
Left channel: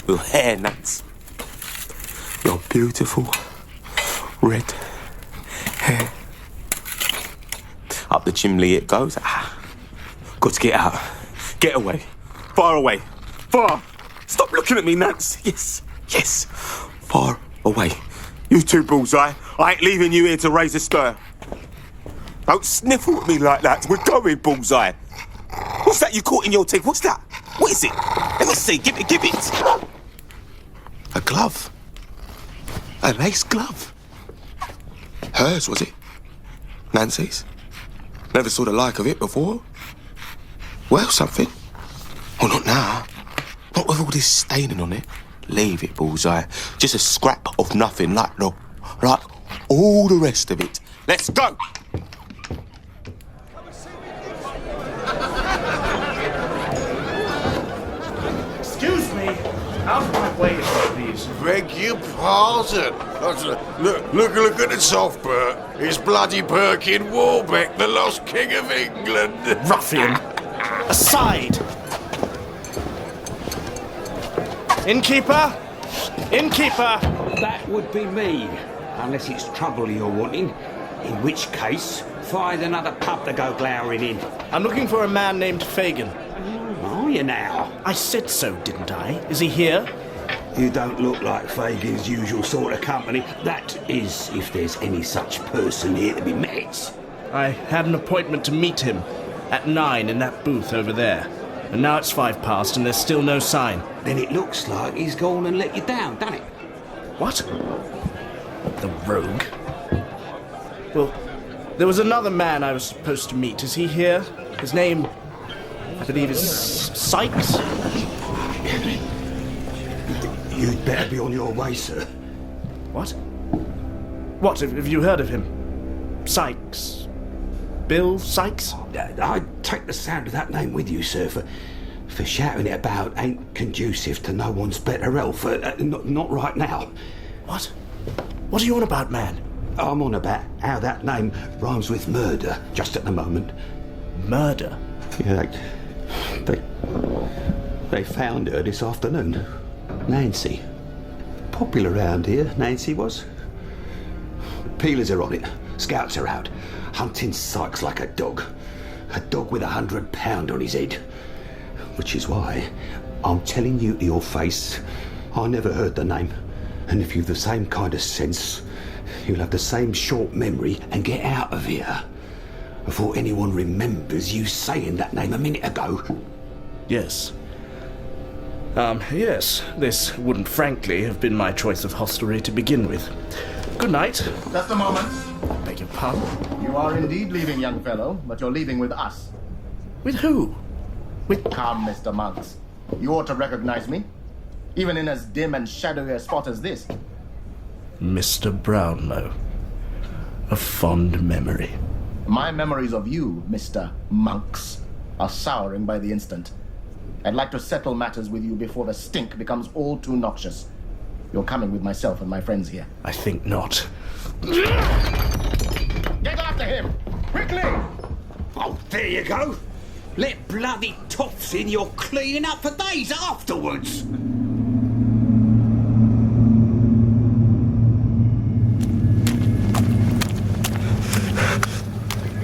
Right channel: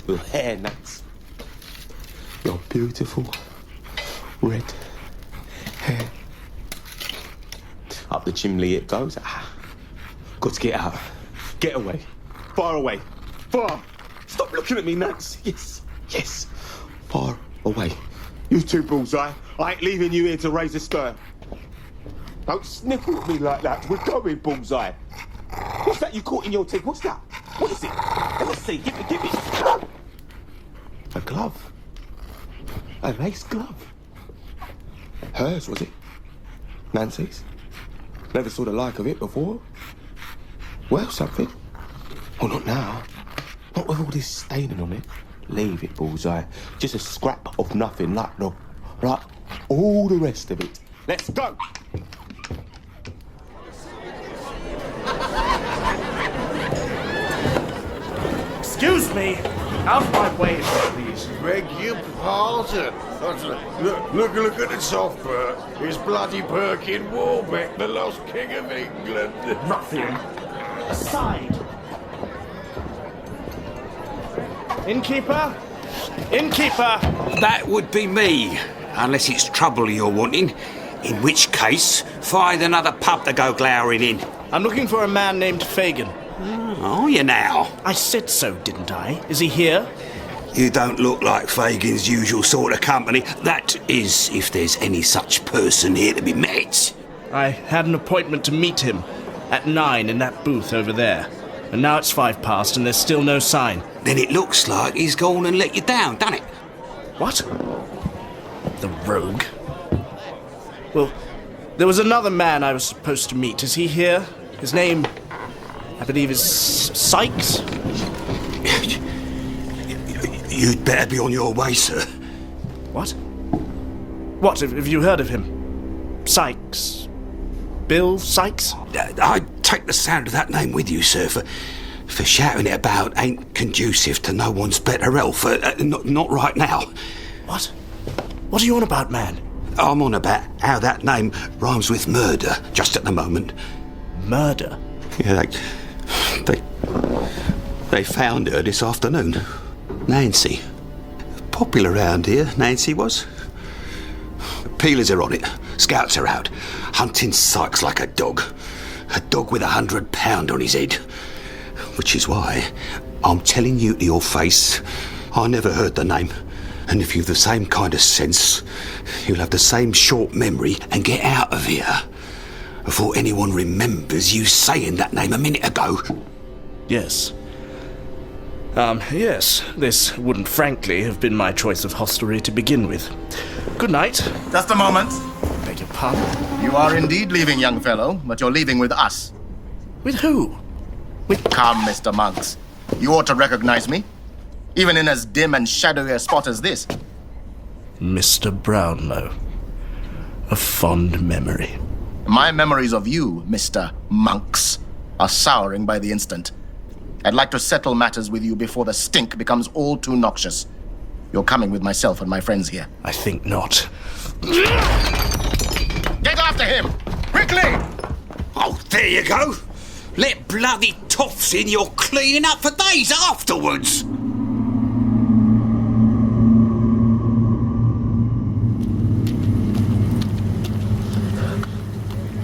Your hair nuts. Your beautiful red hair. Up the chimney it goes. Got to get out. Get away. Far away. Far. Stop looking at me, Nance. Yes. Far away. You too, Bullseye. I ain't leaving you here to raise a stir. Don't sniffle at me like that. We're going, Bullseye. What's that you caught in your teeth? What's that? What is it? Let me see. Give it. A glove. A lace glove. Hers, was it? Nancy's? Never saw the like of it before. Well, something. Well, not now. Not with all this staining on it. Leave it, Bullseye. Just a scrap of nothing, like all the rest of it. Let's go! Excuse me. Out of my way, please. Beg your pardon. Look at the soft Bert. It's bloody Perkin Warbeck, the lost king of England. Ruffian. Aside. Innkeeper? Innkeeper! That would be me, unless it's trouble you're wanting. In which case, find another pub to go glowering in. I'm looking for a man named Fagin. Are you now? I said so, didn't I? Is he here? You don't look like Fagin's usual sort of company. That is, if there's any such person here to be met. I had an appointment to meet him at 9 in that booth over there. And now it's 5 past and there's still no sign. Then it looks like he's gone and let you down, doesn't it? What? The rogue. Well, there was another man I was supposed to meet. Is he here? His name, I believe, is Sykes? You'd better be on your way, sir. What? What, have you heard of him? Sykes? Bill Sykes? I'd take the sound of that name with you, sir, for shouting it about ain't conducive to no one's better health. Not right now. What? What are you on about, man? I'm on about how that name rhymes with murder, just at the moment. Murder? Yeah, they found her this afternoon. Nancy. Popular round here, Nancy was. Peelers are on it. Scouts are out. Hunting Sykes like a dog. A dog with £100 on his head. Which is why I'm telling you to your face, I never heard the name. And if you've the same kind of sense, you'll have the same short memory and get out of here before anyone remembers you saying that name a minute ago. Yes. Yes. This wouldn't frankly have been my choice of hostelry to begin with. Good night. Just a moment. Beg your pardon? You are indeed leaving, young fellow, but you're leaving with us. With who? Come, Mr. Monks. You ought to recognize me, even in as dim and shadowy a spot as this. Mr. Brownlow. of fond memory. My memories of you, Mr. Monks, are souring by the instant. I'd like to settle matters with you before the stink becomes all too noxious. You're coming with myself and my friends here. I think not. Get after him! Quickly! Oh, there you go. Let bloody toffs in, you're cleaning up for days afterwards.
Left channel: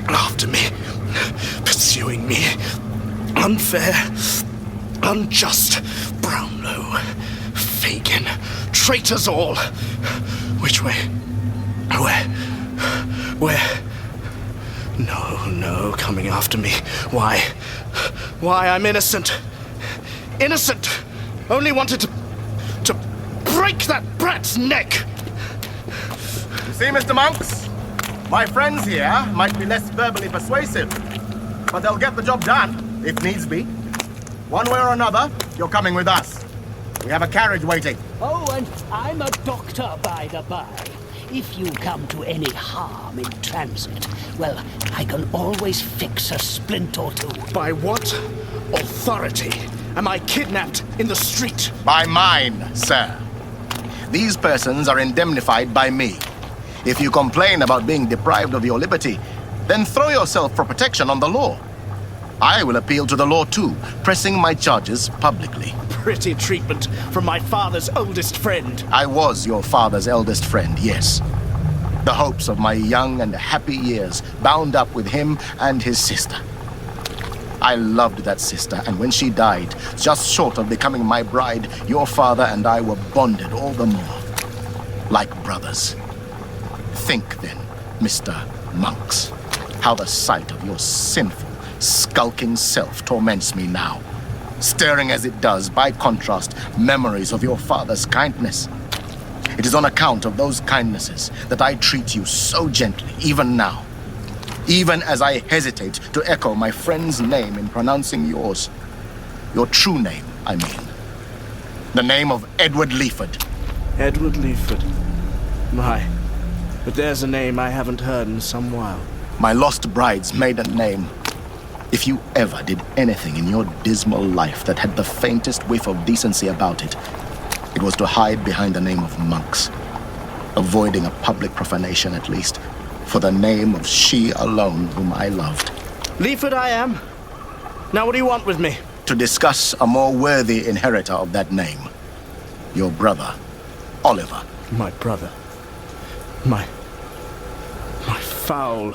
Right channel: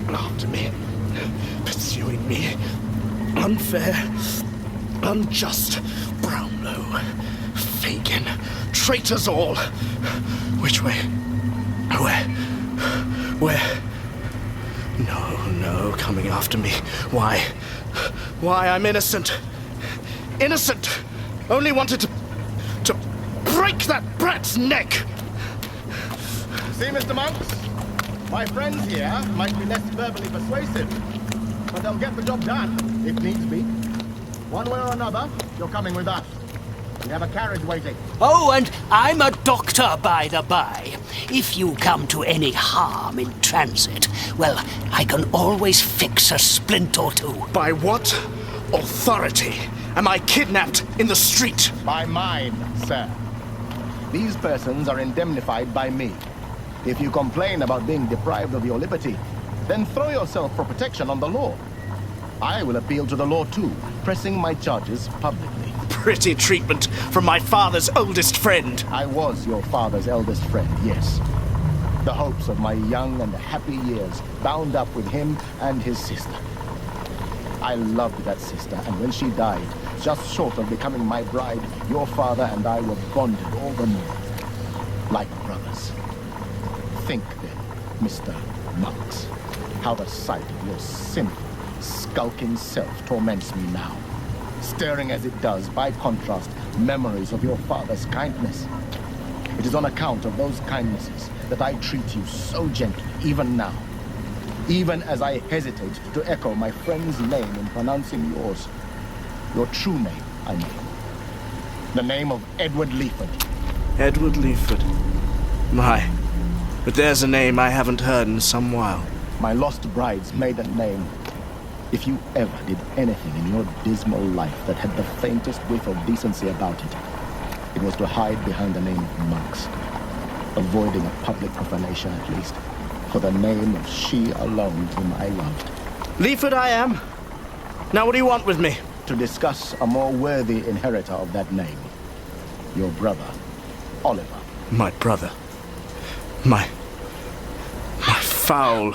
After me, pursuing me. Unfair, unjust. Brownlow, Fagin, traitors all. Which way? Where? No, coming after me. Why? I'm innocent. Innocent! Only wanted to break that brat's neck! You see, Mr. Monks? My friends here might be less verbally persuasive, but they'll get the job done, if needs be. One way or another, you're coming with us. We have a carriage waiting. Oh, and I'm a doctor, by the by. If you come to any harm in transit, well, I can always fix a splint or two. By what authority am I kidnapped in the street? By mine, sir. These persons are indemnified by me. If you complain about being deprived of your liberty, then throw yourself for protection on the law. I will appeal to the law too, pressing my charges publicly. Pretty treatment from my father's oldest friend. I was your father's eldest friend, yes. The hopes of my young and happy years bound up with him and his sister. I loved that sister, and when she died, just short of becoming my bride, your father and I were bonded all the more, like brothers. Think then, Mr. Monks, how the sight of your sinful, skulking self torments me now, stirring as it does, by contrast, memories of your father's kindness. It is on account of those kindnesses that I treat you so gently, even now, even as I hesitate to echo my friend's name in pronouncing yours. Your true name, I mean. The name of Edward Leaford. Edward Leaford. My, but there's a name I haven't heard in some while. My lost bride's maiden name. If you ever did anything in your dismal life that had the faintest whiff of decency about it, it was to hide behind the name of Monks, avoiding a public profanation at least, for the name of she alone whom I loved. Leaford I am. Now what do you want with me? To discuss a more worthy inheritor of that name. Your brother, Oliver. My brother. My foul,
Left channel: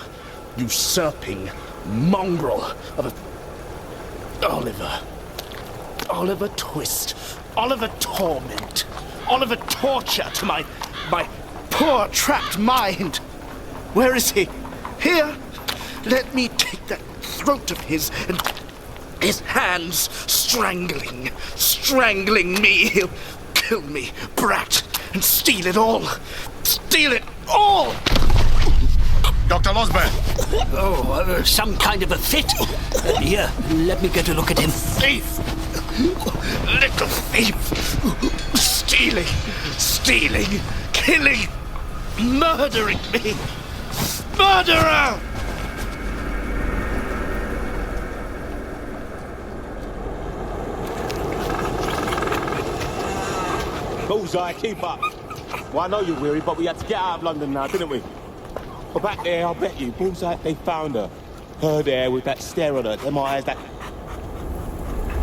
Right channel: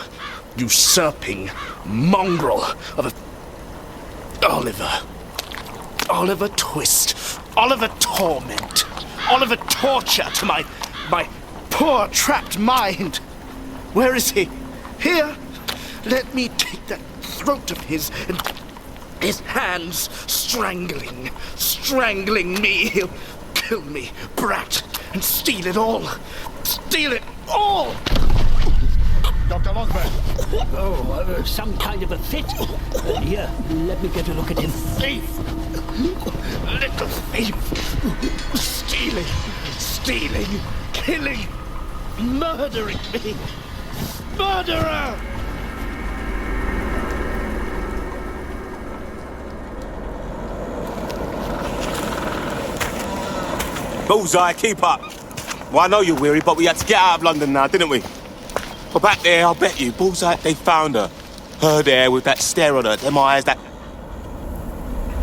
usurping mongrel of a... Oliver Twist. Oliver Torment. Oliver Torture to my poor trapped mind. Where is he? Here? Let me take that throat of his and his hands strangling me. He'll kill me, brat, and steal it all. Steal it all! Dr. Losberne. Oh, some kind of a fit. Here, let me get a look at him. Thief! Little thief! Stealing, killing, murdering me! Murderer! Bullseye, keep up. Well, I know you're weary, but we had to get out of London now, didn't we? But back there, I'll bet you, Bullseye, they found her. Her there with that stare on her, them eyes, that...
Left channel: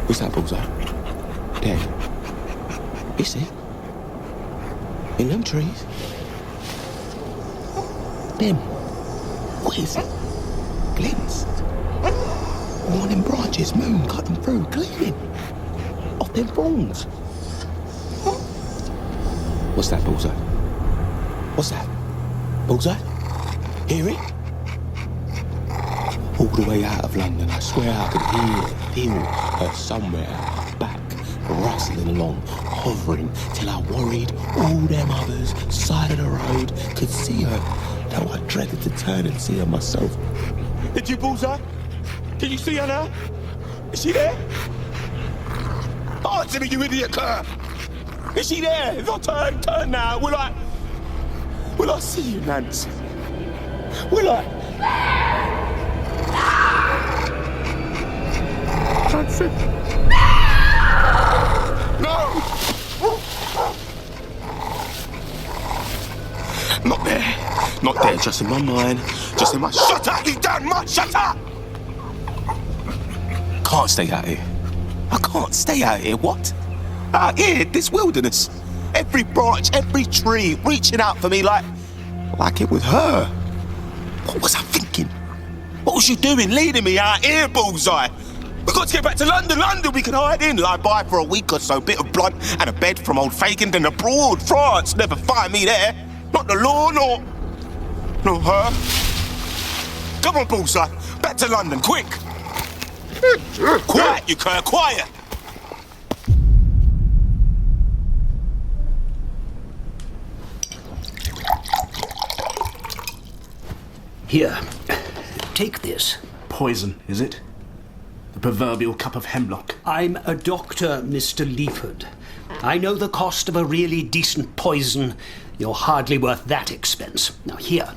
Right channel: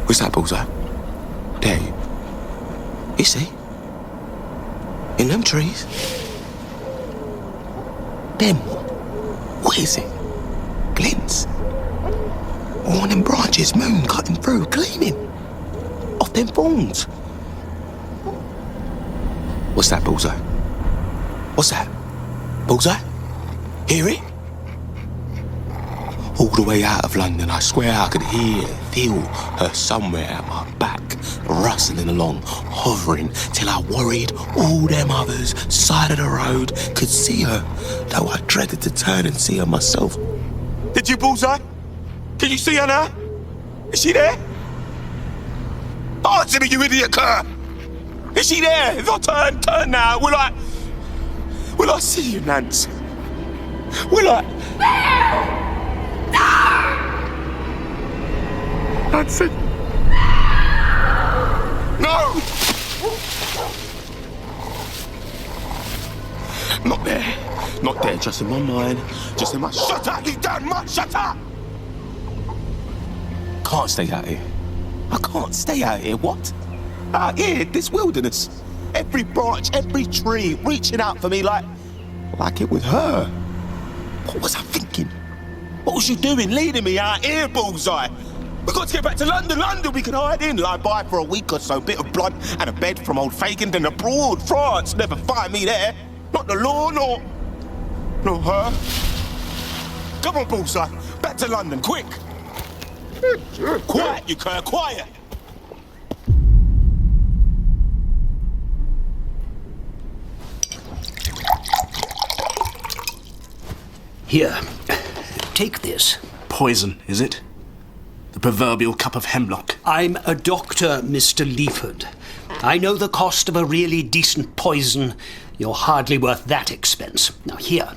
What's that, Bullseye? There. You see? In them trees. Them. What is it? Glints. All them branches, moon cut them through, gleaming. Off them thorns. What's that, Bullseye? What's that? Bullseye? Hear it? All the way out of London, I swear I could feel her somewhere at my back, rustling along, hovering, till I worried all them others, side of the road, could see her, though I dreaded to turn and see her myself. Did you, Bullseye? Can you see her now? Is she there? Answer me, you idiot cur! Is she there? If I turn now, will I see you, Nance? Will I? Nancy! No! Not there. Not there, just in my mind. Just in my... Shut up, you damn much! Shut up! Can't stay out here. I can't stay out here, what? Out here, this wilderness. Every branch, every tree reaching out for me like it was her. What was I thinking? What was you doing leading me out here, Bullseye? We've got to get back to London. London, we can hide in, lie by for a week or so, bit of blood and a bed from old Fagin, then abroad, France. Never find me there. Not the law, nor her. Come on, Bullseye. Back to London, quick. Quiet, you cur, quiet. Here, take this. Poison, is it? The proverbial cup of hemlock. I'm a doctor, Mr. Leaford. I know the cost of a really decent poison. You're hardly worth that expense. Now here,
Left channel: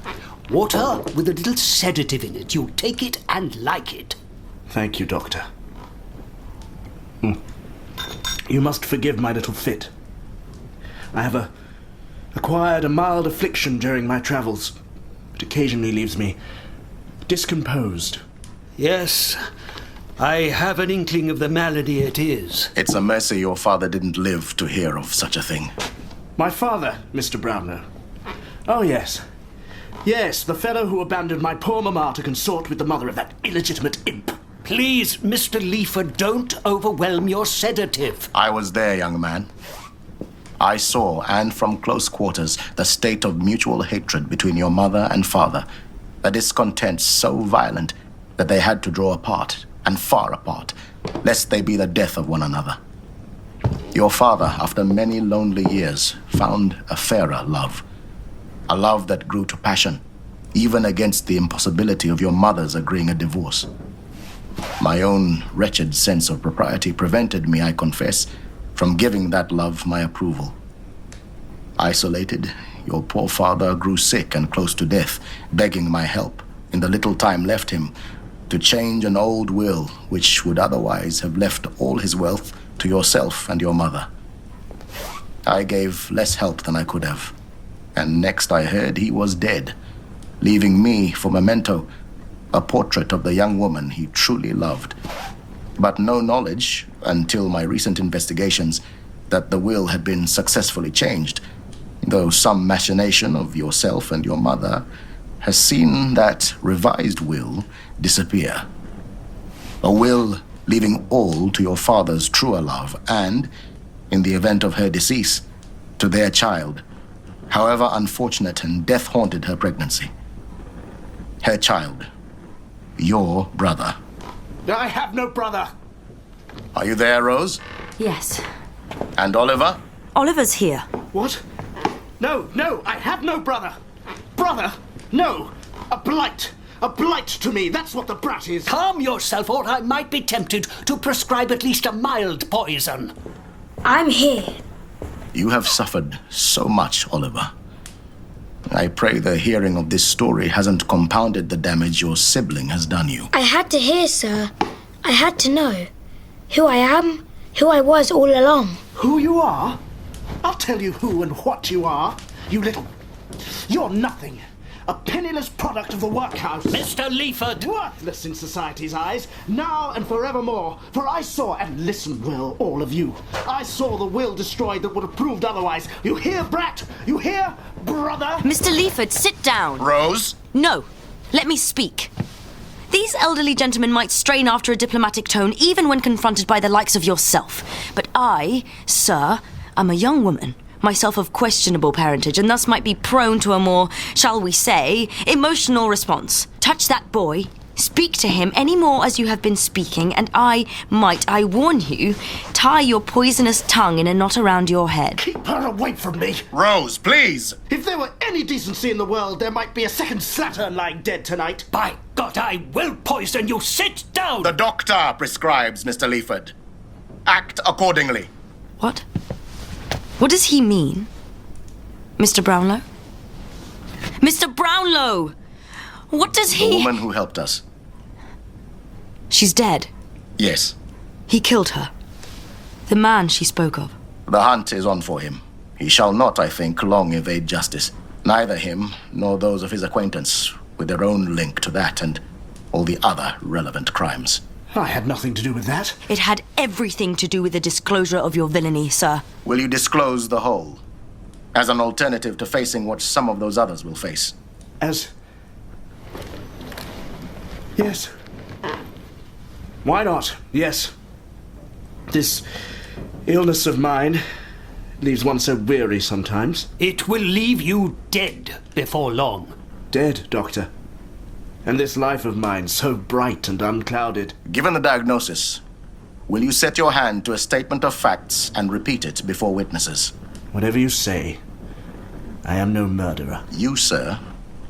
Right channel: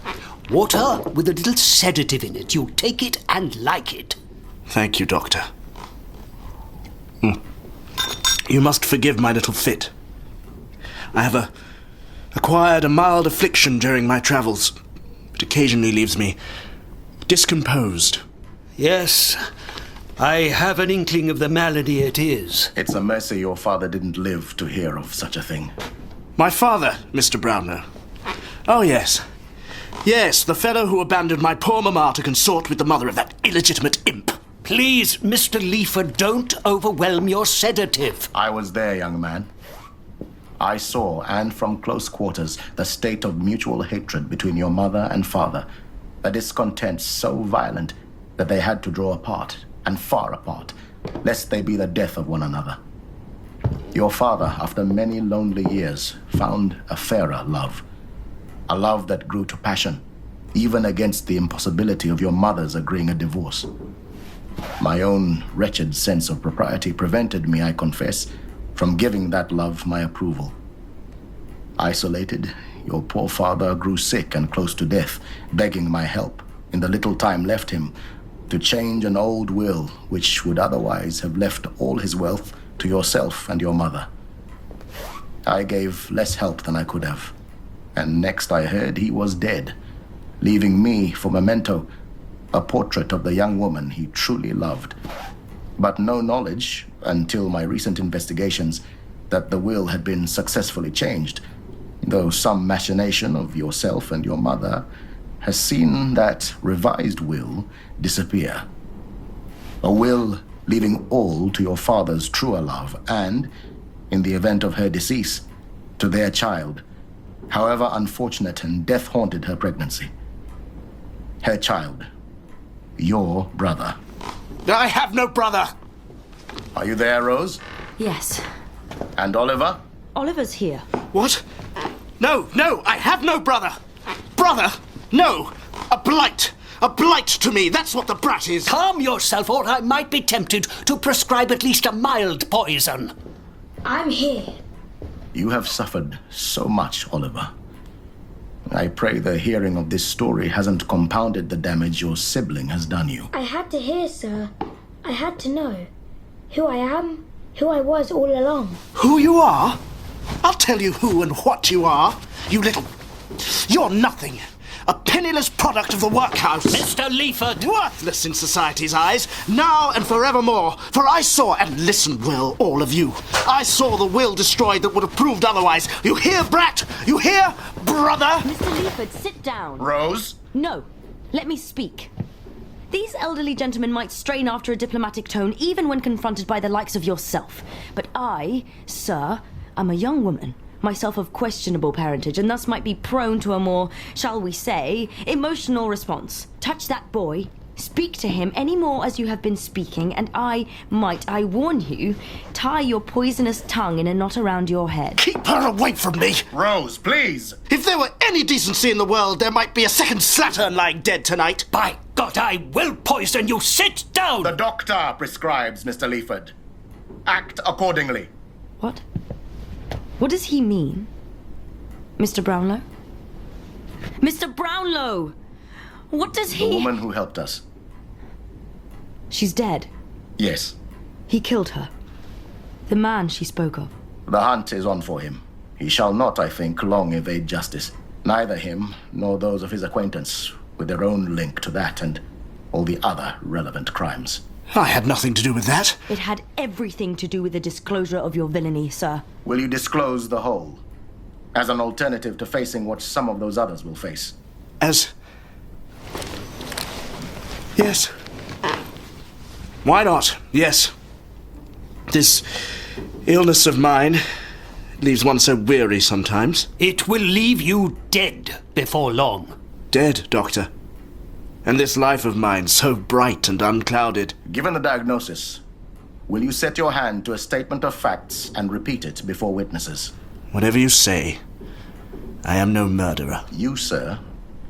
water with a little sedative in it. You take it and like it. Thank you, Doctor. You must forgive my little fit. I have acquired a mild affliction during my travels. It occasionally leaves me discomposed. Yes, I have an inkling of the malady it is. It's a mercy your father didn't live to hear of such a thing. My father, Mr. Brownlow. Oh, yes. Yes, the fellow who abandoned my poor mamma to consort with the mother of that illegitimate imp. Please, Mr. Leaford, don't overwhelm your sedative. I was there, young man. I saw, and from close quarters, the state of mutual hatred between your mother and father. A discontent so violent that they had to draw apart, and far apart, lest they be the death of one another. Your father, after many lonely years, found a fairer love. A love that grew to passion, even against the impossibility of your mother's agreeing a divorce. My own wretched sense of propriety prevented me, I confess, from giving that love my approval. Isolated, your poor father grew sick and close to death, begging my help, in the little time left him, to change an old will which would otherwise have left all his wealth to yourself and your mother. I gave less help than I could have, and next I heard he was dead, leaving me for memento a portrait of the young woman he truly loved, but no knowledge, until my recent investigations, that the will had been successfully changed, though some machination of yourself and your mother has seen that revised will disappear. A will leaving all to your father's truer love and, in the event of her decease, to their child, however unfortunate and death-haunted her pregnancy. Her child, your brother. I have no brother. Are you there, Rose? Yes. And Oliver? Oliver's here. What? No, I have no brother. Brother? No. A blight to me. That's what the brat is. Calm yourself, or I might be tempted to prescribe at least a mild poison. I'm here. You have suffered so much, Oliver. I pray the hearing of this story hasn't compounded the damage your sibling has done you. I had to hear, sir. I had to know who I am, who I was all along. Who you are? I'll tell you who and what you are. You're nothing. A penniless product of the workhouse. Mr. Leaford! Worthless in society's eyes, now and forevermore. For I saw, and listen, Will, all of you, I saw the will destroyed that would have proved otherwise. You hear, brat? You hear, brother? Mr. Leaford, sit down. Rose? No. Let me speak. These elderly gentlemen might strain after a diplomatic tone even when confronted by the likes of yourself. But I, sir, am a young woman, myself of questionable parentage, and thus might be prone to a more, shall we say, emotional response. Touch that boy, speak to him any more as you have been speaking, and I warn you, tie your poisonous tongue in a knot around your head. Keep her away from me. Rose, please. If there were any decency in the world, there might be a second slattern lying dead tonight. By God, I will poison you. Sit down. The doctor prescribes, Mr. Leaford. Act accordingly. What? What does he mean? Mr. Brownlow? Mr. Brownlow! What does The he... woman who helped us. She's dead. Yes. He killed her. The man she spoke of. The hunt is on for him. He shall not, I think, long evade justice. Neither him nor those of his acquaintance, with their own link to that and all the other relevant crimes. I had nothing to do with that. It had everything to do with the disclosure of your villainy, sir. Will you disclose the whole? As an alternative to facing what some of those others will face? Yes. Why not? Yes. This illness of mine leaves one so weary sometimes. It will leave you dead before long. Dead, Doctor. And this life of mine so bright and unclouded. Given the diagnosis, will you set your hand to a statement of facts and repeat it before witnesses? Whatever you say. I am no murderer. You, sir,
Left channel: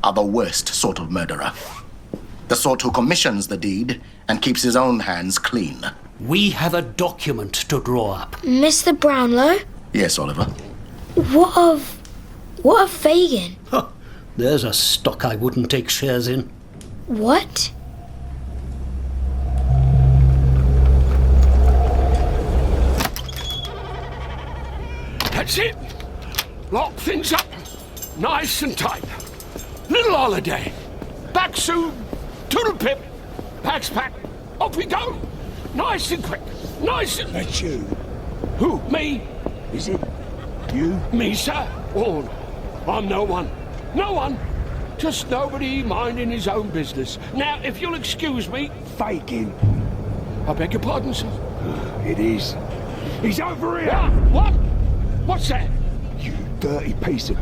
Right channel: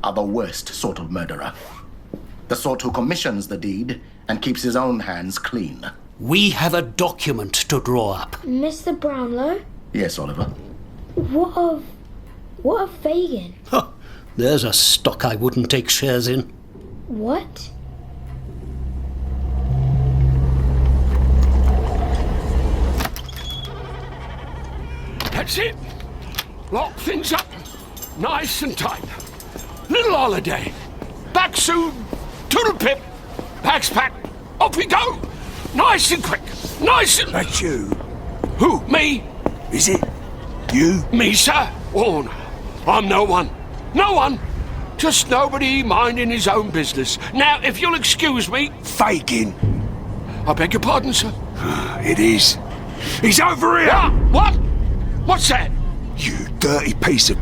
are the worst sort of murderer. The sort who commissions the deed and keeps his own hands clean. We have a document to draw up. Mr. Brownlow? Yes, Oliver. What of Fagin? Huh, there's a stock I wouldn't take shares in. What? That's it. Lock things up. Nice and tight. Little holiday. Back soon. Toodle pip. Bags packed. Off we go. Nice and quick. Nice and... That's you. Who? Me? Is it? You? Me, sir? Oh, no. I'm no one. No one. Just nobody minding his own business. Now, if you'll excuse me... Fagin. I beg your pardon, sir. It is. He's over here. What? What's that? You dirty piece of...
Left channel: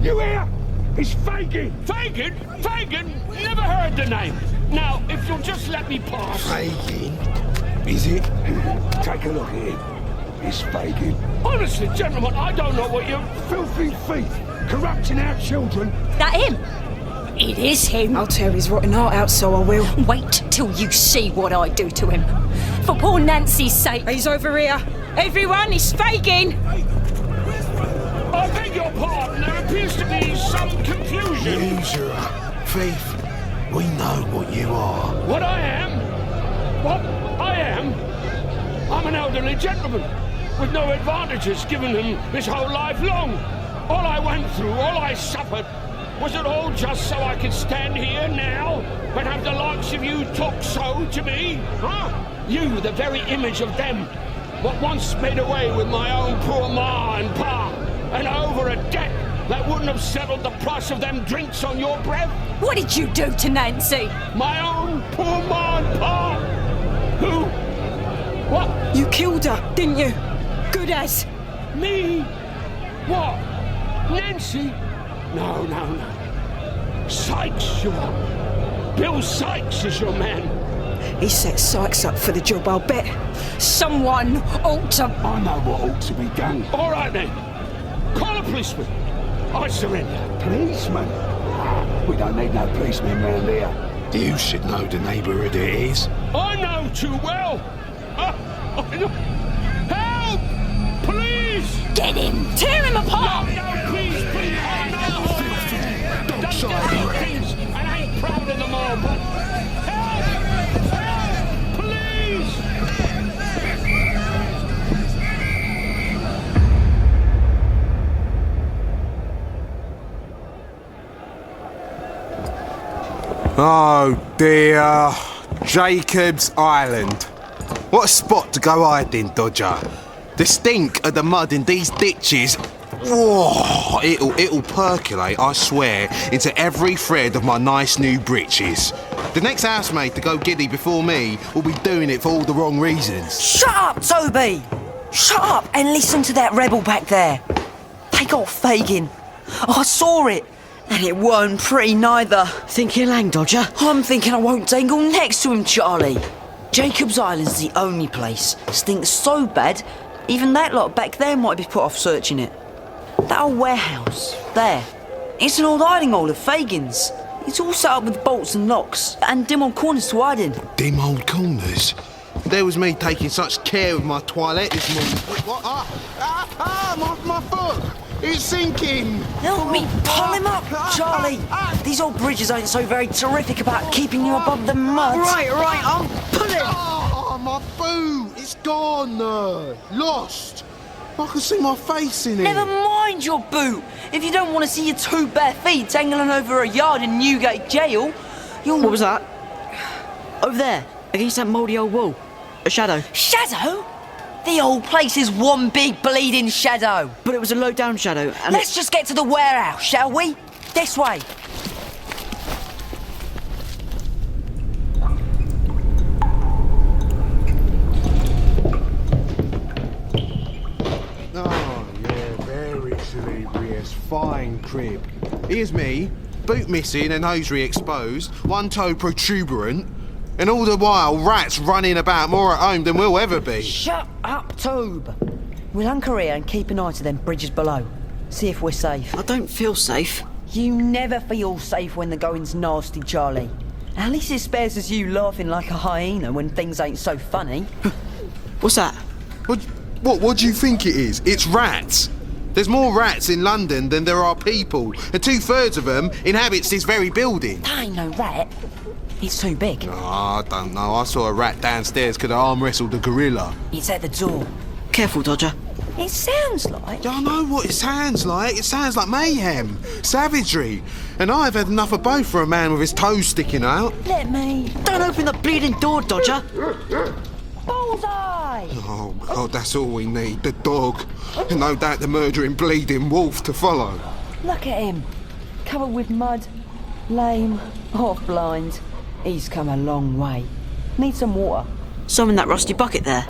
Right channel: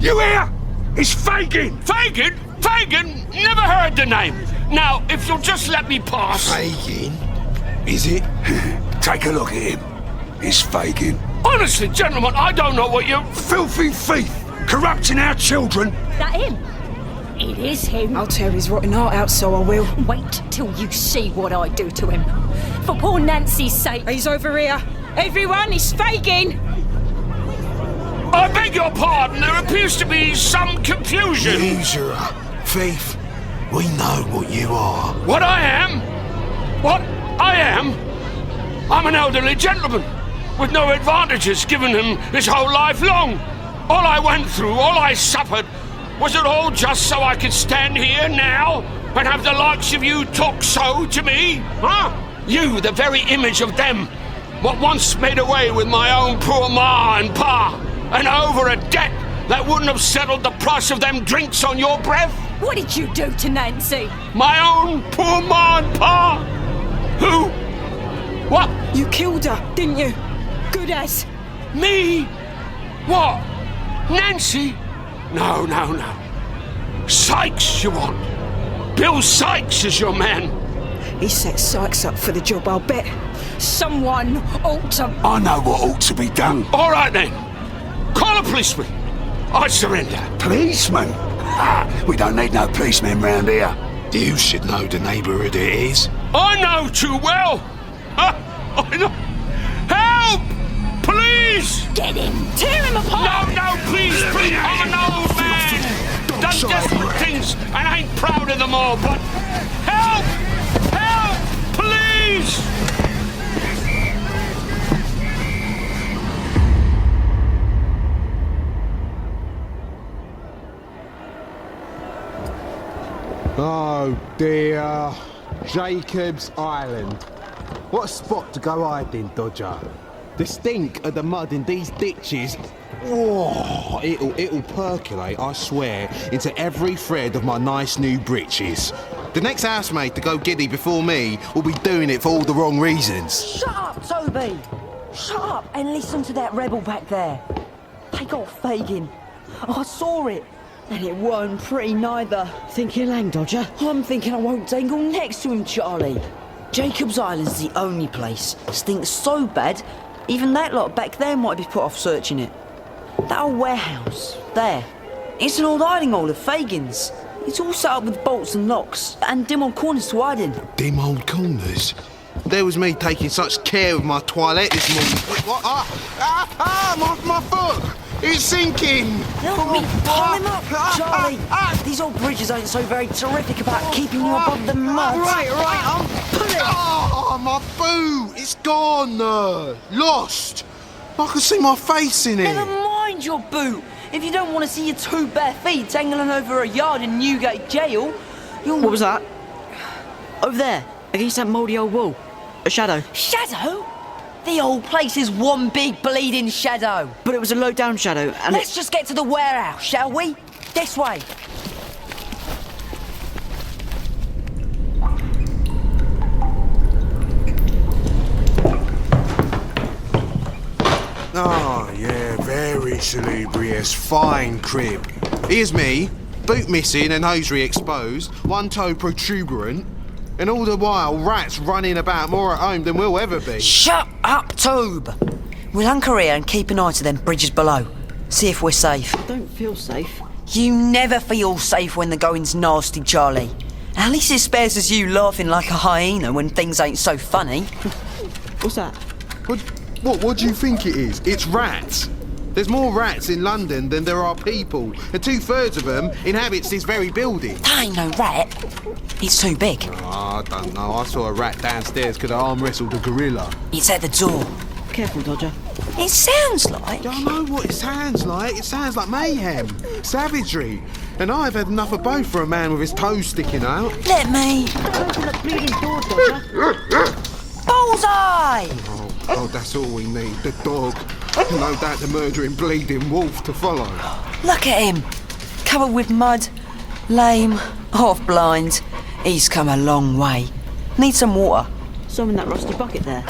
You here? It's Fagin. Fagin? Fagin? Never heard the name. Now, if you'll just let me pass... Fagin? Is it? Take a look at him. It's Fagin. Honestly, gentlemen, I don't know what you... Filthy thief. Corrupting our children. That him? It is him. I'll tear his rotten heart out, so I will. Wait till you see what I do to him. For poor Nancy's sake. He's over here. Everyone, it's Fagin. I beg your pardon. There appears to be some confusion. Usurer. Thief. We know what you are. What I am? What I am? I'm an elderly gentleman with no advantages given him his whole life long. All I went through, all I suffered, was it all just so I could stand here now and have the likes of you talk so to me? Huh? You, the very image of them, what once made away with my own poor ma and pa, and over a debt that wouldn't have settled the price of them drinks on your breath? What did you do to Nancy? My own poor ma and pa? Who? What? You killed her, didn't you? Good as. Me? What? Nancy? No. Sykes, you want? Bill Sykes is your man. He set Sykes up for the job, I'll bet. Someone ought to... I know what ought to be done. All right, then. Call a policeman. I surrender. Policeman? We don't need no policemen round here. You should know the neighbourhood it is. I know too well. I know. Help! Please! Get him! Tear him apart! No, please! I know done desperate things and ain't proud of them all, but help! Help! Please! Oh dear. Jacob's Island. What a spot to go hiding, Dodger. The stink of the mud in these ditches, oh, it'll percolate, I swear, into every thread of my nice new breeches. The next housemaid to go giddy before me will be doing it for all the wrong reasons. Shut up, Toby! Shut up and listen to that rebel back there. They got Fagin. I saw it. And it weren't pretty neither. Think he'll hang, Dodger? I'm thinking I won't dangle next to him, Charlie. Jacob's Island's the only place. Stinks so bad, even that lot back there might be put off searching it. That old warehouse, there. It's an old hiding hole of Fagin's. It's all set up with bolts and locks, and dim old corners to hide in. Dim old corners? There was me taking such care of my toilette this morning. What? My foot! It's sinking! Help me pull him up, Charlie! These old bridges ain't so very terrific about keeping you above the mud. Right, I'm pulling! Oh, my boot! It's gone! Lost! I can see my face in it. Never mind your boot. If you don't want to see your 2 bare feet dangling over a yard in Newgate Jail, you'll... What was that? Over there, against that mouldy old wall. A shadow. Shadow? The old place is one big bleeding shadow. But it was a low-down shadow, and Let's just get to the warehouse, shall we? This way. Oh, yeah, very salubrious, fine crib. Here's me, boot missing and hosiery exposed, one toe protuberant, and all the while rats running about more at home than we'll ever be. Shut up, Toob. We'll anchor here and keep an eye to them bridges below. See if we're safe. I don't feel safe. You never feel safe when the going's nasty, Charlie. At least it spares us you laughing like a hyena when things ain't so funny. What's that? What do you think it is? It's rats. There's more rats in London than there are people, and 2/3 of them inhabits this very building. That ain't no rat. It's too big. Oh, I don't know. I saw a rat downstairs could have arm wrestled a gorilla. It's at the door. Careful, Dodger. It sounds like... I know what it sounds like. It sounds like mayhem, savagery. And I've had enough of both for a man with his toes sticking out. Let me... Don't open the bleeding door, Dodger. Bullseye! Oh, God, that's all we need. The dog. And no doubt the murdering, bleeding wolf to follow. Look at him. Covered with mud. Lame. Half blind. He's come a long way. Need some water. Some in that rusty bucket there.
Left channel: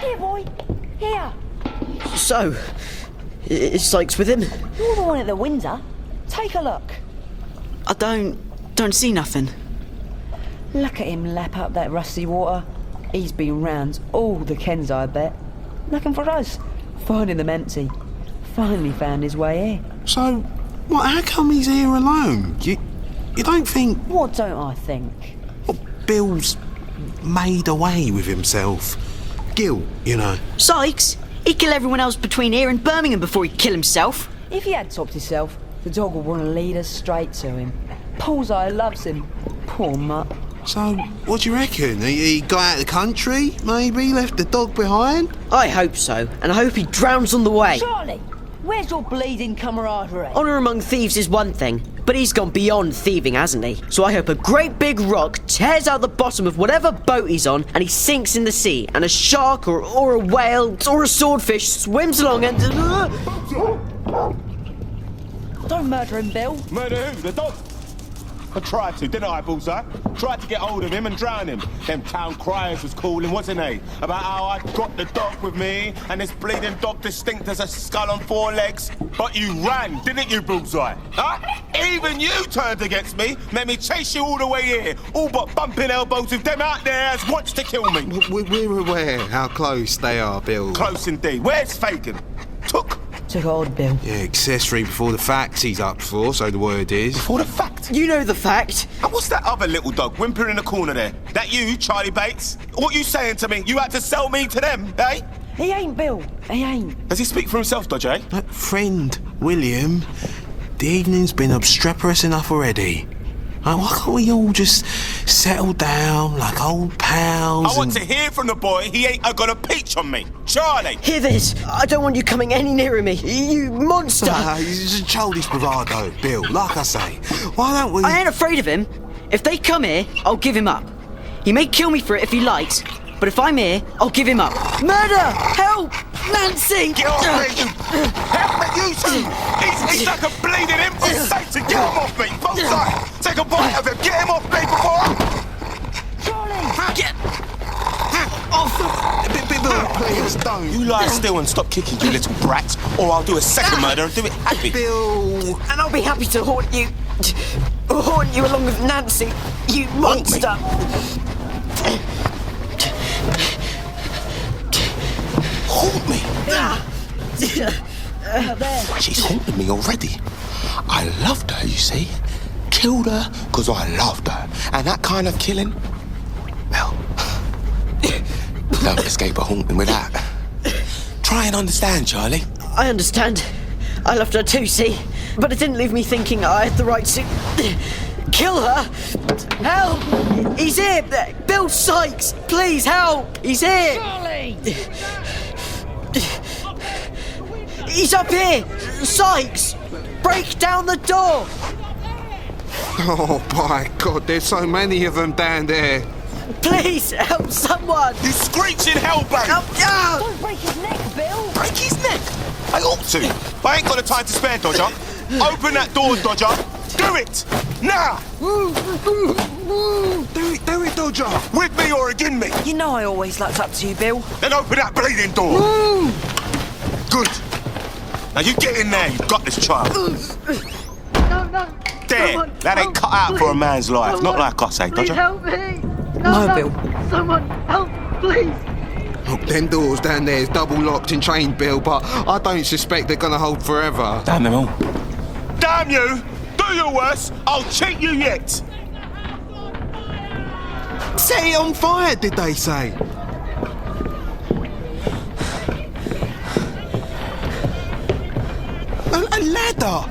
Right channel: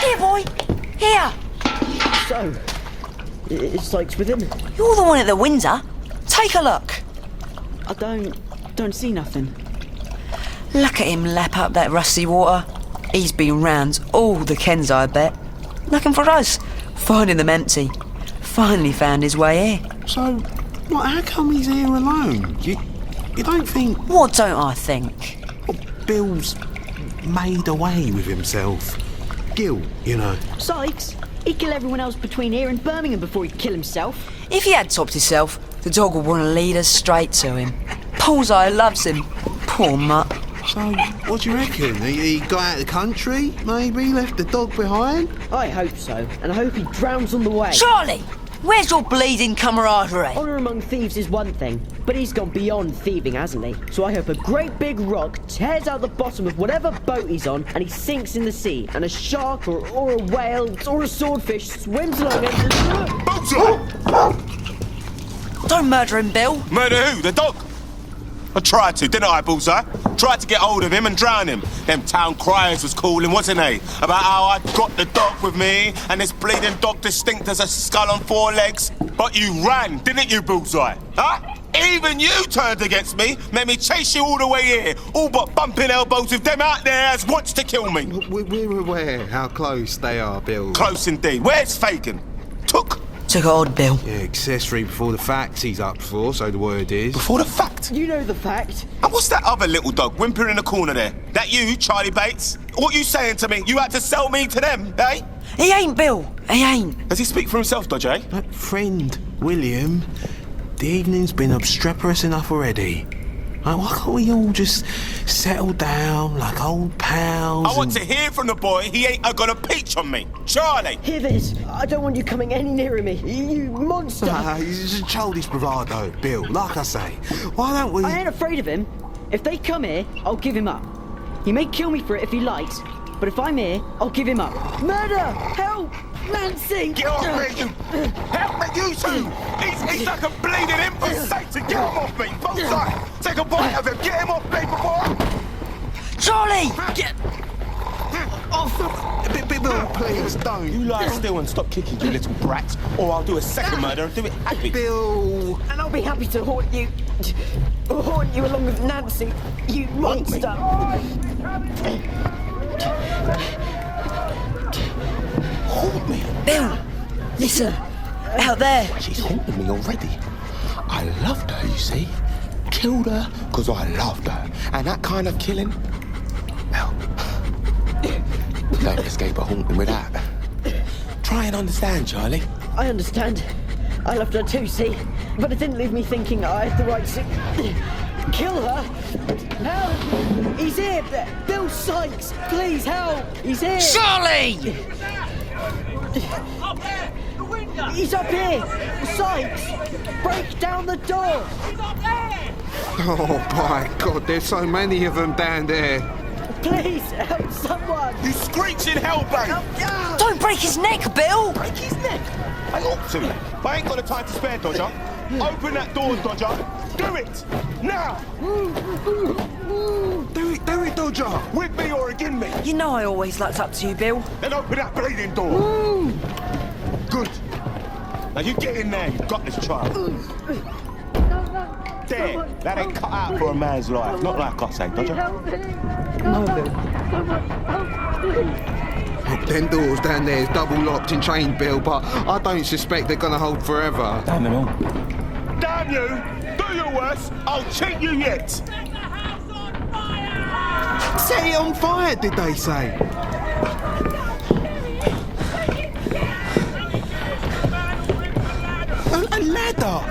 Here, boy. Here. So, is Sykes with him? You're the one at the window. Take a look. I don't see nothing. Look at him lap up that rusty water. He's been round all the Kens, I bet. Looking for us. Finding them empty. Finally found his way here. So, how come he's here alone? You don't think... What don't I think? Well, Bill's made away with himself. Guilt, you know. Sykes? He'd kill everyone else between here and Birmingham before he'd kill himself. If he had topped himself, the dog would want to lead us straight to him. Bullseye loves him. Poor mutt. So, what do you reckon? He got out of the country, maybe? Left the dog behind? I hope so, and I hope he drowns on the way. Charlie! Where's your bleeding camaraderie? Honour among thieves is one thing, but he's gone beyond thieving, hasn't he? So I hope a great big rock tears out the bottom of whatever boat he's on and he sinks in the sea, and a shark or a whale or a swordfish swims along and... Don't murder him, Bill. Murder who? The dog? I tried to, didn't I, Bullseye? Tried to get hold of him and drown him. Them town criers was calling, wasn't they? About how I'd got the dog with me and this bleeding dog distinct as a skull on 4 legs. But you ran, didn't you, Bullseye? Huh? Even you turned against me, made me chase you all the way here, all but bumping elbows with them out there as wants to kill me. We're aware how close they are, Bill. Close indeed. Where's Fagin? Took old Bill. Yeah, accessory before the facts he's up for, so the word is. Before the fact? You know the fact. And what's that other little dog whimpering in the corner there? That you, Charlie Bates? What you saying to me? You had to sell me to them, eh? He ain't, Bill. He ain't. Does he speak for himself, Dodger? Friend, William, the evening's been obstreperous enough already. Why can't we all just settle down like old pals? I want to hear from the boy. He ain't gonna peach on me. Charlie! Hear this. I don't want you coming any nearer me. You monster! It's a childish bravado, Bill. Like I say, why don't we... I ain't afraid of him. If they come here, I'll give him up. He may kill me for it if he likes, but if I'm here, I'll give him up. Murder! Help! Nancy! Get off me, you... Help me, you two! He's like a bleeding empty Satan! Get him off me! Bullseye! Take a bite of him! Get him off me before... Charlie! Get... off! Bill, please, don't. You lie still and stop kicking, you little brat, or I'll do a second murder and do it happy. Bill! And I'll be happy to haunt you. Haunt you along with Nancy, you monster! Haunt me? Bill! Out there. She's haunted me already. I loved her, you see. Killed her because I loved her. And that kind of killing, well, don't escape a haunting with that. Try and understand, Charlie. I understand. I loved her too, see? But it didn't leave me thinking I had the right to kill her. Help! He's here! Bill Sykes! Please, help! He's here! Charlie! He's up here! Sykes! Break down the door! Oh, by God, there's so many of them down there. Please, help someone! You screeching hellbait! Don't break his neck, Bill! Break his neck? I ought to. But I ain't got the time to spare, Dodger. Open that door, Dodger. Do it! Now! Do it, Dodger! With me or against me? You know I always looked up to you, Bill. Then open that bleeding door. Good. Now you get in there, you've got this child. There, that ain't cut out for a man's life. Not like us, eh, Dodger? Help me! No, Bill. Someone help, please! Look, them doors down there is double locked and chained, Bill, but I don't suspect they're gonna hold forever. Damn them all. Damn you! Do your worst, I'll cheat you yet! Set it on fire, did they say? A ladder!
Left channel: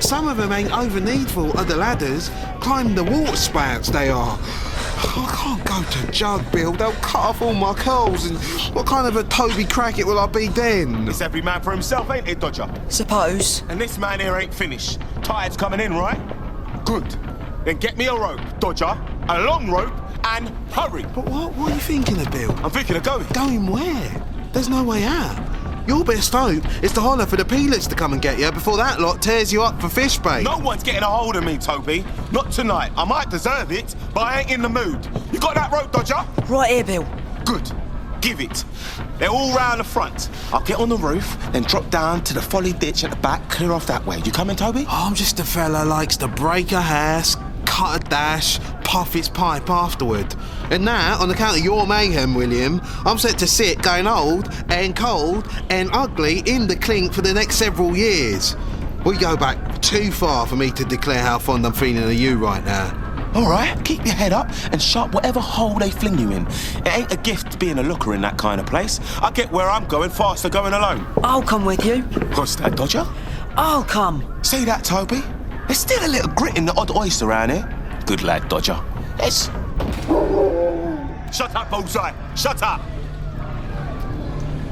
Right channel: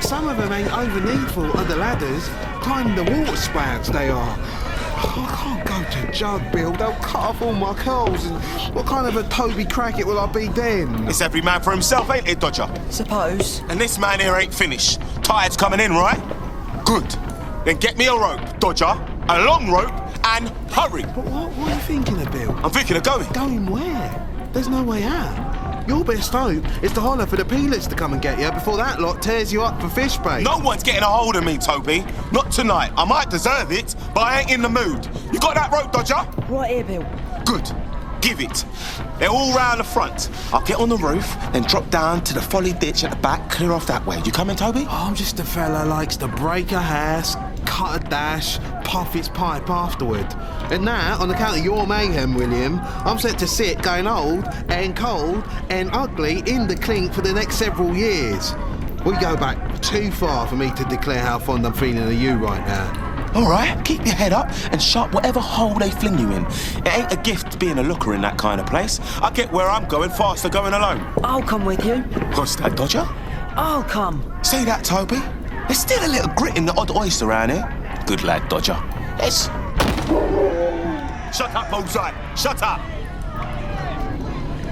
Some of them ain't over needful of the ladders. Climbing the water spouts, they are. I can't go to Jug, Bill. They'll cut off all my curls, and what kind of a Toby Crackett will I be then? It's every man for himself, ain't it, Dodger? Suppose. And this man here ain't finished. Tide's coming in, right? Good. Then get me a rope, Dodger. A long rope, and hurry. But what are you thinking of, Bill? I'm thinking of going. Going where? There's no way out. Your best hope is to holler for the peelers to come and get you before that lot tears you up for fish bait. No one's getting a hold of me, Toby. Not tonight. I might deserve it, but I ain't in the mood. You got that rope, Dodger? Right here, Bill. Good. Give it. They're all round the front. I'll get on the roof, then drop down to the folly ditch at the back, clear off that way. You coming, Toby? I'm just a fella likes to break a house, cut a dash, puff its pipe afterward. And now, on account of your mayhem, William, I'm set to sit going old and cold and ugly in the clink for the next several years. We go back too far for me to declare how fond I'm feeling of you right now. All right, keep your head up and shut whatever hole they fling you in. It ain't a gift being a looker in that kind of place. I get where I'm going faster going alone. I'll come with you. What's that, Dodger? I'll come. See that, Toby? There's still a little grit in the odd oyster around here. Good lad, Dodger. Yes. Shut up, Bullseye. Shut up.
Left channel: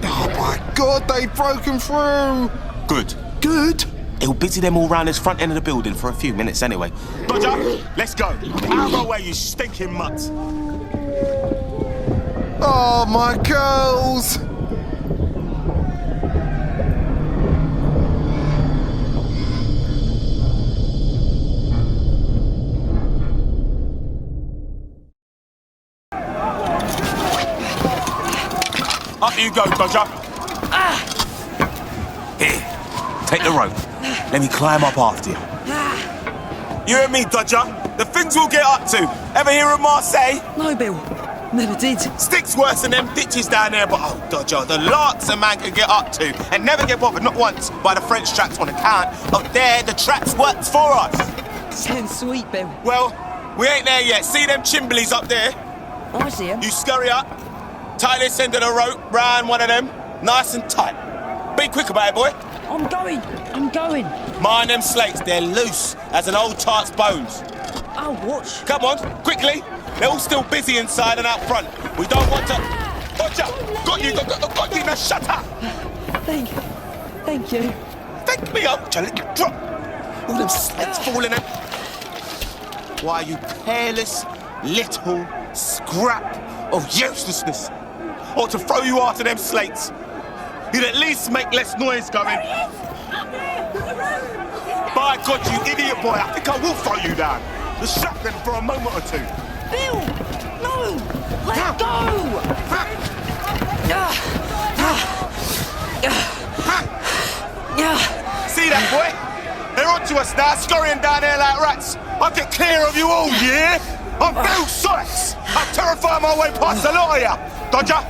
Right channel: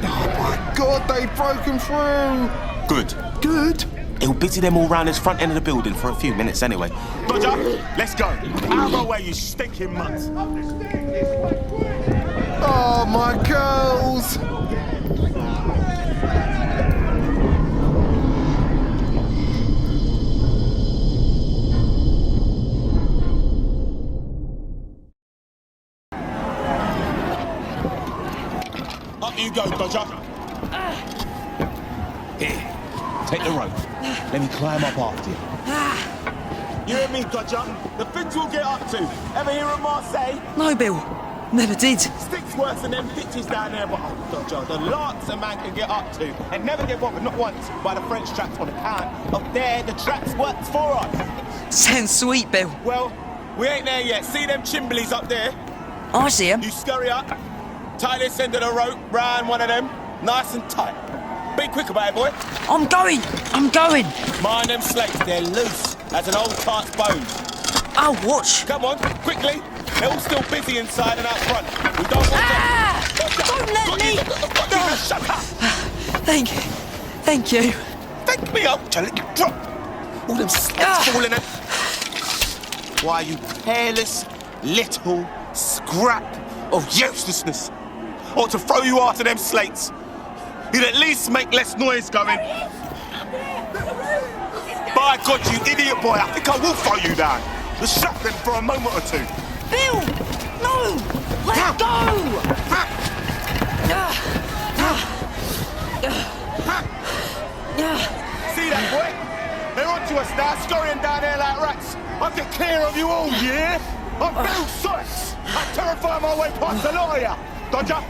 Oh, my God, they've broken through. Good. Good? It'll busy them all round this front end of the building for a few minutes anyway. Dodger, let's go. Out of my way, you stinking mutt. Oh, my girls. Up you go, Dodger. Here, take the rope. Let me climb up after you. You and me, Dodger. The things we'll get up to. Ever hear of Marseille? No, Bill. Never did. Sticks worse than them ditches down there, but oh, Dodger, the larks a man can get up to and never get bothered, not once, by the French traps on account of there the traps works for us. Sounds sweet, Bill. Well, we ain't there yet. See them chimblies up there? I see them. You scurry up, tie this end of the rope round one of them, nice and tight. Be quick about it, boy. I'm going. Mind them slates, they're loose as an old tart's bones. I'll watch. Come on, quickly. They're all still busy inside and out front. We don't want to... Watch out! Got you, now shut up! Thank you. Thank me, I'll let you drop. All them slates falling in. Why, you careless little scrap of uselessness. Ought to throw you after them slates. You'd at least make less noise going. By God, you idiot boy, I think I will throw you down. Just shut them for a moment or two. Bill! No! Let go! See that, boy? They're onto us now, scurrying down there like rats. I'll get clear of you all, yeah? I'm Bill Sykes. I'll terrify my way past the lot of you. Dodger,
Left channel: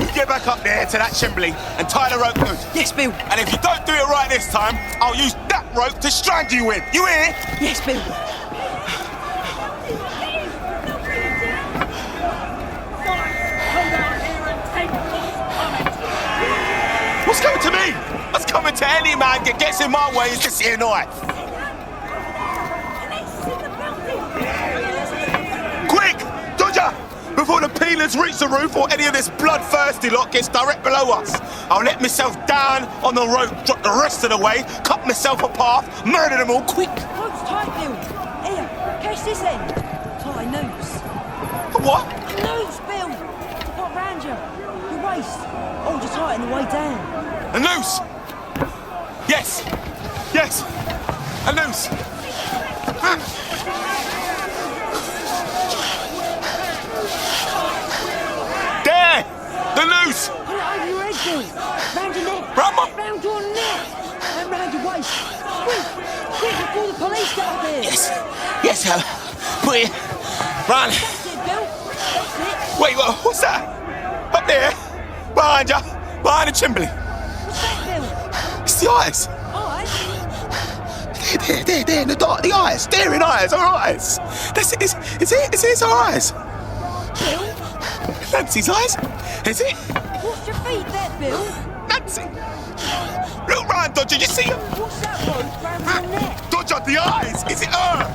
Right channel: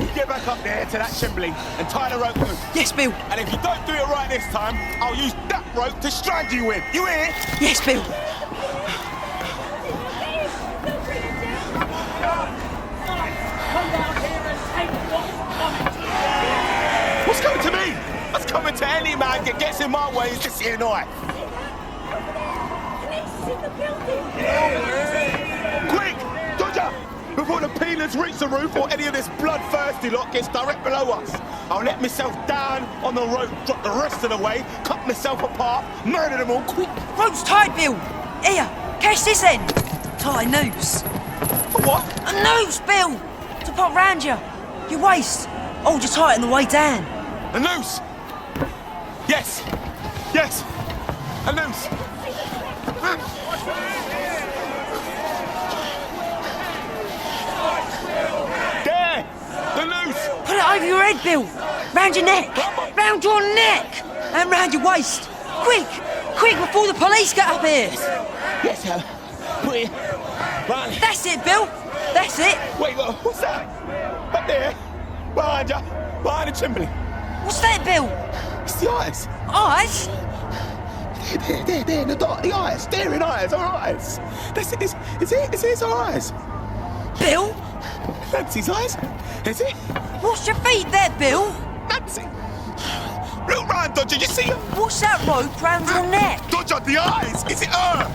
you get back up there to that chimbly and tie the rope good. Yes, Bill. And if you don't do it right this time, I'll use that rope to strand you with. You hear? Yes, Bill. What's coming to me? What's coming to any man that gets in my way is this here knife. Quick! Dodger! Before the peelers reach the roof or any of this bloodthirsty lot gets direct below us. I'll let myself down on the rope, drop the rest of the way, cut myself a path, murder them all quick. Rope's tight, Bill. Here, catch this end. Tie a noose. A what? A noose, Bill. To put round you. Your waist. Hold you tight on the way down. A noose? Yes. Yes. A noose. There! The noose! Put it over your head, Bill. Round your neck. Round your neck. And round your waist. Quick! Quick, before the police get up here. Yes, Hal. Put it. Run. That's it, Bill. That's it. Wait, what's that? Up there. Behind you. Behind the chimney. What's that, Bill? It's the eyes. Eyes? There, in the dark. The eyes. Staring eyes. Our eyes. That's it. It's our eyes. Bill? Nancy's eyes. Is it? What's your feet there, Bill? Nancy. Look round, Dodger. You see her? What's that rope round your neck? Dodger, the eyes. Is it her?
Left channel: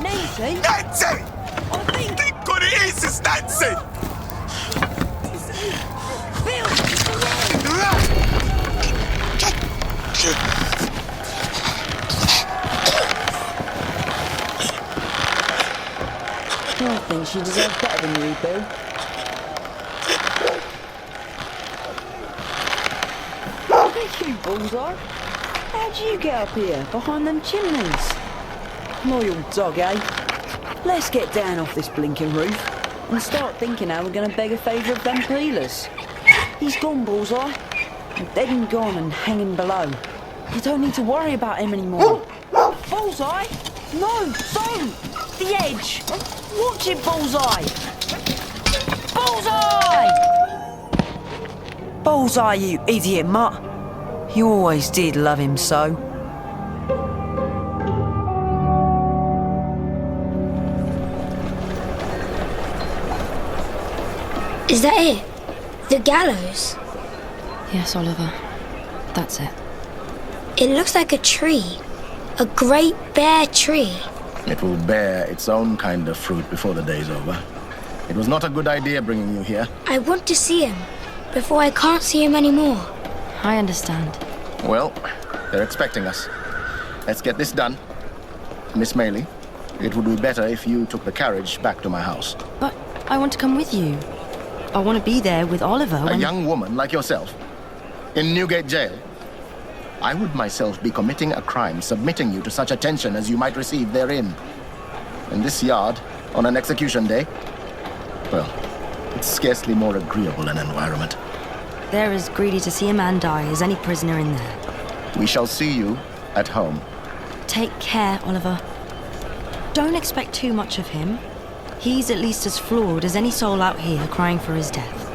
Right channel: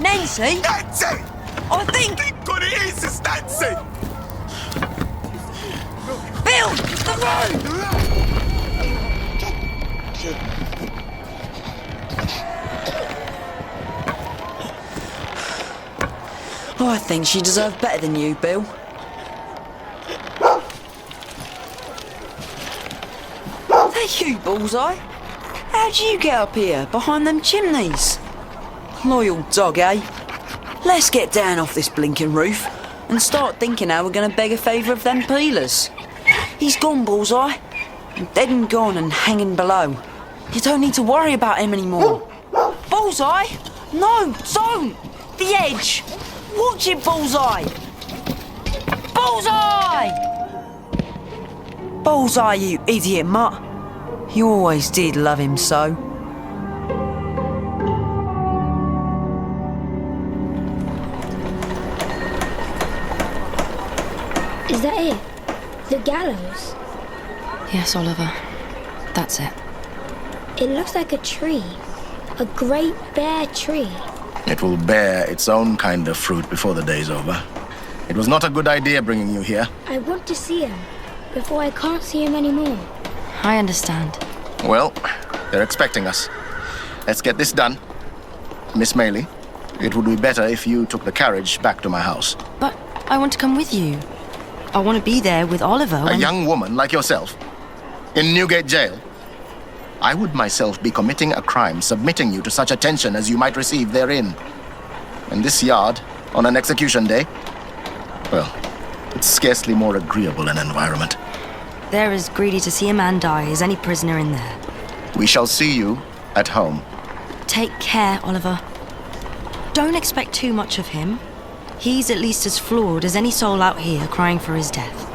Nancy? Nancy! I think what it is. It's Nancy. Bill, it's the road. I think she deserved better than you, Bill. Hey, you, Bullseye. How'd you get up here, behind them chimneys? Loyal dog, eh? Let's get down off this blinking roof and start thinking how we're going to beg a favour of them peelers. He's gone, Bullseye. Dead and gone and hanging below. You don't need to worry about him anymore. Bullseye? No, don't! The edge! Watch it, Bullseye! Bullseye! Bullseye, you idiot mutt. You always did love him so. Is that it? The gallows? Yes, Oliver. That's it. It looks like a tree. A great bare tree. It will bear its own kind of fruit before the day's over. It was not a good idea bringing you here. I want to see him before I can't see him anymore. I understand. Well, they're expecting us. Let's get this done. Miss Maylie, it would be better if you took the carriage back to my house. But I want to come with you. I want to be there with Oliver A young woman like yourself, in Newgate Jail. I would myself be committing a crime submitting you to such attention as you might receive therein. And this yard, on an execution day, well, it's scarcely more agreeable an environment. They're as greedy to see a man die as any prisoner in there. We shall see you at home. Take care, Oliver. Don't expect too much of him. He's at least as flawed as any soul out here crying for his death.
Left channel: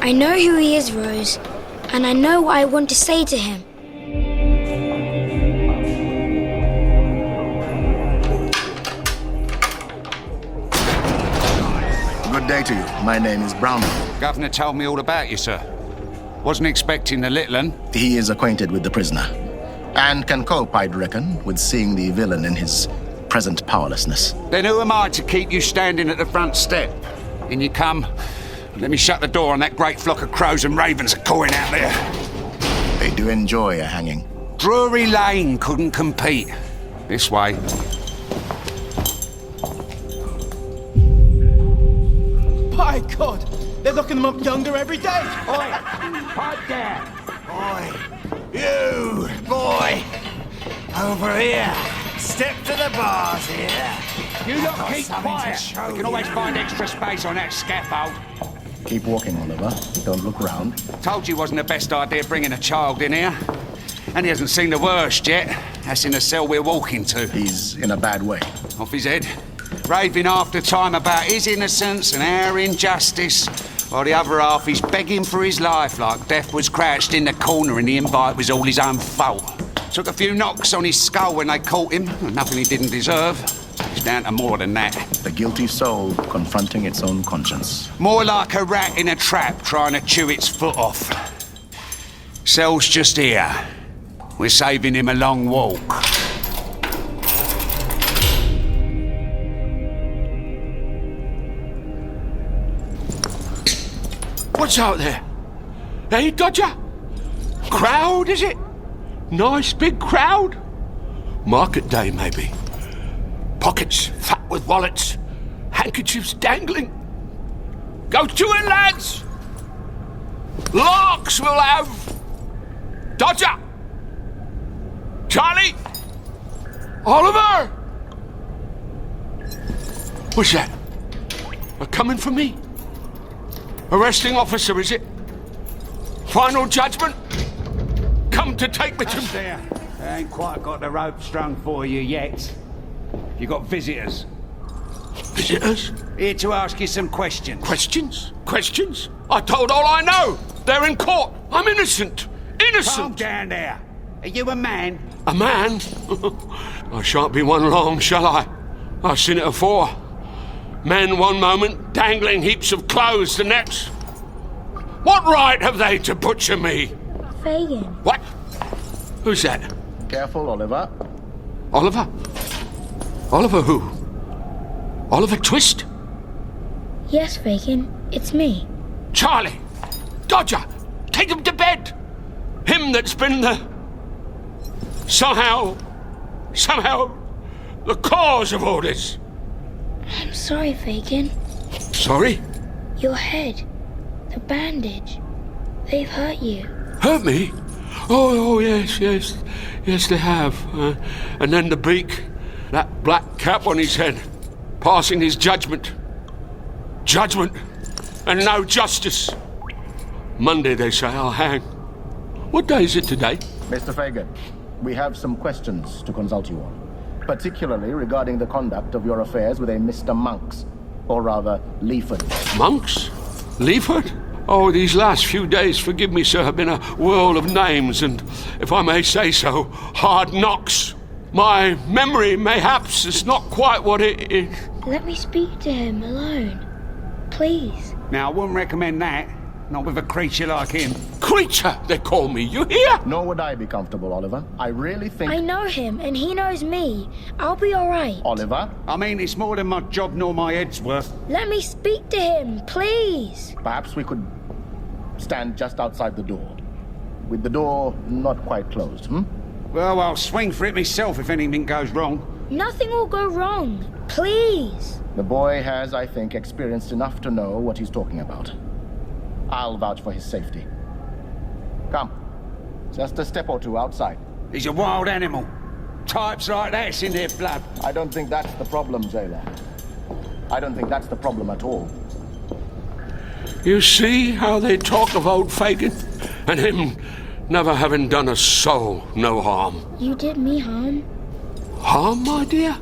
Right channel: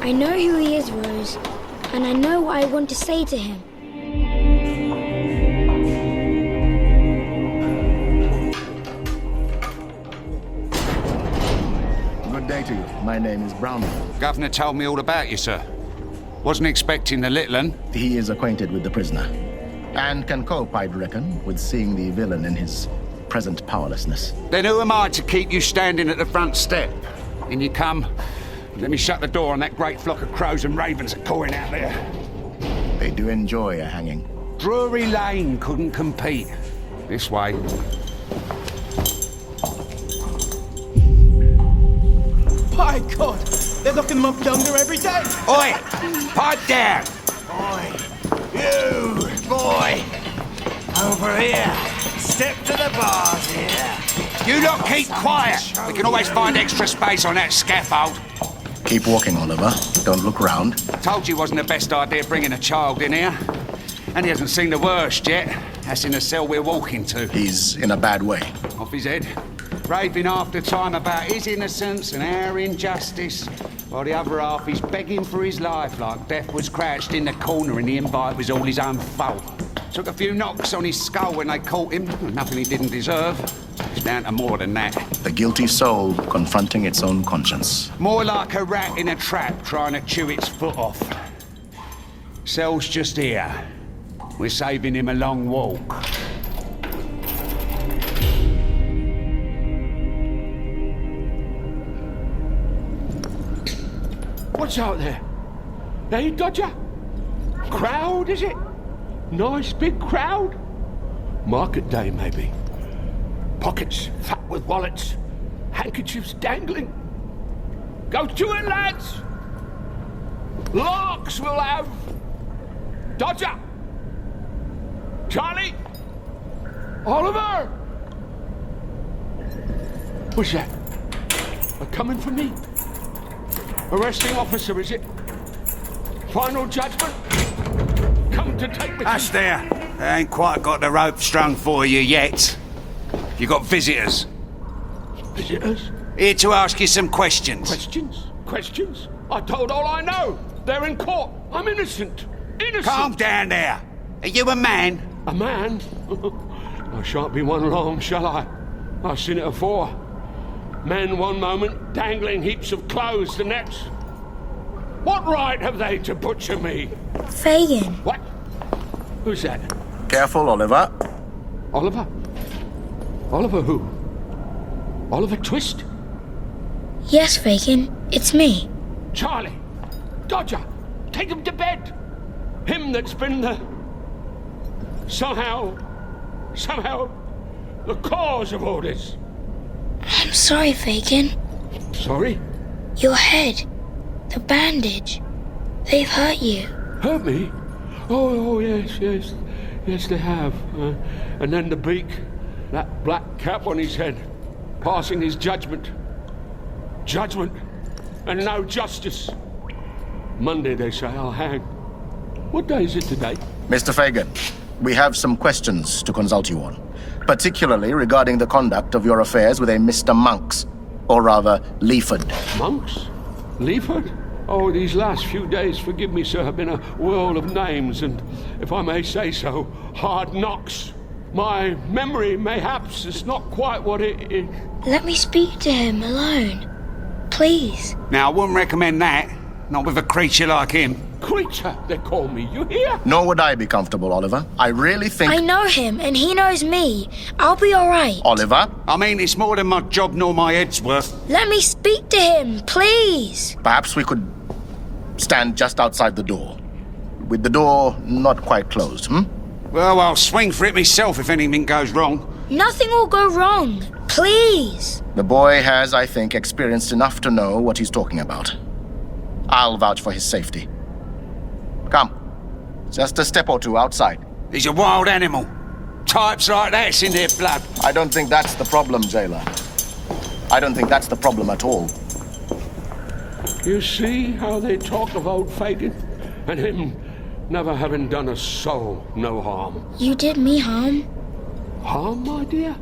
I know who he is, Rose, and I know what I want to say to him. Good day to you. My name is Brownell. Governor told me all about you, sir. Wasn't expecting the little un. He is acquainted with the prisoner, and can cope, I'd reckon, with seeing the villain in his present powerlessness. Then who am I to keep you standing at the front step? In you come. Let me shut the door on that great flock of crows and ravens cawing out there. They do enjoy a hanging. Drury Lane couldn't compete. This way. By God, they're locking them up yonder every day. Oi, pipe down. Oi, you, boy, over here. Step to the bars here. You lot keep quiet. You can always find extra space on that scaffold. Keep walking, Oliver. Don't look round. Told you wasn't the best idea bringing a child in here. And he hasn't seen the worst yet. That's in the cell we're walking to. He's in a bad way. Off his head. Raving half the time about his innocence and our injustice, while the other half is begging for his life like death was crouched in the corner and the invite was all his own fault. Took a few knocks on his skull when they caught him, nothing he didn't deserve. It's down to more than that. The guilty soul confronting its own conscience. More like a rat in a trap trying to chew its foot off. Cell's just here. We're saving him a long walk. What's out there? Hey, Dodger? Crowd, is it? Nice big crowd? Market day, maybe. Pockets fat with wallets. Handkerchiefs dangling. Go to it, lads! Larks we'll have! Dodger! Charlie! Oliver! What's that? A coming for me? Arresting officer, is it? Final judgment? Come to take me to... That's there. They ain't quite got the rope strung for you yet. You got visitors. Visitors? Here to ask you some questions. Questions? Questions? I told all I know. They're in court. I'm innocent. Innocent! Calm down there. Are you a man? A man? I shan't be one long, shall I? I've seen it afore. Men one moment, dangling heaps of clothes the next. What right have they to butcher me? Fagin. What? Who's that? Careful, Oliver. Oliver? Oliver who? Oliver Twist? Yes, Fagin, it's me. Charlie! Dodger! Take him to bed! Him that's been the... Somehow, the cause of all this. I'm sorry, Fagin. Sorry? Your head, the bandage, they've hurt you. Hurt me? Oh, yes, they have. And then the beak, that black cap on his head, passing his judgment. Judgment, and no justice. Monday, they say, I'll hang. What day is it today? Mr. Fagin, we have some questions to consult you on, particularly regarding the conduct of your affairs with a Mr. Monks, or rather, Leaford. Monks? Leaford? Oh, these last few days, forgive me, sir, have been a whirl of names and, if I may say so, hard knocks. My memory, mayhaps, is not quite what it... Let me speak to him alone. Please. Now, I wouldn't recommend that. Not with a creature like him. Creature, they call me. You hear? Nor would I be comfortable, Oliver. I really think... I know him, and he knows me. I'll be all right. Oliver? I mean, it's more than my job nor my head's worth. Let me speak to him, please. Perhaps we could stand just outside the door. With the door not quite closed, Well, I'll swing for it myself if anything goes wrong. Nothing will go wrong. Please. The boy has, I think, experienced enough to know what he's talking about. I'll vouch for his safety. Come. Just a step or two outside. He's a wild animal. Types like that's in their blood. I don't think that's the problem, jailer. I don't think that's the problem at all. You see how they talk of old Fagin? And him never having done a soul no harm. You did me harm. Harm, my dear?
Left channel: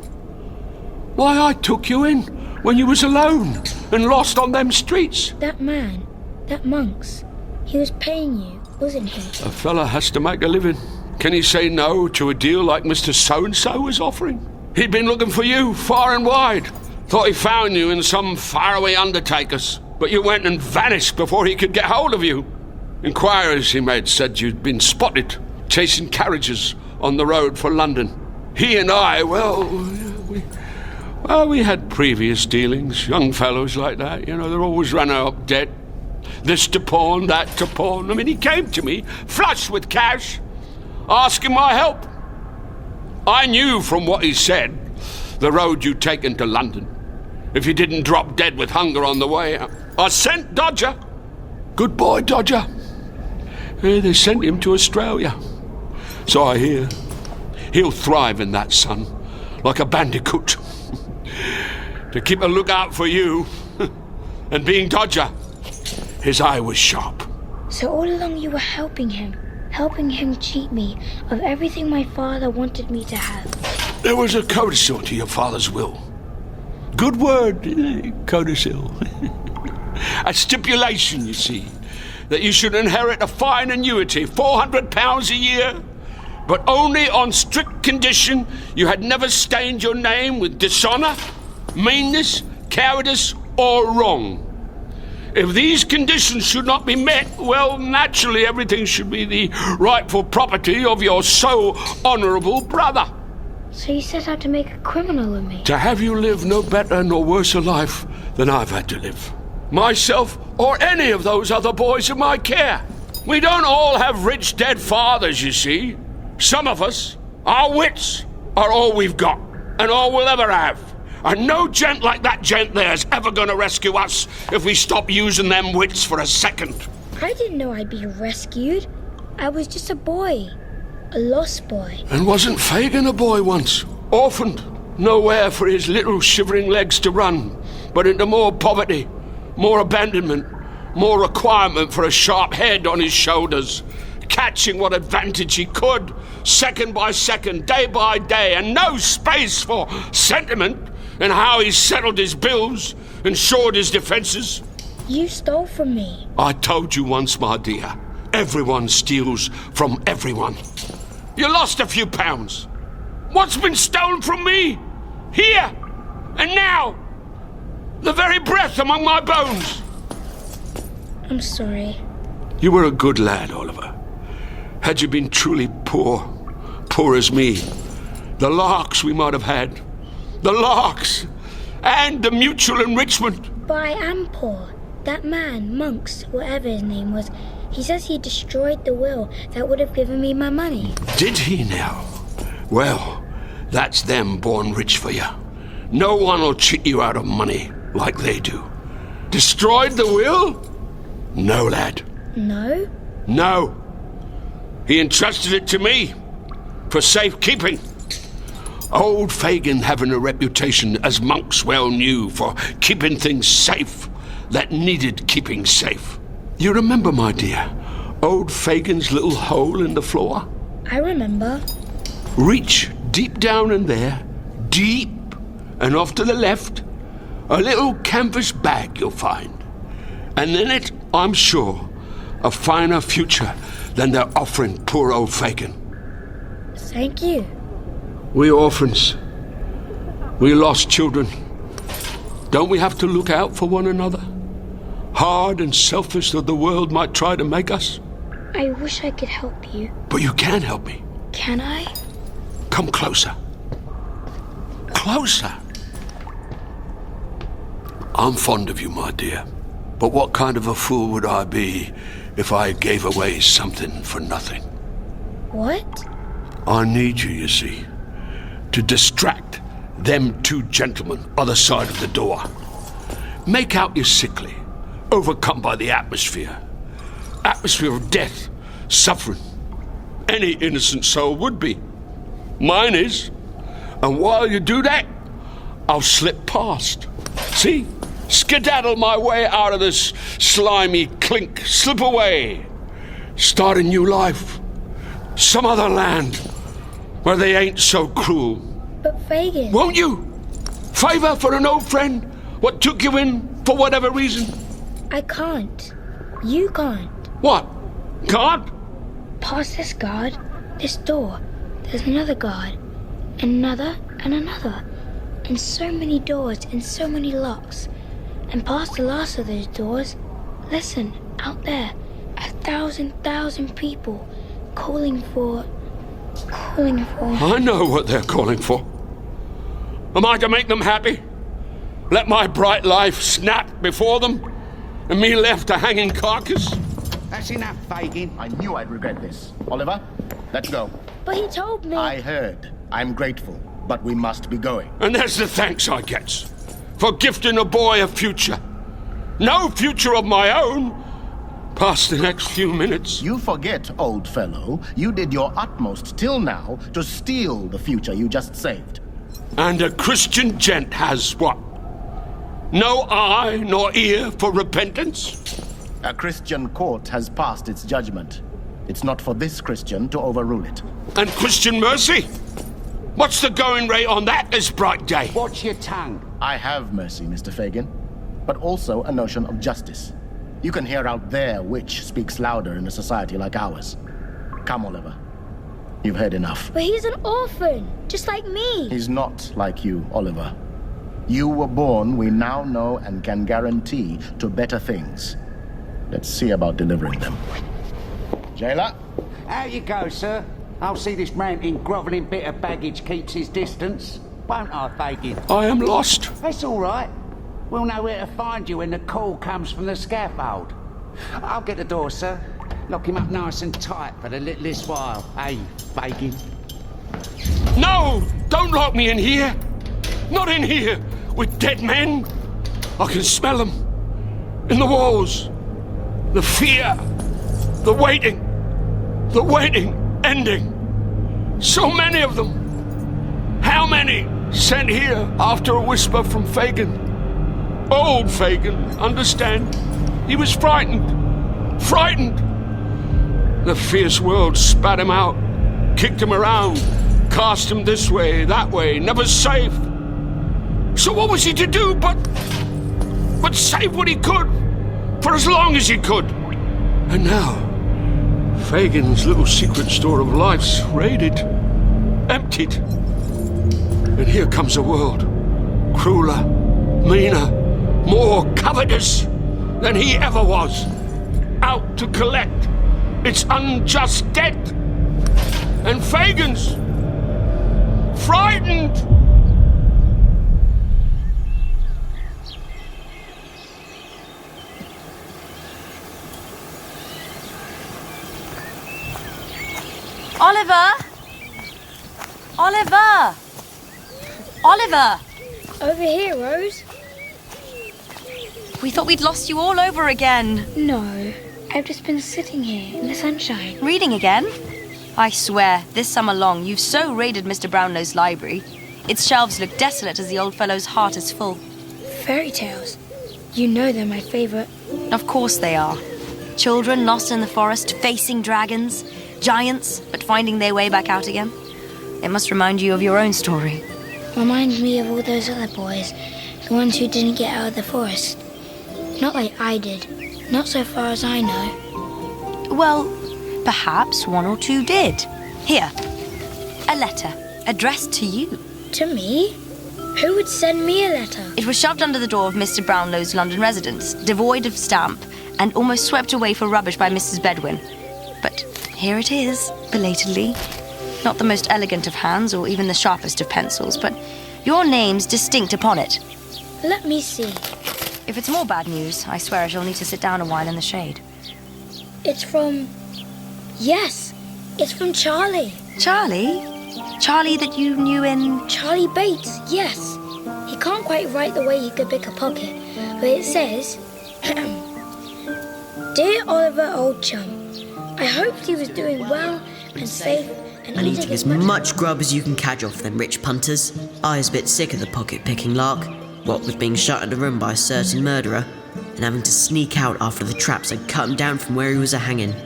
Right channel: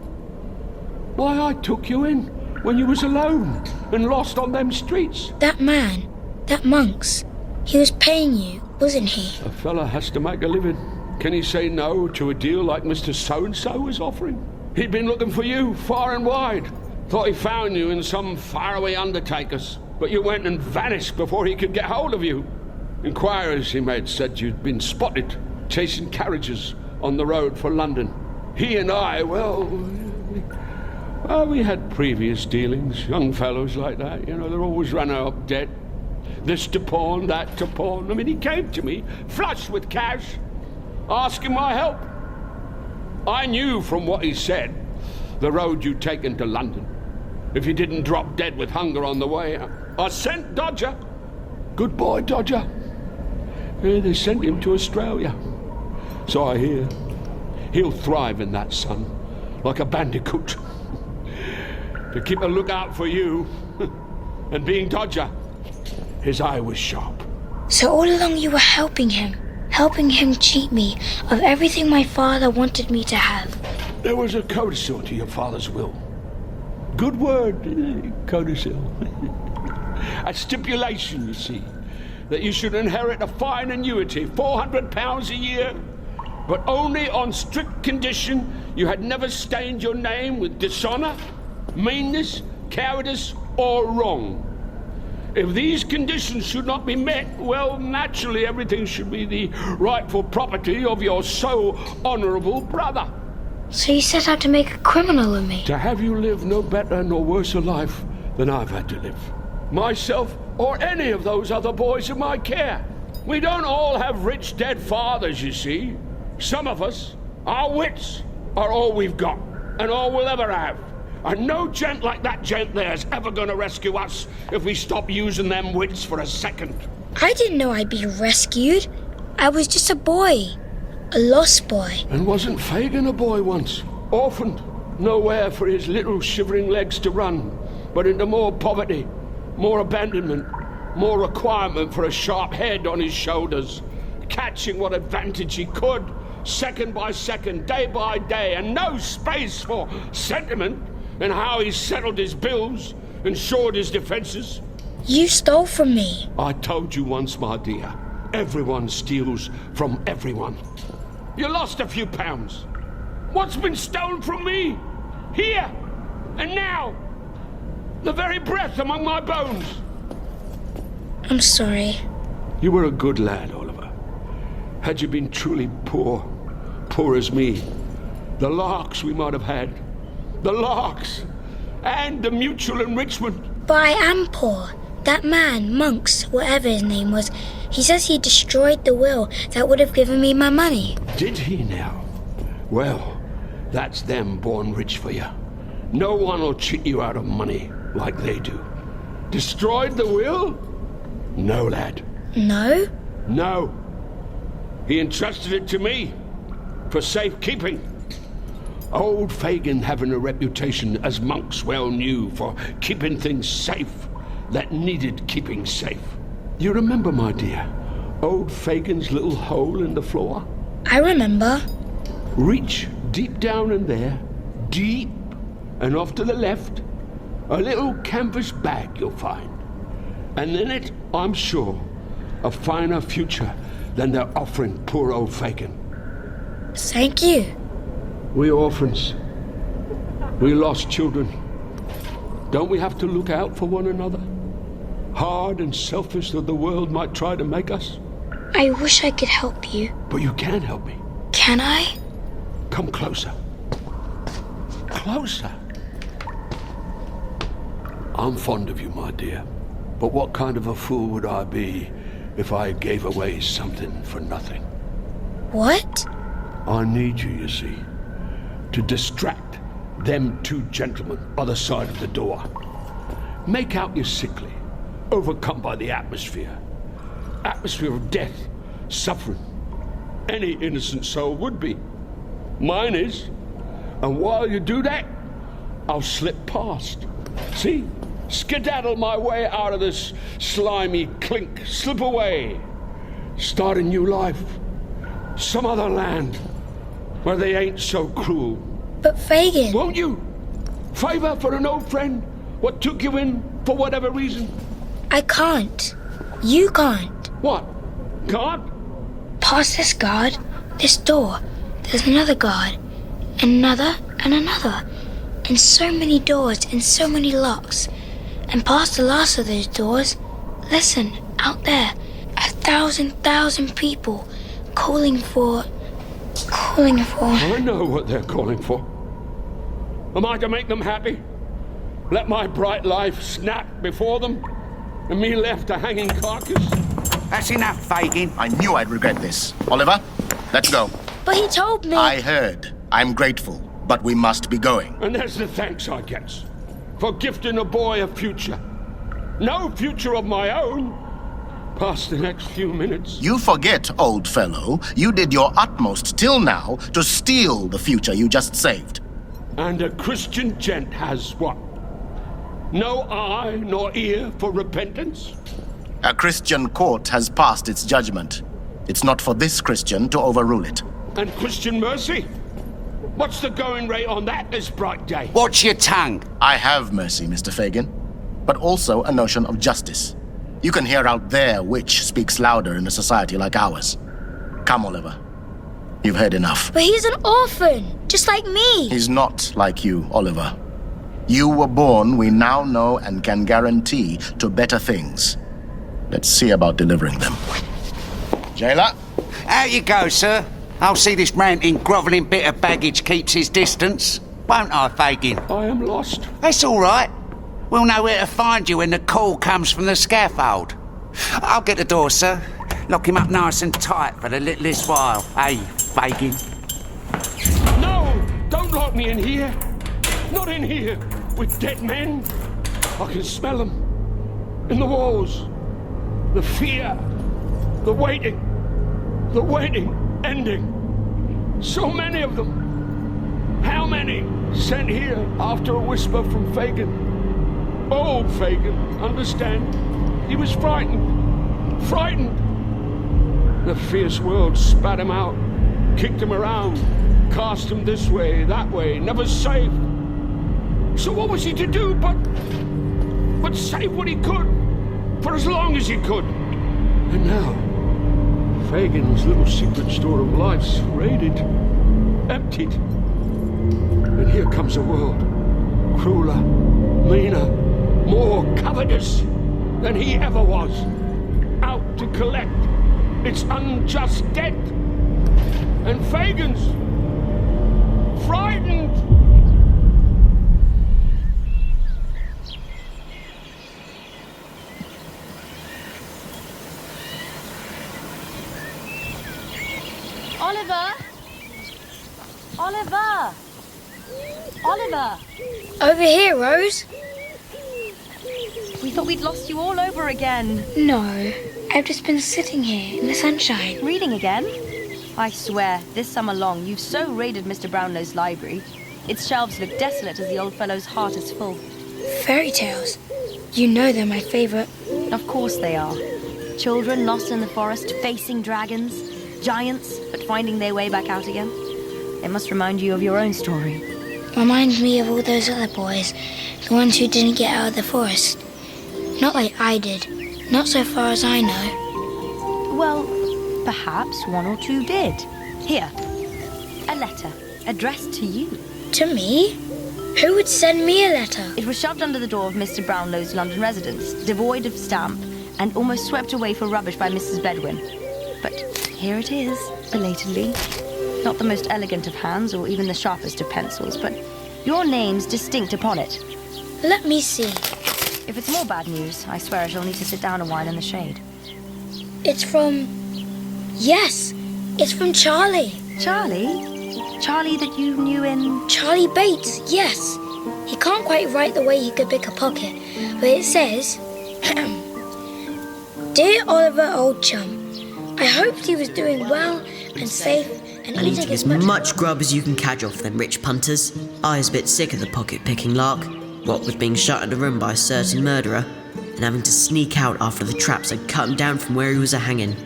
Why, I took you in when you was alone and lost on them streets. That man, that Monks, he was paying you, wasn't he? A fella has to make a living. Can he say no to a deal like Mr. So-and-so was offering? He'd been looking for you far and wide. Thought he found you in some faraway undertaker's. But you went and vanished before he could get hold of you. Inquiries he made said you'd been spotted chasing carriages on the road for London. He and I, we had previous dealings. Young fellows like that, you know, they're always running up debt. This to pawn, that to pawn. I mean, he came to me, flush with cash, asking my help. I knew from what he said the road you'd taken to London. If you didn't drop dead with hunger on the way, I sent Dodger. Good boy, Dodger. Yeah, they sent him to Australia. So I hear. He'll thrive in that, son, like a bandicoot. To keep a lookout for you. And being Dodger, his eye was sharp. So all along you were helping him cheat me of everything my father wanted me to have. There was a codicil to your father's will. Good word, codicil. A stipulation, you see, that you should inherit a fine annuity, £400 a year, but only on strict condition you had never stained your name with dishonour, meanness, cowardice, or wrong. If these conditions should not be met, well, naturally everything should be the rightful property of your so honourable brother. So you set out to make a criminal of me? To have you live no better nor worse a life than I've had to live. Myself or any of those other boys in my care. We don't all have rich dead fathers, you see. Some of us, our wits, are all we've got, and all we'll ever have. And no gent like that gent there's ever gonna rescue us if we stop using them wits for a second. I didn't know I'd be rescued. I was just a boy. A lost boy. And wasn't Fagin a boy once? Orphaned. Nowhere for his little shivering legs to run, but into more poverty, more abandonment, more requirement for a sharp head on his shoulders, catching what advantage he could, second by second, day by day, and no space for sentiment in how he settled his bills, ensured his defences. You stole from me. I told you once, my dear, everyone steals from everyone. You lost a few pounds. What's been stolen from me? Here and now. The very breath among my bones. I'm sorry. You were a good lad, Oliver. Had you been truly poor, poor as me, the larks we might have had, the larks, and the mutual enrichment. But I am poor. That man, Monks, whatever his name was, he says he destroyed the will that would have given me my money. Did he now? Well, that's them born rich for you. No one will cheat you out of money like they do. Destroyed the will? No, lad. No? No. He entrusted it to me for safekeeping. Old Fagin having a reputation, as Monks well knew, for keeping things safe that needed keeping safe. You remember, my dear, old Fagin's little hole in the floor? I remember. Reach deep down in there, deep, and off to the left, a little canvas bag you'll find. And in it, I'm sure, a finer future than they're offering poor old Fagin. Thank you. We orphans, we lost children. Don't we have to look out for one another? Hard and selfish though the world might try to make us. I wish I could help you. But you can help me. Can I? Come closer. Closer. I'm fond of you, my dear. But what kind of a fool would I be if I gave away something for nothing? What? I need you see, to distract them two gentlemen other side of the door. Make out you're sickly, overcome by the atmosphere. Atmosphere of death, suffering. Any innocent soul would be. Mine is. And while you do that, I'll slip past. See? Skedaddle my way out of this slimy clink. Slip away. Start a new life. Some other land where they ain't so cruel. But Fagin... Won't you? Favour for an old friend? What took you in for whatever reason? I can't. You can't. What? Can't? Past this guard, this door, there's another guard, another and another, and so many doors and so many locks. And past the last of those doors, listen, out there, 1,000 people calling for... I know what they're calling for. Am I to make them happy? Let my bright life snap before them, and me left a hanging carcass? That's enough, Fagin. I knew I'd regret this. Oliver, let's go. But he told me... I heard. I'm grateful, but we must be going. And there's the thanks I gets for gifting a boy a future. No future of my own past the next few minutes. You forget, old fellow, you did your utmost till now to steal the future you just saved. And a Christian gent has what? No eye nor ear for repentance? A Christian court has passed its judgment. It's not for this Christian to overrule it. And Christian mercy? What's the going rate on that this bright day? Watch your tongue. I have mercy, Mr. Fagin, but also a notion of justice. You can hear out there which speaks louder in a society like ours. Come, Oliver. You've heard enough. But he's an orphan, just like me. He's not like you, Oliver. You were born, we now know and can guarantee, to better things. Let's see about delivering them. Jailer? Out you go, sir. I'll see this ranting, grovelling bit of baggage keeps his distance. Won't I, Fagin? I am lost. That's all right. We'll know where to find you when the call comes from the scaffold. I'll get the door, sir. Lock him up nice and tight for the littlest while. Hey, Fagin. No! Don't lock me in here! Not in here! With dead men! I can smell them. In the walls. The fear. The waiting. The waiting. Ending. So many of them. How many? Sent here after a whisper from Fagin. Old Fagin, understand? He was frightened. Frightened! The fierce world spat him out. Kicked him around. Cast him this way, that way. Never safe. So what was he to do but save what he could, for as long as he could? And now, Fagin's little secret store of life's raided, emptied. And here comes a world, crueler, meaner, more covetous than he ever was, out to collect its unjust debt. And Fagin's frightened. Oliver! Oliver! Oliver! Over here, Rose. We thought we'd lost you all over again. No, I've just been sitting here in the sunshine. Reading again? I swear, this summer long, you've so raided Mr. Brownlow's library. Its shelves look desolate as the old fellow's heart is full. Fairy tales. You know they're my favourite. Of course they are. Children lost in the forest, facing dragons, giants, but finding their way back out again. It must remind you of your own story. Reminds me of all those other boys, the ones who didn't get out of the forest. Not like I did. Not so far as I know. Well, perhaps one or two did. Here, a letter addressed to you. To me? Who would send me a letter? It was shoved under the door of Mr. Brownlow's London residence, devoid of stamp, and almost swept away for rubbish by Mrs. Bedwin. But here it is, belatedly. Not the most elegant of hands, or even the sharpest of pencils, but your name's distinct upon it. Let me see. If it's more bad news, I swear I shall need to sit down a while in the shade. It's from... Yes, it's from Charlie. Charlie? Charlie that you knew in... Charlie Bates, yes. He can't quite write the way he could pick a pocket, but it says... Dear Oliver, old chum, I hoped he was doing well and safe and eating as much grub as you can cadge off them rich punters. I was a bit sick of the pocket-picking lark, what with being shut in a room by a certain murderer, and having to sneak out after the traps had cut him down from where he was a-hanging.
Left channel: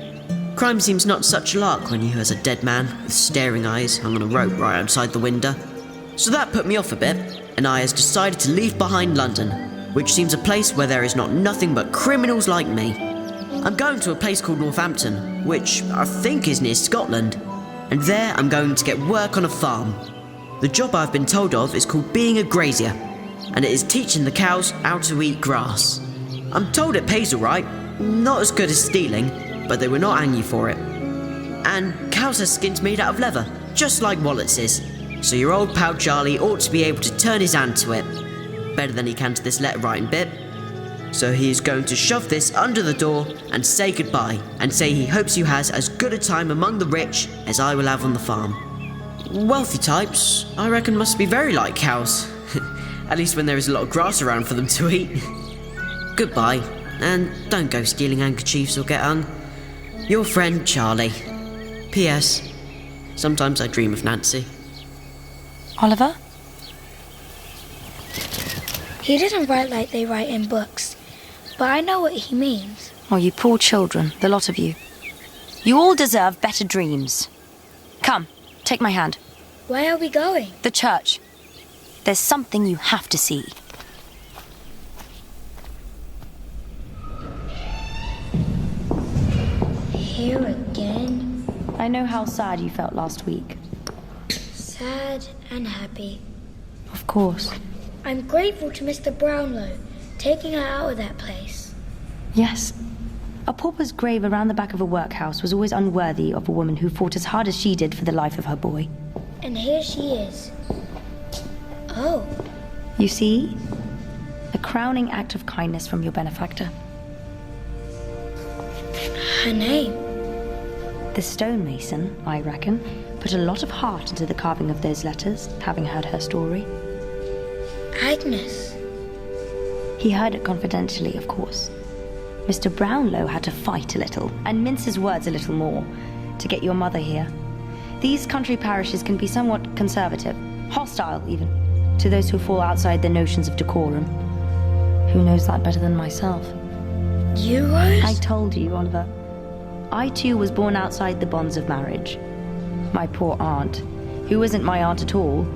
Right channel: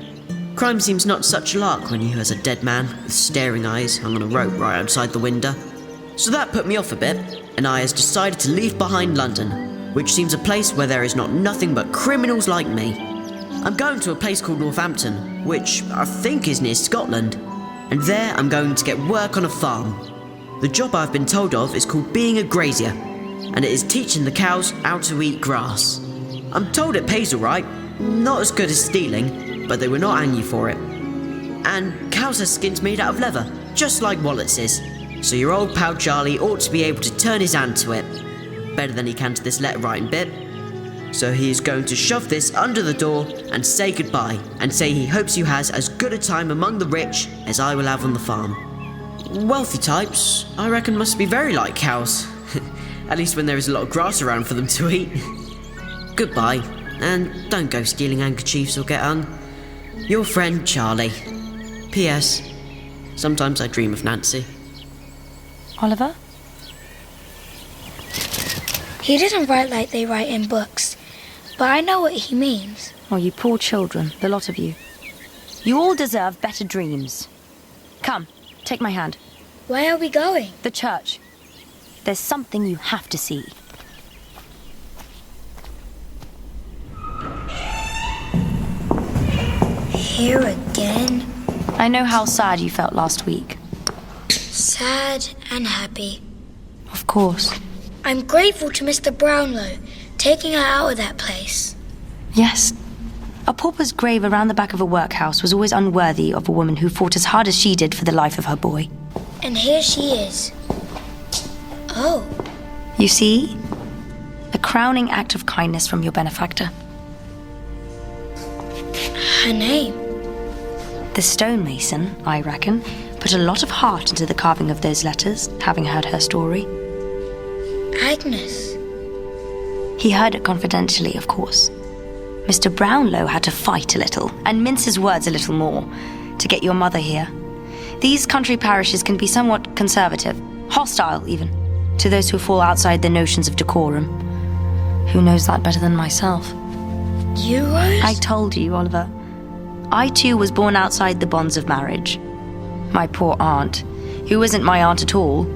Crime seems not such a lark when you has a dead man with staring eyes hung on a rope right outside the window. So that put me off a bit, and I has decided to leave behind London, which seems a place where there is not nothing but criminals like me. I'm going to a place called Northampton, which I think is near Scotland, and there I'm going to get work on a farm. The job I've been told of is called being a grazier, and it is teaching the cows how to eat grass. I'm told it pays all right, not as good as stealing, but they will not hang you for it. And cows have skins made out of leather, just like Wallett's, so your old pal Charlie ought to be able to turn his hand to it. Better than he can to this letter writing bit. So he is going to shove this under the door and say goodbye, and say he hopes you has as good a time among the rich as I will have on the farm. Wealthy types, I reckon, must be very like cows. At least when there is a lot of grass around for them to eat. Goodbye, and don't go stealing handkerchiefs or get hung. Your friend, Charlie. P.S. Sometimes I dream of Nancy. Oliver? He doesn't write like they write in books, but I know what he means. Oh, you poor children, the lot of you. You all deserve better dreams. Come, take my hand. Where are we going? The church. There's something you have to see. Here again? I know how sad you felt last week. Sad and happy. Of course. I'm grateful to Mr. Brownlow, taking her out of that place. Yes. A pauper's grave around the back of a workhouse was always unworthy of a woman who fought as hard as she did for the life of her boy. And here she is. Oh. You see? A crowning act of kindness from your benefactor. Her name? The stonemason, I reckon, put a lot of heart into the carving of those letters, having heard her story. Agnes. He heard it confidentially, of course. Mr. Brownlow had to fight a little, and mince his words a little more, to get your mother here. These country parishes can be somewhat conservative, hostile even, to those who fall outside their notions of decorum. Who knows that better than myself? You, Rose? I told you, Oliver. I too was born outside the bonds of marriage. My poor aunt, who isn't my aunt at all,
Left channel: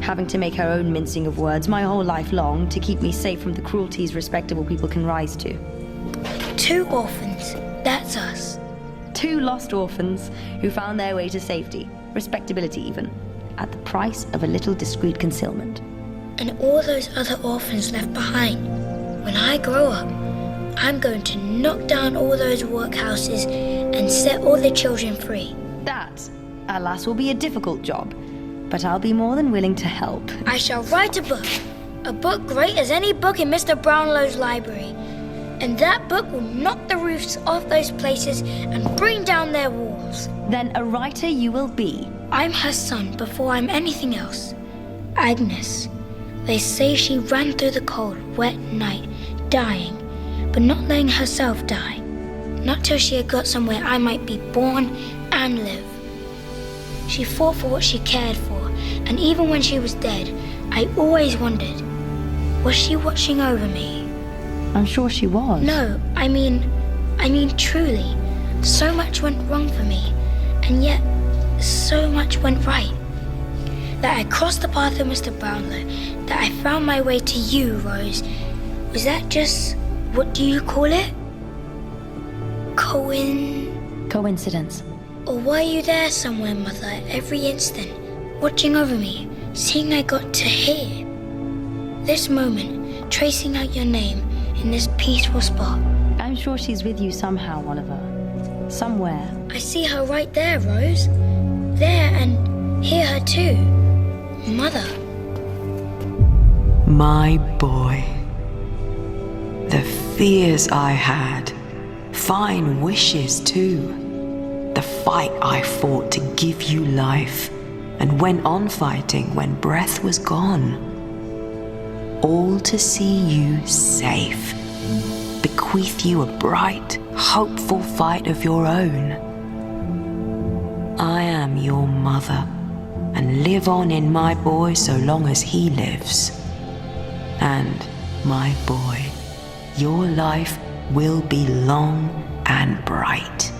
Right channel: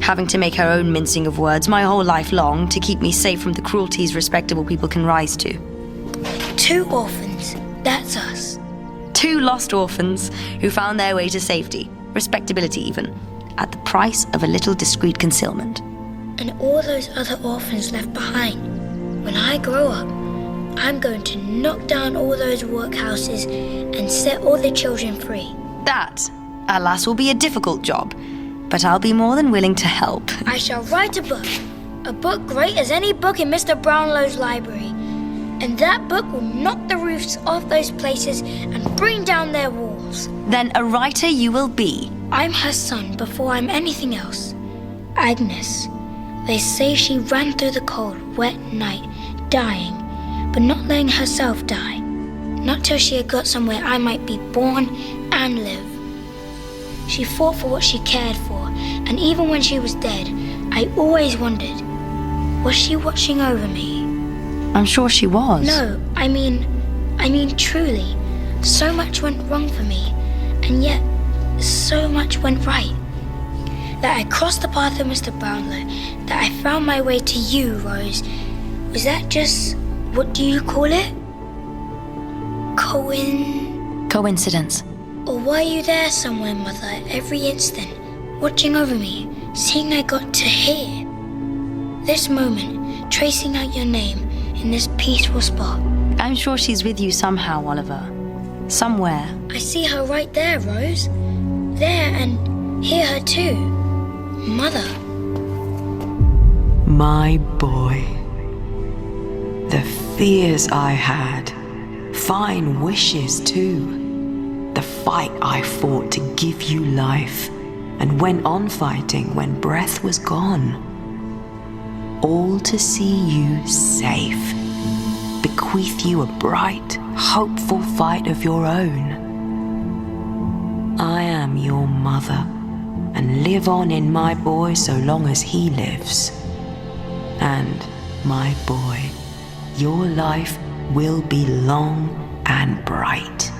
having to make her own mincing of words my whole life long to keep me safe from the cruelties respectable people can rise to. 2 orphans, that's us. 2 lost orphans who found their way to safety, respectability even, at the price of a little discreet concealment. And all those other orphans left behind. When I grow up, I'm going to knock down all those workhouses and set all the children free. That, alas, will be a difficult job, but I'll be more than willing to help. I shall write a book great as any book in Mr. Brownlow's library. And that book will knock the roofs off those places and bring down their walls. Then a writer you will be. I'm her son before I'm anything else. Agnes. They say she ran through the cold, wet night, dying, but not letting herself die. Not till she had got somewhere I might be born and live. She fought for what she cared for, and even when she was dead, I always wondered, was she watching over me? I'm sure she was. No, I mean truly. So much went wrong for me, and yet so much went right. That I crossed the path of Mr. Brownlow, that I found my way to you, Rose. Was that just, what do you call it? Coincidence. Or were you there somewhere, Mother, every instant, watching over me, seeing I got to hear? This moment, tracing out your name in this peaceful spot. I'm sure she's with you somehow, Oliver. Somewhere. I see her right there, Rose. There, and hear her too. Mother. My boy. The fears I had. Fine wishes too. The fight I fought to give you life, and went on fighting when breath was gone. All to see you safe. Bequeath you a bright, hopeful fight of your own. I am your mother, and live on in my boy so long as he lives. And, my boy, your life will be long and bright.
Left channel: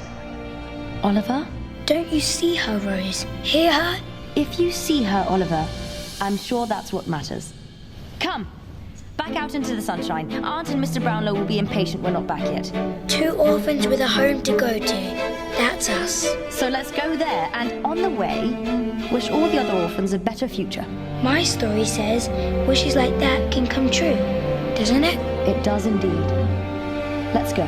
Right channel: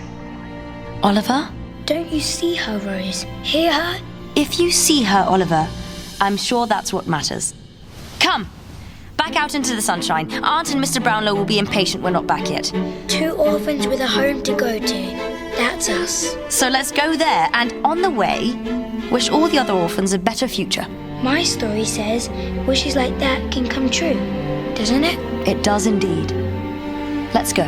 Oliver? Don't you see her, Rose? Hear her? If you see her, Oliver, I'm sure that's what matters. Come! Back out into the sunshine. Aunt and Mr. Brownlow will be impatient we're not back yet. 2 orphans with a home to go to. That's us. So let's go there, and on the way, wish all the other orphans a better future. My story says wishes like that can come true, doesn't it? It does indeed. Let's go.